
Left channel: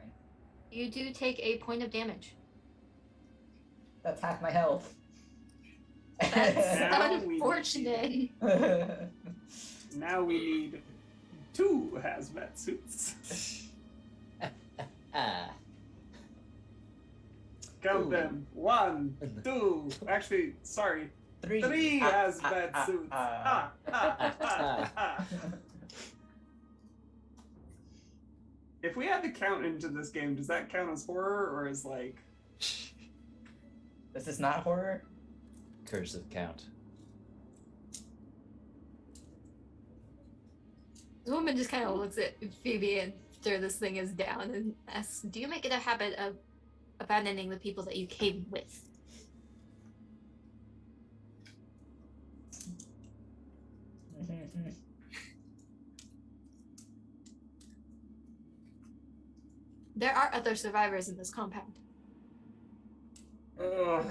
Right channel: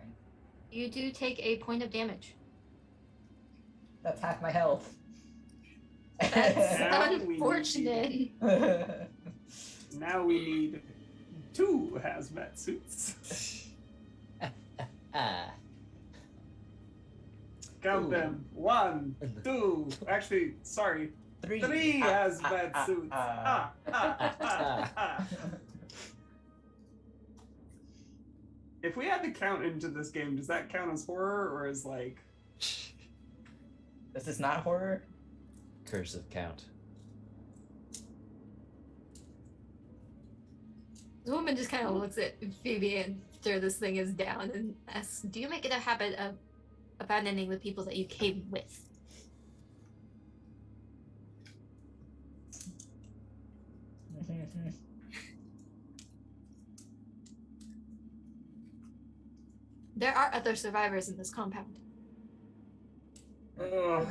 You do take a point of damage. That's half my health. That's Now we need unfortunate. Now we need 2 hazmat suits. Count Ooh. them. 1, 2. Actually, sorry. 3 hazmat suits. Ah, ah, ah, ah. If we had to count into this game, does that count as horror or as like? This is not horror. Cursive count. The woman just kind of looks at Phoebe after this thing is down and asks, do you make it a habit of abandoning the people that you came with? There are other survivors in this compound. Ugh.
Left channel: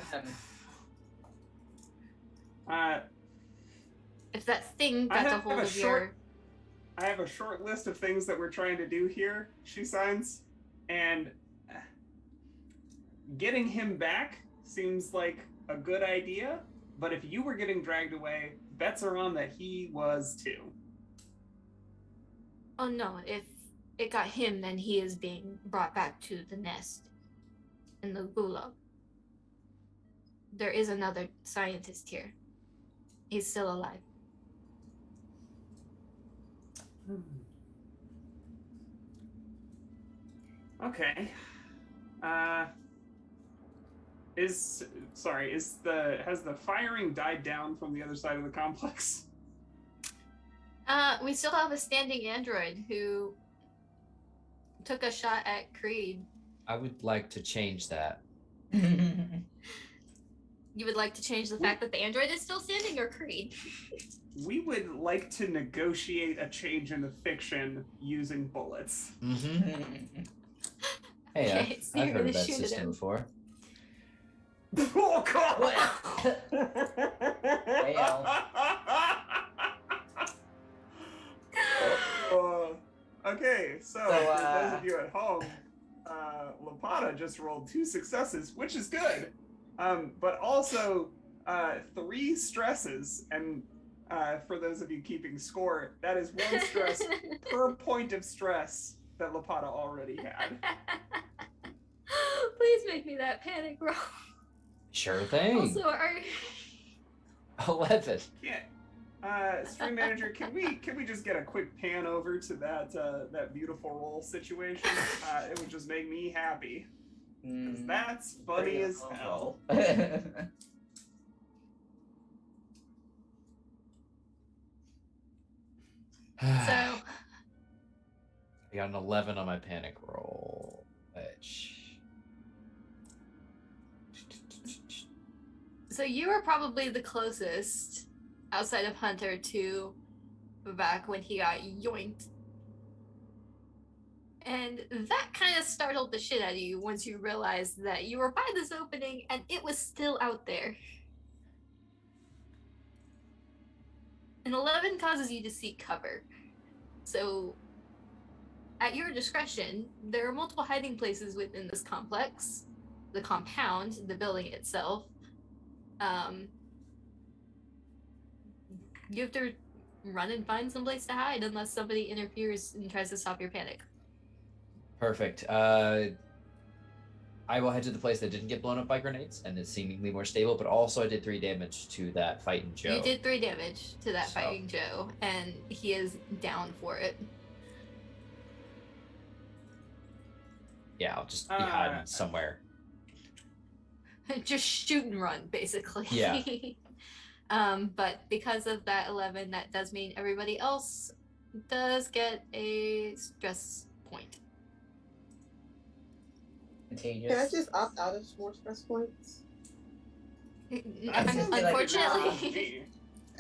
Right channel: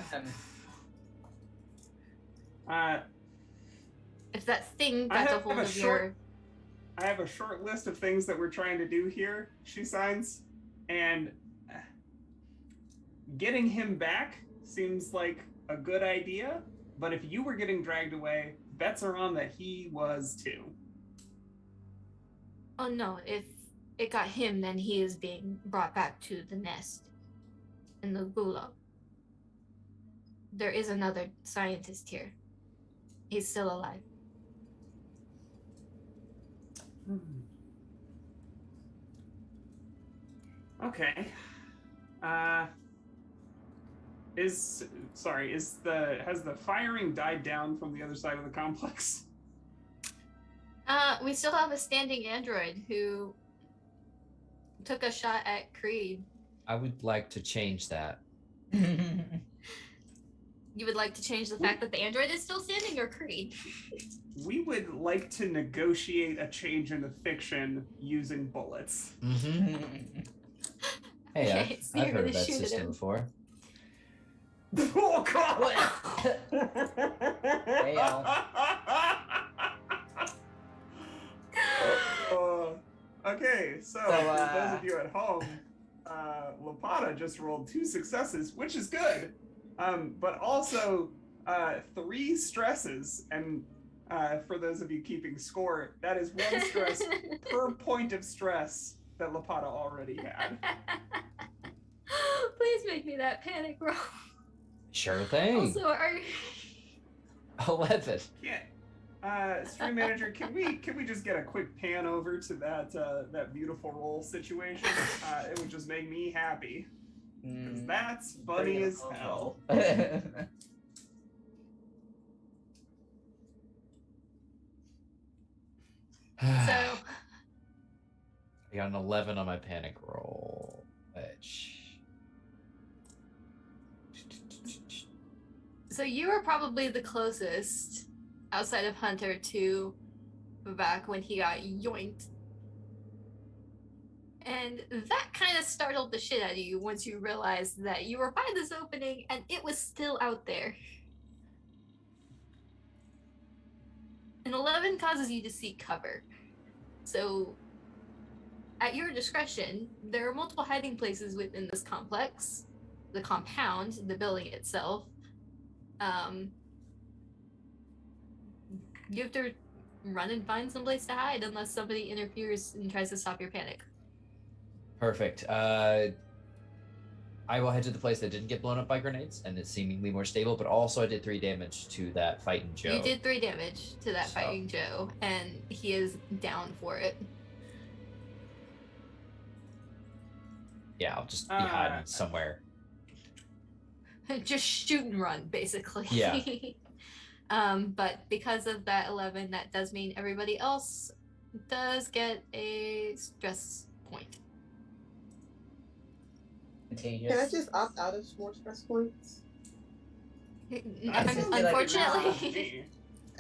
If that thing I got a have hold a of your... I have a short list of things that we're trying to do here, she signs, and getting him back seems like a good idea, but if you were getting dragged away, bets are on that he was too. Oh no, if it got him, then he is being brought back to the nest in the gulag. There is another scientist here. He's still alive. Okay. Has the firing died down from the other side of the complex? We still have a standing android who took a shot at Creed. I would like to change that. You would like to change the fact that the android is still standing, or Creed? We would like to negotiate a change in the fiction using bullets. Mm-hmm. Hey, Okay, so I've you're heard gonna of that shoot at system him. before. Oh God! Okay, so for those of you at home, Lapata just rolled 2 successes, which is good, but also 3 stresses, and for those of you keeping score, that is 1 stress per point of stress that Lapata already had. Please make me that panic roll. Sure thing. Also, are 11. Yeah. Stream manager, can we just get a quick pan over to that beautiful roll situation? It would just make me happy. Because that's funny as hell. So I got an 11 on my panic roll, which. So you were probably the closest outside of Hunter to Babak when he got yoinked. And that kind of startled the shit out of you once you realized that you were by this opening and it was still out there. An 11 causes you to seek cover. So, at your discretion, there are multiple hiding places within this complex, the compound, the building itself. You have to run and find someplace to hide unless somebody interferes and tries to stop your panic. Perfect. I will head to the place that didn't get blown up by grenades and is seemingly more stable, but also I did 3 damage to that fighting Joe. You did 3 damage to that fighting Joe, and he is down for it. Yeah, I'll just be hiding somewhere. Just shoot and run, basically. Yeah. But because of that 11, that does mean everybody else does get a stress point. Contagious. Can I just opt out of more stress points? Unfortunately,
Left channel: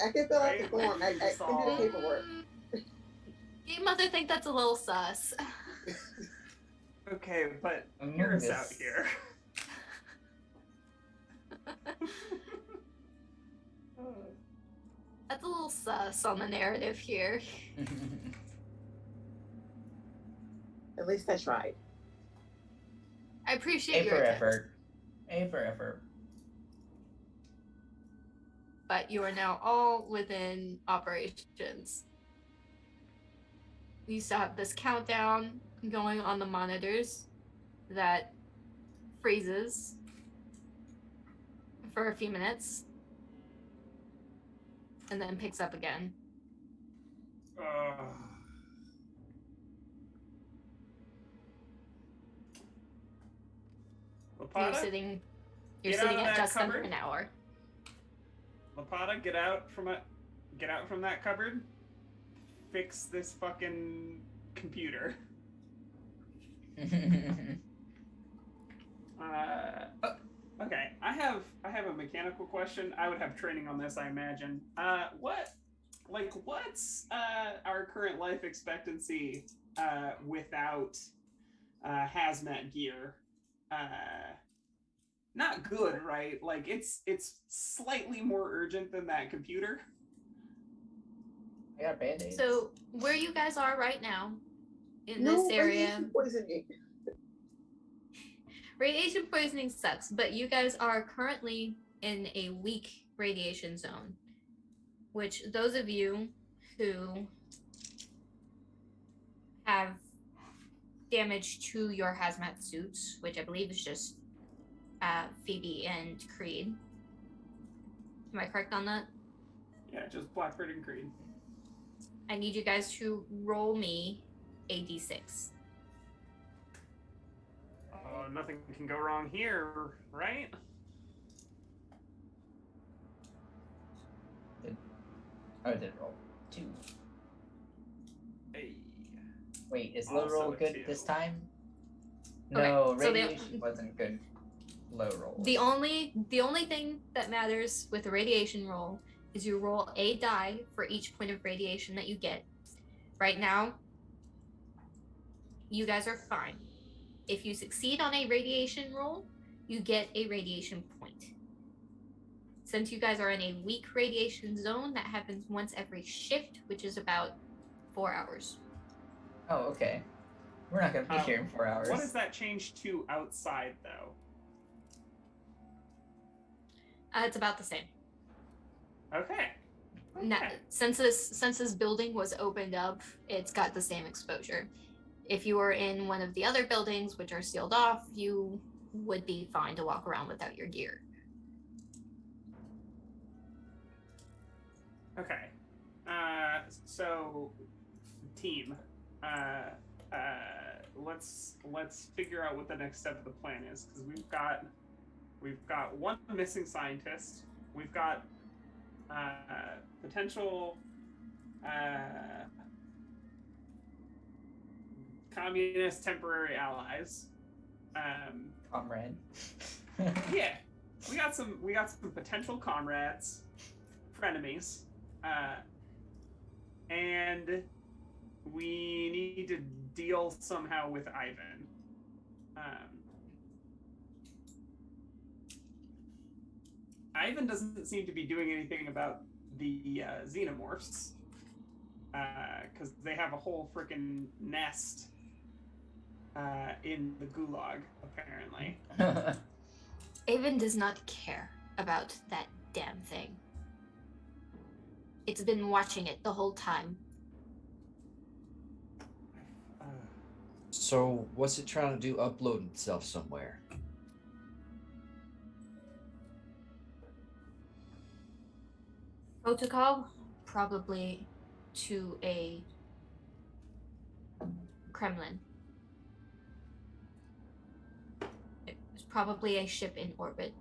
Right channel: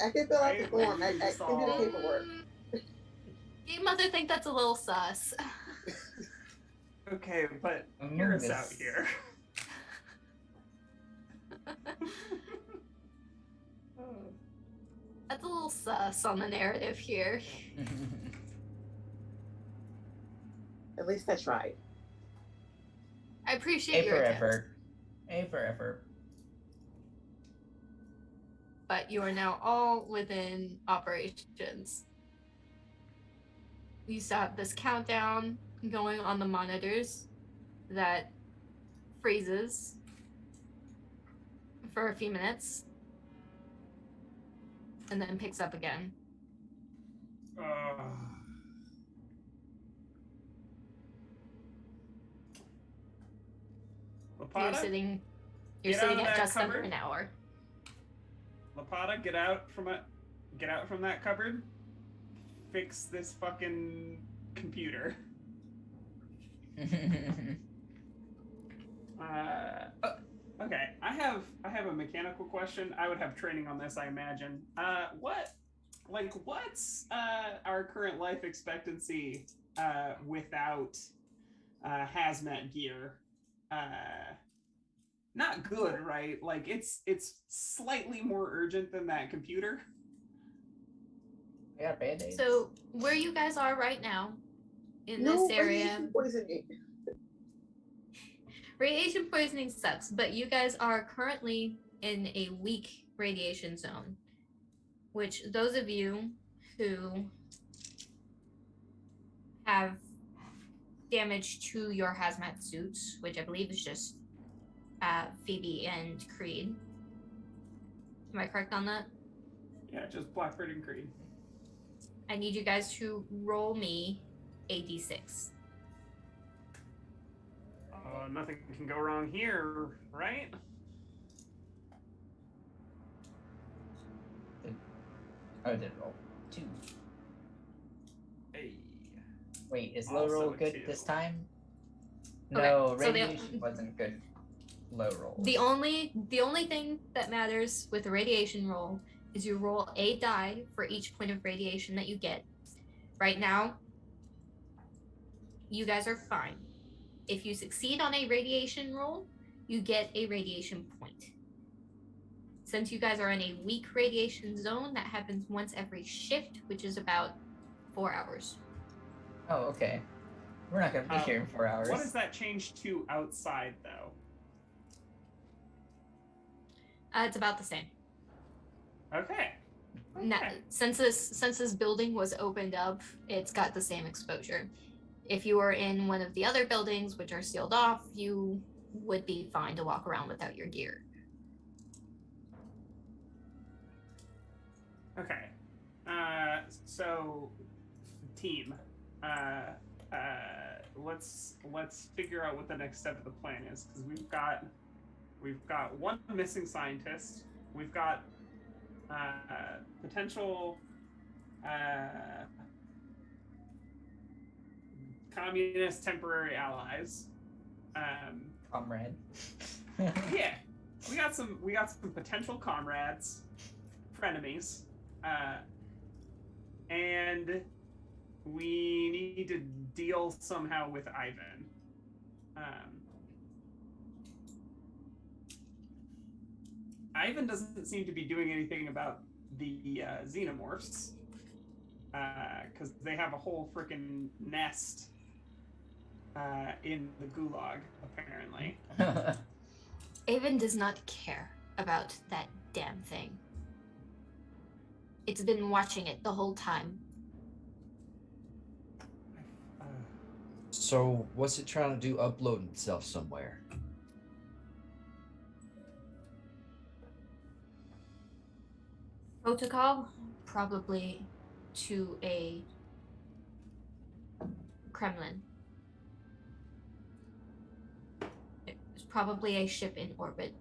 I can fill out the form. I can do the paperwork. you mother think that's a little sus. Okay, but hear us out here. That's a little sus on the narrative here. At least I tried. I appreciate A your for attempt. effort. A for effort. But you are now all within operations. We used to have this countdown going on the monitors that freezes for a few minutes and then picks up again. You're Lapata, sitting get out of at that just under cupboard. an hour. Lapata, get out from that cupboard. Fix this fucking computer. Okay, I have a mechanical question. I would have training on this, I imagine. What's our current life expectancy without hazmat gear? Not good, right? Like it's slightly more urgent than that computer. I got band-aids. So where you guys are right now in No this area, radiation poisoning. radiation poisoning sucks, but you guys are currently in a weak radiation zone, which those of you who have damage to your hazmat suits, which I believe is just Phoebe and Creed. Am I correct on that? Yeah, just Blackbird and Creed. I need you guys to roll me a d6. Nothing can go wrong here, right? I did roll 2. Hey. Wait, is low Also roll a good 2. this time? Okay, No, so radiation wasn't good. Low roll. The only thing that matters with a radiation roll is you roll a die for each point of radiation that you get. Right now, you guys are fine. If you succeed on a radiation roll, you get a radiation point. Since you guys are in a weak radiation zone, that happens once every shift, which is about 4 hours. Oh, okay. We're not gonna be here in 4 hours. What does that change to outside, though? It's about the same. Okay. Now, since this building was opened up, it's got the same exposure. If you were in one of the other buildings, which are sealed off, you would be fine to walk around without your gear. Okay. So team, let's figure out what the next step of the plan is, because we've got one missing scientist. We've got potential communist temporary allies. Comrade. Yeah, we got some potential comrades, frenemies, and we need to deal somehow with Ivan. Ivan doesn't seem to be doing anything about the xenomorphs, because they have a whole freaking nest in the gulag, apparently. Avon does not care about that damn thing. It's been watching it the whole time. So what's it trying to do? Upload itself somewhere? Protocol, probably to a Kremlin. It's probably a ship in orbit.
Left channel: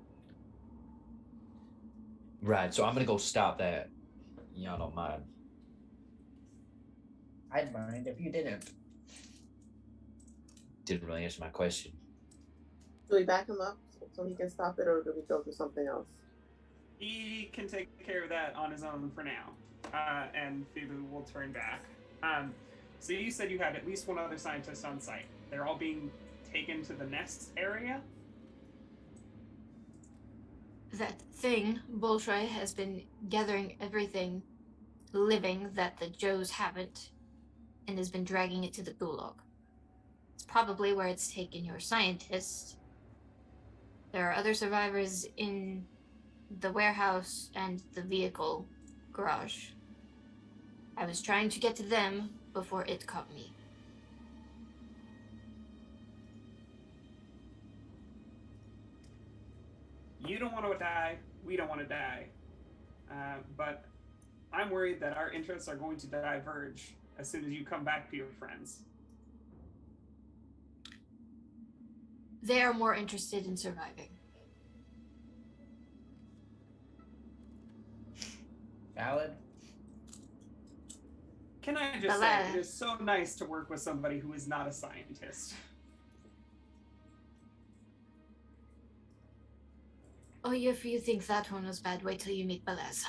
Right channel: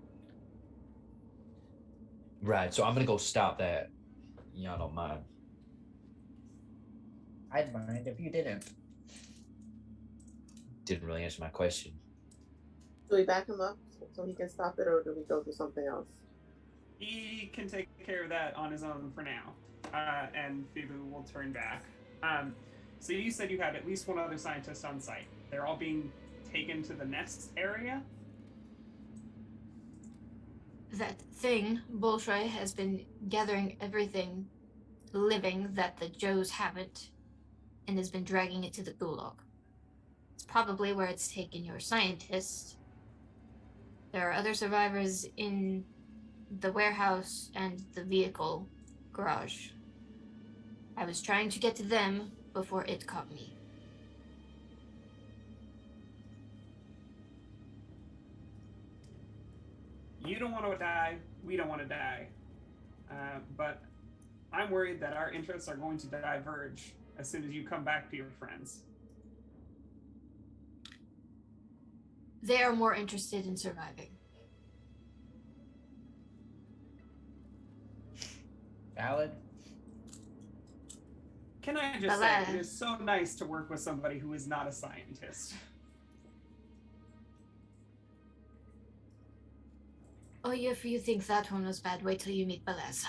Right. So I'm gonna go stop that. Y'all don't mind. I'd mind if you didn't. Didn't really answer my question. Do we back him up so he can stop it, or do we go do something else? He can take care of that on his own for now, and Phoebe will turn back. So you said you had at least one other scientist on site. They're all being taken to the nest area? That thing, Bolshoi, has been gathering everything living that the Joes haven't, and has been dragging it to the gulag. It's probably where it's taken your scientist. There are other survivors in the warehouse and the vehicle garage. I was trying to get to them before it caught me. You don't want to die, we don't want to die. But I'm worried that our interests are going to diverge as soon as you come back to your friends. They are more interested in surviving. Valid. Can I just say, it is so nice to work with somebody who is not a scientist. Oh, if you think that one was bad, wait till you meet Balaz.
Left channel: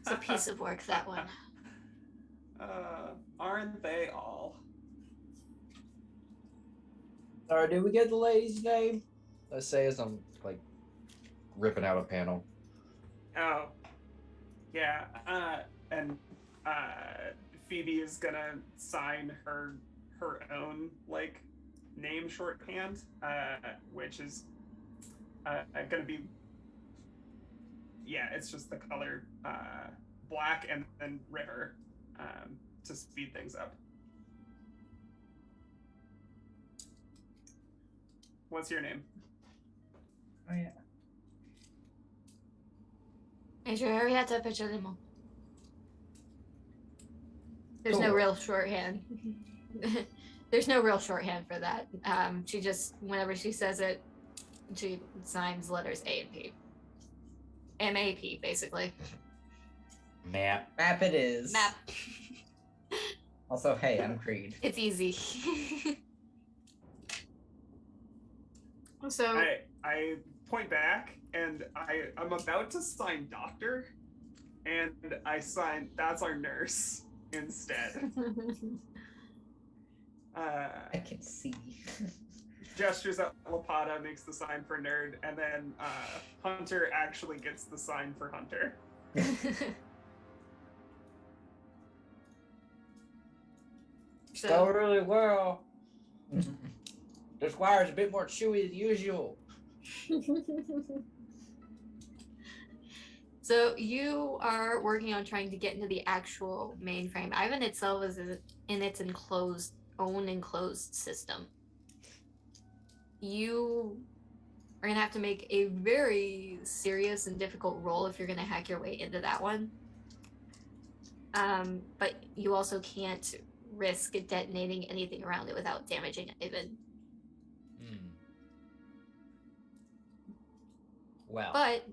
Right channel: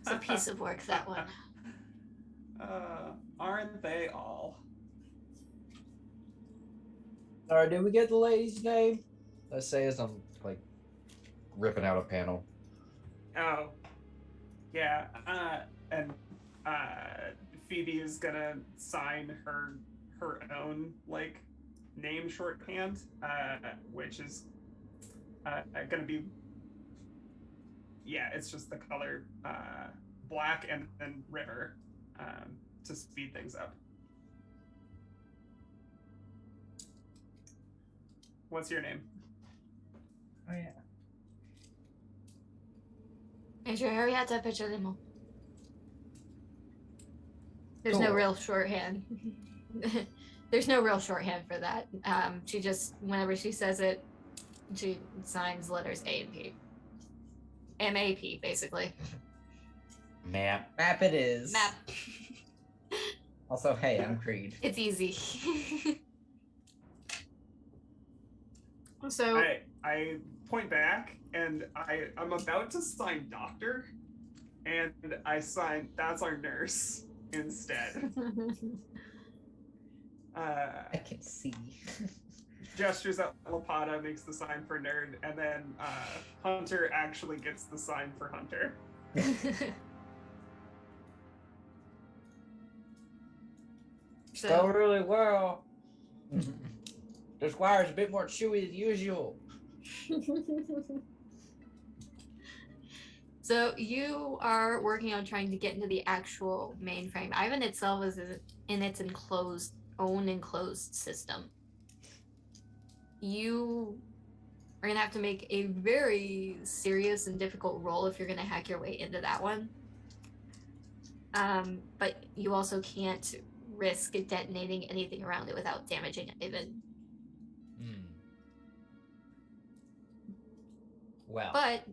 It's a piece of work, that one. Aren't they all? Sorry, did we get the lady's name? Let's say as I'm like ripping out a panel. Oh, yeah. And Phoebe is gonna sign her own like name shorthand, which is gonna be, yeah, it's just the color black and then river to speed things up. What's your name? Oh yeah. There's no Cool. real shorthand. There's no real shorthand for that. She just, whenever she says it, she signs letters A and P. M-A-P, basically. Map. Map it is. Map. Also, hey, I'm Creed. It's easy. So I point back and I'm about to sign doctor, and I sign that's our nurse instead. I can see. Gestures at Lapata, makes the sign for nerd, and then Hunter actually gets the sign for Hunter. So, Go really well. This wire's a bit more chewy than usual. so you are working on trying to get into the actual mainframe. Ivan itself is in its own enclosed system. You are gonna have to make a very serious and difficult roll if you're gonna hack your way into that one. But you also can't risk detonating anything around it without damaging Ivan. Well, But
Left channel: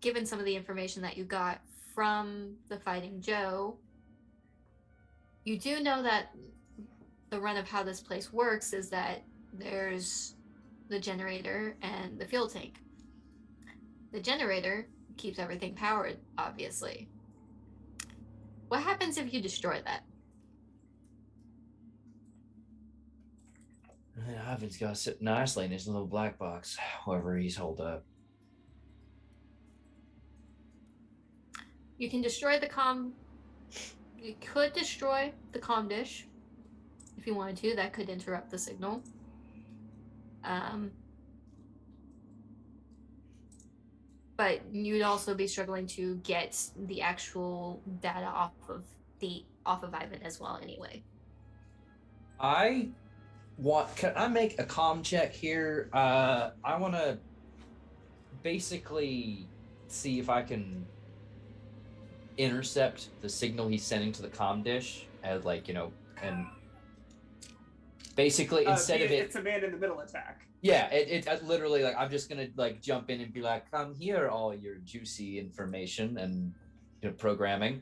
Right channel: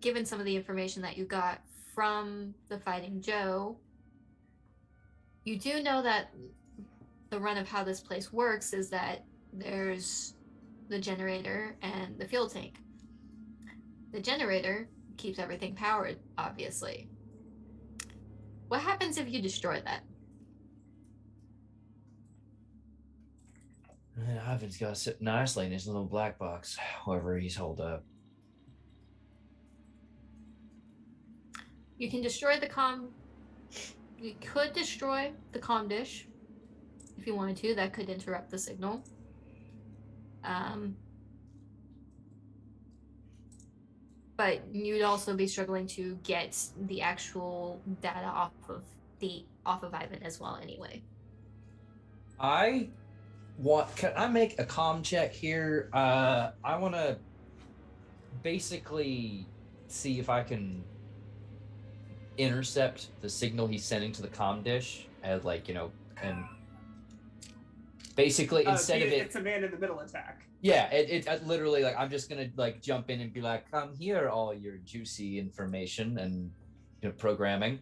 given some of the information that you got from the Fighting Joe, you do know that the run of how this place works is that there's the generator and the fuel tank. The generator keeps everything powered, obviously. What happens if you destroy that? Ivan's got to sit nicely in his little black box, wherever he's holed up. You can destroy the comm. You could destroy the comm dish if you wanted to. That could interrupt the signal. But you'd also be struggling to get the actual data off of Ivan as well. Anyway, Can I make a comm check here? I want to basically see if I can intercept the signal he's sending to the comm dish, as and basically instead of it's a man in the middle attack. Yeah, it literally, like, I'm just gonna jump in and be like, come here, all your juicy information and programming.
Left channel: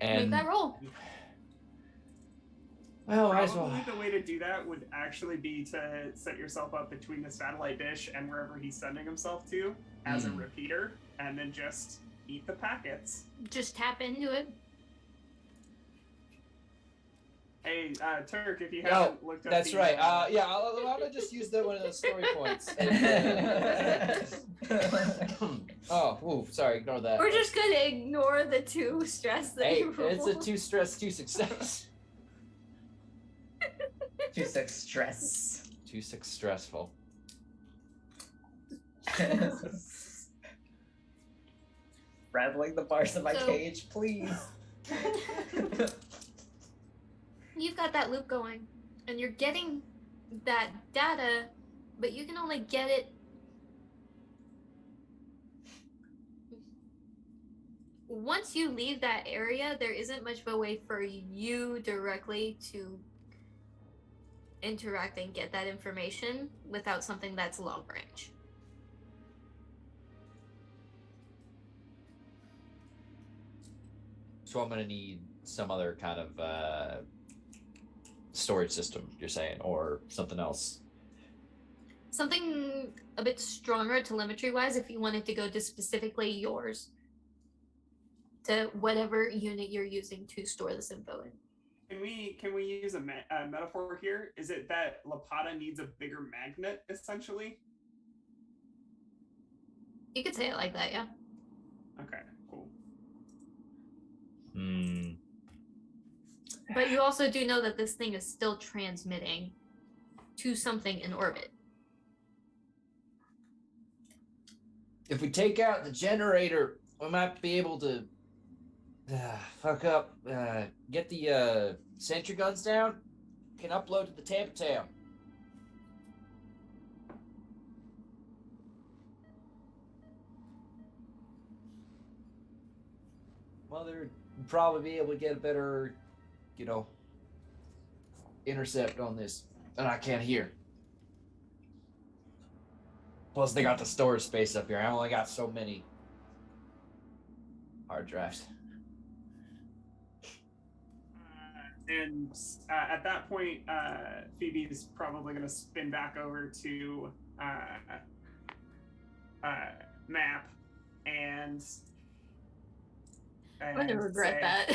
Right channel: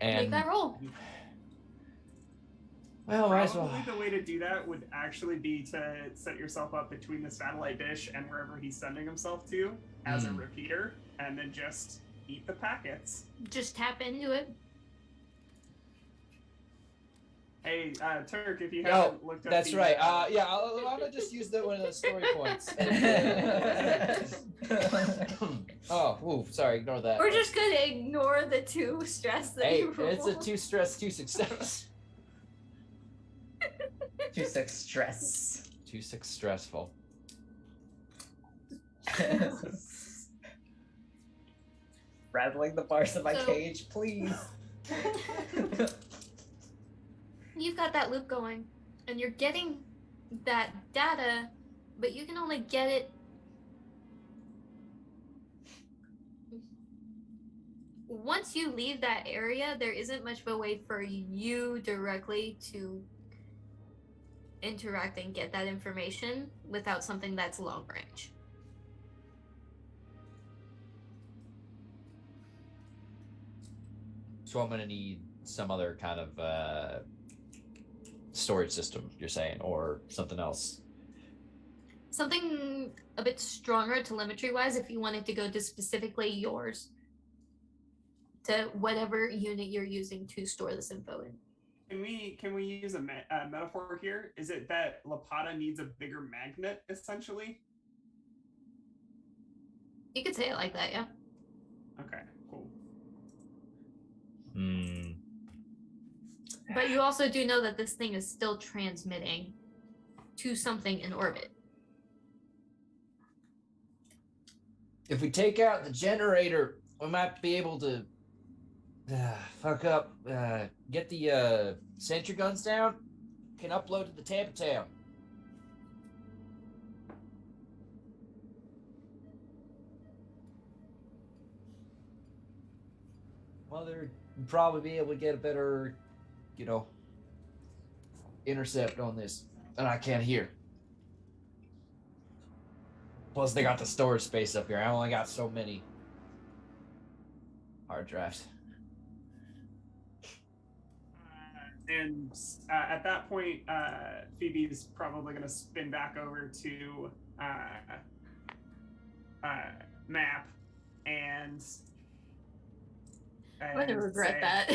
And make that roll. Well, might as Probably well. the way to do that would actually be to set yourself up between the satellite dish and wherever he's sending himself to as a repeater, and then just eat the packets. Just tap into it. Hey, Turk, if you haven't looked up that's the, right. Yeah, I'll just use one of those story points. Oh, ooh, sorry, ignore that. We're just gonna ignore the 2 stress that Hey, you rolled. it's a 2 stress, 2 success. 2-6 stress. 2-6 stressful. Rattling the bars of my So- cage, please. You've got that loop going, and you're getting that data, but you can only get it once you leave that area. There isn't much of a way for you directly to interact and get that information without something that's long range. So I'm gonna need some other kind of storage system, you're saying, or something else. Something a bit stronger telemetry wise if you wanted to go to specifically yours, to whatever unit you're using to store this info in. Can we use a metaphor here? Is it that Lapata needs a bigger magnet, essentially? You could say it like that, yeah. Okay, cool. But you also do know that this thing is still transmitting to something in orbit. If we take out the generator, we might be able to get the sentry guns down. Can upload to the Tampa Town. Mother would probably be able to get a better, intercept on this, and I can't hear. Plus, they got the storage space up here. I only got so many hard drives. And at that point, Phoebe's probably going to spin back over to Map and I'm gonna regret that.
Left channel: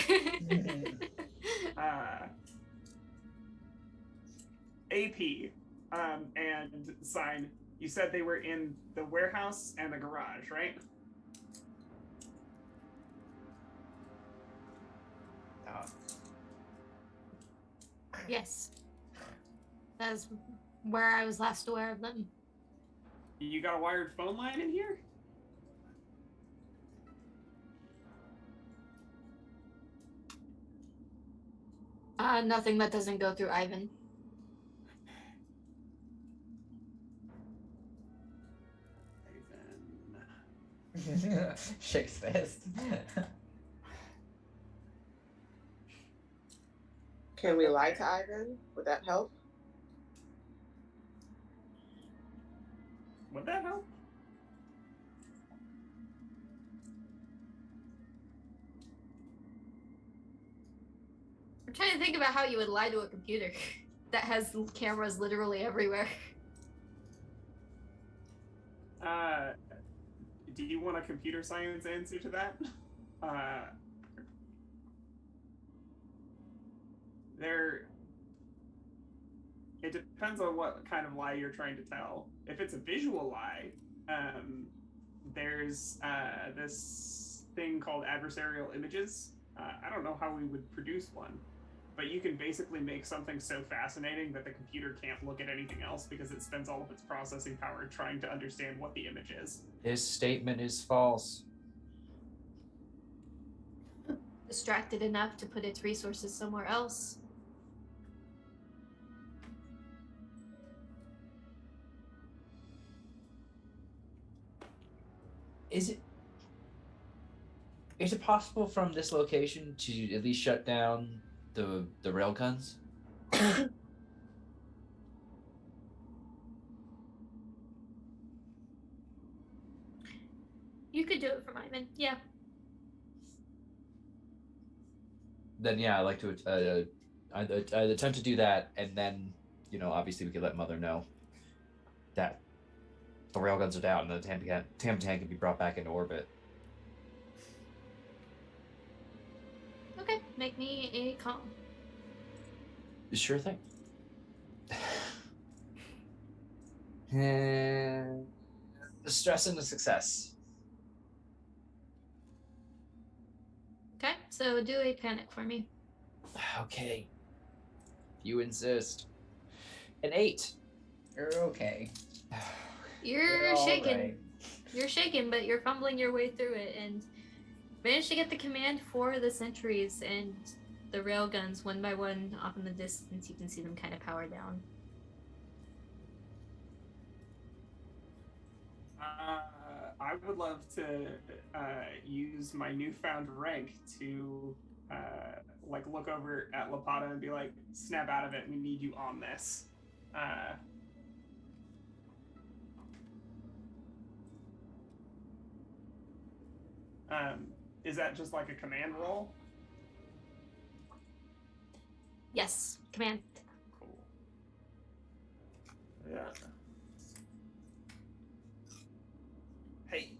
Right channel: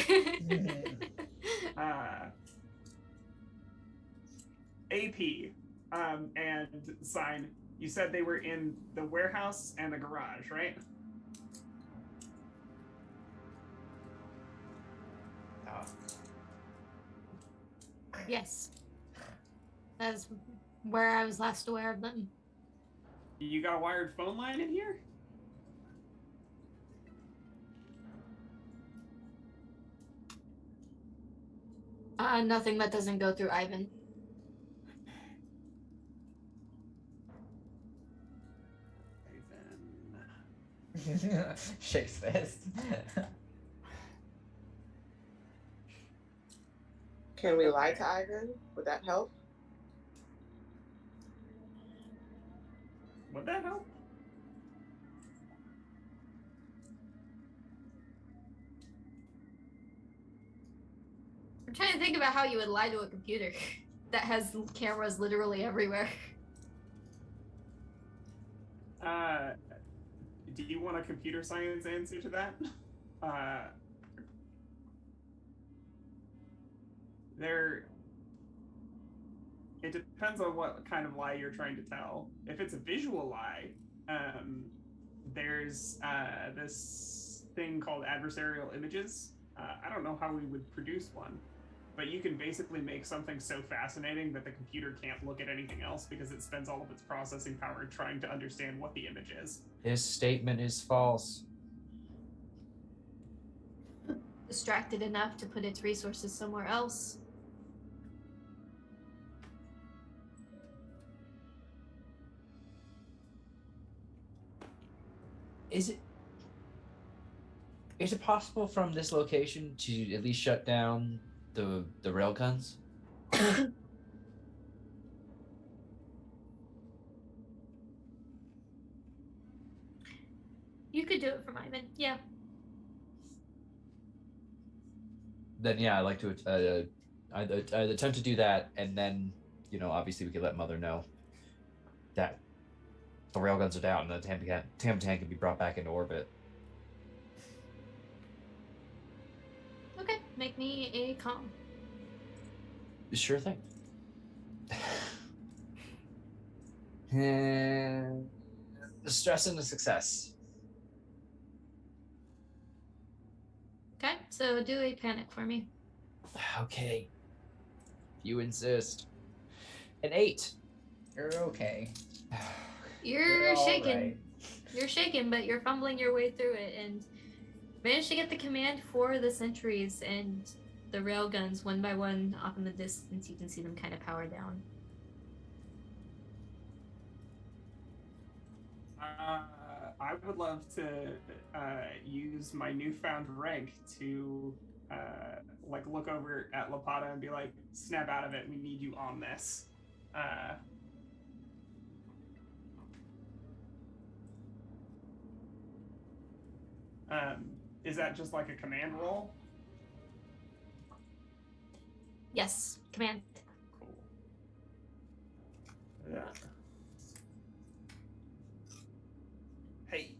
AP and sign. You said they were in the warehouse and the garage, right? Yes. That's where I was last aware of them. You got a wired phone line in here? Nothing that doesn't go through Ivan. Shakes fist. Can we lie to Ivan? Would that help? Would that help? I'm trying to think about how you would lie to a computer that has cameras literally everywhere. Do you want a computer science answer to that? It depends on what kind of lie you're trying to tell. If it's a visual lie, there's this thing called adversarial images. I don't know how we would produce one, but you can basically make something so fascinating that the computer can't look at anything else because it spends all of its processing power trying to understand what the image is. This statement is false. Distracted enough to put its resources somewhere else. Is it possible from this location to at least shut down the railguns? You could do it from Ivan, yeah. Then yeah, I'd like to I'd attempt to do that, and then obviously we could let Mother know that the railguns are down and the Tam can be brought back into orbit. Okay, make me a calm. Sure thing. And the stress and the success. Okay, so do a panic for me. Okay. You insist. An 8. You're okay. You're all shaking. right. You're shaking, but you're fumbling your way through it and managed to get the command for the sentries and the railguns one by one off in the distance. You can see them kind of power down. I would love to use my newfound rank to look over at Lapata and be like, snap out of it, we need you on this. Is that just like a command roll? Yes, command. Cool. Yeah. Hey.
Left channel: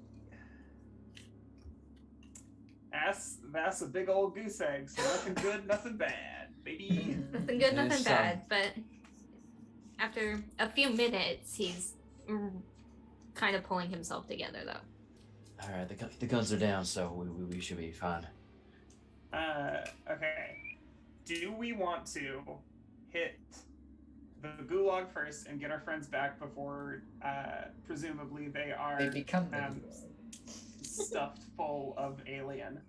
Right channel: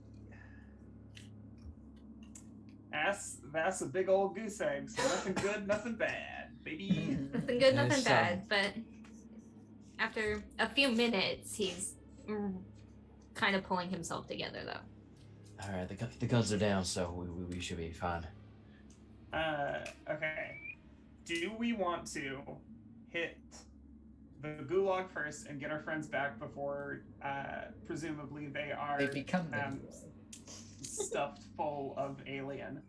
That's a big old goose egg, so nothing good, nothing bad, baby. Nothing good, nothing Yes, bad, but after a few minutes, he's kind of pulling himself together, though. All right, the guns are down, so we should be fine. Okay. Do we want to hit the gulag first and get our friends back before, presumably they are They become the stuffed full of alien?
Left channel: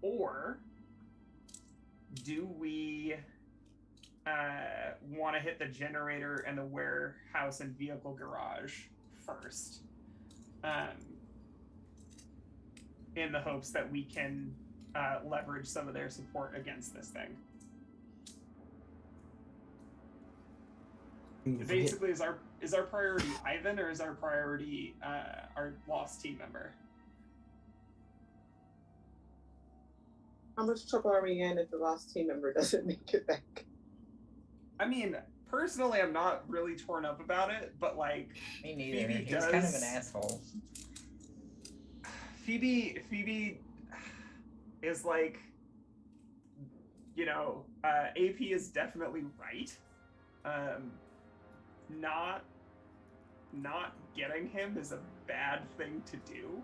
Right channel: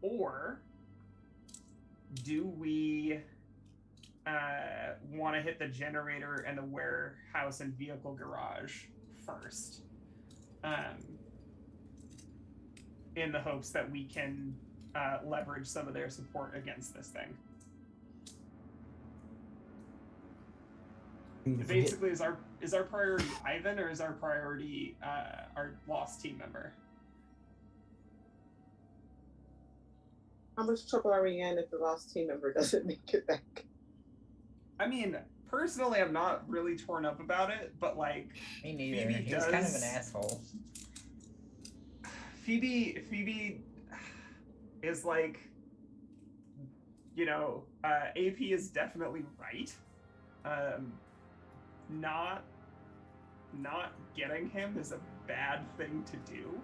Or do we want to hit the generator and the warehouse and vehicle garage first, in the hopes that we can leverage some of their support against this thing? Basically, is our priority Ivan, or is our priority our lost team member? How much trouble are we in if the lost team member doesn't make it back? I mean, personally, I'm not really torn up about it, but like, Me neither. Phoebe He was kind of an does- asshole. Phoebe is like, AP is definitely right. Not getting him is a bad thing to do.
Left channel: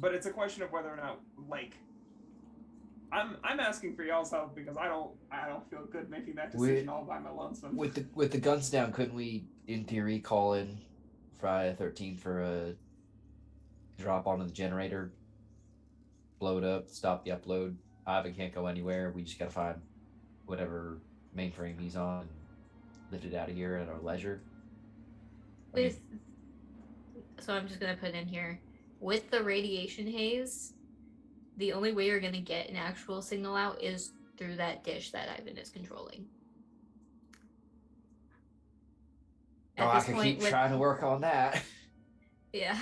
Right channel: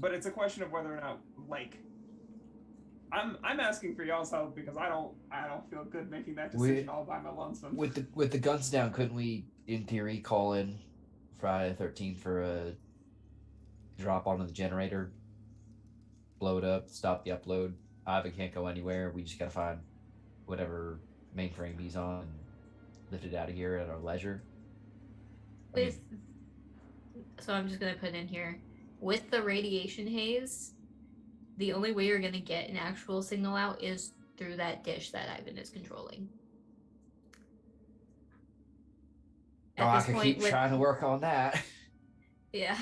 But it's a question of whether or not, like, I'm asking for y'all's help because I don't feel good making that decision all by my lonesome. With the guns down, couldn't we, in theory, call in Friday the 13th for a drop onto the generator, blow it up, stop the upload? Ivan can't go anywhere. We just gotta find whatever mainframe he's on and lifted out of here at our leisure. So I'm just gonna put in here, with the radiation haze, the only way you're gonna get an actual signal out is through that dish that Ivan is controlling. I could keep trying to work on that. Yeah.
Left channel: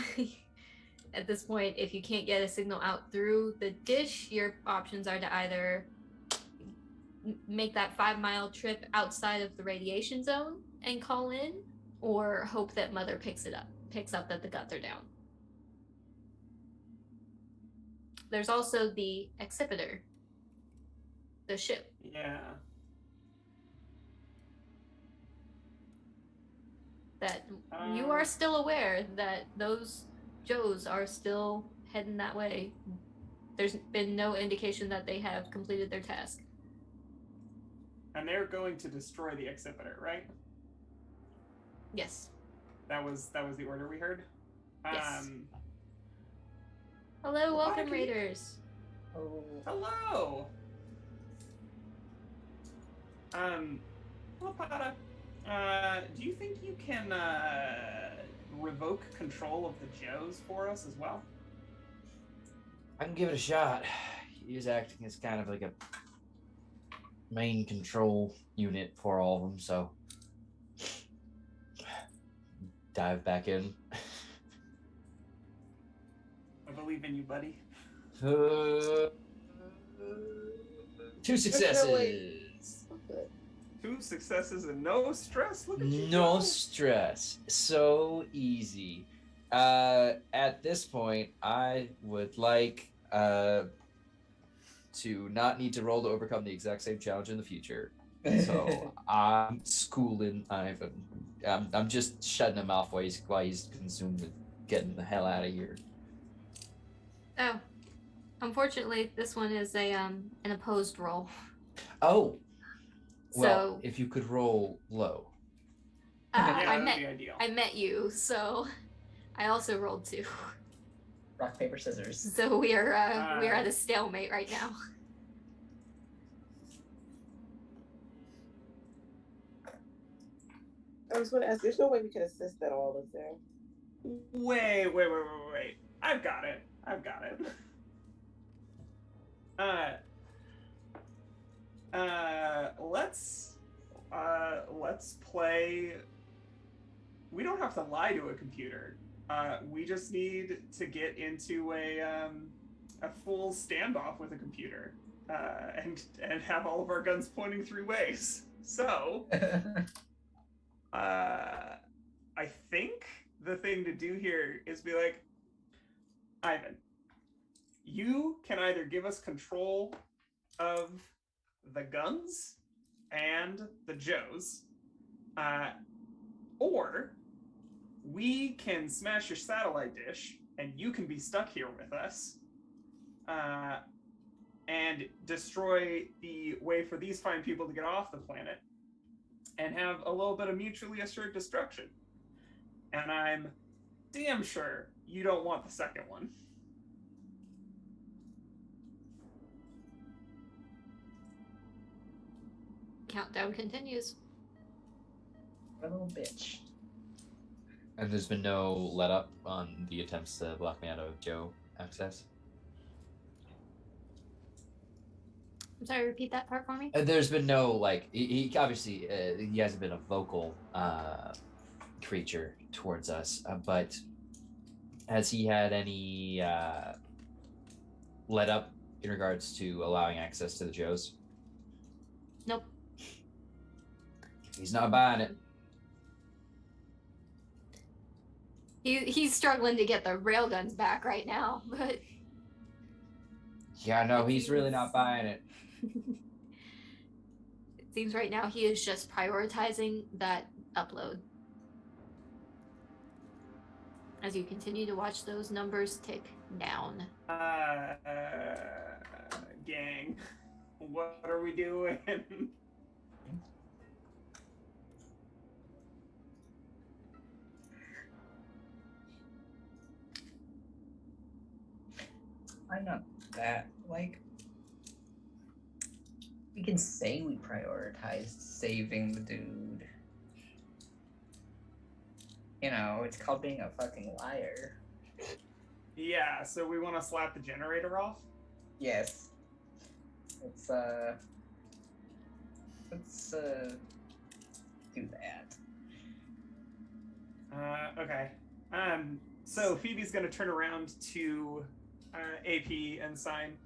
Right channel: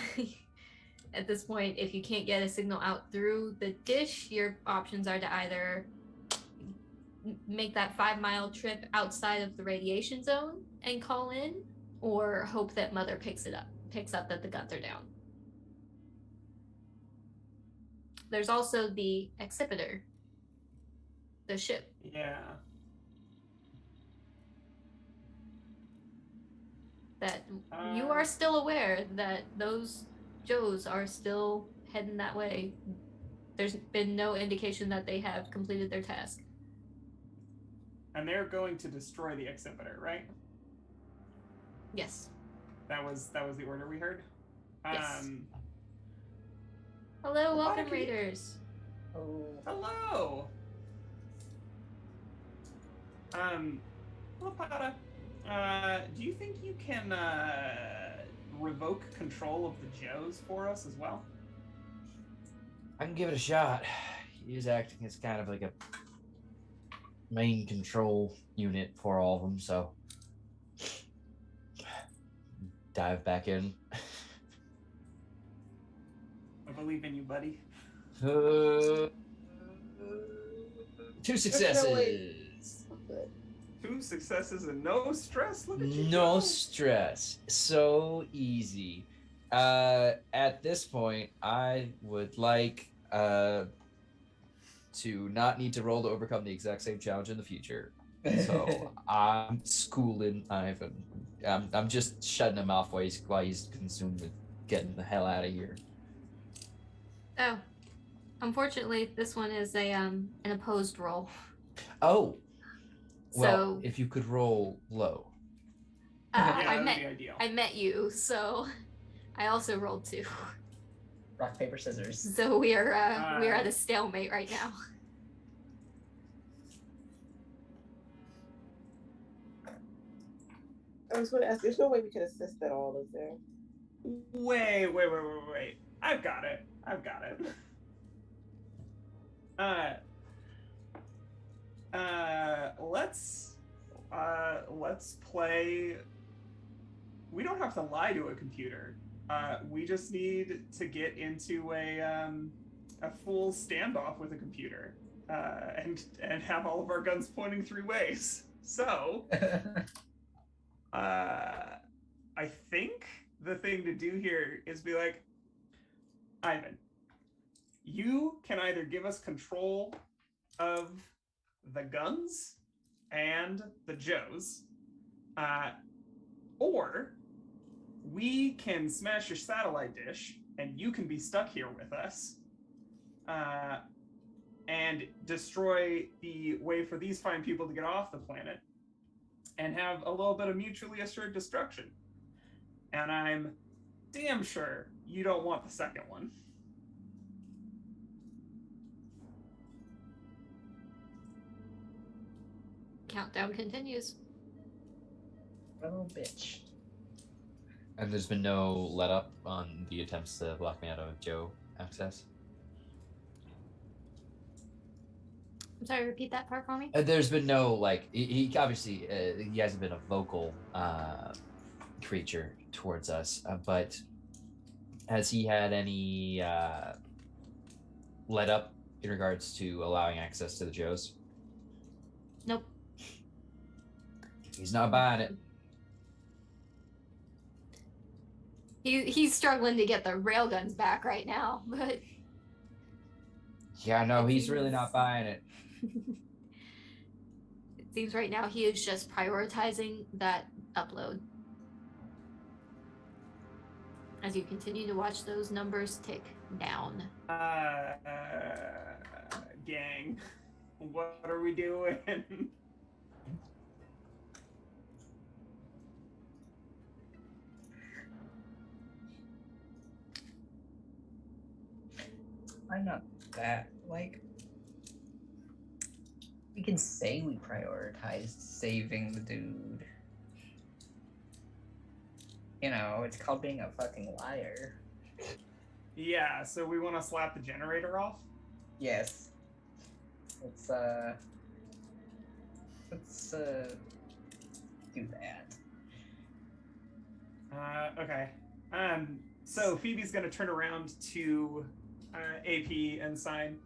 At this point, if you can't get a signal out through the dish, your options are to either make that 5-mile trip outside of the radiation zone and call in, or hope that Mother picks up that the guns are down. There's also the Accipiter, the ship. Yeah. That you are still aware that those Joes are still heading that way. There's been no indication that they have completed their task. And they're going to destroy the Accipiter, right? Yes. That was the order we heard. Yes. Hello, welcome, Babak, Raiders. Oh. Hello. Lapata, do you think you can revoke control of the Joes for us as well? I can give it a shot. He is acting as kind of like a main control unit for all of them, so dive back in. I believe in you, buddy. 2 successes. Good. 2 successes and no stress. Look at you. No go. stress. So easy. At this point, I would like to not need to roll to overcome the exact same challenge in the future. So I'm schooling Ivan. I'm just shutting him off while he's consumed with getting the hell out of here. Oh, unfortunately, this one is an opposed roll. Oh, well, So if you could roll low. Yeah, I that'd met be ideal. I met you, so I also rolled 2. Rock, paper, scissors. So we are at a stalemate right now. I was going to ask, there's no way we could assist at all, is there? Wait. I've got it. Let's play. We don't have to lie to a computer. We just need to get into a full standoff with a computer, and have all of our guns pointing 3 ways. So, I think the thing to do here is be like, Ivan, you can either give us control of the guns and the Joes, or we can smash your satellite dish and you can be stuck here with us, and destroy the way for these fine people to get off the planet and have a little bit of mutually assured destruction. And I'm damn sure you don't want the second one. Countdown continues. Little bitch. And there's been no let up on the attempts to block me out of Joe access? I'm sorry, repeat that part for me. There's been no, like, he obviously, he hasn't been a vocal creature towards us, but has he had any let up in regards to allowing access to the Joes? Nope. He's not buying it. He's struggling to get the railguns back right now, but Yeah, no, he's really not buying it. it seems right now he is just prioritizing that upload. As you continue to watch those numbers tick down. Gang, what are we doing? I'm not that, like, we can say we prioritized saving the dude. You know, it's called being a fucking liar. Yeah, so we want to slap the generator off? Yes. Let's do that. Okay. So Phoebe's gonna turn around to AP and sign,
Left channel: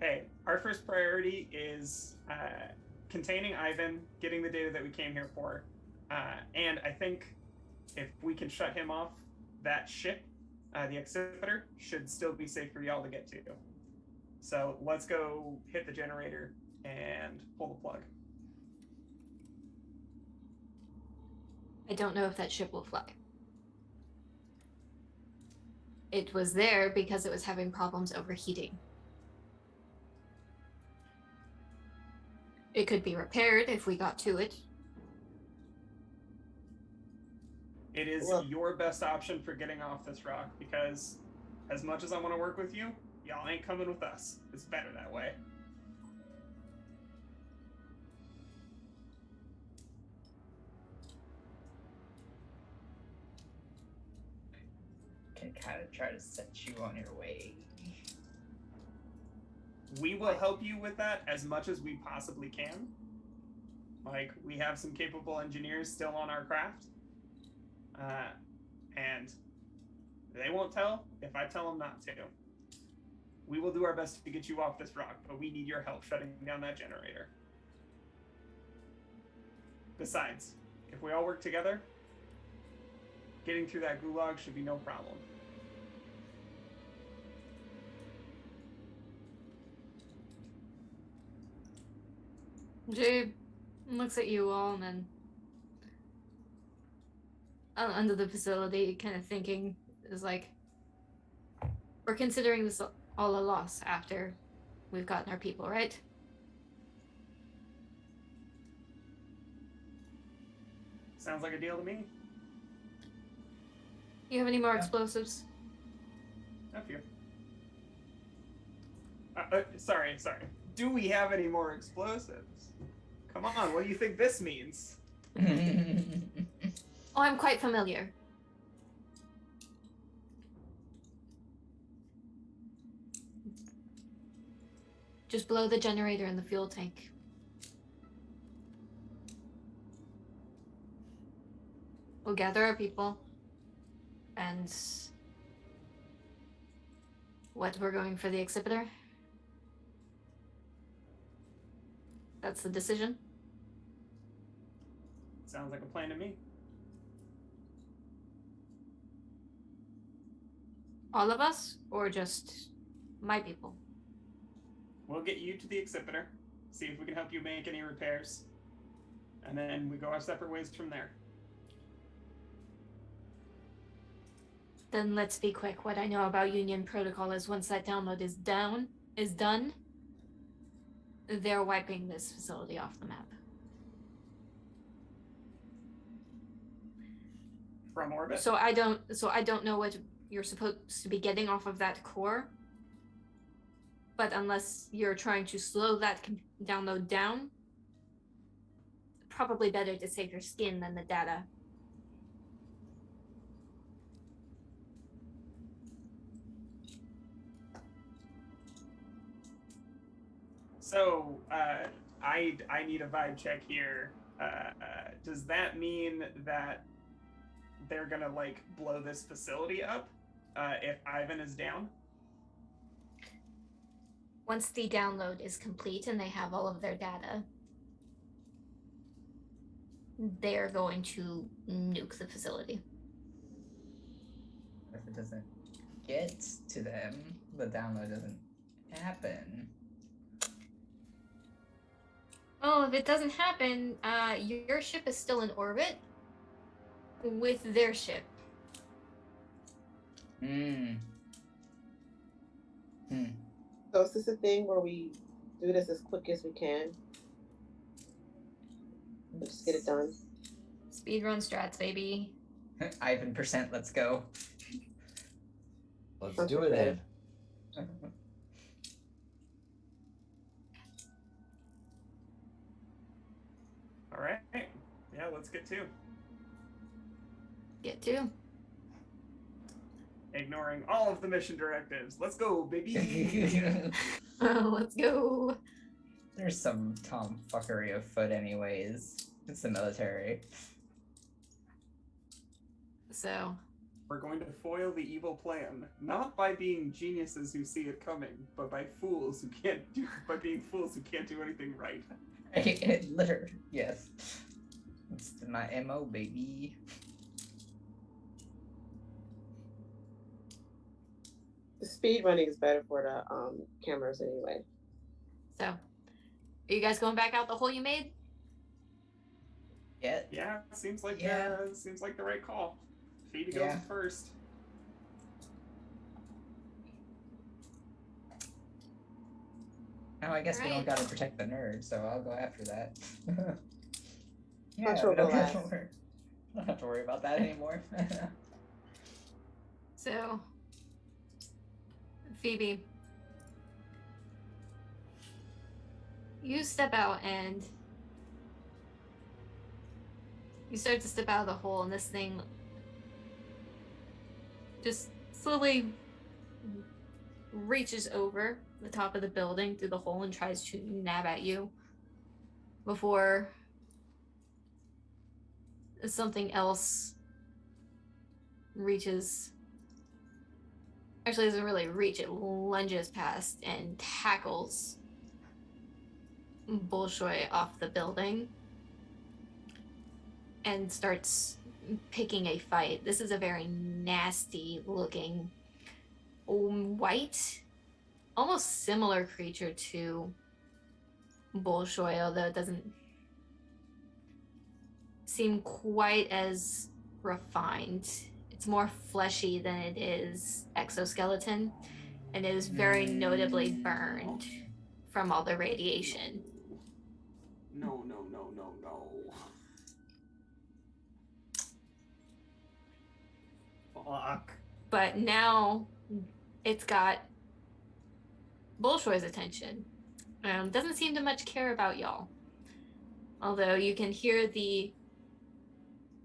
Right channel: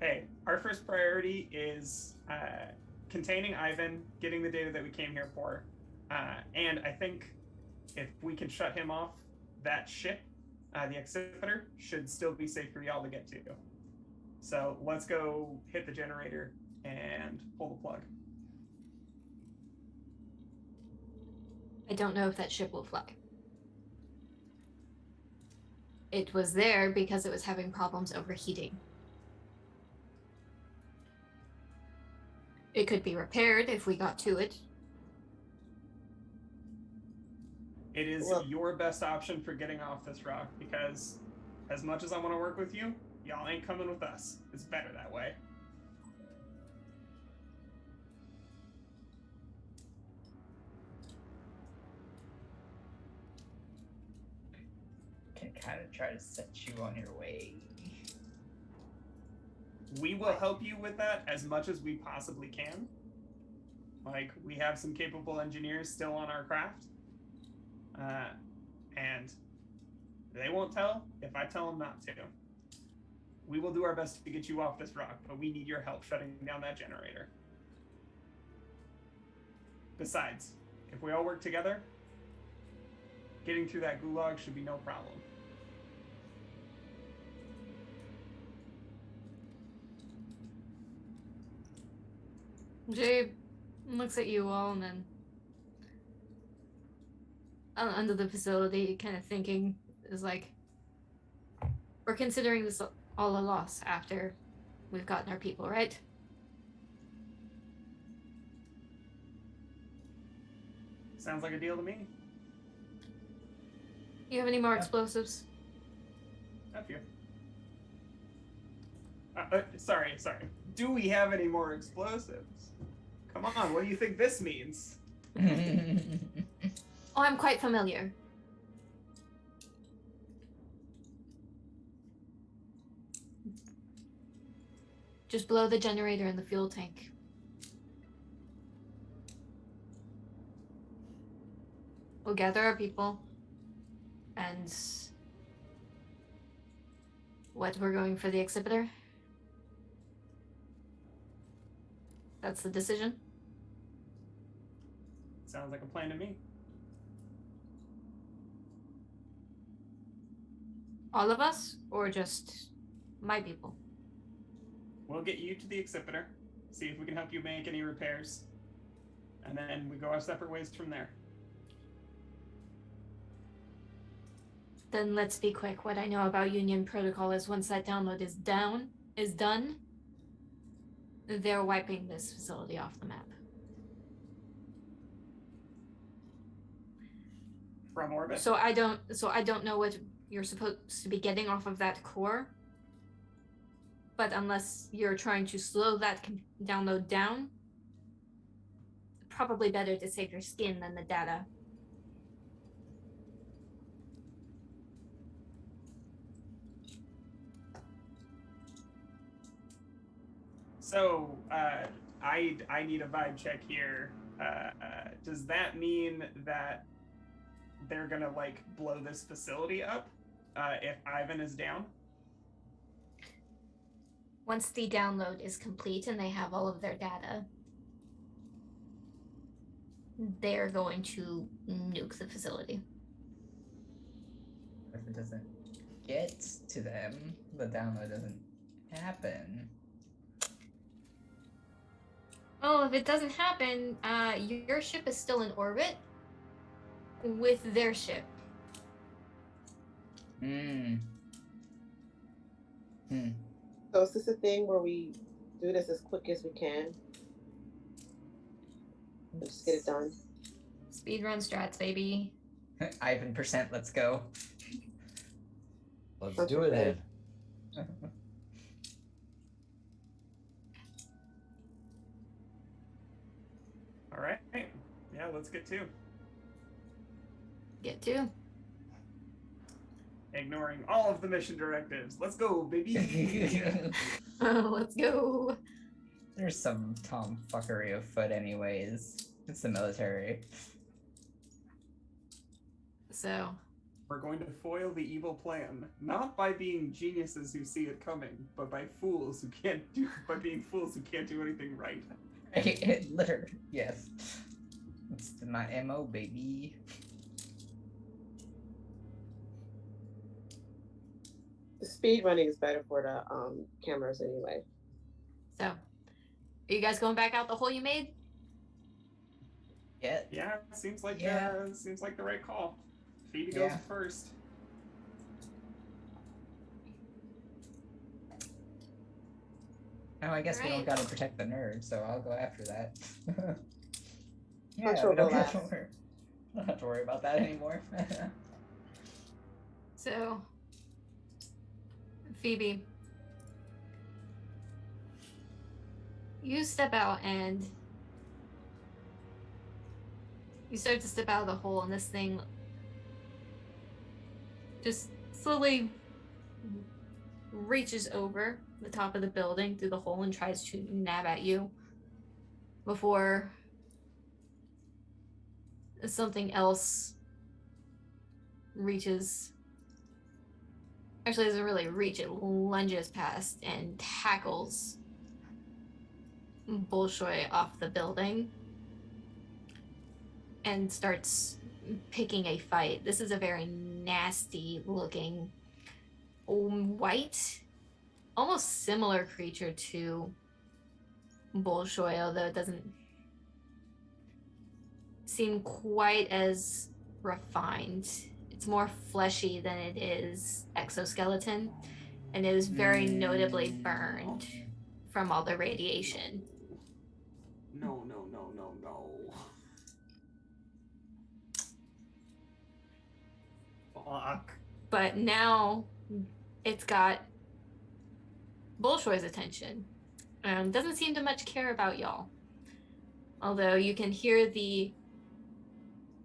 hey, our first priority is containing Ivan, getting the data that we came here for. And I think if we can shut him off, that ship, the Exhibitor, should still be safe for y'all to get to. So let's go hit the generator and pull the plug. I don't know if that ship will fly. It was there because it was having problems overheating. It could be repaired if we got to it. It is your best option for getting off this rock, because as much as I want to work with you, y'all ain't coming with us. It's better that way. Can kind of try to set you on your way. We will help you with that as much as we possibly can. Like, we have some capable engineers still on our craft. And they won't tell if I tell them not to. We will do our best to get you off this rock, but we need your help shutting down that generator. Besides, if we all work together, getting through that gulag should be no problem. Jay looks at you all and then under the facility, kind of thinking, is like, we're considering this all a loss after we've gotten our people, right? Sounds like a deal to me. You have any more explosives? A few. Sorry. Do we have any more explosives? Come on, what do you think this means? Oh, I'm quite familiar. Just blow the generator in the fuel tank. We'll gather our people. And what, we're going for the Exhibitor? That's the decision? Sounds like a plan to me. All of us? Or just my people? We'll get you to the Exhibitor, see if we can help you make any repairs, and then we go our separate ways from there. Then let's be quick. What I know about Union Protocol is once that download is done, they're wiping this facility off the map. From orbit? So I don't know what you're supposed to be getting off of that core. But unless you're trying to slow that download down, probably better to save your skin than the data. So, I need a vibe check here. Does that mean that they're gonna, like, blow this facility up if Ivan is down? Once the download is complete and they have all of their data, they're going to nuke the facility. If it doesn't get to them, the download doesn't happen. Well, if it doesn't happen, your ship is still in orbit with their ship. So is this a thing where we do this as quick as we can? Just get it done. Speedrun strats, baby. Ivan %, let's go. Let's do it then. All right. Yeah, let's get to. Get to. Ignoring all of the mission directives. Let's go, baby. Let's go. There's some tomfuckery afoot anyways. It's the military. So, We're going to foil the evil plan, not by being geniuses who see it coming, but by being fools who can't do anything right. Literally, yes. It's my MO, baby. The speed running is better for the cameras anyway. so, are you guys going back out the hole you made? Yeah. Yeah, seems like the right call. Phoebe goes Yeah. first. Now I guess we Alright. don't gotta protect the nerd, so I'll go after that. Hunter we don't will have to last. worry. Don't have to worry about that anymore. So, Phoebe, you step out and you start to step out of the hole, and this thing just slowly reaches over the top of the building through the hole and tries to nab at you before something else reaches. Actually, it doesn't really reach, it lunges past and tackles Bolshoi off the building and starts picking a fight. This is a very nasty looking white, almost similar creature to Bolshoi, although it doesn't seem quite as refined. It's more fleshy than it is exoskeleton, and it is very notably burned from all the radiation. No. Fuck. But now it's got Bolshoi's attention. Doesn't seem to much care about y'all. Although you can hear the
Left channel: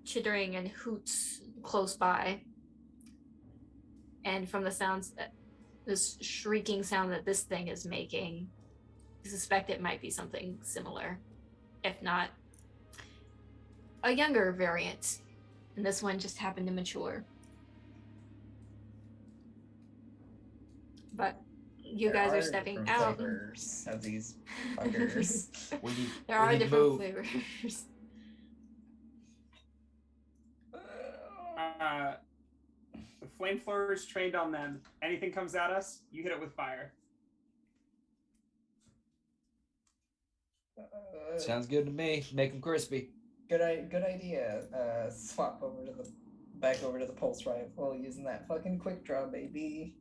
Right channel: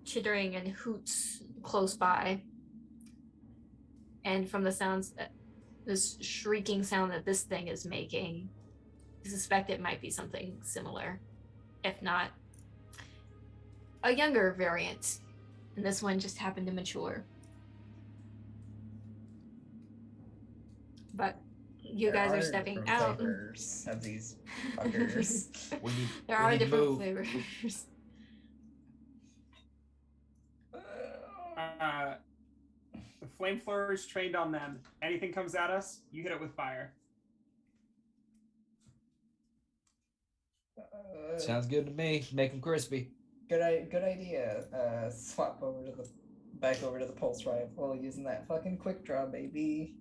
chittering and hoots close by. And from the sounds, this shrieking sound that this thing is making, you suspect it might be something similar. If not, a younger variant. And this one just happened to mature. But you guys are stepping different out. flavors of these fuckers. There we are need to different move. flavors. The flamethrower is trained on them. Anything comes at us, you hit it with fire. Sounds good to me. Make them crispy. Good idea. Swap back over to the pulse rifle using that fucking quick draw, baby.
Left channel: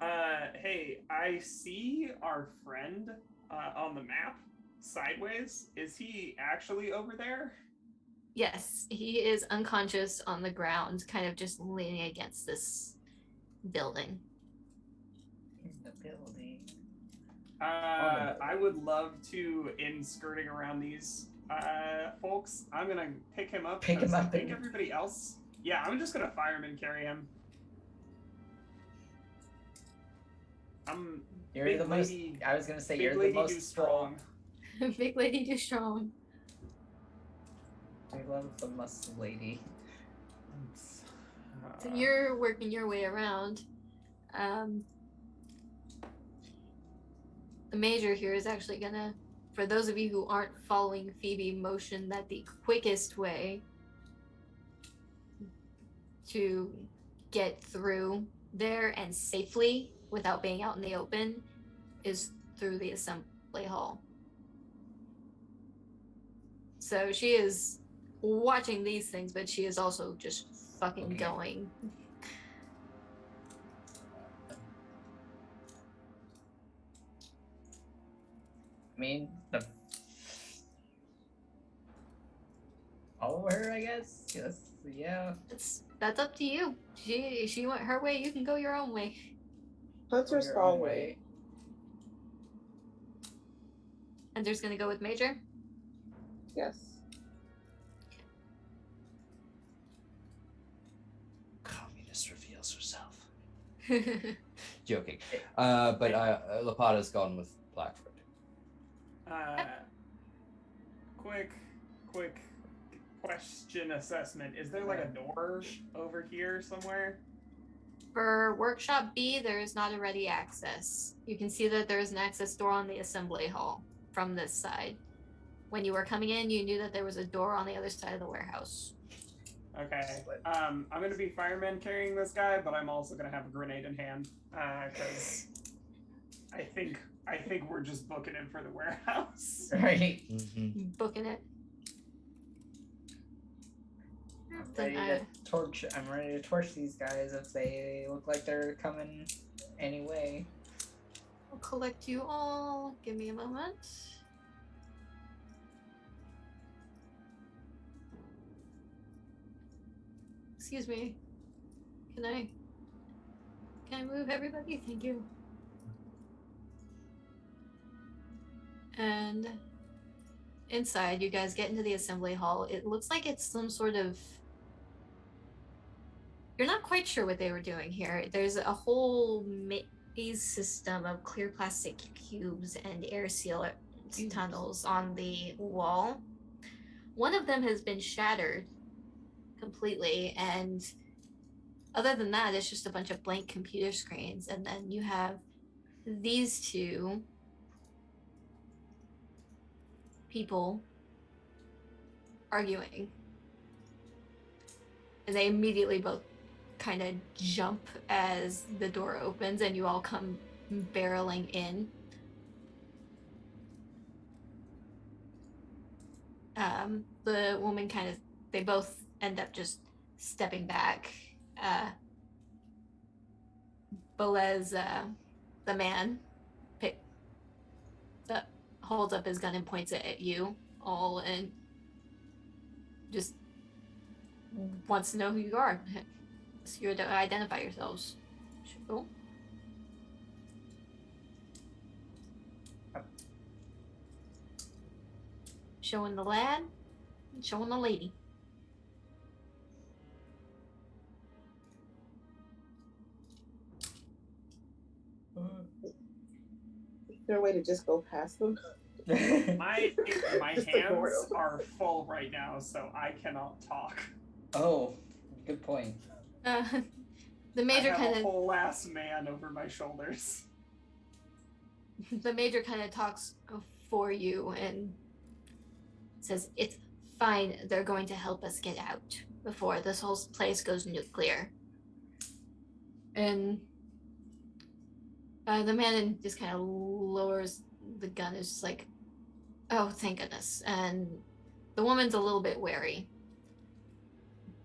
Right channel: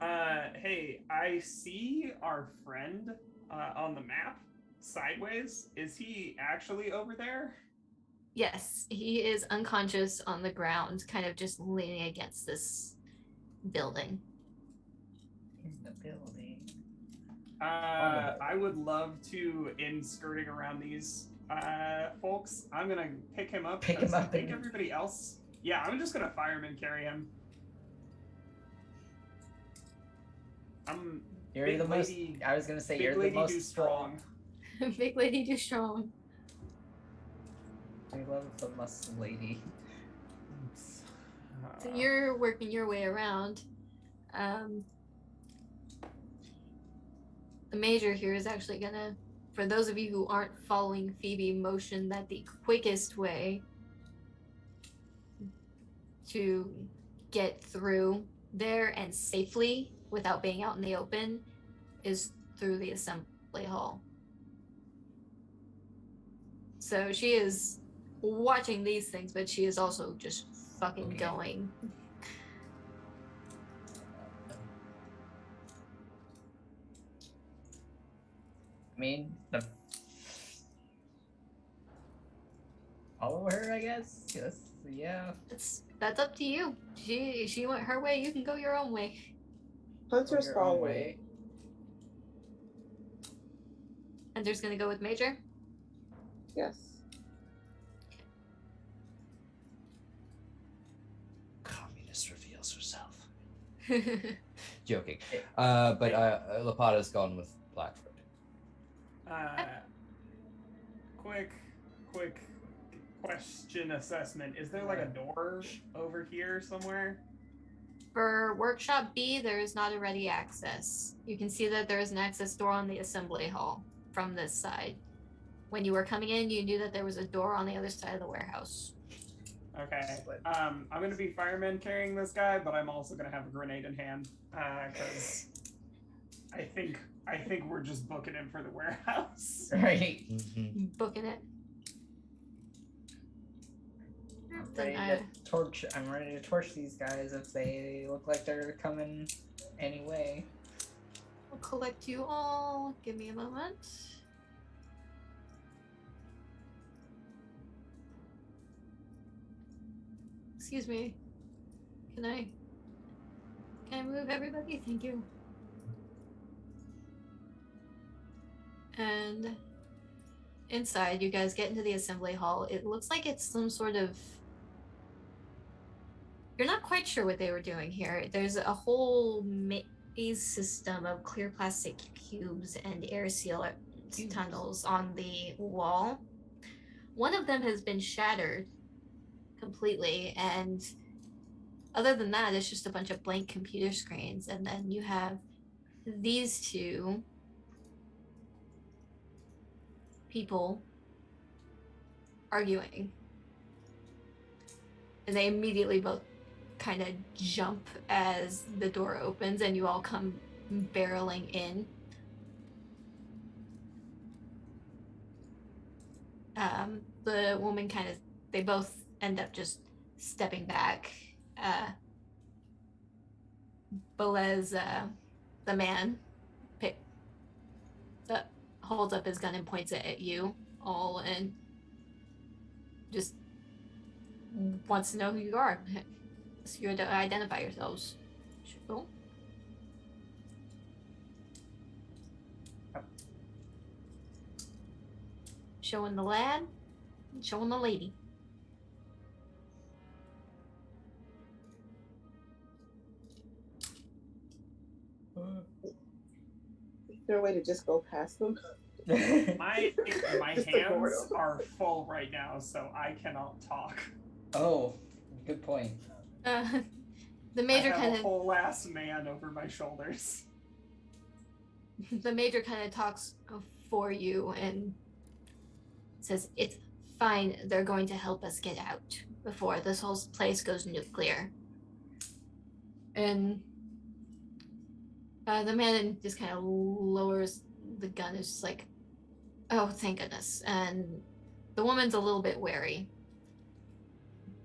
Hey, I see our friend on the map sideways. Is he actually over there? Yes, he is unconscious on the ground, kind of just leaning against this building. In the building. I would love to, in skirting around these folks, I'm gonna pick him up. Pick him I up think and- everybody else. Yeah, I'm just gonna fire him and carry him. You're Big the most. lady- I was gonna say Big you're the lady most do strong. Big lady do strong. I love the muscle lady. So you're working your way around. The major here is actually gonna, for those of you who aren't following Phoebe, motion that the quickest way to get through there and safely without being out in the open is through the assembly hall. So she is watching these things, but she is also just fucking Okay. going. I mean, follow her, I guess. Yes, yeah. That's up to you. She went her way, you can go your own way. Hunter's Go your own following. Hunter's gonna go with Major. Yes. Joking. But Lapata's gone with Blackford. Quick question assessment. Is there like a door over here somewhere? For Workshop B, there is not a ready access. You can see that there is an access door on the assembly hall from this side. When you were coming in, you knew that there was a door on the other side of the warehouse. Okay. I'm gonna be fireman carrying this guy, but I'm also gonna have a grenade in hand because I think we're just booking him for the warehouse. Right. Mm-hmm. Booking it. I'm ready to torch these guys if they look like they're coming anyway. I'll collect you all. Give me a moment. Excuse me. Can I move everybody? Thank you. And inside, you guys get into the assembly hall. It looks like it's some sort of... You're not quite sure what they were doing here. There's a whole maze system of clear plastic cubes and air sealer tunnels on the wall. One of them has been shattered completely, and other than that, it's just a bunch of blank computer screens. And then you have these two people arguing. And they immediately both kind of jump as the door opens and you all come barreling in. The woman they both end up just stepping back. Belez, the man, holds up his gun and points it at you all and just wants to know who you are. So you identify yourselves. Sure. Showing the lad, showing the lady. Is there a way to just go past them? My hands are full right now, so I cannot talk. Oh, good point. The major I have a whole ass man over my shoulders. The major kind of talks for you and says, "It's fine. They're going to help us get out before this whole place goes nuclear." And the man just kind of lowers the gun. It's just like, "Oh, thank goodness." And the woman's a little bit wary,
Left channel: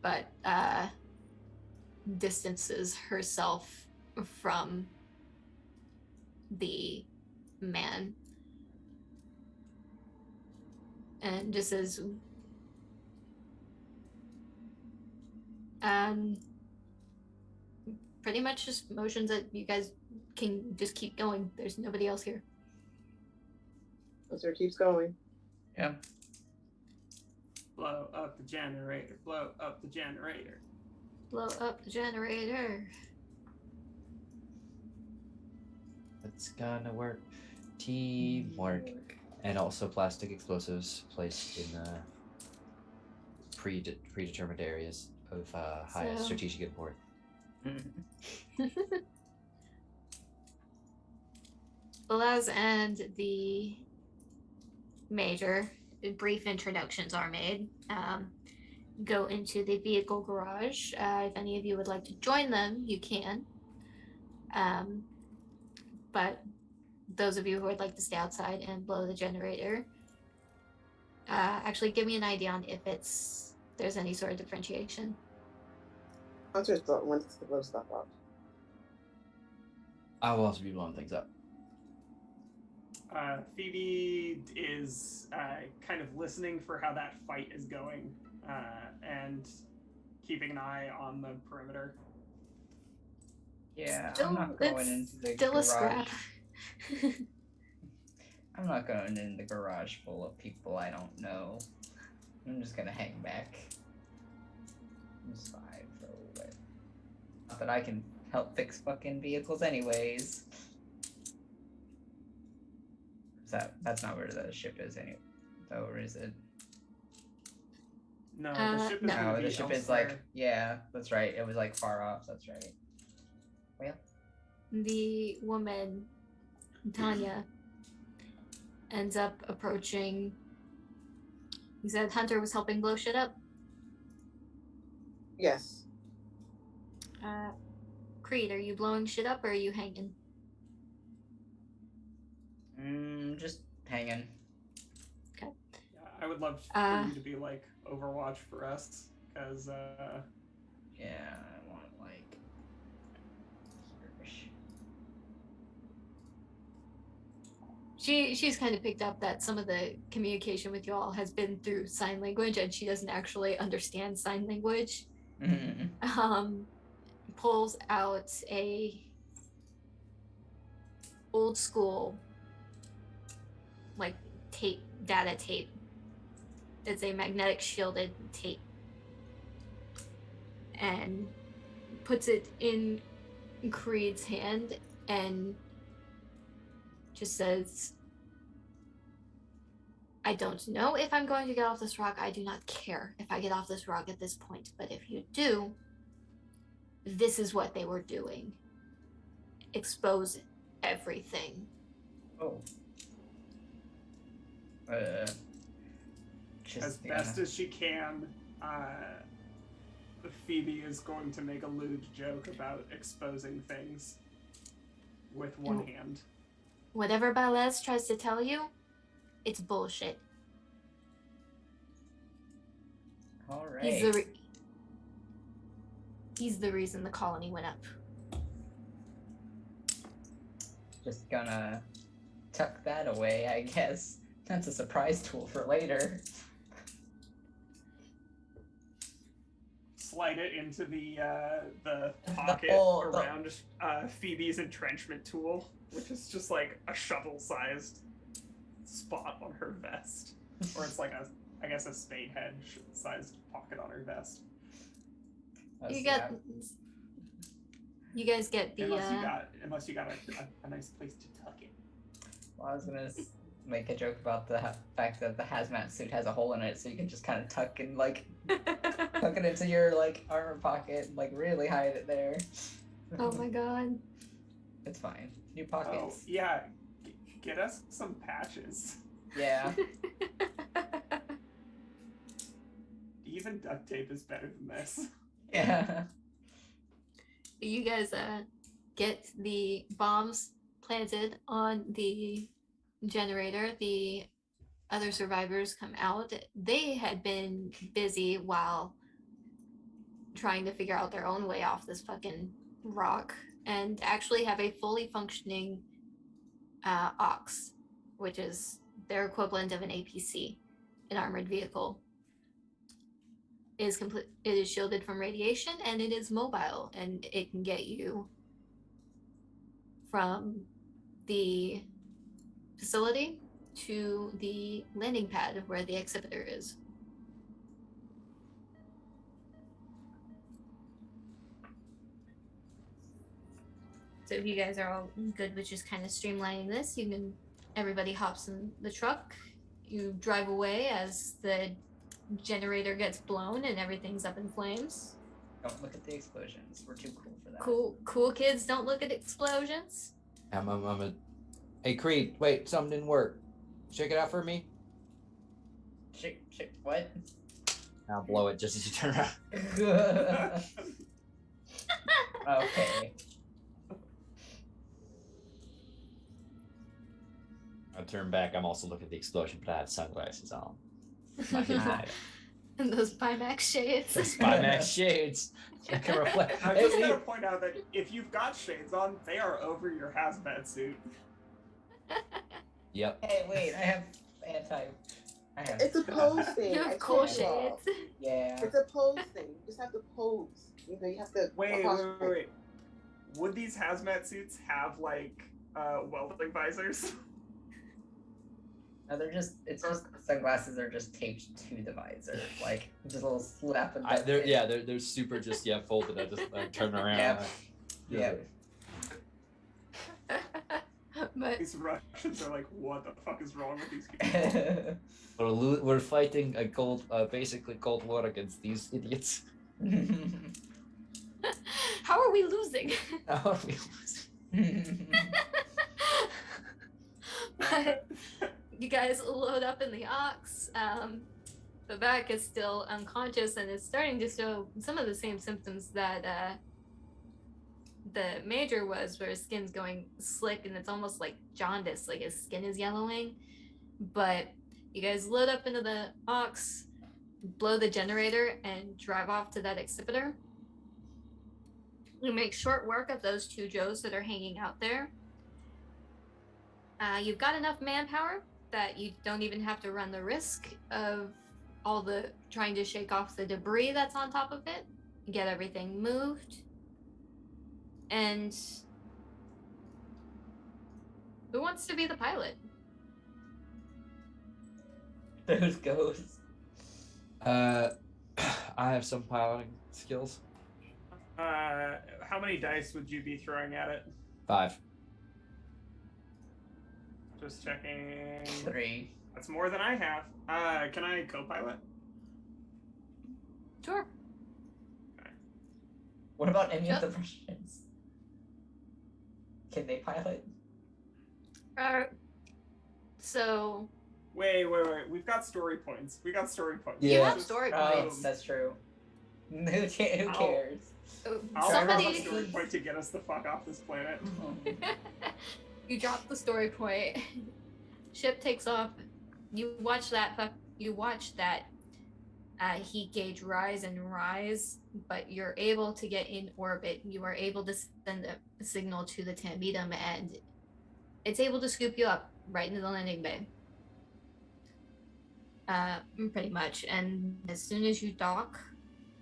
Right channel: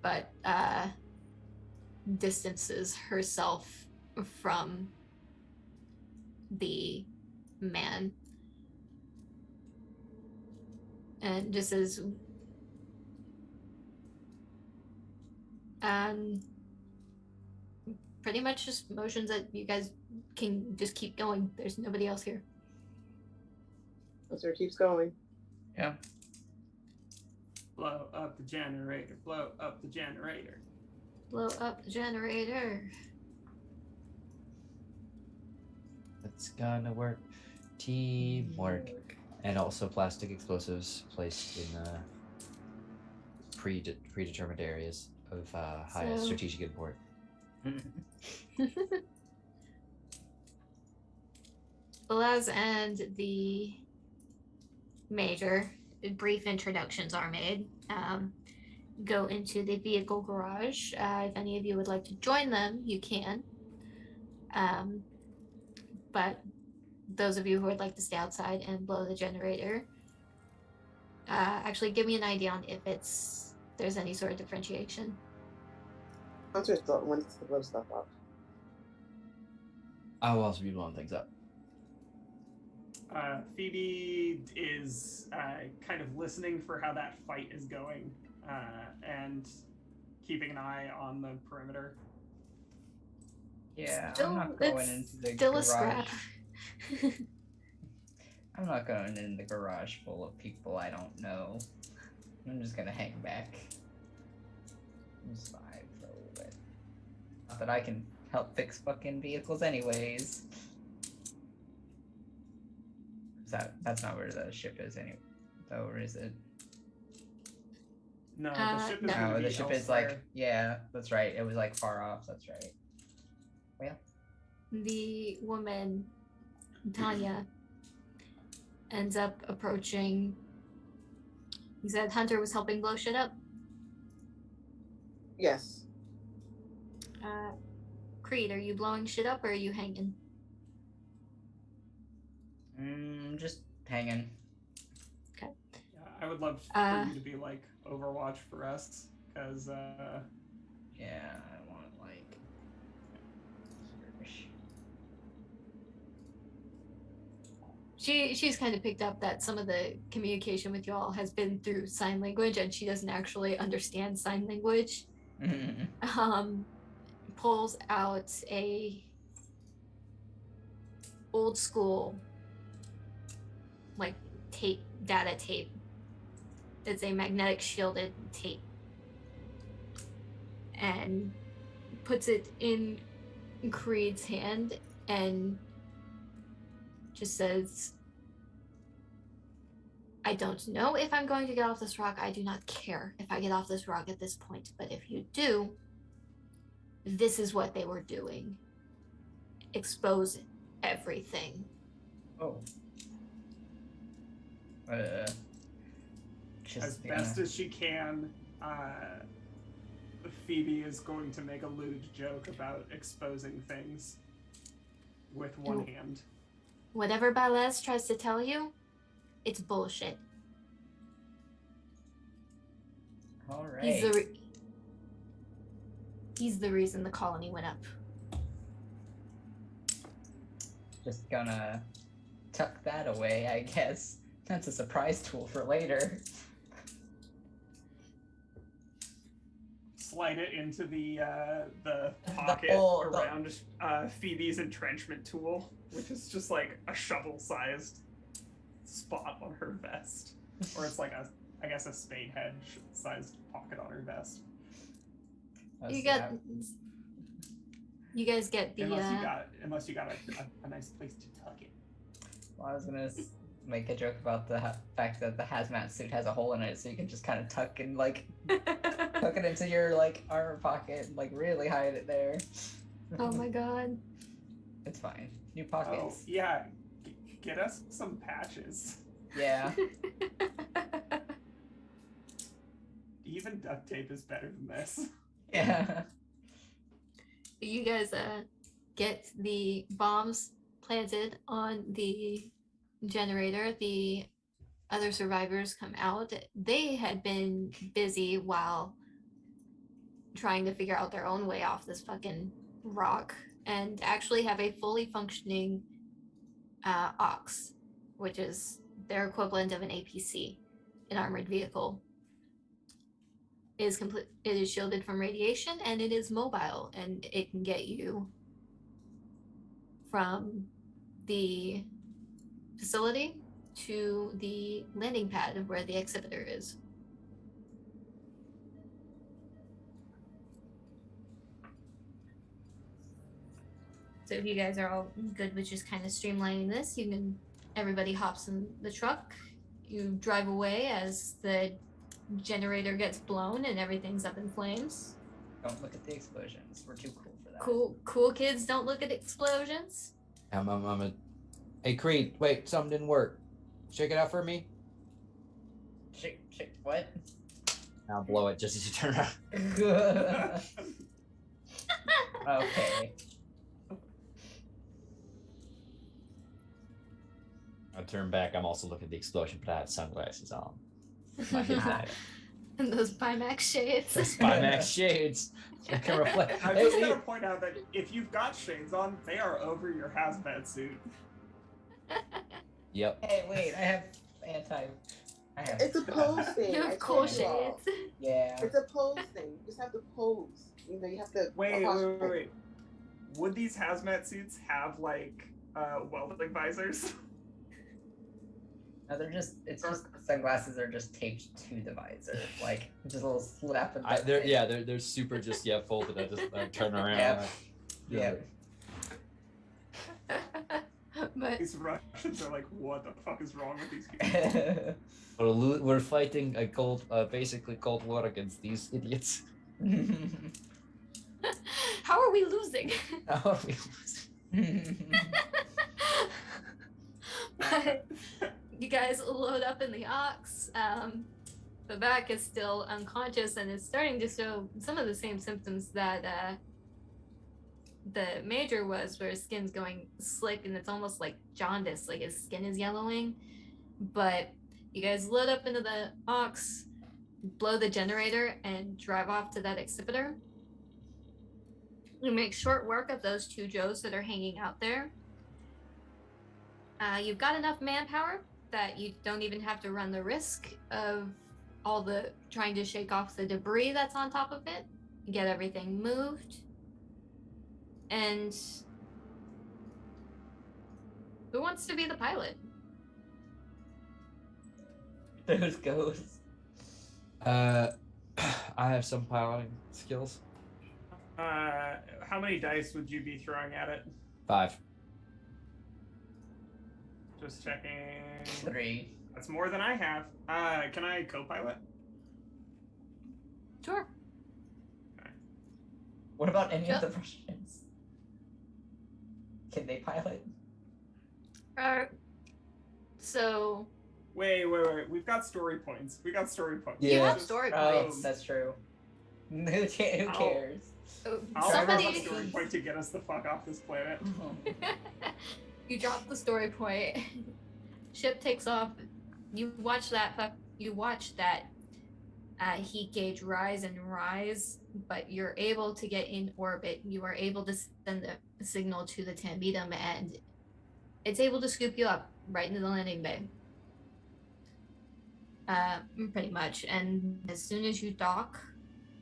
but distances herself from the man and just says, pretty much just motions that you guys can just keep going. There's nobody else here. So it keeps going. Yeah. Blow up the generator. Blow up the generator. Blow up the generator. It's gonna work. Teamwork. And also plastic explosives placed in predetermined areas of high strategic import. Belaz and the major, brief introductions are made. Go into the vehicle garage. If any of you would like to join them, you can. But those of you who would like to stay outside and blow the generator, actually give me an idea on if there's any sort of differentiation. Hunter wants to blow stuff up. I will also be blowing things up. Phoebe is kind of listening for how that fight is going and keeping an eye on the perimeter. Yeah, I'm not going into the still garage. A scrap. I'm not going in the garage full of people I don't know. I'm just gonna hang back. Just vibe for a little bit. Not that I can help fix fucking vehicles anyways. That's not where the ship is anyway. Though, or is it? No, the ship is no. gonna No, be the ship is elsewhere. like, yeah, that's right. It was like far off. That's right. Well, The woman, Tanya, ends up approaching. He said Hunter was helping blow shit up. Yes. Creed, are you blowing shit up or are you hanging? just hanging. Yeah, I would love for you to be like Overwatch for us, because Yeah, I want like. She's kind of picked up that some of the communication with y'all has been through sign language, and she doesn't actually understand sign language. Pulls out a old school like data tape. It's a magnetic shielded tape, and puts it in Creed's hand and just says, I don't know if I'm going to get off this rock. I do not care if I get off this rock at this point, but if you do, this is what they were doing. Expose everything. Oh. as best as she can, Phoebe is going to make a lewd joke about exposing things with one hand. Whatever Balez tries to tell you, it's bullshit. All right. He's the reason the colony went up. Just gonna tuck that away, I guess. That's a surprise tool for later. Slide it into the pocket around Phoebe's entrenchment tool, which is just like a shovel-sized spot on her vest, or it's like I guess a spade head-sized pocket on her vest. You guys get the unless you got a nice place to tuck it. Well, I was gonna make a joke about the fact that the hazmat suit has a hole in it, so you can just kind of tuck it into your like armor pocket and like really hide it there. Oh my god. It's fine. New pockets. Oh yeah, get us some patches. Yeah. Even duct tape is better than this. Yeah. You guys get the bombs planted on the generator. The other survivors come out. They had been busy while trying to figure out their own way off this fucking rock, and actually have a fully functioning ox, which is their equivalent of an APC, an armored vehicle. It is shielded from radiation, and it is mobile, and it can get you from the facility to the landing pad of where the exhibitor is. So if you guys are all good with just kind of streamlining this, everybody hops in the truck, you drive away as the generator gets blown and everything's up in flames. Don't look at the explosions. We're too cool for that. Cool kids don't look at explosions. Hey Creed, wait, something didn't work. Check it out for me. Shake, what? I'll blow it just as you turn around. Okay. I turn back. I'm also looking at the explosion, but I have sunglasses on. And those Pimax shades. Those Pimax shades. I can reflect. I'm just gonna point out that if you've got shades on, they are over your hazmat suit. Yep. Hey, wait, I have It's a pose thing. You I have cool told you all. shades. Yeah. It's a pose thing. You just have to pose. You know, you have to. Wait. Would these hazmat suits have like welding visors? No, it's just sunglasses are just taped to the visor, like just a little slap. They're super just folded. I just turn around. Yep. Yeah. But These Russians are like, what the fuck is wrong with these people? We're fighting a basically Cold War against these idiots. how are we losing? Oh, But you guys load up in the ox. Babak is still unconscious and is starting to show some of the same symptoms that the major was, where his skin's going slick and it's almost like jaundice, like his skin is yellowing. But you guys load up into the ox, blow the generator, and drive off to that exhibitor. You make short work of those two Joes that are hanging out there. You've got enough manpower that you don't even have to run the risk of all the trying to shake off the debris that's on top of it. You get everything moved. And who wants to be the pilot? Those goes. I have some piloting skills. How many dice would you be throwing at it? 5. Just checking. 3. That's more than I have. Can I co-pilot? Sure. What about any Sure. of the Russians? Can they pilot? So Wait. We've got story points. We got story points. you Yeah. have story Oh, points. that's true. Who cares? I'll Somebody drop a story point to get us the fuck off this planet. you drop the story point. Ship takes off. You watch that heat gauge rise and rise, but you're able to get in orbit. You are able to send a signal to the Tambetum, and it's able to scoop you up right into the landing bay. Pretty much. And as soon as you dock,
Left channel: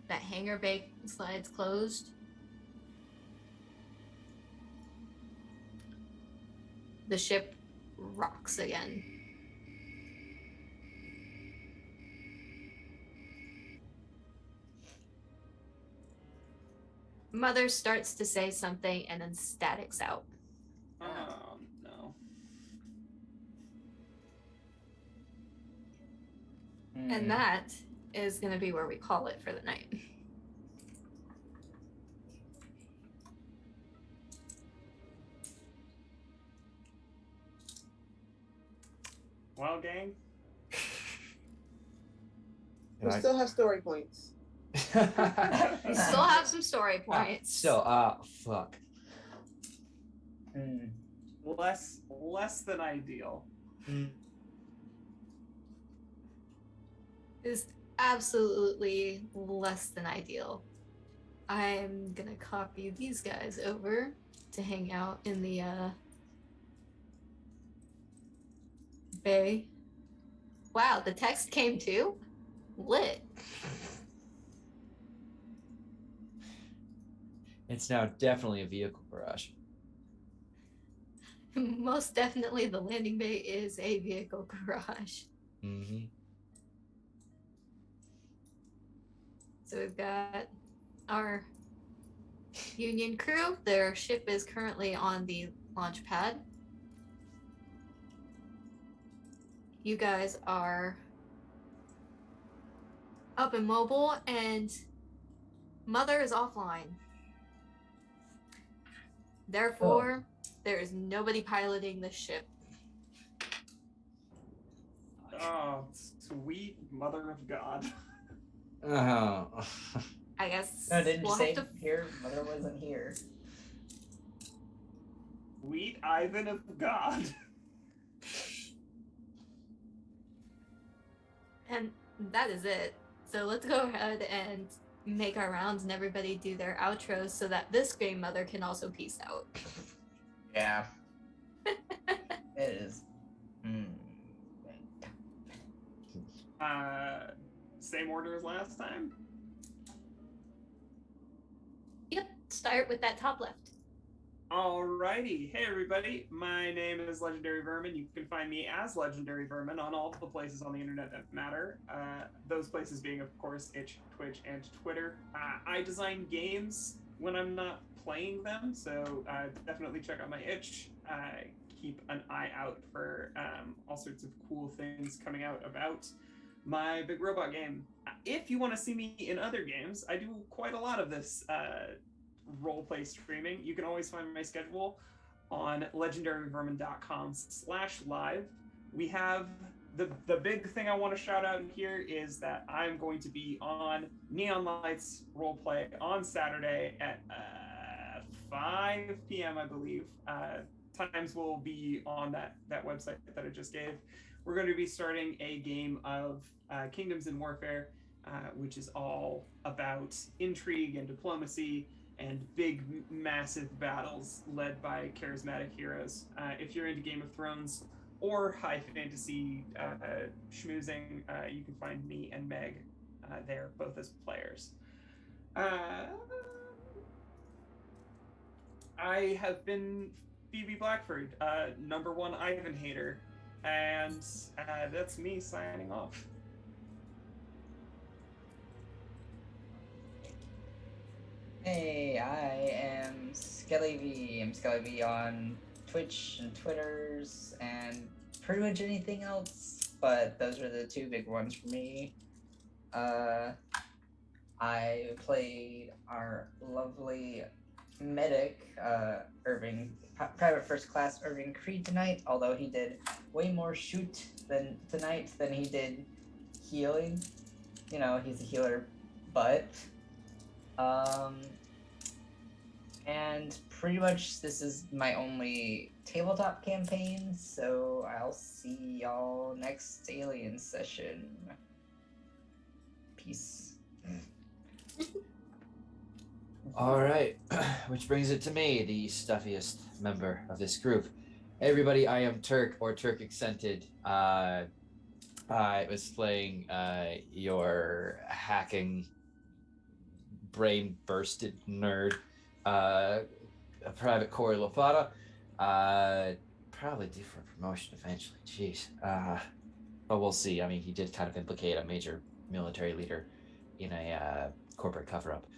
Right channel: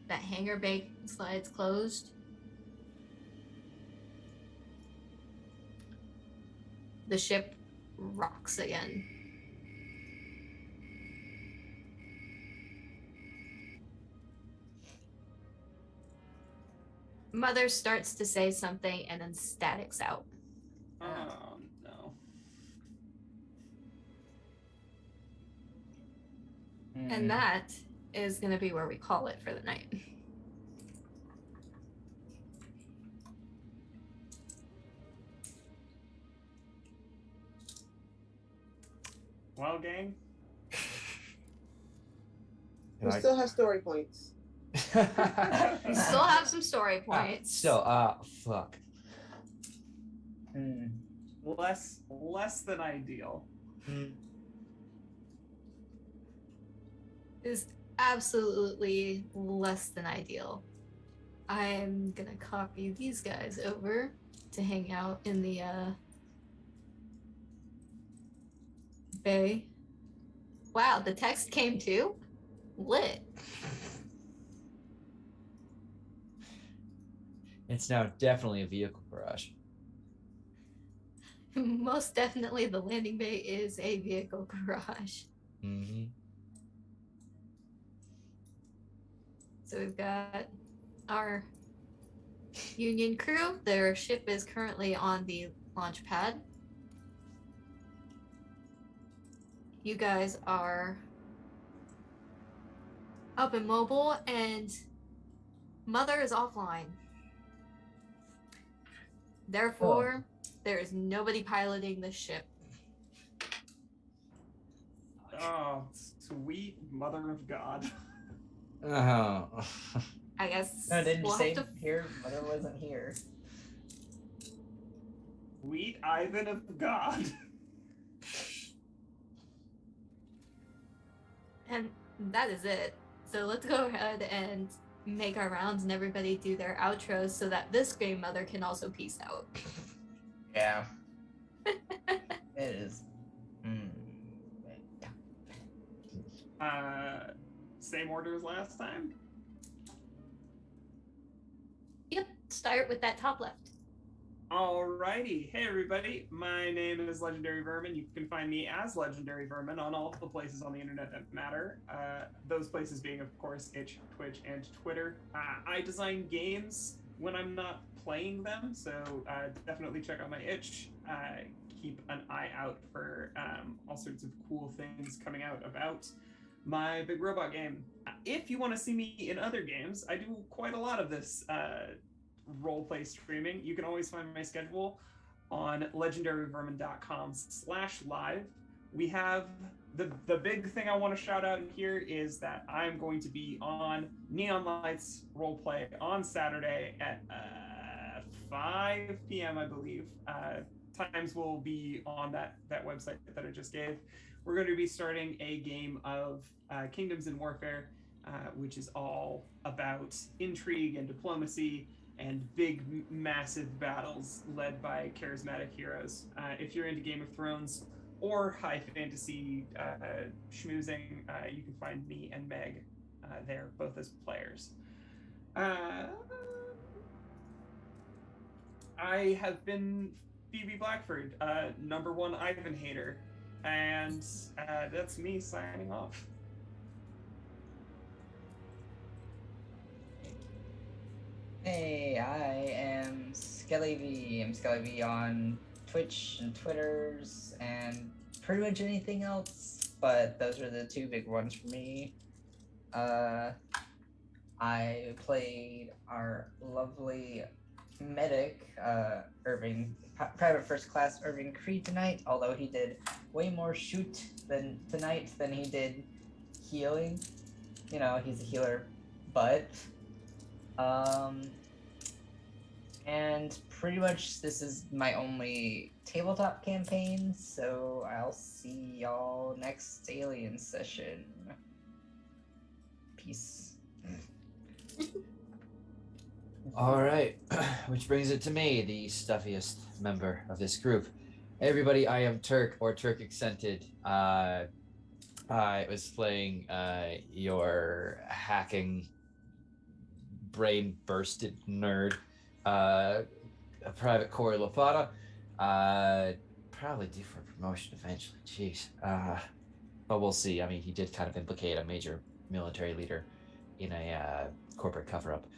that hangar bay slides closed. The ship rocks again. Mother starts to say something and then statics out. Oh no. And that is going to be where we call it for the night. Well, gang. We still have story points. We still have some story points. Fuck. Less than ideal. Is absolutely less than ideal. I'm gonna copy these guys over to hang out in the bay. Wow, the text came too? Lit. It's now definitely a vehicle garage. Most definitely the landing bay is a vehicle garage. Mm-hmm. So we've got our Union crew. Their ship is currently on the launch pad. You guys are up and mobile, and Mother is offline. Therefore, there is nobody piloting the ship. Oh, sweet mother of God. Oh. I guess No, didn't you we'll say have to. here? Mother wasn't here. Sweet Ivan of God. And that is it. So let's go ahead and make our rounds and everybody do their outros so that this Grey Mother can also peace out. Yeah. It is. Same order as last time? Yep, start with that top left. Alrighty. Hey everybody, my name is Legendary Vermin. You can find me as Legendary Vermin on all the places on the internet that matter. Those places being, of course, Itch, Twitch, and Twitter. I design games when I'm not playing them, so definitely check out my itch. Keep an eye out for all sorts of cool things coming out about my big robot game. If you want to see me in other games, I do quite a lot of this roleplay streaming. You can always find my schedule on legendaryvermin.com/live. We have the big thing I want to shout out here is that I'm going to be on Neon Lights Roleplay on Saturday at 5 p.m. I believe. Times will be on that website that I just gave. We're going to be starting a game of Kingdoms in Warfare, which is all about intrigue and diplomacy and big, massive battles led by charismatic heroes. If you're into Game of Thrones or high fantasy schmoozing, you can find me and Meg there, both as players. I have been Phoebe Blackford, #1 Ivan hater, and that's me signing off. Hey, I am Skelly V. I'm Skelly V on Twitch and Twitters and pretty much anything else, but those are the two big ones for me. I played our lovely medic, Irving, Private First Class Irving Creed tonight, although he did way more shoot tonight than he did healing. You know, he's a healer, but and pretty much this is my only tabletop campaign, so I'll see y'all next alien session. Peace. All right, which brings it to me, the stuffiest member of this group. Hey everybody, I am Turk, or Turk Accented. I was playing your hacking, brain-bursted nerd, a Private Corey Lafata. Probably due for promotion eventually, jeez. But we'll see. I mean, he did kind of implicate a major military leader in a corporate cover-up /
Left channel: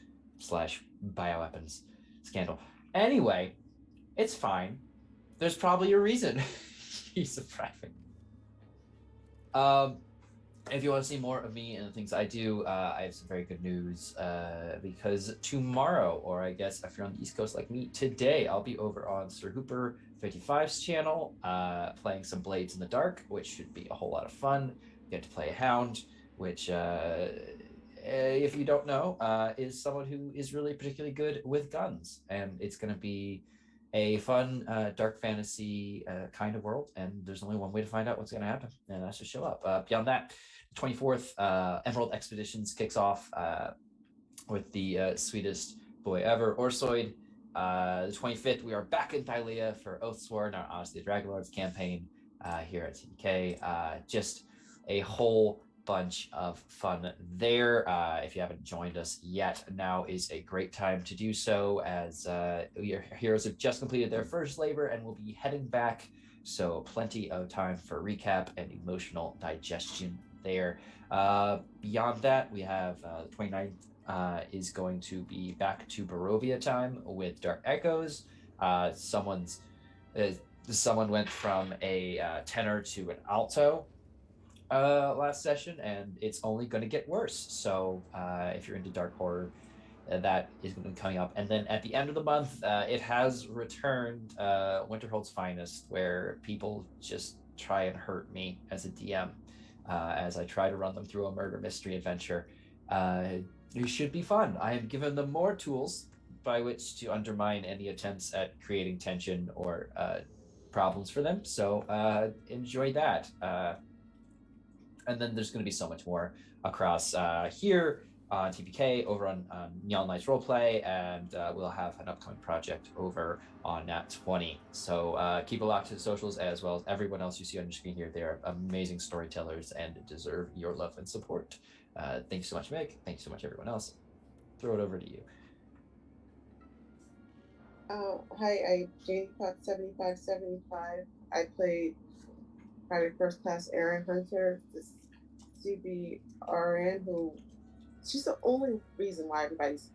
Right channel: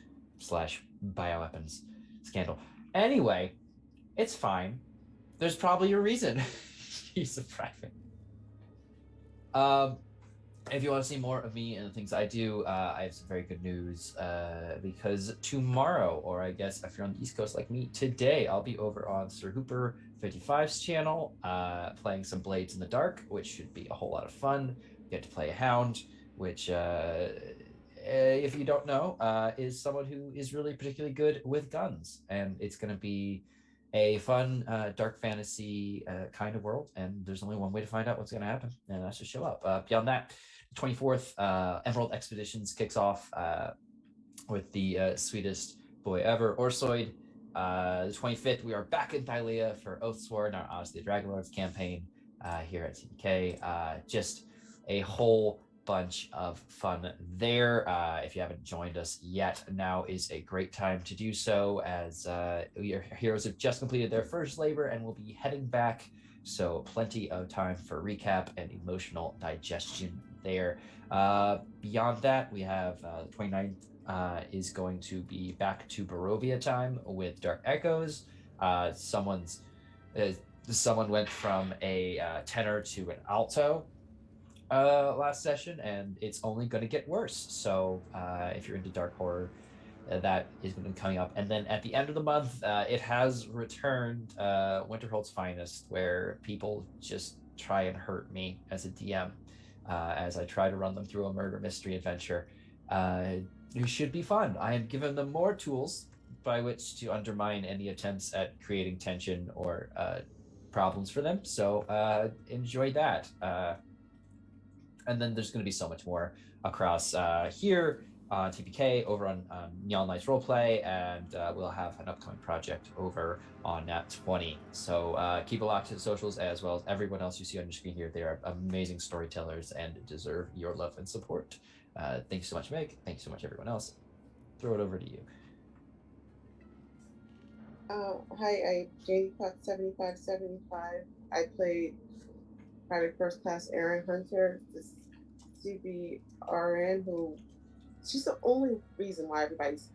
bioweapons scandal. Anyway, it's fine. There's probably a reason he's a private. If you want to see more of me and the things I do, I have some very good news because tomorrow, or I guess if you're on the East Coast like me, today I'll be over on Sir Hooper 55's channel playing some Blades in the Dark, which should be a whole lot of fun. You get to play a hound, which if you don't know, is someone who is really particularly good with guns, and it's going to be a fun dark fantasy kind of world, and there's only one way to find out what's going to happen, and that's to show up. Beyond that, 24th Emerald Expeditions kicks off with the sweetest boy ever, Orsoid. The 25th, we are back in Thylea for Oathsworn, our Odyssey of the Dragonlords campaign here at CDK. Just a whole bunch of fun there. If you haven't joined us yet, now is a great time to do so, as your heroes have just completed their first labor and will be heading back, so plenty of time for recap and emotional digestion there. Beyond that, we have the 29th is going to be back to Barovia time with Dark Echoes. Someone went from a tenor to an alto last session, and it's only going to get worse. So if you're into dark horror, that is going to be coming up. And then at the end of the month, it has returned, Winterhold's Finest, where people just try and hurt me as a DM as I try to run them through a murder mystery adventure. It should be fun. I have given them more tools by which to undermine any attempts at creating tension or problems for them. So enjoy that. And then there's going to be so much more across here on TPK, over on Neon Lights Roleplay, and we'll have an upcoming project over on Nat 20. So keep a lock to the socials, as well as everyone else you see on your screen here. They are amazing storytellers and deserve your love and support. Thank you so much, Meg. Thank you so much, everyone else. Throw it over to you. Hi, JDPOT7575. I played Private First Class Erin Hunter, this CBRN, who she's the only reason why everybody's,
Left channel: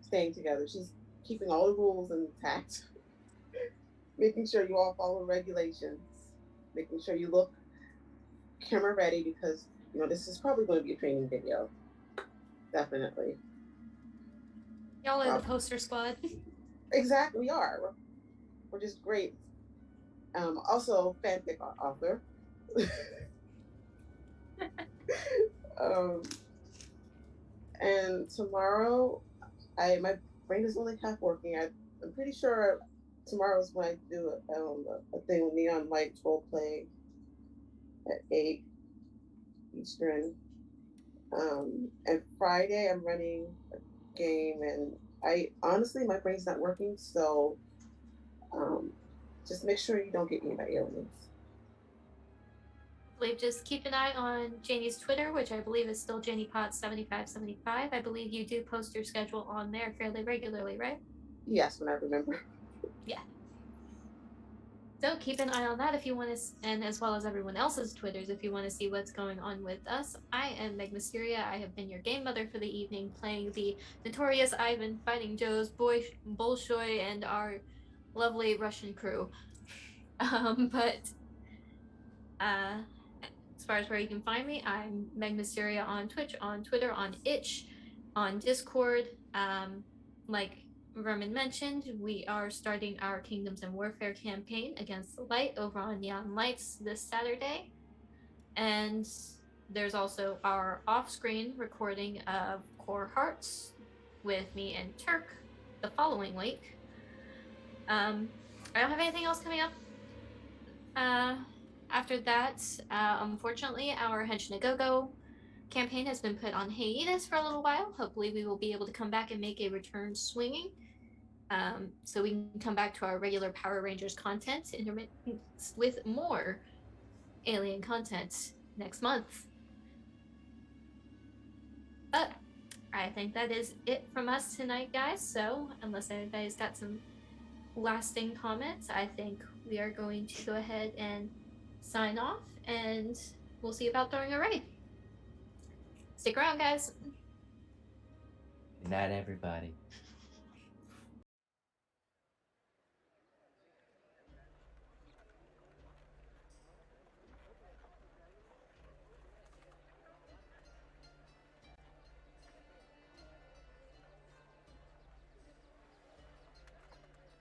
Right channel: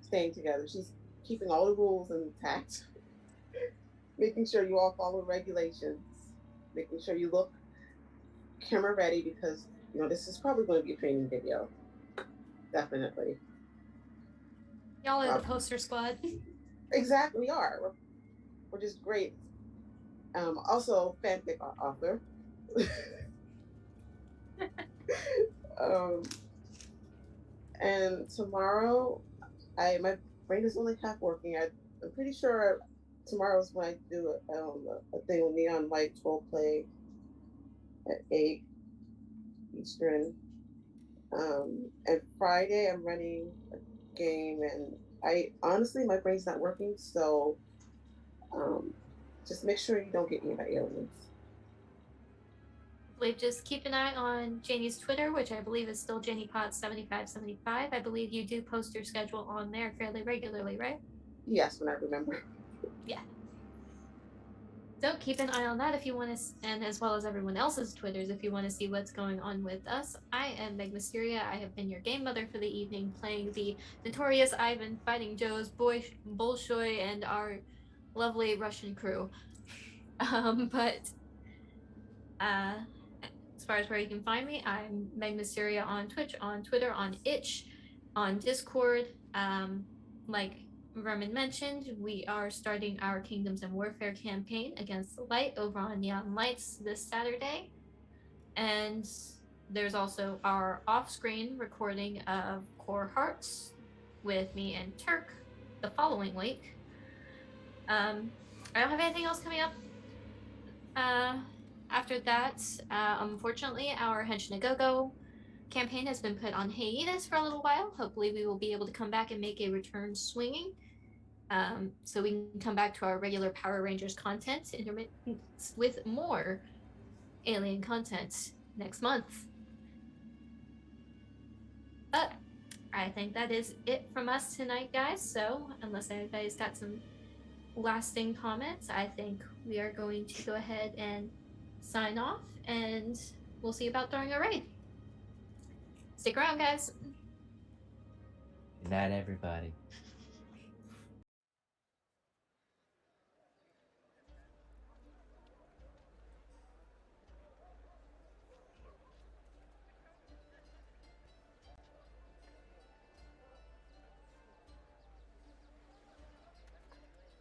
staying together. She's keeping all the rules intact, making sure you all follow regulations, making sure you look camera ready because this is probably going to be a training video. Definitely. Y'all are the poster squad. Exactly, we are. We're just great. Also, fanfic author. And tomorrow, my brain is only half working. I'm pretty sure tomorrow's when I do a thing with Neon Lights Roleplay at 8 Eastern. And Friday, I'm running a game, and honestly, my brain's not working, so just make sure you don't get me by aliens. Just keep an eye on Janie's Twitter, which I believe is still JaniePot7575. I believe you do post your schedule on there fairly regularly, right? Yes, when I remember. Yeah. So keep an eye on that if you want to, and as well as everyone else's Twitters if you want to see what's going on with us. I am Meg Mysteria. I have been your game mother for the evening, playing the notorious Ivan, fighting Joe's Bolshoi, and our lovely Russian crew. As far as where you can find me, I'm Meg Mysteria on Twitch, on Twitter, on Itch, on Discord. Like Vermin mentioned, we are starting our Kingdoms and Warfare campaign against the light over on Neon Lights this Saturday. And there's also our off-screen recording of Core Hearts with me and Turk the following week. I don't have anything else coming up. After that, unfortunately, our Henshin Go campaign has been put on hiatus for a little while. Hopefully, we will be able to come back and make a return swinging. So we can come back to our regular Power Rangers content with more alien content next month. But I think that is it from us tonight, guys. So unless anybody's got some lasting comments, I think we are going to go ahead and sign off, and we'll see about throwing a raid. Stick around, guys. Good night, everybody.